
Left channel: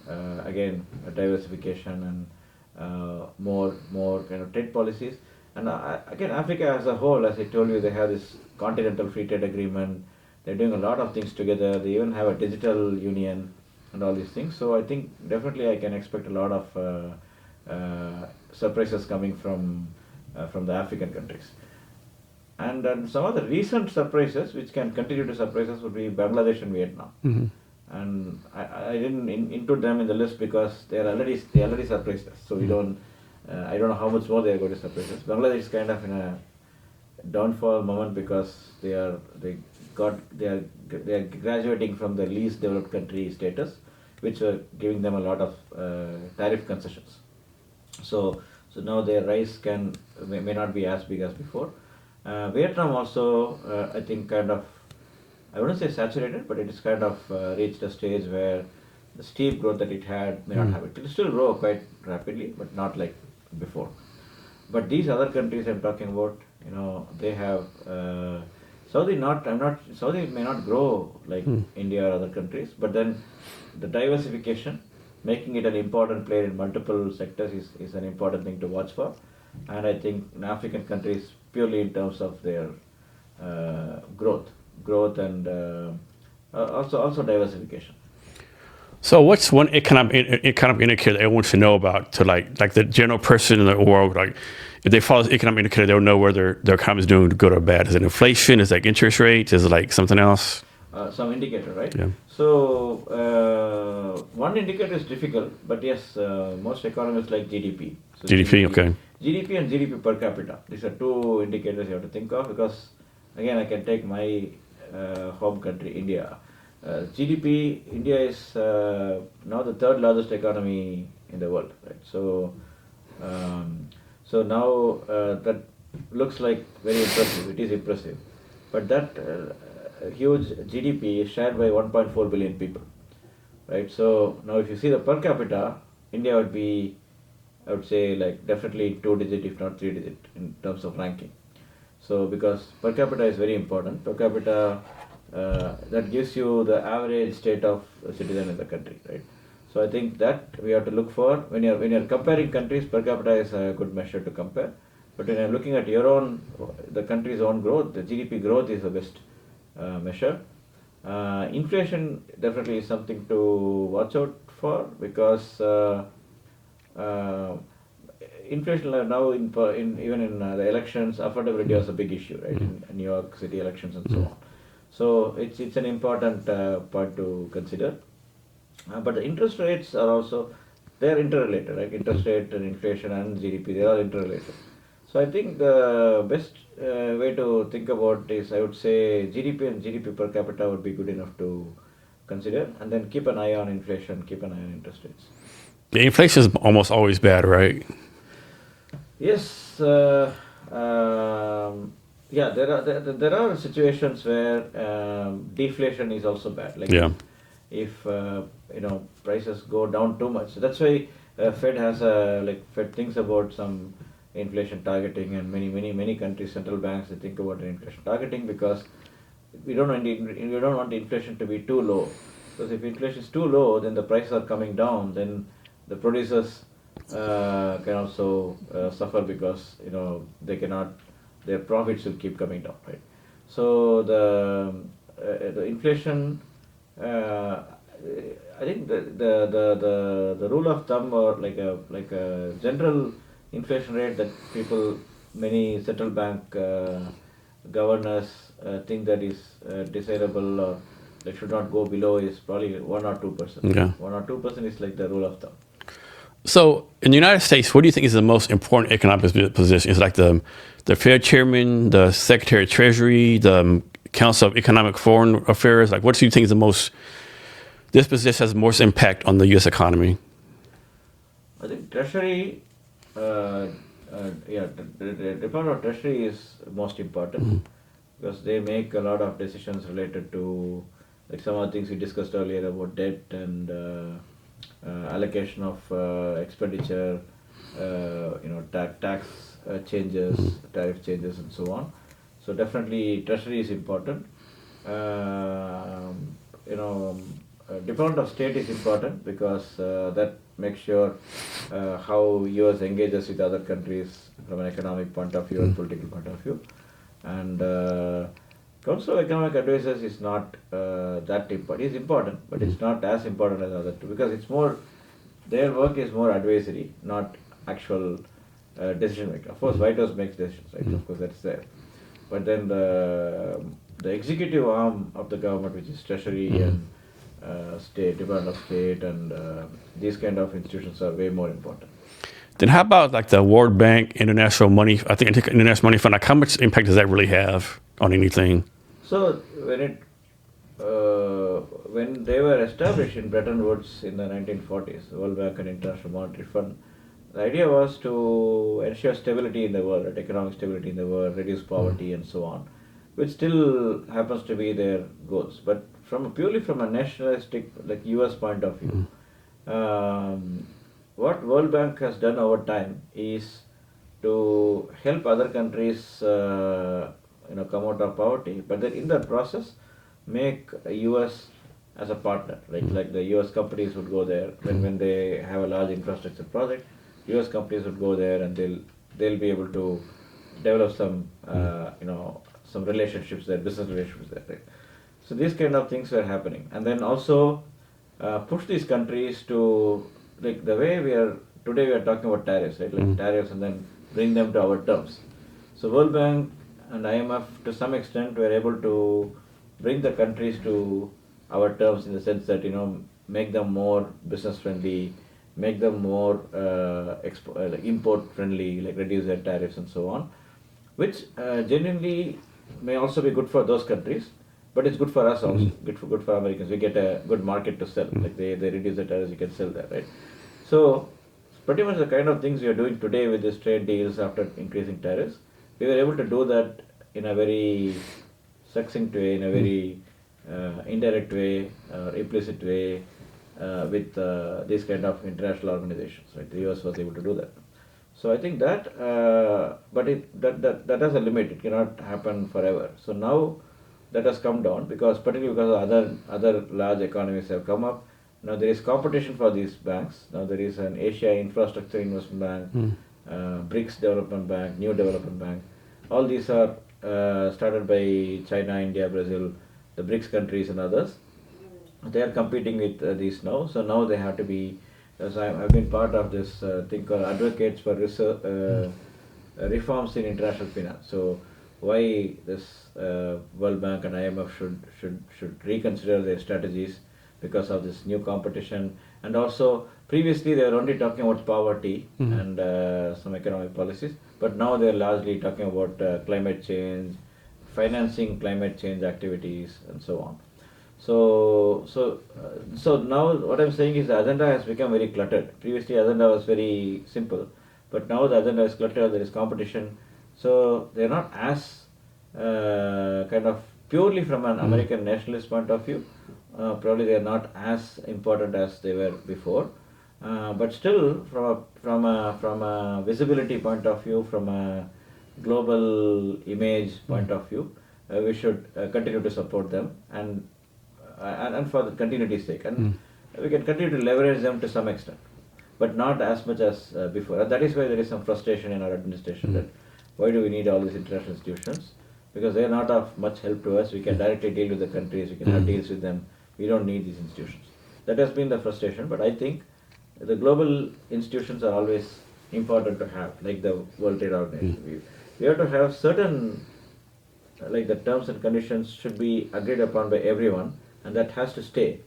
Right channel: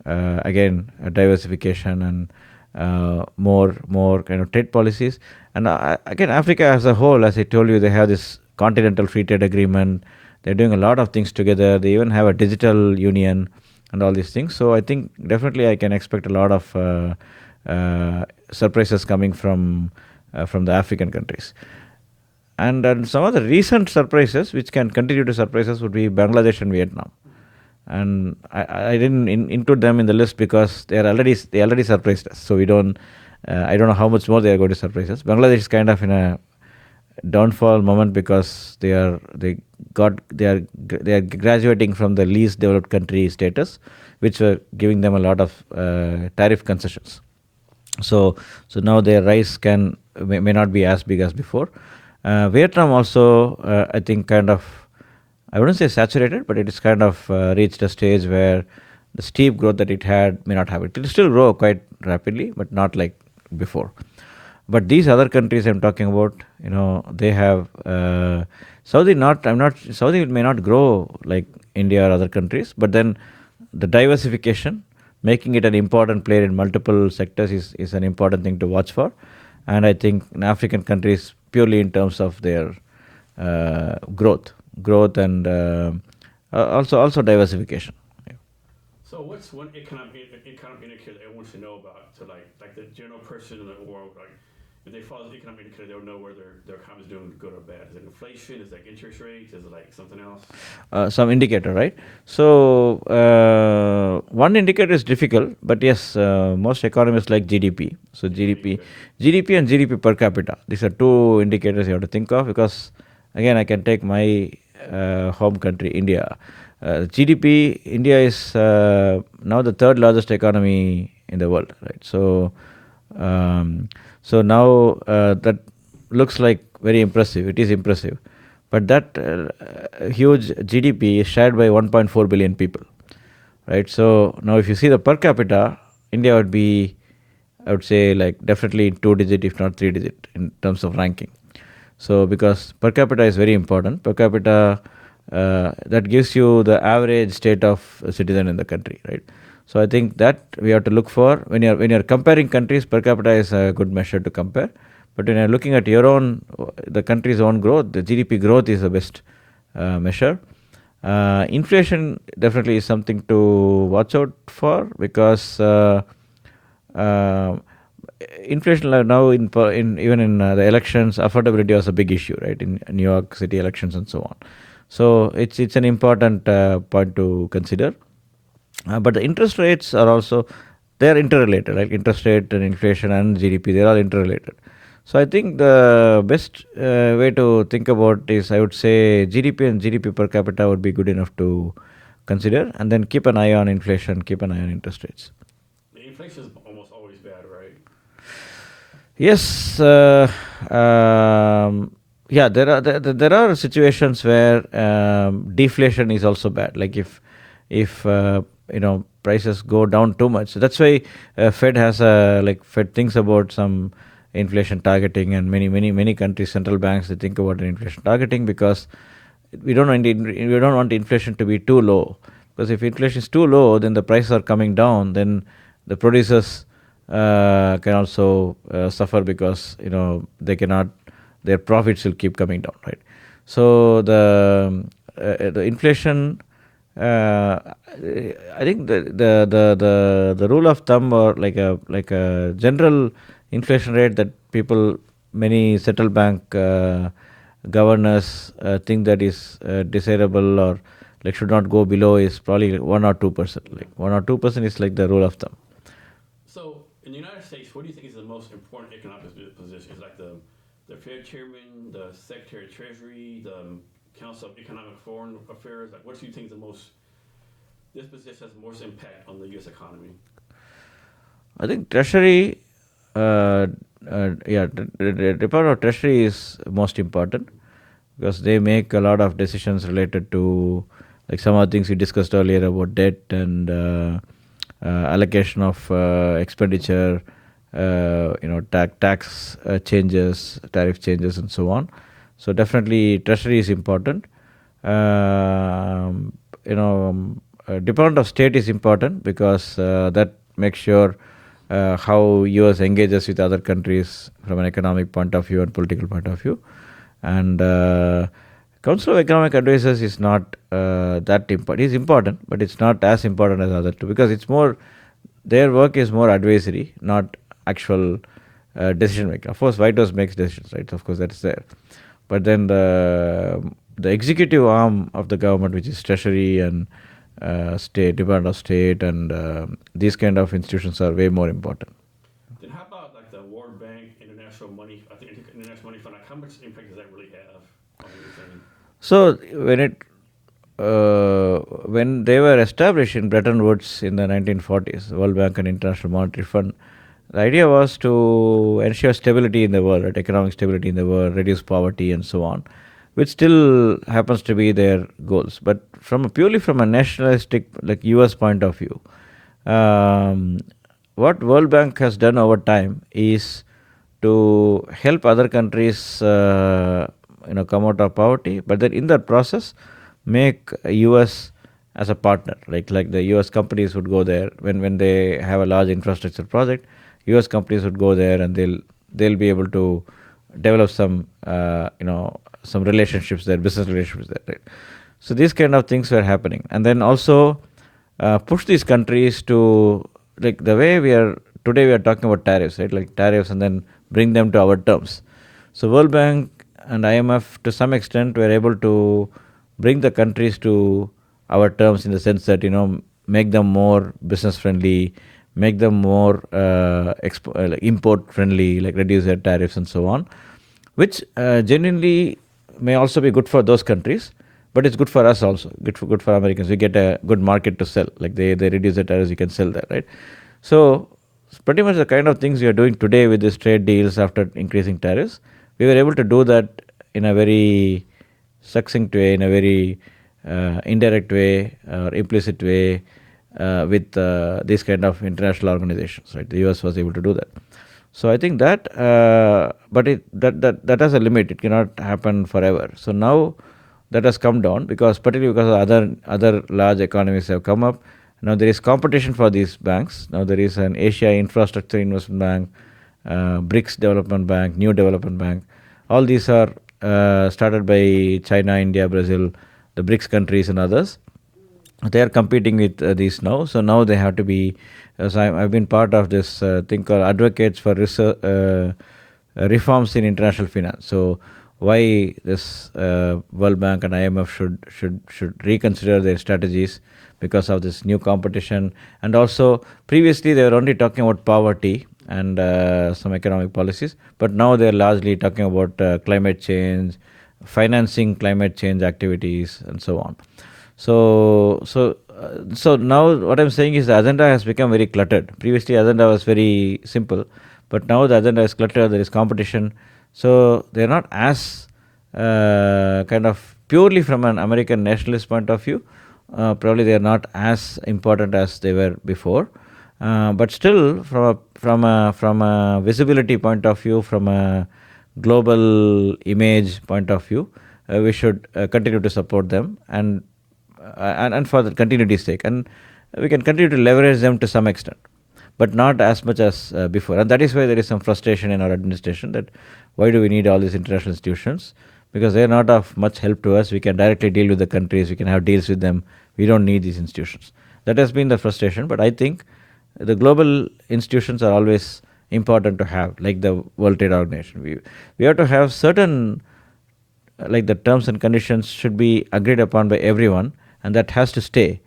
Again, diversification and more kind of trade policies. And again, Africa as a whole, as I told you, they have this continental free trade agreement. They're doing a lot of things together. They even have a digital union and all these things. So I think definitely I can expect a lot of surprises coming from the African countries. And some of the recent surprises, which can continue to surprise us, would be Bangladesh and Vietnam. And I didn't include them in the list because they already surprised us. So we don't. I don't know how much more they are going to surprise us. Bangladesh is kind of in a downfall moment because they are graduating from the least developed country status, which were giving them a lot of tariff concessions. So now their rise may not be as big as before. Vietnam also, I think, kind of, I wouldn't say saturated, but it is kind of reached a stage where the steep growth that it had may not have it. It will still grow quite rapidly, but not like before. But these other countries I'm talking about, they have Saudi may not grow like India or other countries, but then the diversification, making it an important player in multiple sectors is an important thing to watch for. And I think in African countries, purely in terms of their growth and also diversification. So what's one economic indicator that everyone should know about to like the general person in the world, like if they follow this economic indicator, they'll know whether their economy is doing good or bad? Is it inflation? Is it like interest rates? Is it like something else? Some indicator, right? Yeah. So one indicator is difficult, but yes, most economists like GDP. So GDP, okay. GDP and GDP per capita. These are two indicators you have to think of, because again, I can take my home country, India. GDP, India is now the third largest economy in the world, right? So now that looks like very impressive. It is impressive, but that huge GDP is shared by 1.4 billion people, right? So now if you see the per capita, India would be, I would say, like definitely 2-digit, if not 3-digit, in terms of ranking. So because per capita is very important, per capita that gives you the average state of a citizen in the country, right? So I think that we have to look for when you're comparing countries. Per capita is a good measure to compare, but when you're looking at your own, the country's own growth, the GDP growth is the best measure. Inflation definitely is something to watch out for, because inflation now even in the elections, affordability was a big issue, right? In New York City elections and so on. So it's an important point to consider. But the interest rates are also, they're interrelated, right? Interest rate and inflation and GDP, they're all interrelated. So I think the best way to think about is, I would say, GDP and GDP per capita would be good enough to consider, and then keep an eye on inflation, keep an eye on interest rates. The inflation is almost always bad, right? Yes, yeah, there are situations where deflation is also bad. Like if prices go down too much. So that's why Fed has Fed thinks about some inflation targeting, and many countries, central banks, they think about an inflation targeting, because we don't want inflation to be too low. Because if inflation is too low, then the prices are coming down, then the producers can also suffer, because they cannot, their profits will keep coming down, right? So the inflation, I think the rule of thumb, or like a general inflation rate that many central bank governors think that is desirable, or like should not go below, is probably 1 or 2%. Yeah. 1 or 2% is like the rule of thumb. So in the United States, what do you think is the most important economic position? Is it like the Fed chairman, the Secretary of Treasury, the Council of Economic Foreign Affairs? Like, what do you think is this position has the most impact on the U.S. economy? I think Treasury, the Department of Treasury is most important, because they make a lot of decisions related to, like some of the things we discussed earlier about debt and allocation of expenditure, tax changes, tariff changes, and so on. So definitely Treasury is important. Department of State is important, because that makes sure how US engages with other countries from an economic point of view and political point of view. And Council of Economic Advisors is not that important. It's important, but it's not as important as other two, because it's more, their work is more advisory, not actual decision making. Of course, White House makes decisions, right? Of course, that's there. But then the executive arm of the government, which is Treasury and State, Department of State, and these kind of institutions are way more important. Then how about like the World Bank, International Money Fund? Like, how much impact does that really have on anything? So when they were established in Bretton Woods in the 1940s, the World Bank and International Monetary Fund, the idea was to ensure stability in the world, right? Economic stability in the world, reduce poverty, and so on, which still happens to be their goals. But purely from a nationalistic, like US point of view, what World Bank has done over time is to help other countries come out of poverty, but then in that process make US as a partner. Like the US companies would go there when they have a large infrastructure project. US companies would go there, and they'll be able to develop some some relationships there, business relationships there, right? So these kind of things were happening, and then also push these countries to, like the way we are talking about tariffs, right? Like tariffs, and then bring them to our terms. So World Bank and IMF to some extent were able to bring the countries to our terms, in the sense that make them more business friendly, make them more import friendly, like reduce their tariffs and so on, which genuinely may also be good for those countries, but it's good for us also, good for Americans. We get a good market to sell, like they reduce the tariffs, you can sell that, right? So pretty much the kind of things we are doing today with these trade deals after increasing tariffs. We were able to do that in a very succinct way, in a very indirect way or implicit way with these kind of international organizations. Right, the US was able to do that. So I think that, but that has a limit. It cannot happen forever. So now that has come down particularly because other large economies have come up. Now there is competition for these banks. Now there is an Asia Infrastructure Investment Bank, BRICS Development Bank, New Development Bank. All these are started by China, India, Brazil, the BRICS countries and others. They are competing with these now. So now they have to be, as I've been part of this thing called Advocates for Reforms in International Finance. So why this World Bank and IMF should reconsider their strategies because of this new competition. And also previously they were only talking about poverty and some economic policies, but now they're largely talking about climate change, financing climate change activities and so on. So now what I'm saying is the agenda has become very cluttered. Previously agenda was very simple, but now the agenda is cluttered, there is competition. So they're not as kind of purely from an American nationalist point of view, probably they are not as important as they were before. But still from a visibility point of view, from a global image point of view, we should continue to support them and for the continuity's sake, and we can continue to leverage them to some extent, but not as much as before. And that is why there is some frustration in our administration that why do we need all these international institutions, because they are not of much help to us. We can directly deal with the countries, we can have deals with them, we don't need these institutions. That has been the frustration, but I think the global institutions are always important to have, like the World Trade Organization. We have to have certain, like the terms and conditions should be agreed upon by everyone, and that has to stay.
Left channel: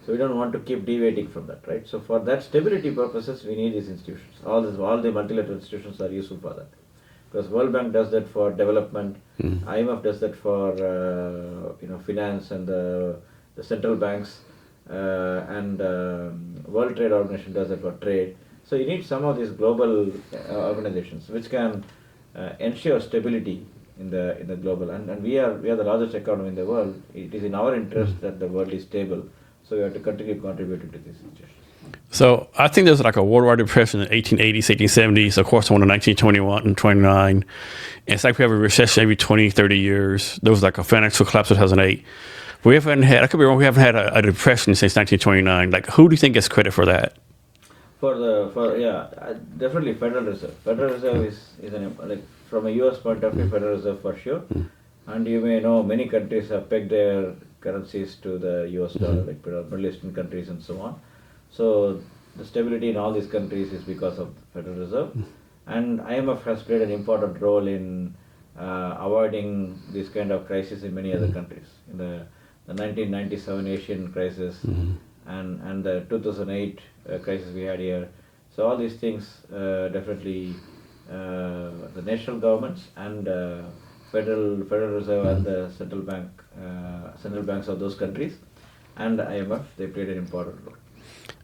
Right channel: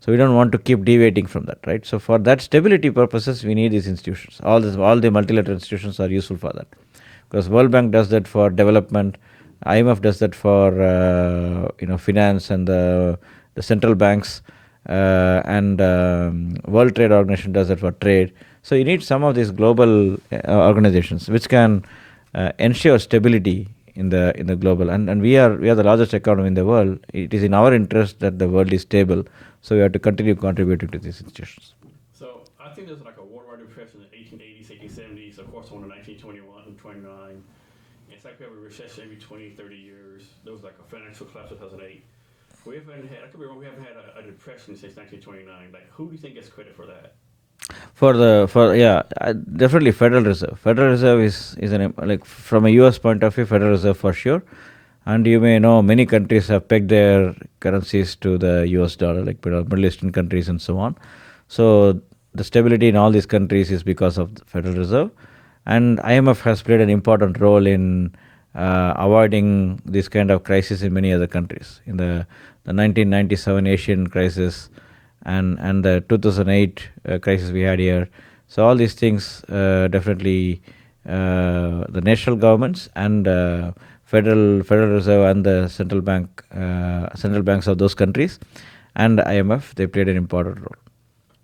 So we don't want to keep deviating from that, right? So for that stability purposes, we need these institutions. All the multilateral institutions are useful for that, because World Bank does that for development, IMF does that for finance, and the central banks, and World Trade Organization does that for trade. So you need some of these global organizations which can ensure stability in the global, and we are the largest economy in the world. It is in our interest that the world is stable, so we have to continue contributing to these institutions. So I think there's like a worldwide depression in the 1880s, 1870s, of course, one in 1921 and 29. And it's like we have a recession every 20, 30 years. There was like a financial collapse in 2008. We haven't had, I could be wrong, we haven't had a depression since 1929. Like, who do you think gets credit for that? Definitely Federal Reserve. Federal Reserve is like from a US point of view, Federal Reserve for sure. And you may know many countries have pegged their currencies to the US dollar, like Middle Eastern countries and so on. So the stability in all these countries is because of the Federal Reserve. And IMF has played an important role in avoiding this kind of crisis in many other countries. In the 1997 Asian crisis, and the 2008 crisis we had here. So all these things definitely the national governments and Federal Reserve and the central banks of those countries and IMF, they played an important role.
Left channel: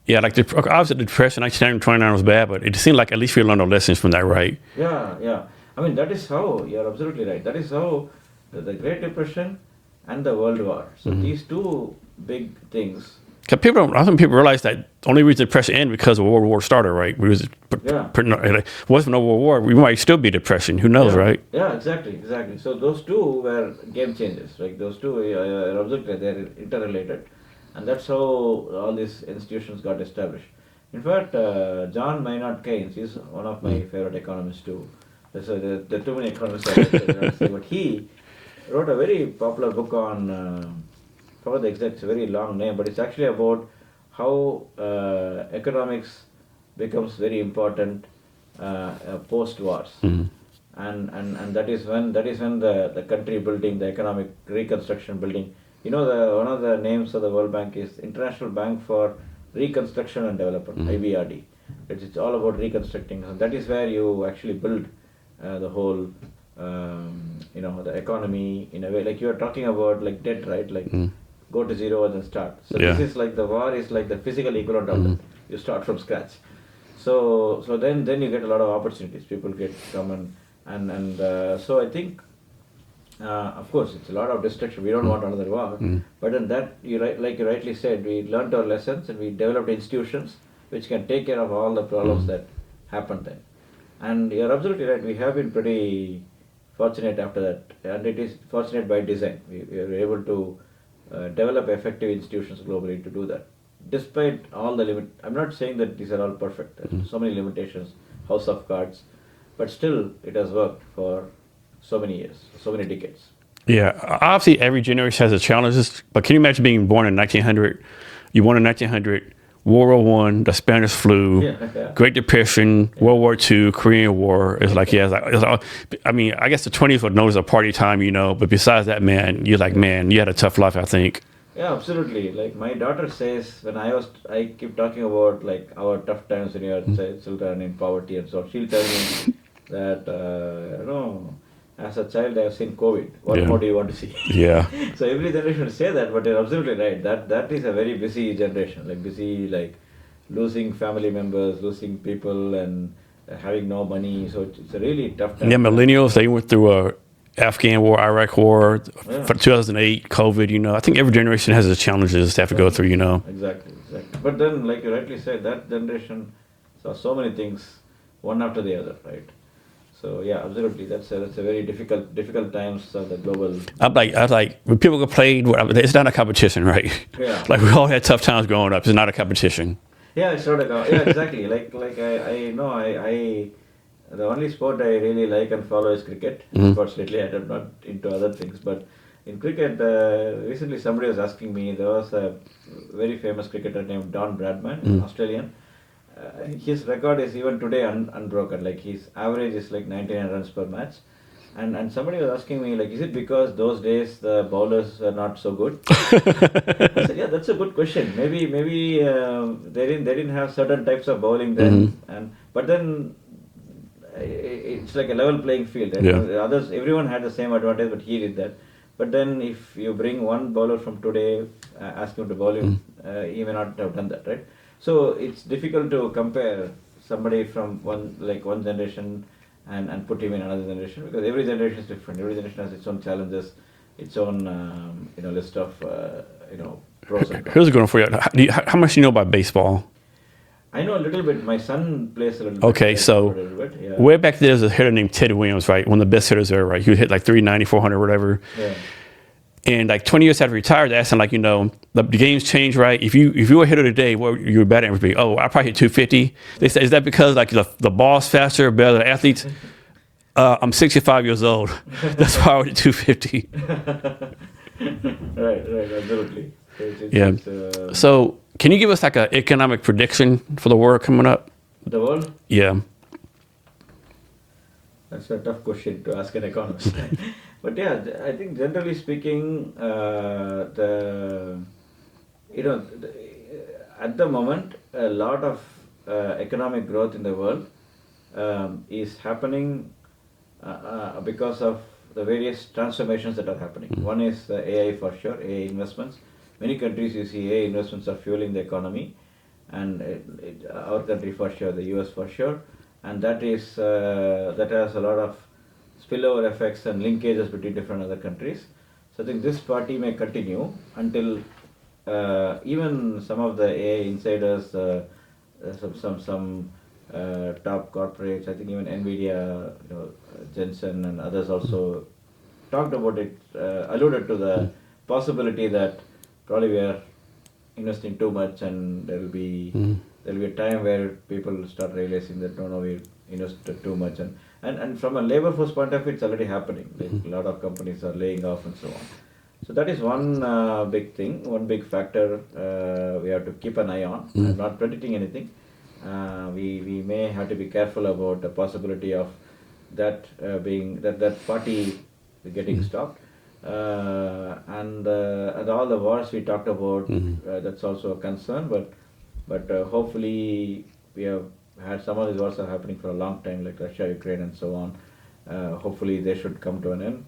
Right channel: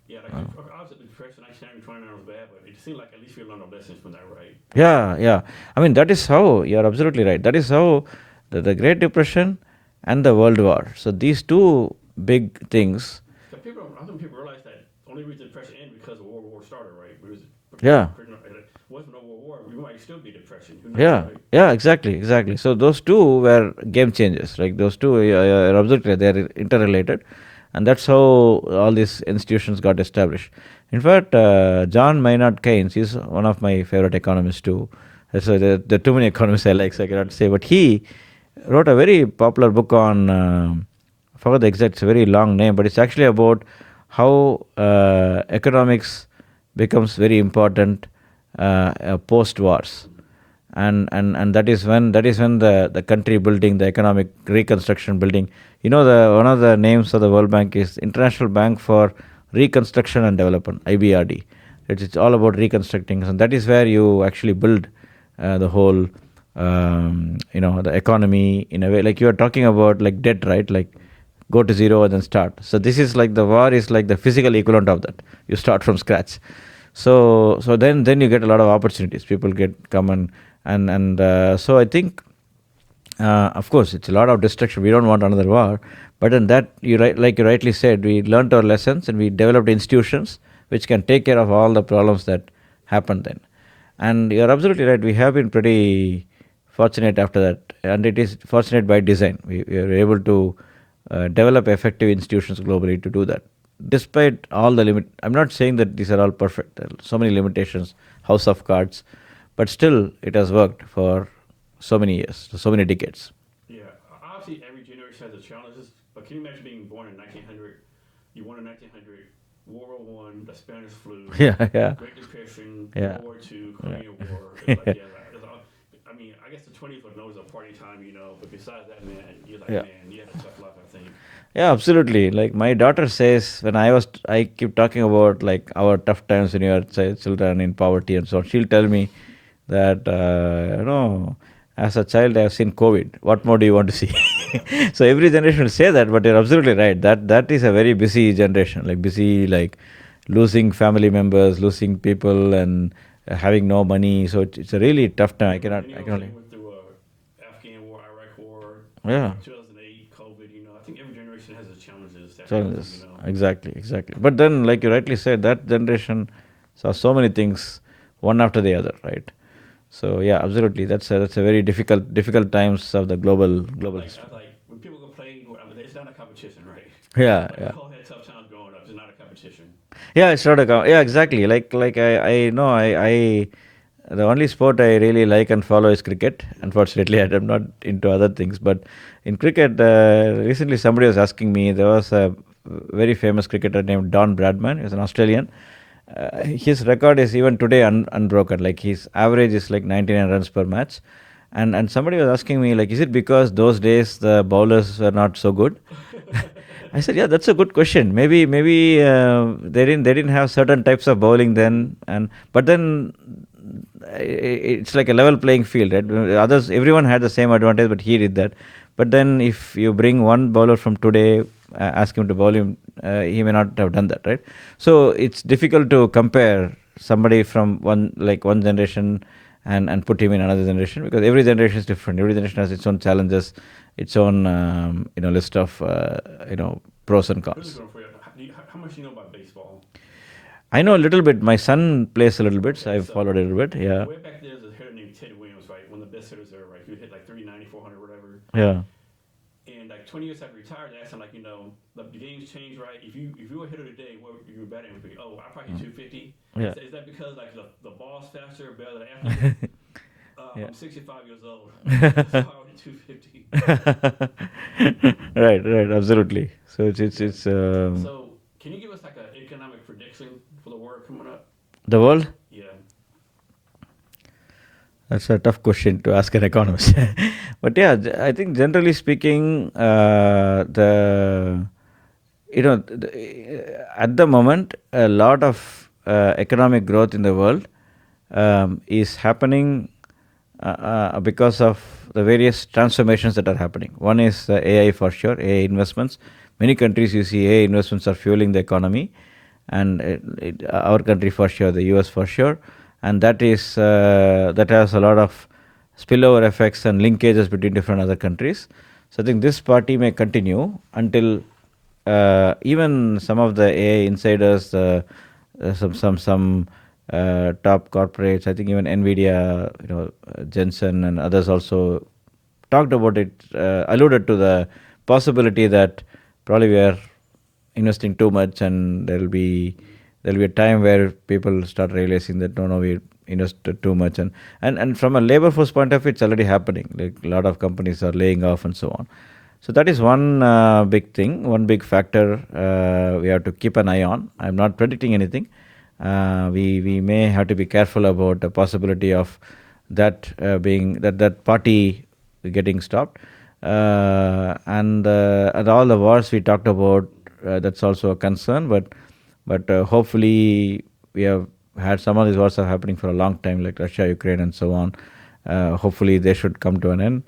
Yeah, like obviously the depression, 1929 was bad, but it seemed like at least we learned our lessons from that, right? Yeah. I mean, that is how, you're absolutely right. That is how the Great Depression and the World War. So these two big things. I think people realize that the only reason the depression ended because World War started, right? Wasn't no World War, we might still be depression. Who knows, right? Yeah, exactly. So those two were game changers. Like those two are absolutely, they are interrelated, and that's how all these institutions got established. In fact, John Maynard Keynes is one of my favorite economists too. So there are too many economists I like, so I cannot say, but he wrote a very popular book on. Forgot the exact, it's a very long name, but it's actually about how economics becomes very important post wars, and that is when the country building, the economic reconstruction building. One of the names of the World Bank is International Bank for Reconstruction and Development, IBRD. It's all about reconstructing, and that is where you actually build the whole the economy in a way. Like you are talking about like debt, right? Like. Go to zero and then start. So this is like the war is like the physical equivalent of that. You start from scratch. So then you get a lot of opportunities. People come and so I think, of course, it's a lot of destruction. We don't want another war. But in that, like you rightly said, we learned our lessons and we developed institutions which can take care of all the problems that happened then. And you're absolutely right. We have been pretty fortunate after that, and it is fortunate by design. We are able to develop effective institutions globally to do that. Despite all the I'm not saying that these are all perfect. There are so many limitations, house of cards, but still it has worked for so many years, so many decades. Yeah, obviously every generation has its challenges, but can you imagine being born in 1900? You born in 1900, World War I, the Spanish flu, Great Depression, World War II, Korean War. It's like, I mean, I guess the 20s were known as a party time, but besides that, man, you're like, man, you had a tough life, I think. Yeah, absolutely. Like my daughter says, when I keep talking about like our tough times when you are children in poverty and so on, she'll tell me that, as a child, I have seen COVID. What more do you want to see? Yeah. So every generation will say that, but you're absolutely right. That is a very busy generation, like losing family members, losing people, and having no money. So it's a really tough time. Yeah, millennials, they went through Afghan war, Iraq war, for 2008, COVID, I think every generation has its challenges they have to go through, Exactly. But then, like you rightly said, that generation saw so many things, one after the other, right? So yeah, absolutely. That's a very difficult times of the global. I was like, when people complain, it's not a competition, right? Yeah. Like we all had tough times growing up. It's not a competition. Yeah, it's not yeah, exactly. Like I know the only sport I really like and follow is cricket. Unfortunately, I'm not into other things. But in cricket, recently somebody was asking me. There was a very famous cricketer named Don Bradman. He's an Australian. His record is even today unbroken. Like his average is like 99 runs per match. And somebody was asking me, like, is it because those days the bowlers were not so good? I said, yeah, that's a good question. Maybe they didn't have certain types of bowling then, but then it's like a level playing field. Right? Yeah. Everyone had the same advantage, but he did that. But then if you bring one bowler from today, ask him to bowl him, he may not have done that, right? So it's difficult to compare somebody from one generation and put him in another generation, because every generation is different. Every generation has its own challenges, its own list of pros and cons. Here's a good one for you. How much do you know about baseball? I know a little bit. My son plays a little bit. Okay, so a little bit, yeah. Way back there was a hitter named Ted Williams, right? One of the best hitters there, right? He would hit like 390, 400, whatever. Yeah. And like 20 years after he retired, they asked him, like, the game's changed, right? If you were a hitter today, what your batting average would be? Oh, I probably hit 250. They said, is that because like the ball's faster, better than athletes? I'm 65 years old. That's why I would hit 250. Right, absolutely. So it's So can you give us like an economic prediction for the world coming up? The world? Yeah. That's a tough question to ask an economist. But yeah, I think generally speaking, at the moment, a lot of economic growth in the world is happening because of the various transformations that are happening. One is AI for sure, AI investments. Many countries you see AI investments are fueling the economy, and our country for sure, the US for sure. And that has a lot of spillover effects and linkages between different other countries. So I think this party may continue until even some of the AI insiders, some top corporates, I think even NVIDIA, Jensen and others also talked about it, alluded to the possibility that probably we are investing too much, and there'll be a time where people start realizing that no, we invested too much, and from a labor force point of view, it's already happening. Like a lot of companies are laying off and so on. So that is one big thing, one big factor we have to keep an eye on. I'm not predicting anything. We may have to be careful about the possibility of that being that party getting stopped. And all the wars we talked about, that's also a concern. But hopefully we have had some of these wars are happening for a long time, like Russia, Ukraine, and so on. Hopefully they should come to an end,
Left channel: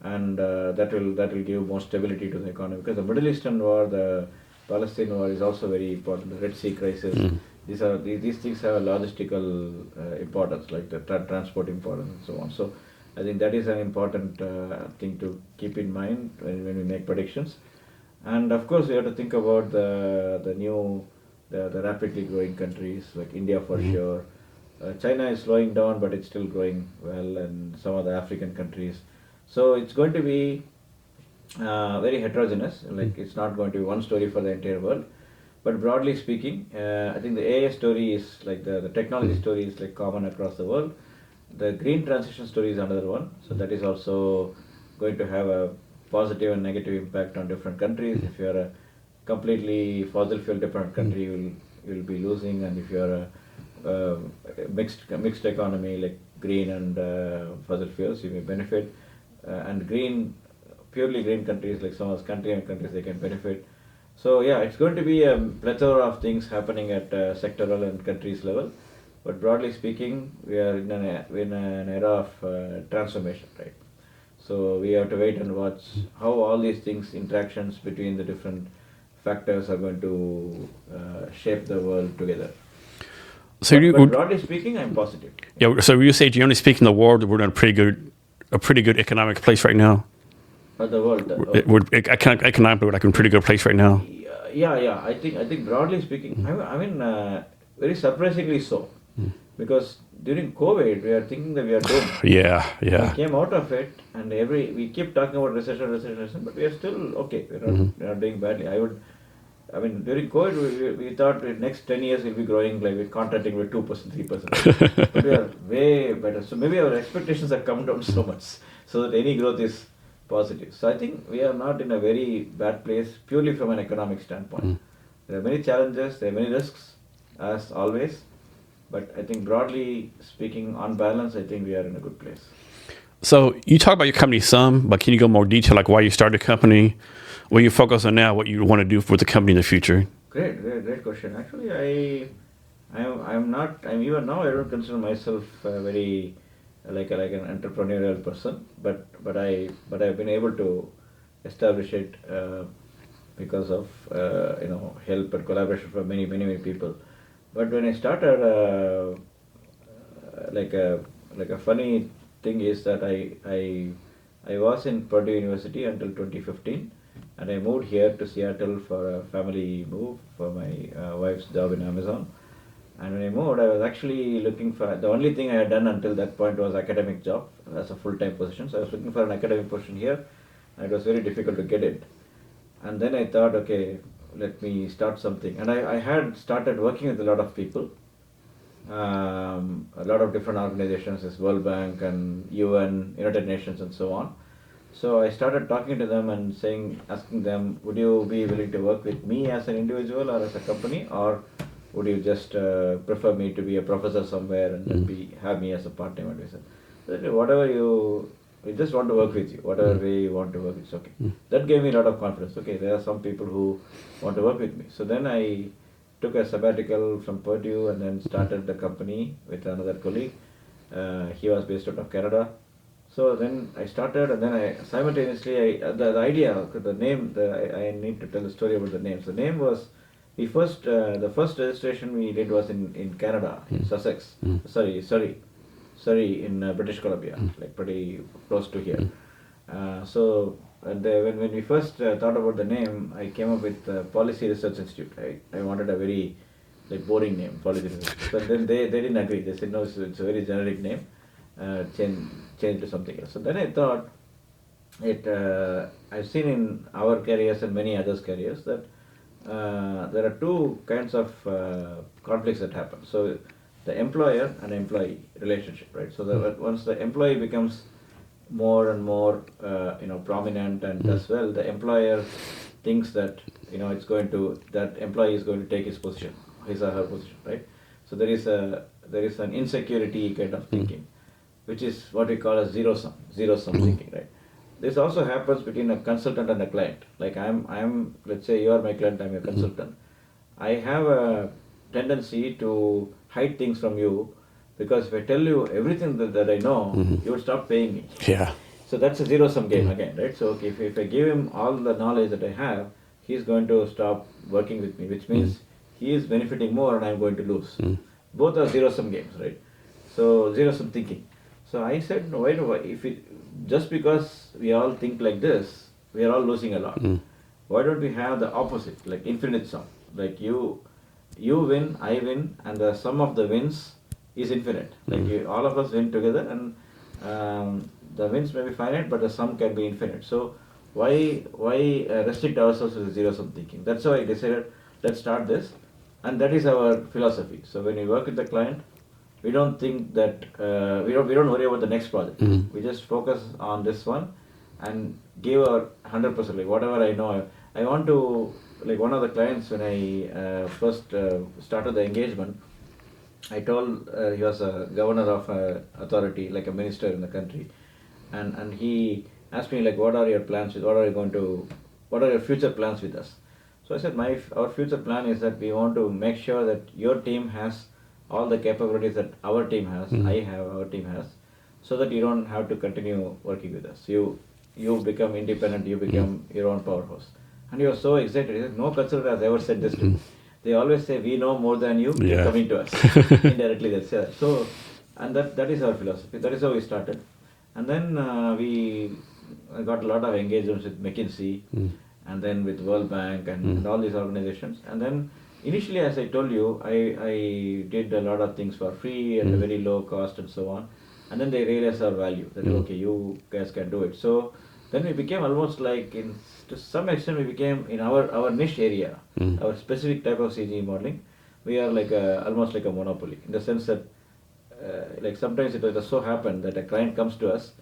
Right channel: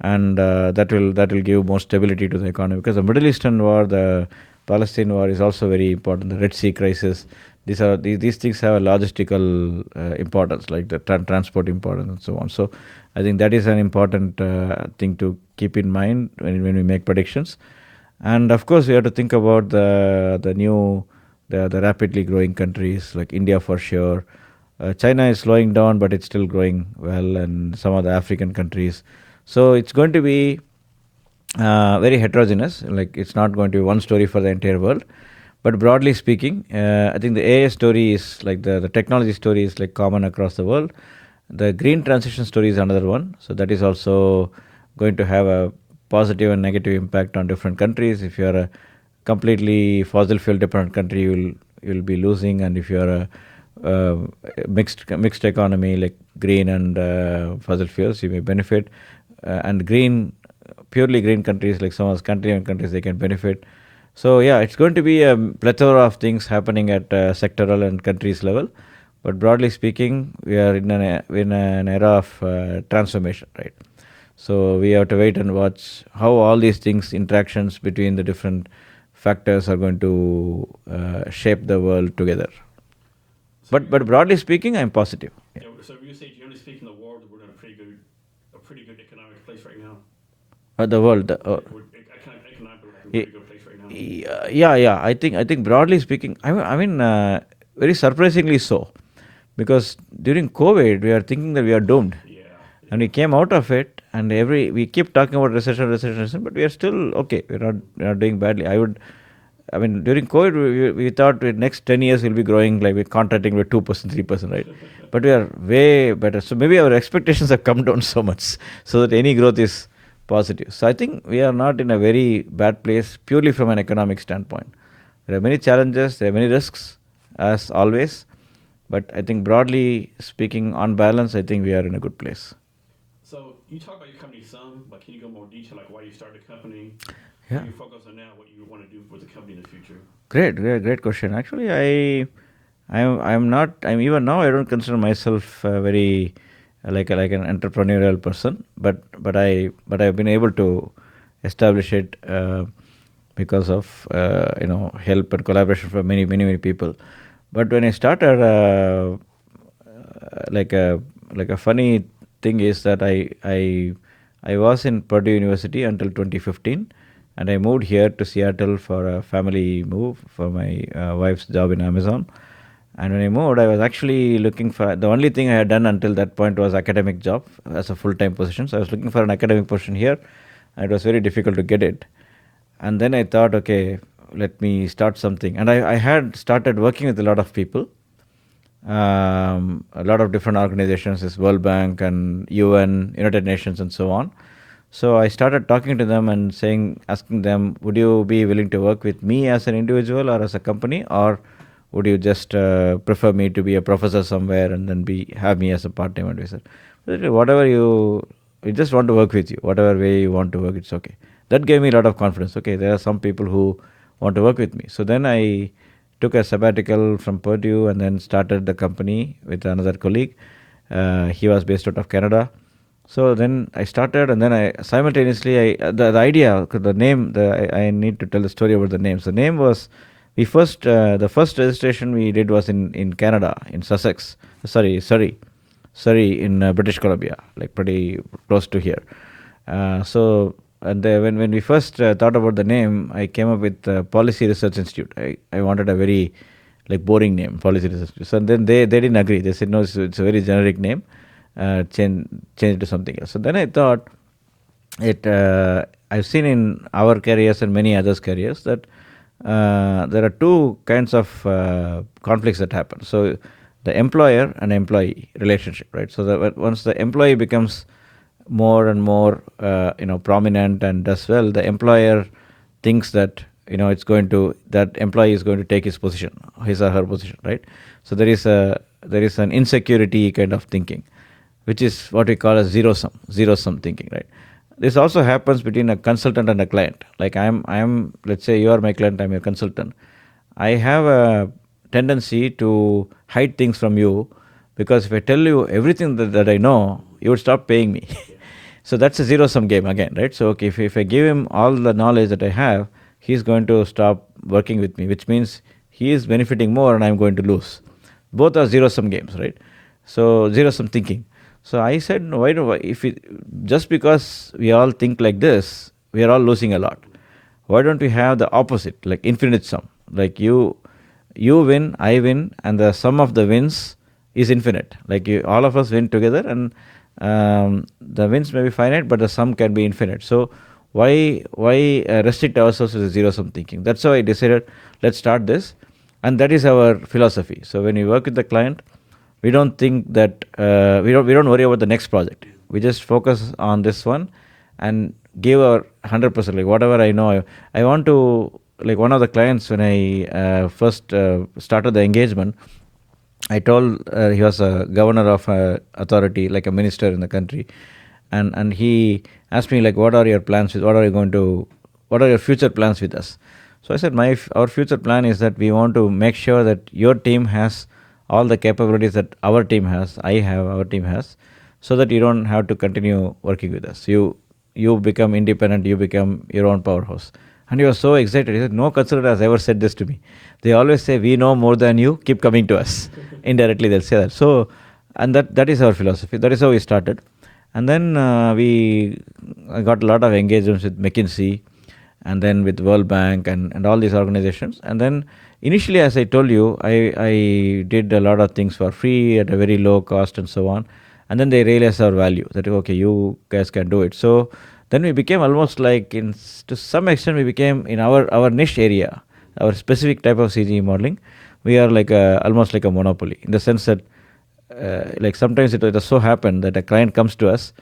and that will give more stability to the economy. Because the Middle Eastern war, the Palestine war is also very important. The Red Sea crisis, these things have a logistical importance, like the transport importance and so on. So I think that is an important thing to keep in mind when we make predictions. And of course, we have to think about the rapidly growing countries like India for sure. China is slowing down, but it's still growing well, and some of the African countries. So it's going to be very heterogeneous. Like it's not going to be one story for the entire world. But broadly speaking, I think the AI story is like the technology story is like common across the world. The green transition story is another one. So that is also going to have a positive and negative impact on different countries. If you are a completely fossil fuel dependent country, you'll be losing, and if you are a mixed economy like green and fossil fuels, you may benefit. And purely green countries like some of the Scandinavian countries, they can benefit. So yeah, it's going to be a plethora of things happening at sectoral and countries level. But broadly speaking, we are in an era of transformation, right? So we have to wait and watch how all these things, interactions between the different factors, are going to shape the world together. So but broadly speaking, I'm positive. Yeah. So you say, generally speaking, the world, we're in a pretty good economic place right now. The world. We're economically, we're like in a pretty good place right now. Yeah. I think broadly speaking, I mean, very surprisingly so, because during COVID we are thinking that we are doomed. Yeah. We came out of it, and we keep talking about recession, but we are still okay. We're not doing badly. I mean, during COVID, we thought the next 10 years we'll be growing, like we're contracting with 2%, 3%, right? But we are way better. So maybe our expectations have come down so much, so that any growth is positive. So I think we are not in a very bad place purely from an economic standpoint. There are many challenges, there are many risks, as always. But I think broadly speaking, on balance, I think we are in a good place. So you talk about your company some, but can you go more detail, like why you started the company, what you focus on now, what you want to do with the company in the future? Great question. Actually, I'm not. Even now I don't consider myself very like an entrepreneurial person, but I've been able to establish it because of help and collaboration from many people. But when I started, like a funny thing is that I was in Purdue University until 2015, and I moved here to Seattle for a family move for my wife's job in Amazon. And when I moved, I was actually looking for, the only thing I had done until that point was academic job as a full-time position. So I was looking for an academic position here, and it was very difficult to get it. And then I thought, okay, let me start something. And I had started working with a lot of people, a lot of different organizations, this World Bank and UN, United Nations, and so on. So I started talking to them and asking them, would you be willing to work with me as an individual or as a company, or would you just prefer me to be a professor somewhere and then have me as a part-time advisor? Whatever we just want to work with you. Whatever way you want to work, it's okay. That gave me a lot of confidence. Okay, there are some people who want to work with me. So then I took a sabbatical from Purdue and then started the company with another colleague. He was based out of Canada. So then I started, and then I simultaneously, the idea, the name, I need to tell the story about the name. So the name was, the first registration we did was in Canada, in Sussex. Surrey in British Columbia, like pretty close to here. So when we first thought about the name, I came up with Policy Research Institute. I wanted a very boring name, Policy Research. So then they didn't agree. They said no, it's a very generic name. Change it to something else. So then I thought, I've seen in our careers and many others' careers that there are two kinds of conflicts that happen. So the employer and employee relationship, right? So once the employee becomes more and more prominent and does well, the employer thinks that that employee is going to take his position, his or her position, right? So there is an insecurity kind of thinking, which is what we call a zero sum thinking, right? This also happens between a consultant and a client. Like I'm let's say you are my client, I'm your consultant. I have a tendency to hide things from you, because if I tell you everything that I know, you would stop paying me. Yeah. So that's a zero-sum game again, right? So if I give him all the knowledge that I have, he's going to stop working with me, which means he is benefiting more and I'm going to lose. Both are zero-sum games, right? So zero-sum thinking. So I said, no, just because we all think like this, we are all losing a lot. Why don't we have the opposite, like infinite sum? Like you win, I win, and the sum of the wins is infinite. Like all of us win together, and the wins may be finite, but the sum can be infinite. So why restrict ourselves to the zero-sum thinking? That's why I decided, let's start this, and that is our philosophy. So when we work with the client, we don't think that we don't worry about the next project. We just focus on this one and give our 100%. Like whatever I know, I want to, like one of the clients, when I first started the engagement, I told he was a governor of a authority, like a minister in the country, and he asked me, like, what are your plans with, what are your future plans with us? So I said, our future plan is that we want to make sure that your team has all the capabilities that our team has, our team has, so that you don't have to continue working with us. You become independent, you become your own powerhouse. And he was so excited. He said, no consultant has ever said this to me. They always say, we know more than you, keep coming to us. Indirectly they'll say that. So, and that is our philosophy. That is how we started. And then I got a lot of engagements with McKinsey, and then with World Bank and all these organizations. And then initially, as I told you, I did a lot of things for free at a very low cost and so on. And then they realized our value, that okay, you guys can do it. So then we became almost like, to some extent, we became in our niche area, our specific type of CGE modeling, we are like almost like a monopoly, in the sense that like sometimes it has so happened that a client comes to us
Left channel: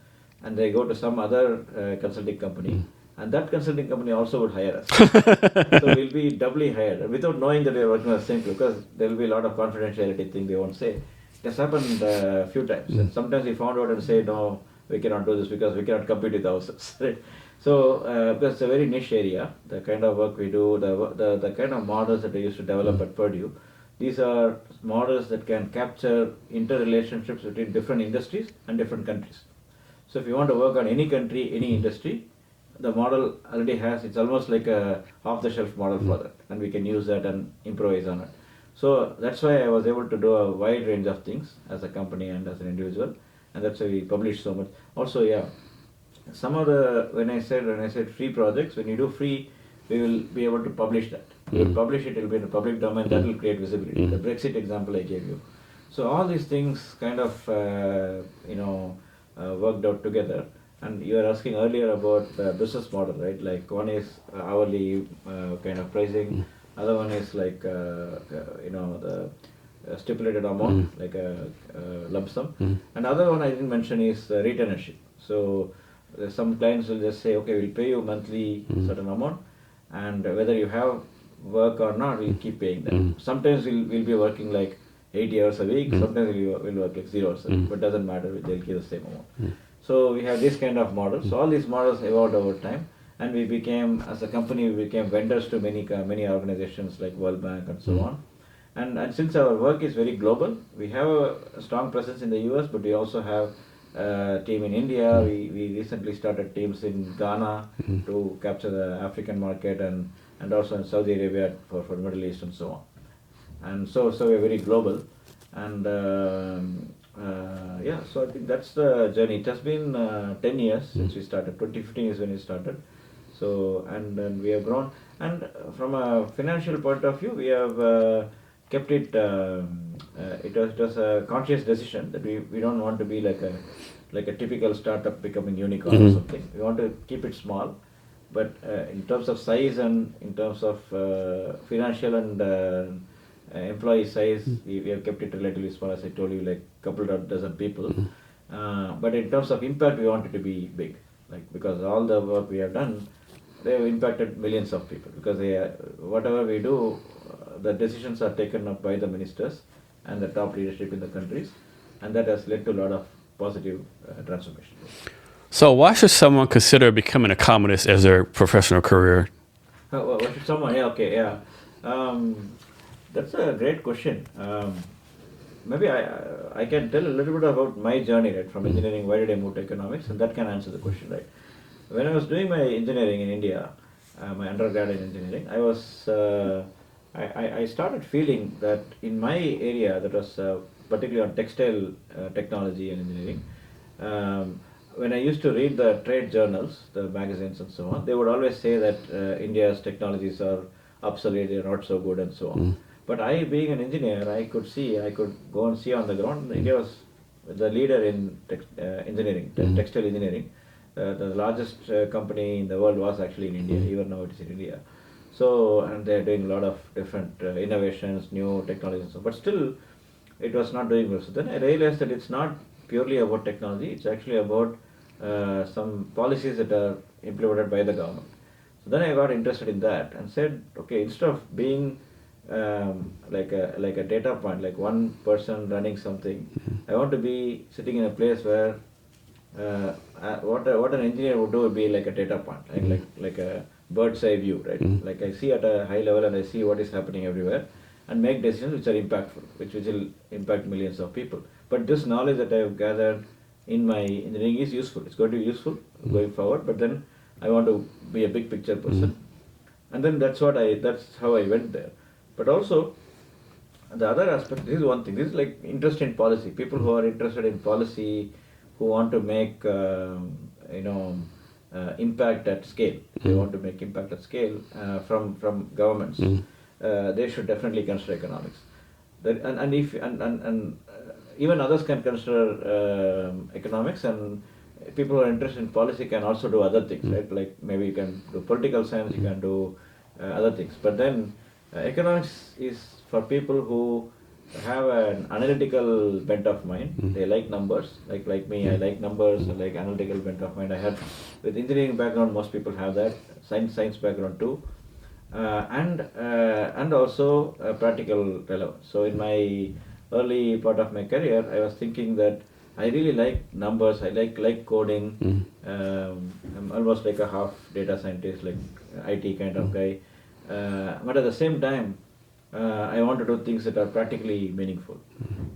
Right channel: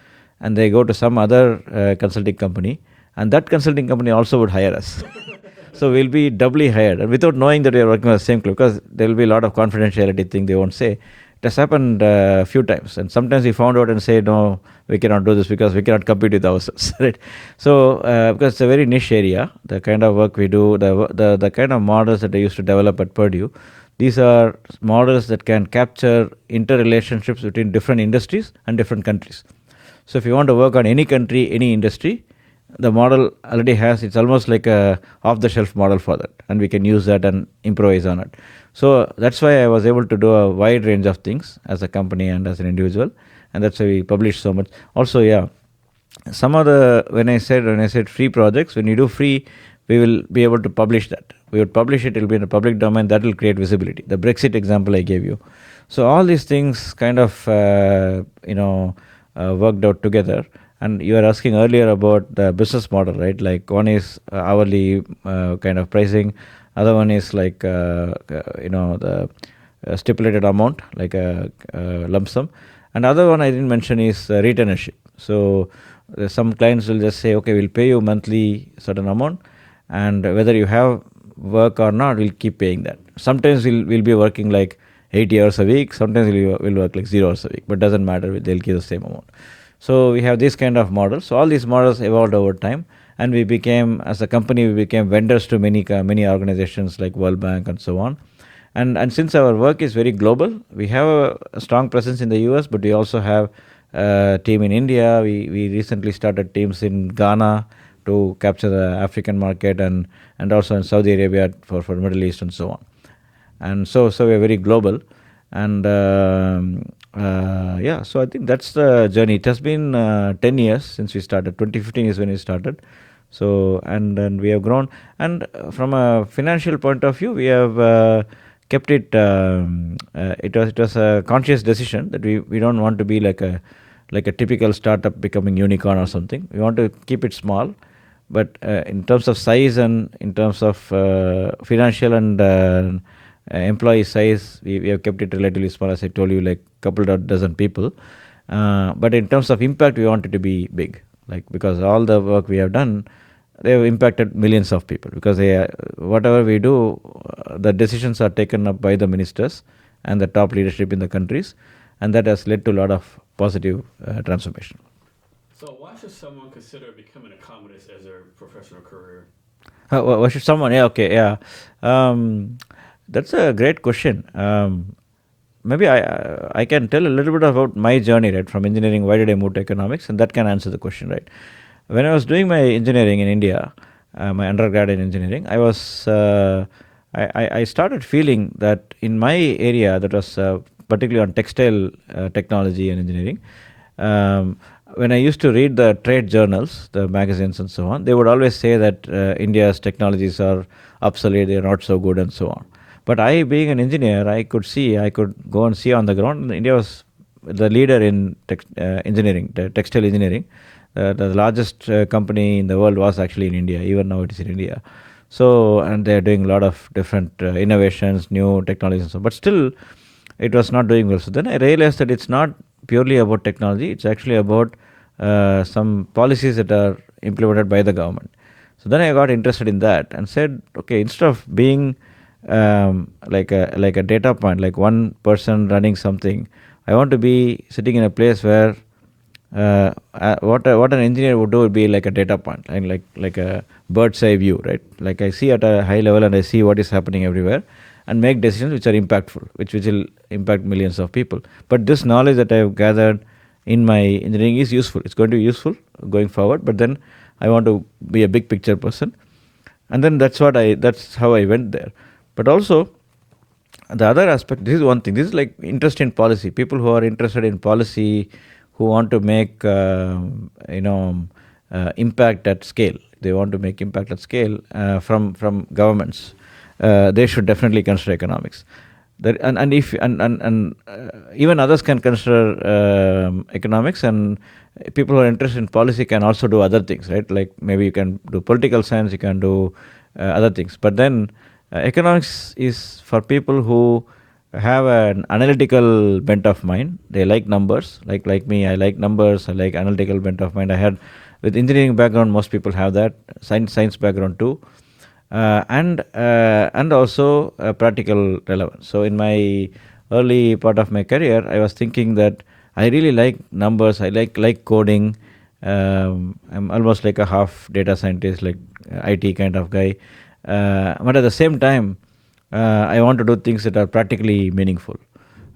and they go to some other consulting company, and that consulting company also would hire us. So we'll be doubly hired, and without knowing that we are working on the same club, because there will be a lot of confidentiality thing they won't say. It has happened a few times, and sometimes we found out and say, no, we cannot do this because we cannot compete with ourselves, right? So because it's a very niche area, the kind of work we do, the kind of models that I used to develop at Purdue, these are models that can capture interrelationships between different industries and different countries. So if you want to work on any country, any industry, the model already has, it's almost like a off-the-shelf model for that, and we can use that and improvise on it. So that's why I was able to do a wide range of things as a company and as an individual, and that's why we publish so much. Also, some of the, when I said free projects, when you do free, we will be able to publish that. We will publish it, it will be in the public domain, that will create visibility. The Brexit example I gave you. So all these things kind of, worked out together. And you were asking earlier about the business model, right? Like one is hourly kind of pricing. Other one is like, the stipulated amount, like a lump sum. And other one I didn't mention is retainership. So some clients will just say, okay, we'll pay you monthly certain amount, and whether you have work or not, we'll keep paying them. Sometimes we'll be working like 80 hours a week. Sometimes we'll work like 0 hours a week, but doesn't matter. They'll give the same amount. So we have this kind of models. So all these models evolved over time, and we became, as a company, we became vendors to many organizations like World Bank and so on. And since our work is very global, we have a strong presence in the US, but we also have a team in India. We recently started teams in Ghana to capture the African market, and also in Saudi Arabia for Middle East and so on. And so we're very global. And so I think that's the journey. It has been 10 years since we started. 2015 is when we started. So, and then we have grown. And from a financial point of view, we have kept it, it was a conscious decision that we don't want to be like a typical startup becoming unicorn or something. We want to keep it small. But in terms of size and in terms of financial and employee size, we have kept it relatively small, as I told you, like couple of dozen people. But in terms of impact, we want it to be big, like, because all the work we have done, they have impacted millions of people, because whatever we do, the decisions are taken up by the ministers and the top leadership in the countries, and that has led to a lot of positive transformation. So why should someone consider becoming an economist as their professional career? Why should someone? That's a great question. Maybe I can tell a little bit about my journey, right, from engineering. Why did I move to economics? And that can answer the question, right? When I was doing my engineering in India, my undergrad in engineering, I was I started feeling that in my area, that was particularly on textile technology and engineering, when I used to read the trade journals, the magazines and so on, they would always say that India's technologies are obsolete, they are not so good and so on. But I, being an engineer, I could go and see on the ground. India was the leader in engineering, textile engineering. The largest company in the world was actually in India. Even now it is in India. So, and they're doing a lot of different innovations, new technologies and so on. But still, it was not doing well. So then I realized that it's not purely about technology. It's actually about some policies that are implemented by the government. So then I got interested in that and said, okay, instead of being like a data point, like one person running something, I want to be sitting in a place where what an engineer would do would be like a data point, and like a bird's eye view, right? Like I see at a high level and I see what is happening everywhere, and make decisions which are impactful, which will impact millions of people. But this knowledge that I have gathered in my engineering is useful. It's going to be useful going forward. But then I want to be a big picture person, and then that's how I went there. But also, the other aspect, this is one thing. This is like interest in policy. People who are interested in policy, who want to make impact at scale. They want to make impact at scale from governments. They should definitely consider economics. Even others can consider economics, and people who are interested in policy can also do other things, right? Like maybe you can do political science, you can do other things. But then economics is for people who have an analytical bent of mind. They like numbers, like me. I like numbers. I like analytical bent of mind. I had, with engineering background, most people have that. Science background too, and also practical relevance. So in my early part of my career, I was thinking that I really like numbers. I like coding. I'm almost like a half data scientist, like IT kind of guy. But at the same time, I want to do things that are practically meaningful.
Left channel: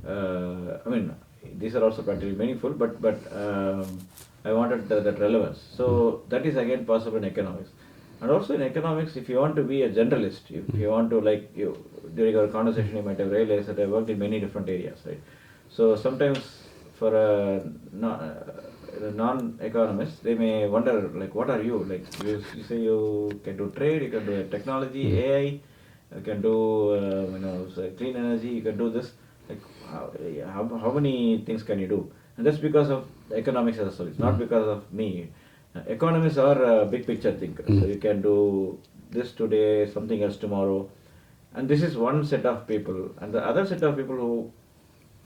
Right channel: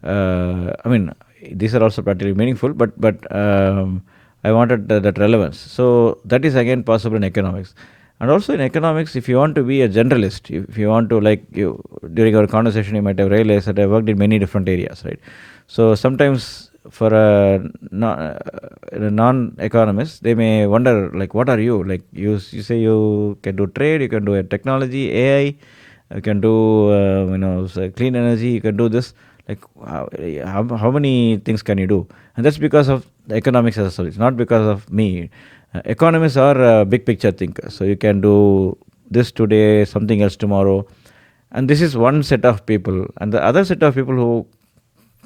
I mean, these are also practically meaningful, but I wanted that relevance. So that is again possible in economics. And also in economics, if you want to be a generalist, if you want to, during our conversation, you might have realized that I worked in many different areas, right? So sometimes for a non-economist, they may wonder, like, what are you? Like, you say you can do trade, you can do technology, AI, you can do clean energy, you can do this. Like, how many things can you do? And that's because of the economics as a whole. It's not because of me. Economists are big picture thinkers. So you can do this today, something else tomorrow. And this is one set of people. And the other set of people who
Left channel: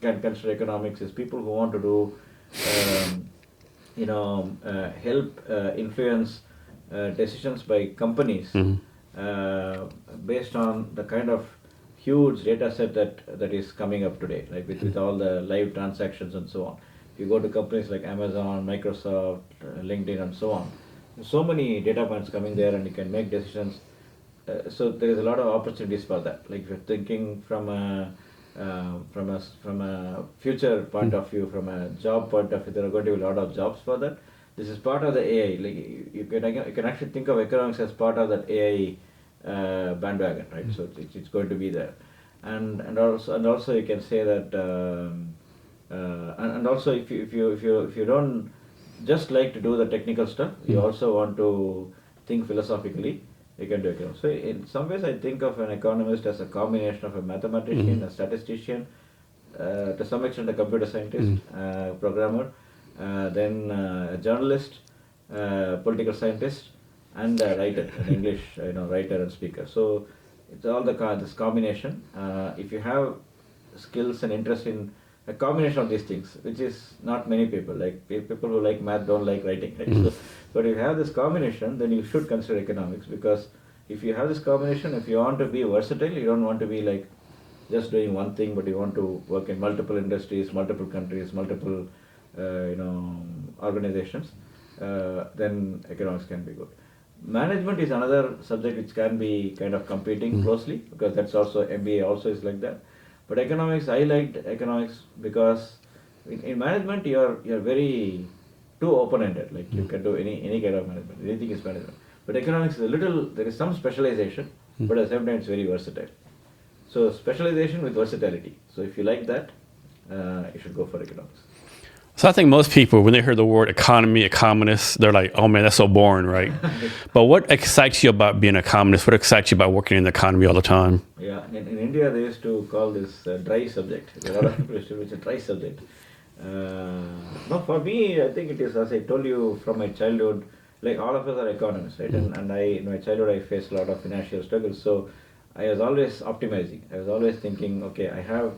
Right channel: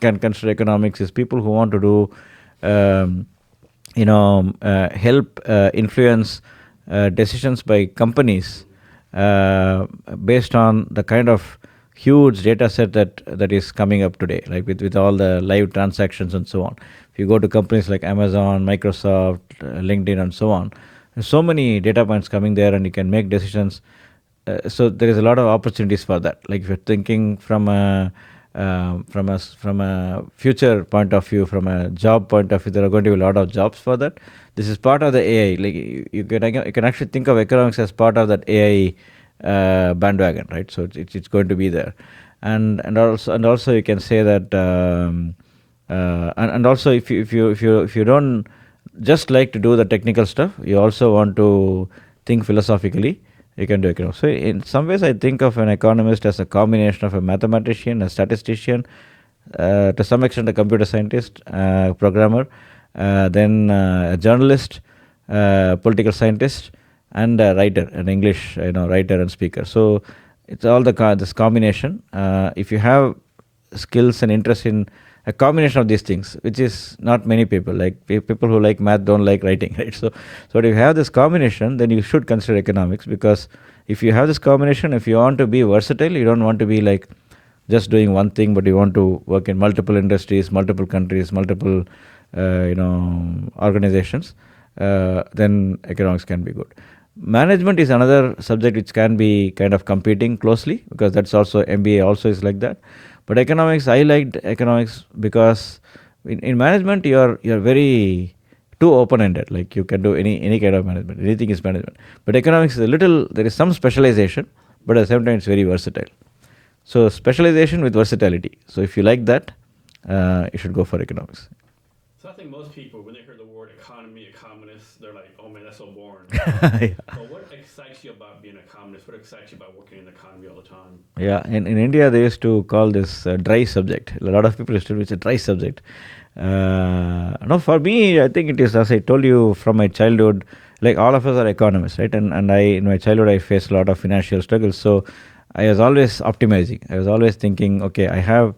can consider economics is people who want to do, help influence decisions by companies based on the kind of huge data set that is coming up today, like with all the live transactions and so on. If you go to companies like Amazon, Microsoft, LinkedIn, and so on, there's so many data points coming there, and you can make decisions. So there is a lot of opportunities for that. Like if you're thinking from a future point of view, from a job point of view, there are going to be a lot of jobs for that. This is part of the AI. Like you can actually think of economics as part of that AI bandwagon, right? So it's going to be there, and also you can say that, and also if you don't just like to do the technical stuff, you also want to think philosophically, you can do economics. So in some ways, I think of an economist as a combination of a mathematician, a statistician, to some extent a computer scientist, programmer, then a journalist, political scientist, and a writer, an English writer and speaker. So it's all this combination. If you have skills and interest in a combination of these things, which is not many people, like people who like math don't like writing, right? So if you have this combination, then you should consider economics, because if you have this combination, if you want to be versatile, you don't want to be like just doing one thing, but you want to work in multiple industries, multiple countries, multiple organizations, then economics can be good. Management is another subject which can be kind of competing closely, because that's also, MBA also is like that. But economics, I liked economics because in management you're very too open-ended. Like you can do any kind of management. Anything is management. But economics is there is some specialization. but at the same time it's very versatile. So specialization with versatility. So if you like that, you should go for economics. So I think most people, when they hear the word economy, economist, they're like, oh man, that's so boring, right? But what excites you about being an economist? What excites you about working in the economy all the time? Yeah, in India they used to call this dry subject. A lot of people used to do it's a dry subject. No, for me, I think it is, as I told you, from my childhood, like all of us are economists, right? And I, in my childhood, I faced a lot of financial struggles. So I was always optimizing. I was always thinking, okay, I have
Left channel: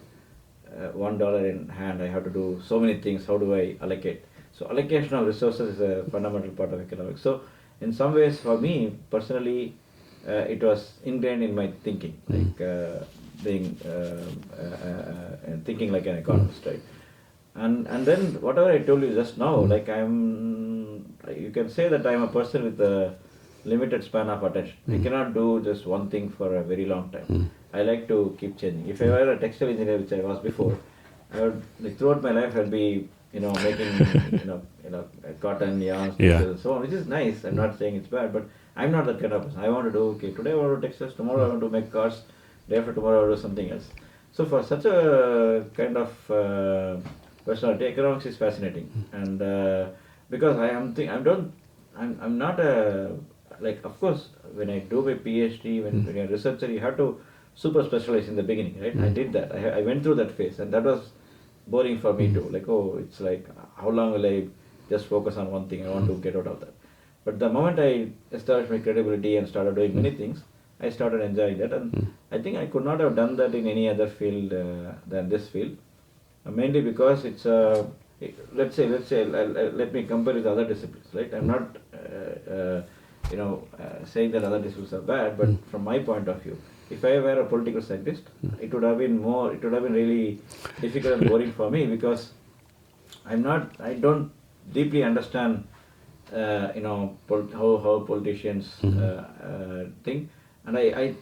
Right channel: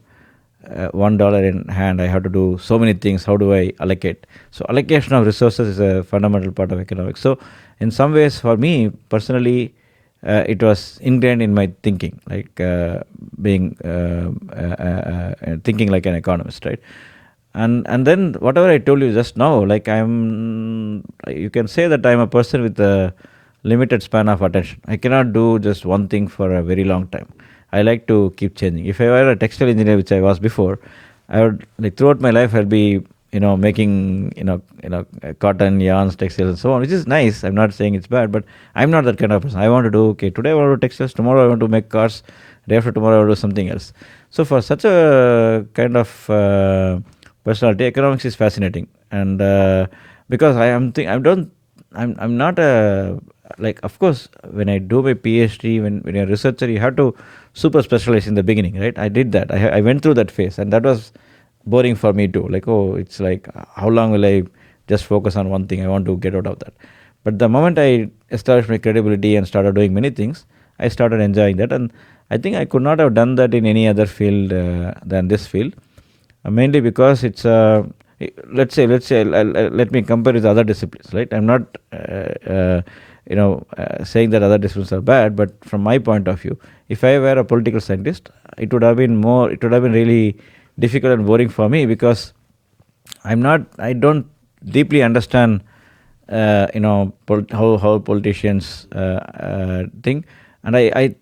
$1 in hand. I have to do so many things. How do I allocate? So allocation of resources is a fundamental part of economics. So in some ways, for me personally, it was ingrained in my thinking, like being thinking like an economist, right? And then whatever I told you just now, like you can say that I'm a person with a limited span of attention. I cannot do just one thing for a very long time. I like to keep changing. If I were a textile engineer, which I was before, I would, like, throughout my life I'd be making cotton yarns, textiles, and so on, which is nice. I'm not saying it's bad, but I'm not that kind of person. I want to do, okay, today I want to do textiles, tomorrow I want to make cars, day after tomorrow I want to do something else. So for such a kind of personality, economics is fascinating, and because I'm not a, like, of course, when I do my PhD, when you're a researcher, you have to super specialize in the beginning, right? I did that. I went through that phase, and that was boring for me too. Like, oh, it's like, how long will I just focus on one thing? I want to get out of that. But the moment I established my credibility and started doing many things, I started enjoying that, and I think I could not have done that in any other field than this field, mainly because it's let's say let me compare with other disciplines, right? I'm not saying that other disciplines are bad, but from my point of view, if I were a political scientist, it would have been really difficult and boring for me, because I don't deeply understand how politicians think, and I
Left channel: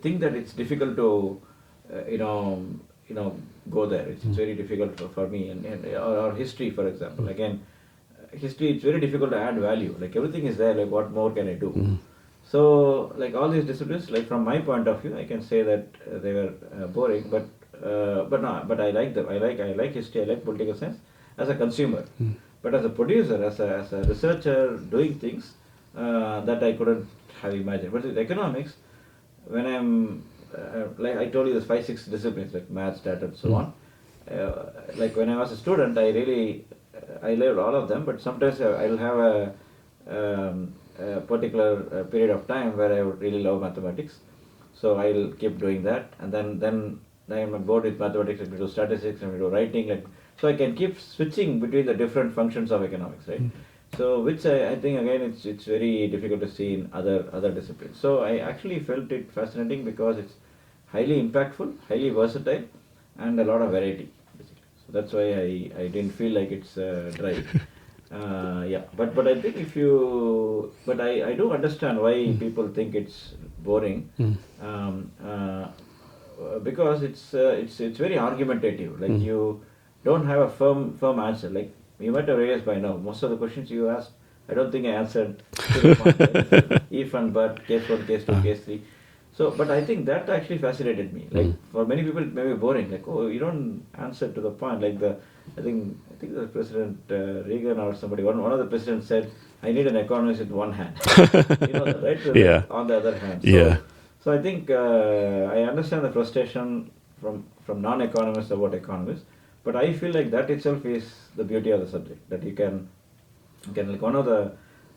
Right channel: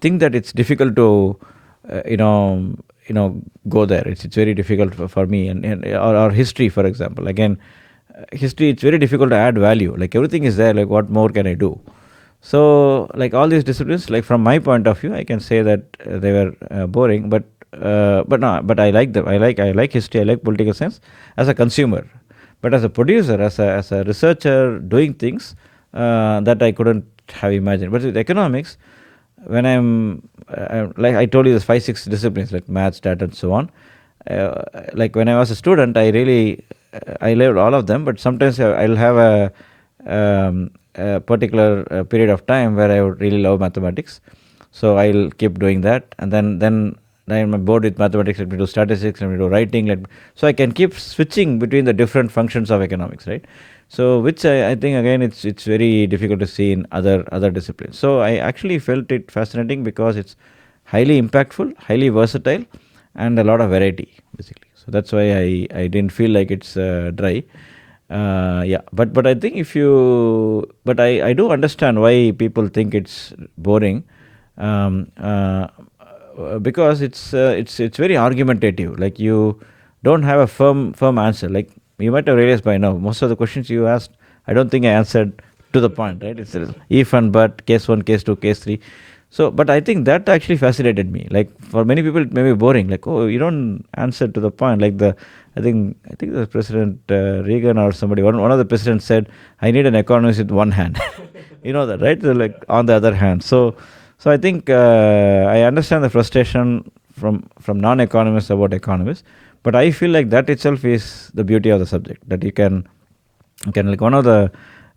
think that it's difficult to go there. It's very difficult for me, or history, for example. Again, history, it's very difficult to add value. Like, everything is there. Like, what more can I do? So, like, all these disciplines, like, from my point of view, I can say that they were boring, but I like them. I like history. I like political science as a consumer, but as a producer, as a researcher, doing things that I couldn't have imagined. But with economics, when I'm like I told you, there's 5-6 disciplines like maths, data, and so on. Like, when I was a student, I loved all of them, but sometimes I'll have a particular period of time where I would really love mathematics, so I'll keep doing that, and then I'm bored with mathematics. Let me do statistics, let me do writing, so I can keep switching between the different functions of economics, right? So, which I think, again, it's very difficult to see in other disciplines. So I actually felt it fascinating because it's highly impactful, highly versatile, and a lot of variety, basically. So that's why I didn't feel like it's dry. But I think I do understand why people think it's boring, because it's very argumentative. Like, you don't have a firm answer. Like, you might have realized by now, most of the questions you asked, I don't think I answered to the point. Right? It's if and but, case 1, case 2, case 3. So, but I think that actually fascinated me. Like, for many people, it may be boring. Like, oh, you don't answer to the point. Like, I think the President Reagan or somebody, one of the presidents said, I need an economist with one hand. You know that, right? So, like, on the other hand. So I think I understand the frustration from non-economists about economists, but I feel like that itself is the beauty of the subject, that you can like, one of the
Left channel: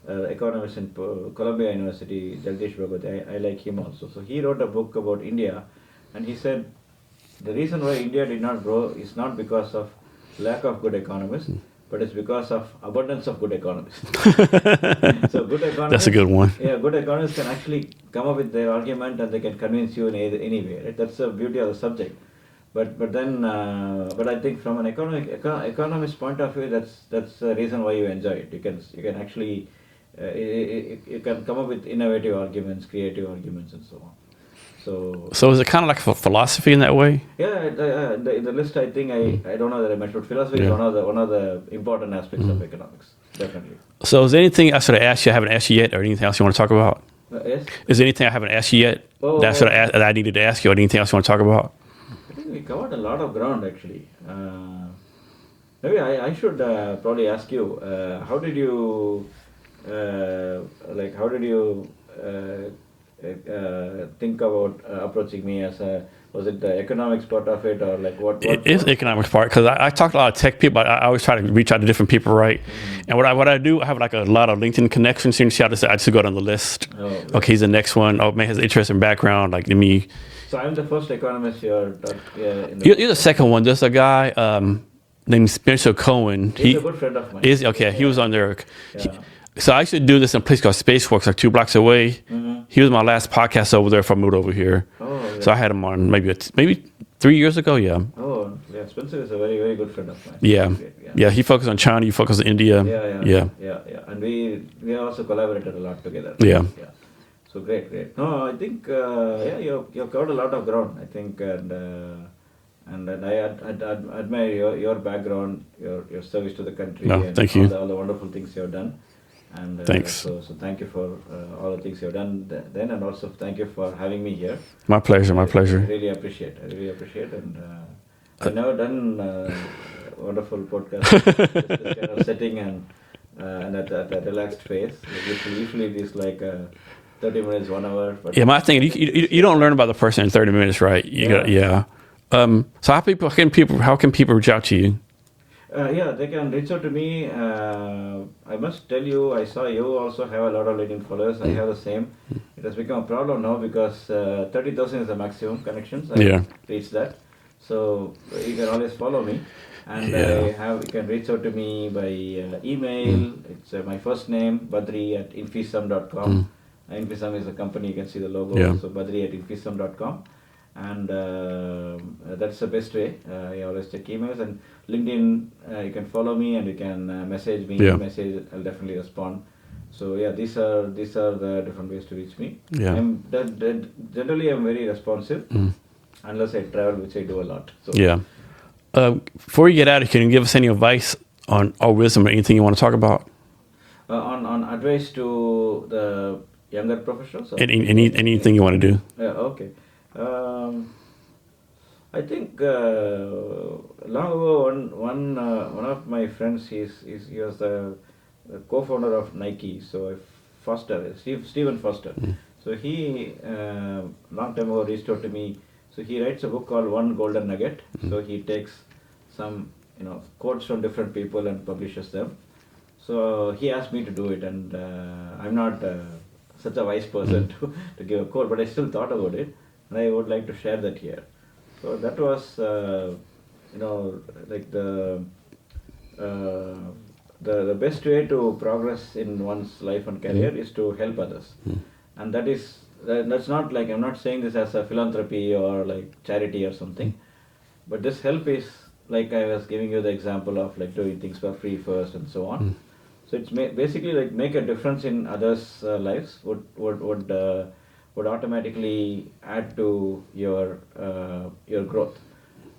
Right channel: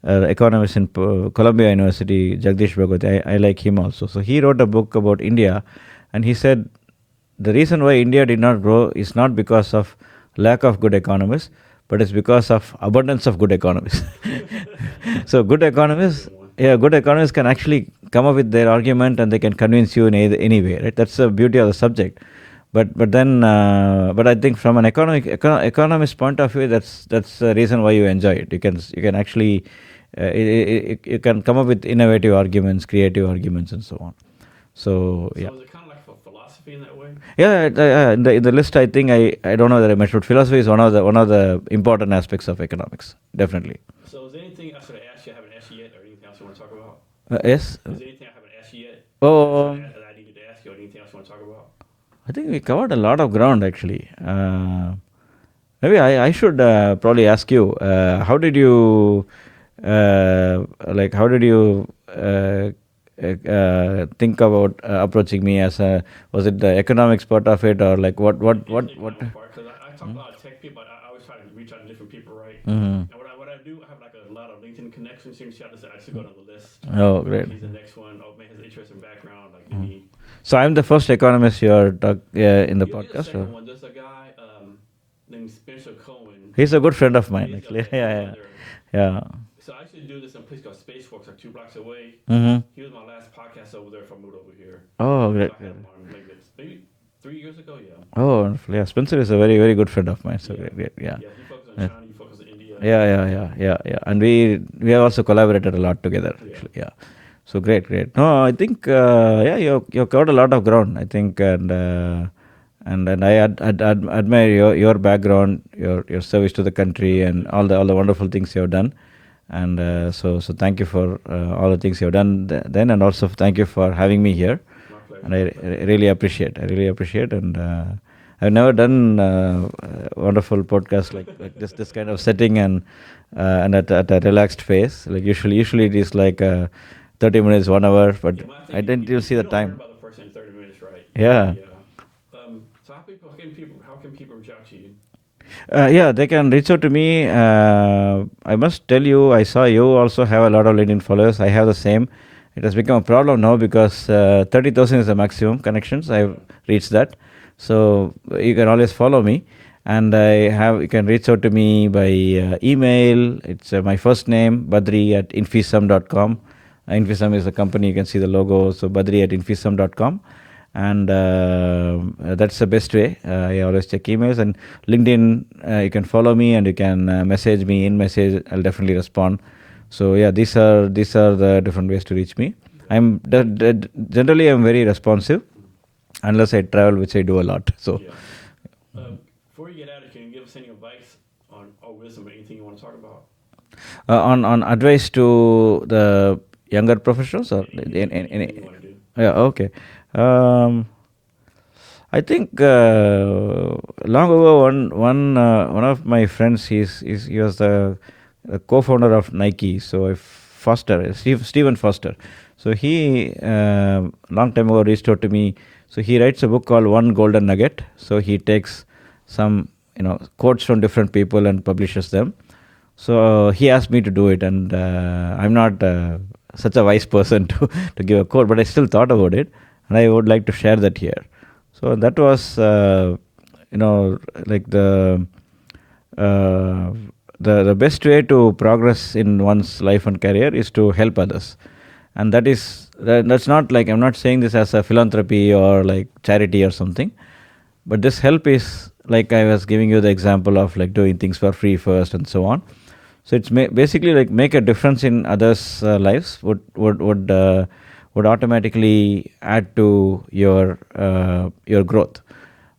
economists in Columbia University, Jagdish Bhagwati, I like him also. So he wrote a book about India, and he said the reason why India did not grow is not because of lack of good economists, but it's because of abundance of good economists. So good economists, that's a good one. Yeah, good economists can actually come up with their argument, and they can convince you in any way, right? That's the beauty of the subject. But I think from an economist point of view, that's the reason why you enjoy it. You can actually you can come up with innovative arguments, creative arguments, and so on. So is it kind of like a philosophy in that way? Yeah, in the list, I think I don't know that I mentioned, but philosophy is one of the important aspects of economics, definitely. So is there anything I should have asked you, I haven't asked you yet, or anything else you want to talk about? Yes. Is there anything I haven't asked you yet Oh, that I needed to ask you, or anything else you want to talk about? I think we covered a lot of ground actually. Maybe I should probably ask you, how did you think about approaching me as a, was it the economics part of it, or like what It is the economics part, because I talk to a lot of tech people. I always try to reach out to different people, right? And what I do, I have like a lot of LinkedIn connections. You see, I just go down the list. Oh, great. Okay, he's the next one. Oh man, has interesting background. Like me. So I'm the first economist you're in the You're the second one. There's a guy named Spencer Cohen. He's a good friend of mine. Okay, he was on there. Yeah. So I used to do this in a place called Spaceworks, like 2 blocks away. He was my last podcast over there before I moved over here. Oh, great. So I had him on maybe 3 years ago. Yeah. Oh, wonderful. Yeah. Spencer is a very, very good friend of mine. So Yeah. great. Yeah. He focused on China. You focus on India. Yeah. And we have also collaborated a lot together. Yeah. So great. No, I think you covered a lot of ground. I think, and I admire your background, your service to the country, and all the wonderful things you have done. And so thank you for all the things you have done then, and also thank you for having me here. My pleasure. I really appreciate, and I've never done wonderful podcast this kind of setting and at a relaxed pace. Like usually it is like 30 minutes, 1 hour. But my thing, you don't learn about the person in 30 minutes, right? Yeah. So how can people reach out to you? They can reach out to me. I must tell you, I saw you also have a lot of LinkedIn followers. I have the same. It has become a problem now because 30,000 is the maximum connections. I have reached that. So you can always follow me. And you can reach out to me by email. It's my first name, badri@infisum.com. Infisum is a company, you can see the logo. So badri@infisum.com. And that's the best way. I always check emails, and LinkedIn, you can follow me and you can message me. Message, I'll definitely respond. So these are the different ways to reach me. I'm generally I'm very responsive, unless I travel, which I do a lot. So before you get out, can you give us any advice on or wisdom or anything you want to talk about? On advice to the younger professionals, or anything you want to do? Okay. I think long ago, one of my friends, he was the co-founder of Nike. So Stephen Foster. So he long time ago reached out to me. So he writes a book called One Golden Nugget. So he takes some quotes from different people and publishes them. So he asked me to do it, and I'm not such a wise person to give a quote, but I still thought about it. And I would like to share that here. So that was, like the best way to progress in one's life and career is to help others. And that's not like, I'm not saying this as a philanthropy or like charity or something, but this help is like I was giving you the example of like doing things for free first and so on. So it's basically like make a difference in others' lives would automatically add to your growth,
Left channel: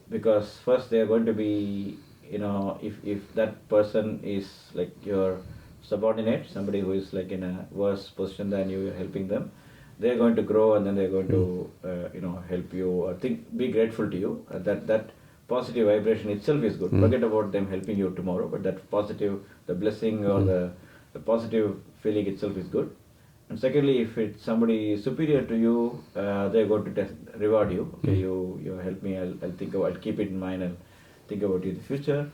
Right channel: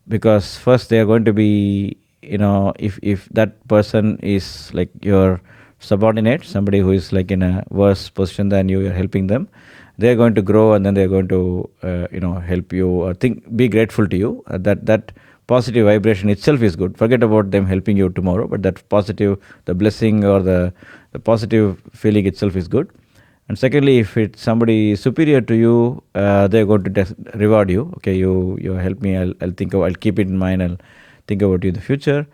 because first they are going to be, if that person is like your subordinate, somebody who is like in a worse position than you, you're helping them, they're going to grow, and then they're going to help you or be grateful to you. That positive vibration itself is good. Forget about them helping you tomorrow, but that positive, the blessing or the positive feeling itself is good. And secondly, if it's somebody superior to you, they're going to reward you. Okay, you help me. I'll keep it in mind. I'll think about you in the future.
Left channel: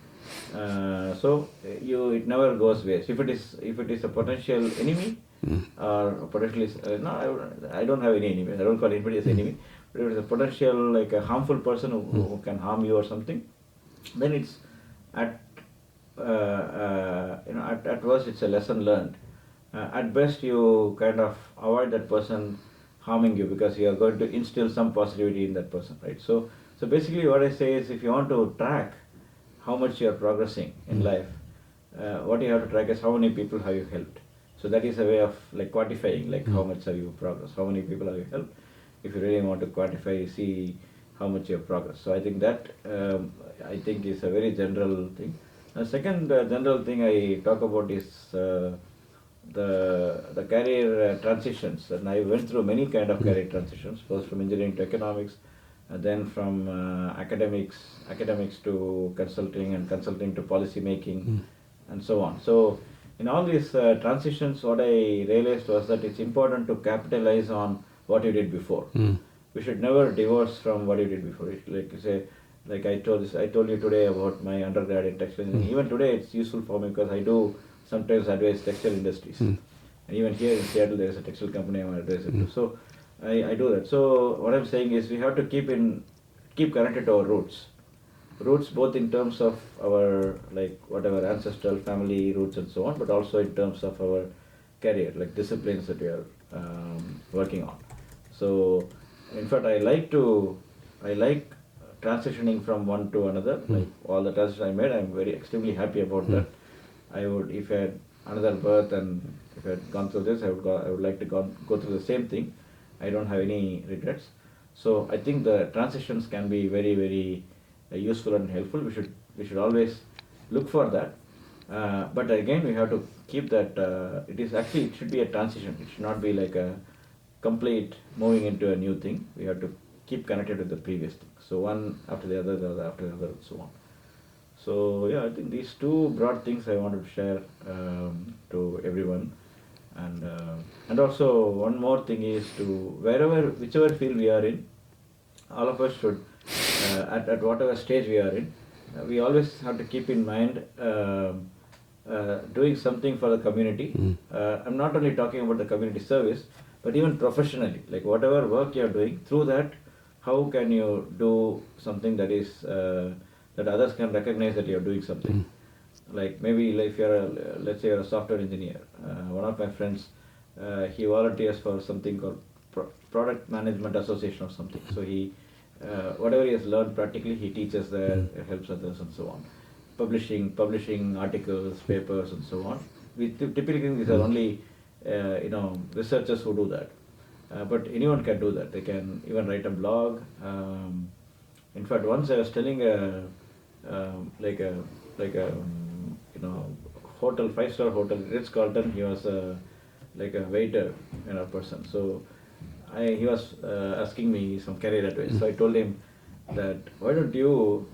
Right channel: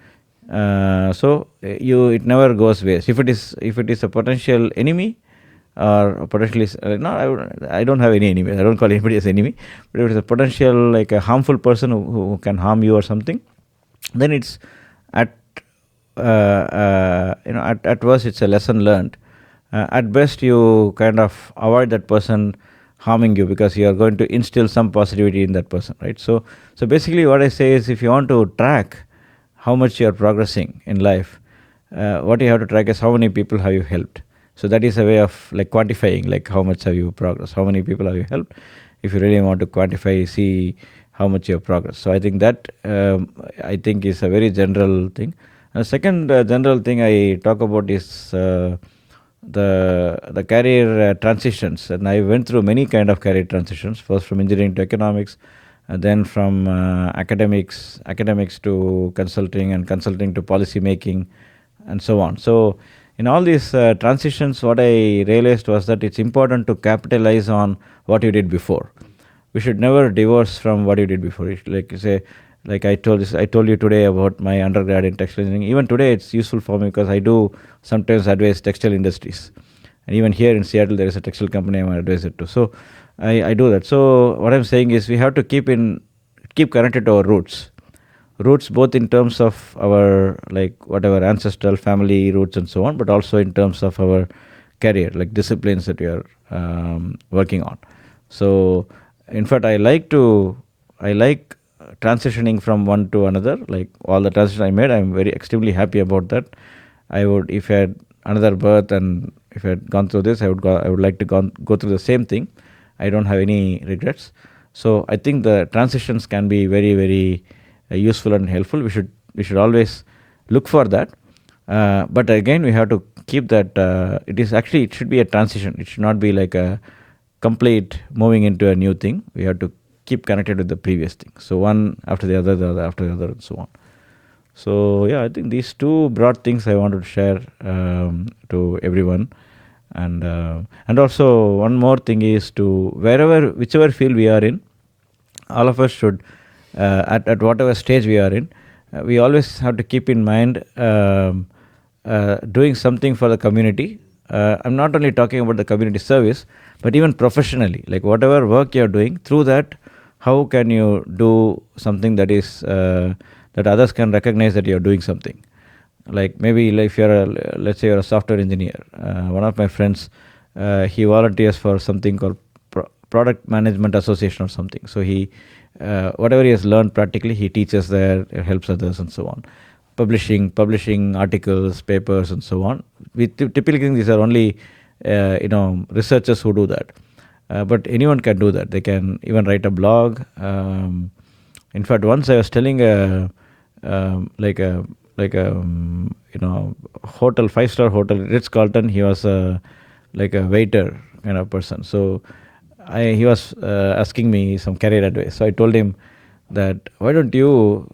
So it never goes waste. If it is a potential enemy, or potentially I don't have any enemy. I don't call anybody as enemy. But if it is a potential like a harmful person who can harm you or something, then it's at worst it's a lesson learned. At best, you kind of avoid that person harming you, because you are going to instill some positivity in that person, right? So basically what I say is, if you want to track how much you are progressing in life, what you have to track is how many people have you helped. So that is a way of like quantifying, like how much have you progressed, how many people have you helped. If you really want to quantify, see how much you have progressed. So I think that is a very general thing. The second general thing I talk about is the career transitions, and I went through many kind of career transitions. First from engineering to economics, and then from academics to consulting, and consulting to policy making, and so on. So in all these transitions, what I realized was that it's important to capitalize on what you did before. We should never divorce from what you did before. Like you say, like I told you today about my undergrad in textile engineering. Even today, it's useful for me because I do sometimes advise textile industries. And even here in Seattle, there is a textile company I'm an advisor to. So I do that. So what I'm saying is we have to keep connected to our roots both in terms of our like whatever ancestral family roots and so on, but also in terms of our career, like disciplines that we are working on. So in fact, I like transitioning from one to another. Like all the transitions I made, I'm very extremely happy about that. I would, if I had another birth and if I had gone through this, I would like to go through the same thing. I don't have any regrets. So I think the transitions can be very, very useful and helpful. We should always look for that. But again, we have to keep that. It should be a transition. It should not be like a complete moving into a new thing. We have to keep connected with the previous thing. So one after the other after the other, and so on. So yeah, I think these two broad things I wanted to share to everyone. And also one more thing is to whichever field we are in, all of us should, at whatever stage we are in, we always have to keep in mind doing something for the community. I'm not only talking about the community service, but even professionally, like whatever work you're doing, through that, how can you do something that is that others can recognize that you're doing something. Like maybe if let's say you're a software engineer. One of my friends, he volunteers for something called Product Management Association or something. So he, whatever he has learned practically, he teaches there, helps others and so on. Publishing articles, papers and so on. We typically think these are only researchers who do that. But anyone can do that. They can even write a blog. In fact, once I was telling hotel, 5-star hotel, Ritz-Carlton. He was like a waiter kind of person. So he was asking me some career advice. So I told him that why don't you,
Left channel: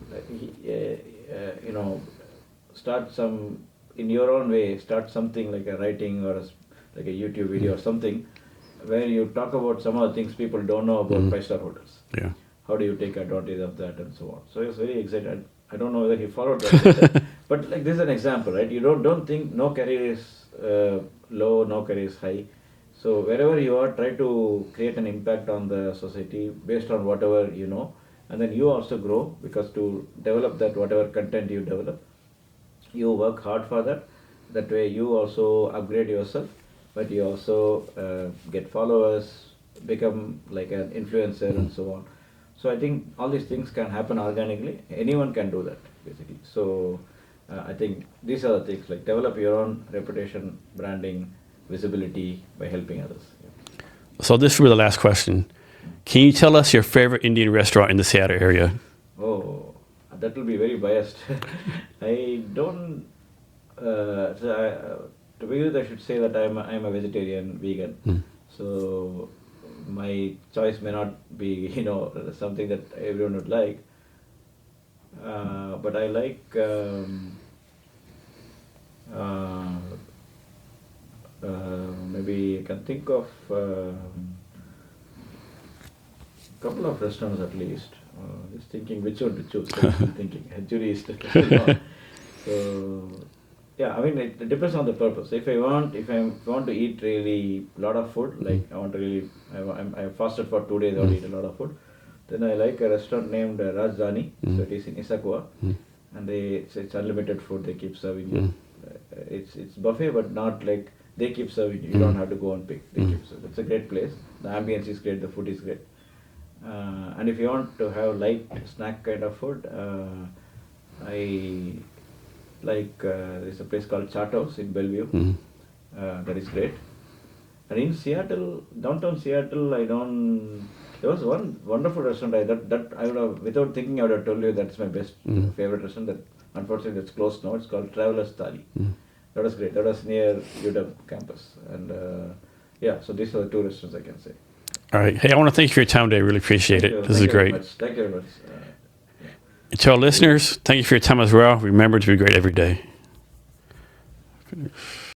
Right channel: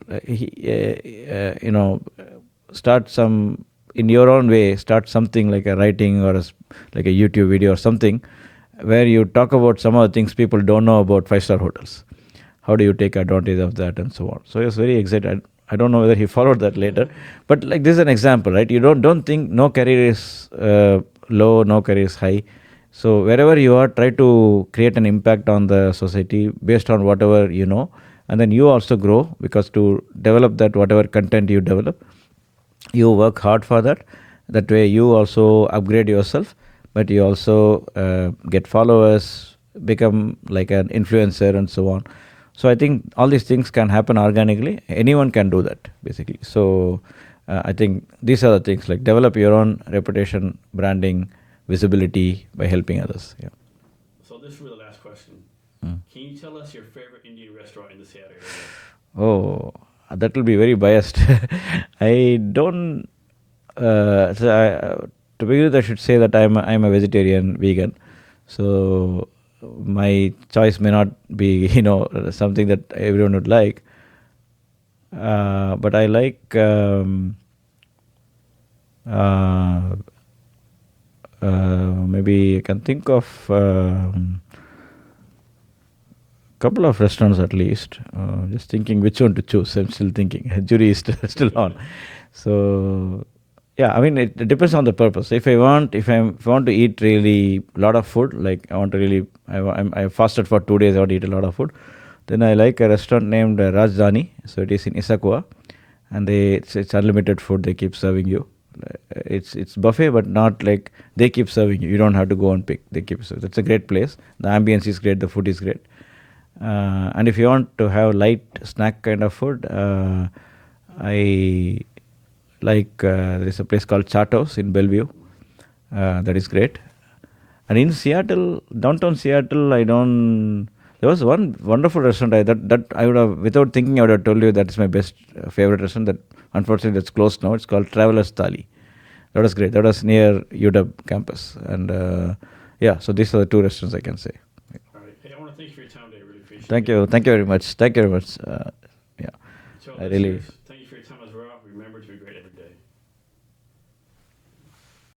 start some in your own way, start something like a writing or like a YouTube video or something, where you talk about some of the things people don't know about 5-star hotels. Yeah. How do you take advantage of that and so on. So he was very excited. I don't know whether he followed that later, but like this is an example, right? You don't think no career is low, no career is high. So wherever you are, try to create an impact on the society based on whatever you know, and then you also grow, because to develop that, whatever content you develop, you work hard for that. That way you also upgrade yourself, but you also get followers, become like an influencer and so on. So I think all these things can happen organically. Anyone can do that, basically. So I think these are the things, like develop your own reputation, branding, visibility by helping others. Yeah. So this will be the last question. Can you tell us your favorite Indian restaurant in the Seattle area? Oh, that will be very biased. I don't. To begin with, I should say that I'm a vegetarian, vegan. So my choice may not be something that everyone would like. But I like maybe I can think of couple of restaurants at least. Just thinking which one to choose. I'm still thinking. Jury is still on. So yeah, I mean it depends on the purpose. If I want to eat really a lot of food, like I fasted for 2 days, I want to eat a lot of food, then I like a restaurant named Rajdhani. So it is in Issaquah, and it's unlimited food. They keep serving you. It's buffet, but not like they keep serving you. You don't have to go and pick. They keep serving. It's a great place. The ambience is great. The food is great. And if you want to have light snack kind of food, I like there is a place called Chartos in Bellevue. That is great. And in Seattle, downtown Seattle, there was one wonderful restaurant that I would have, without thinking, I would have told you that is my best favorite restaurant. That unfortunately that's closed now. It's called Traveler's Thali. That was great. That was near UW campus. And yeah, so these are the two restaurants I can say. All right. Hey, I want to thank you for your time today. I really appreciate Thank it. you. This Thank is you very great. much. Thank you very much. Yeah. To our listeners, thank you for your time as well. Remember to be great every day.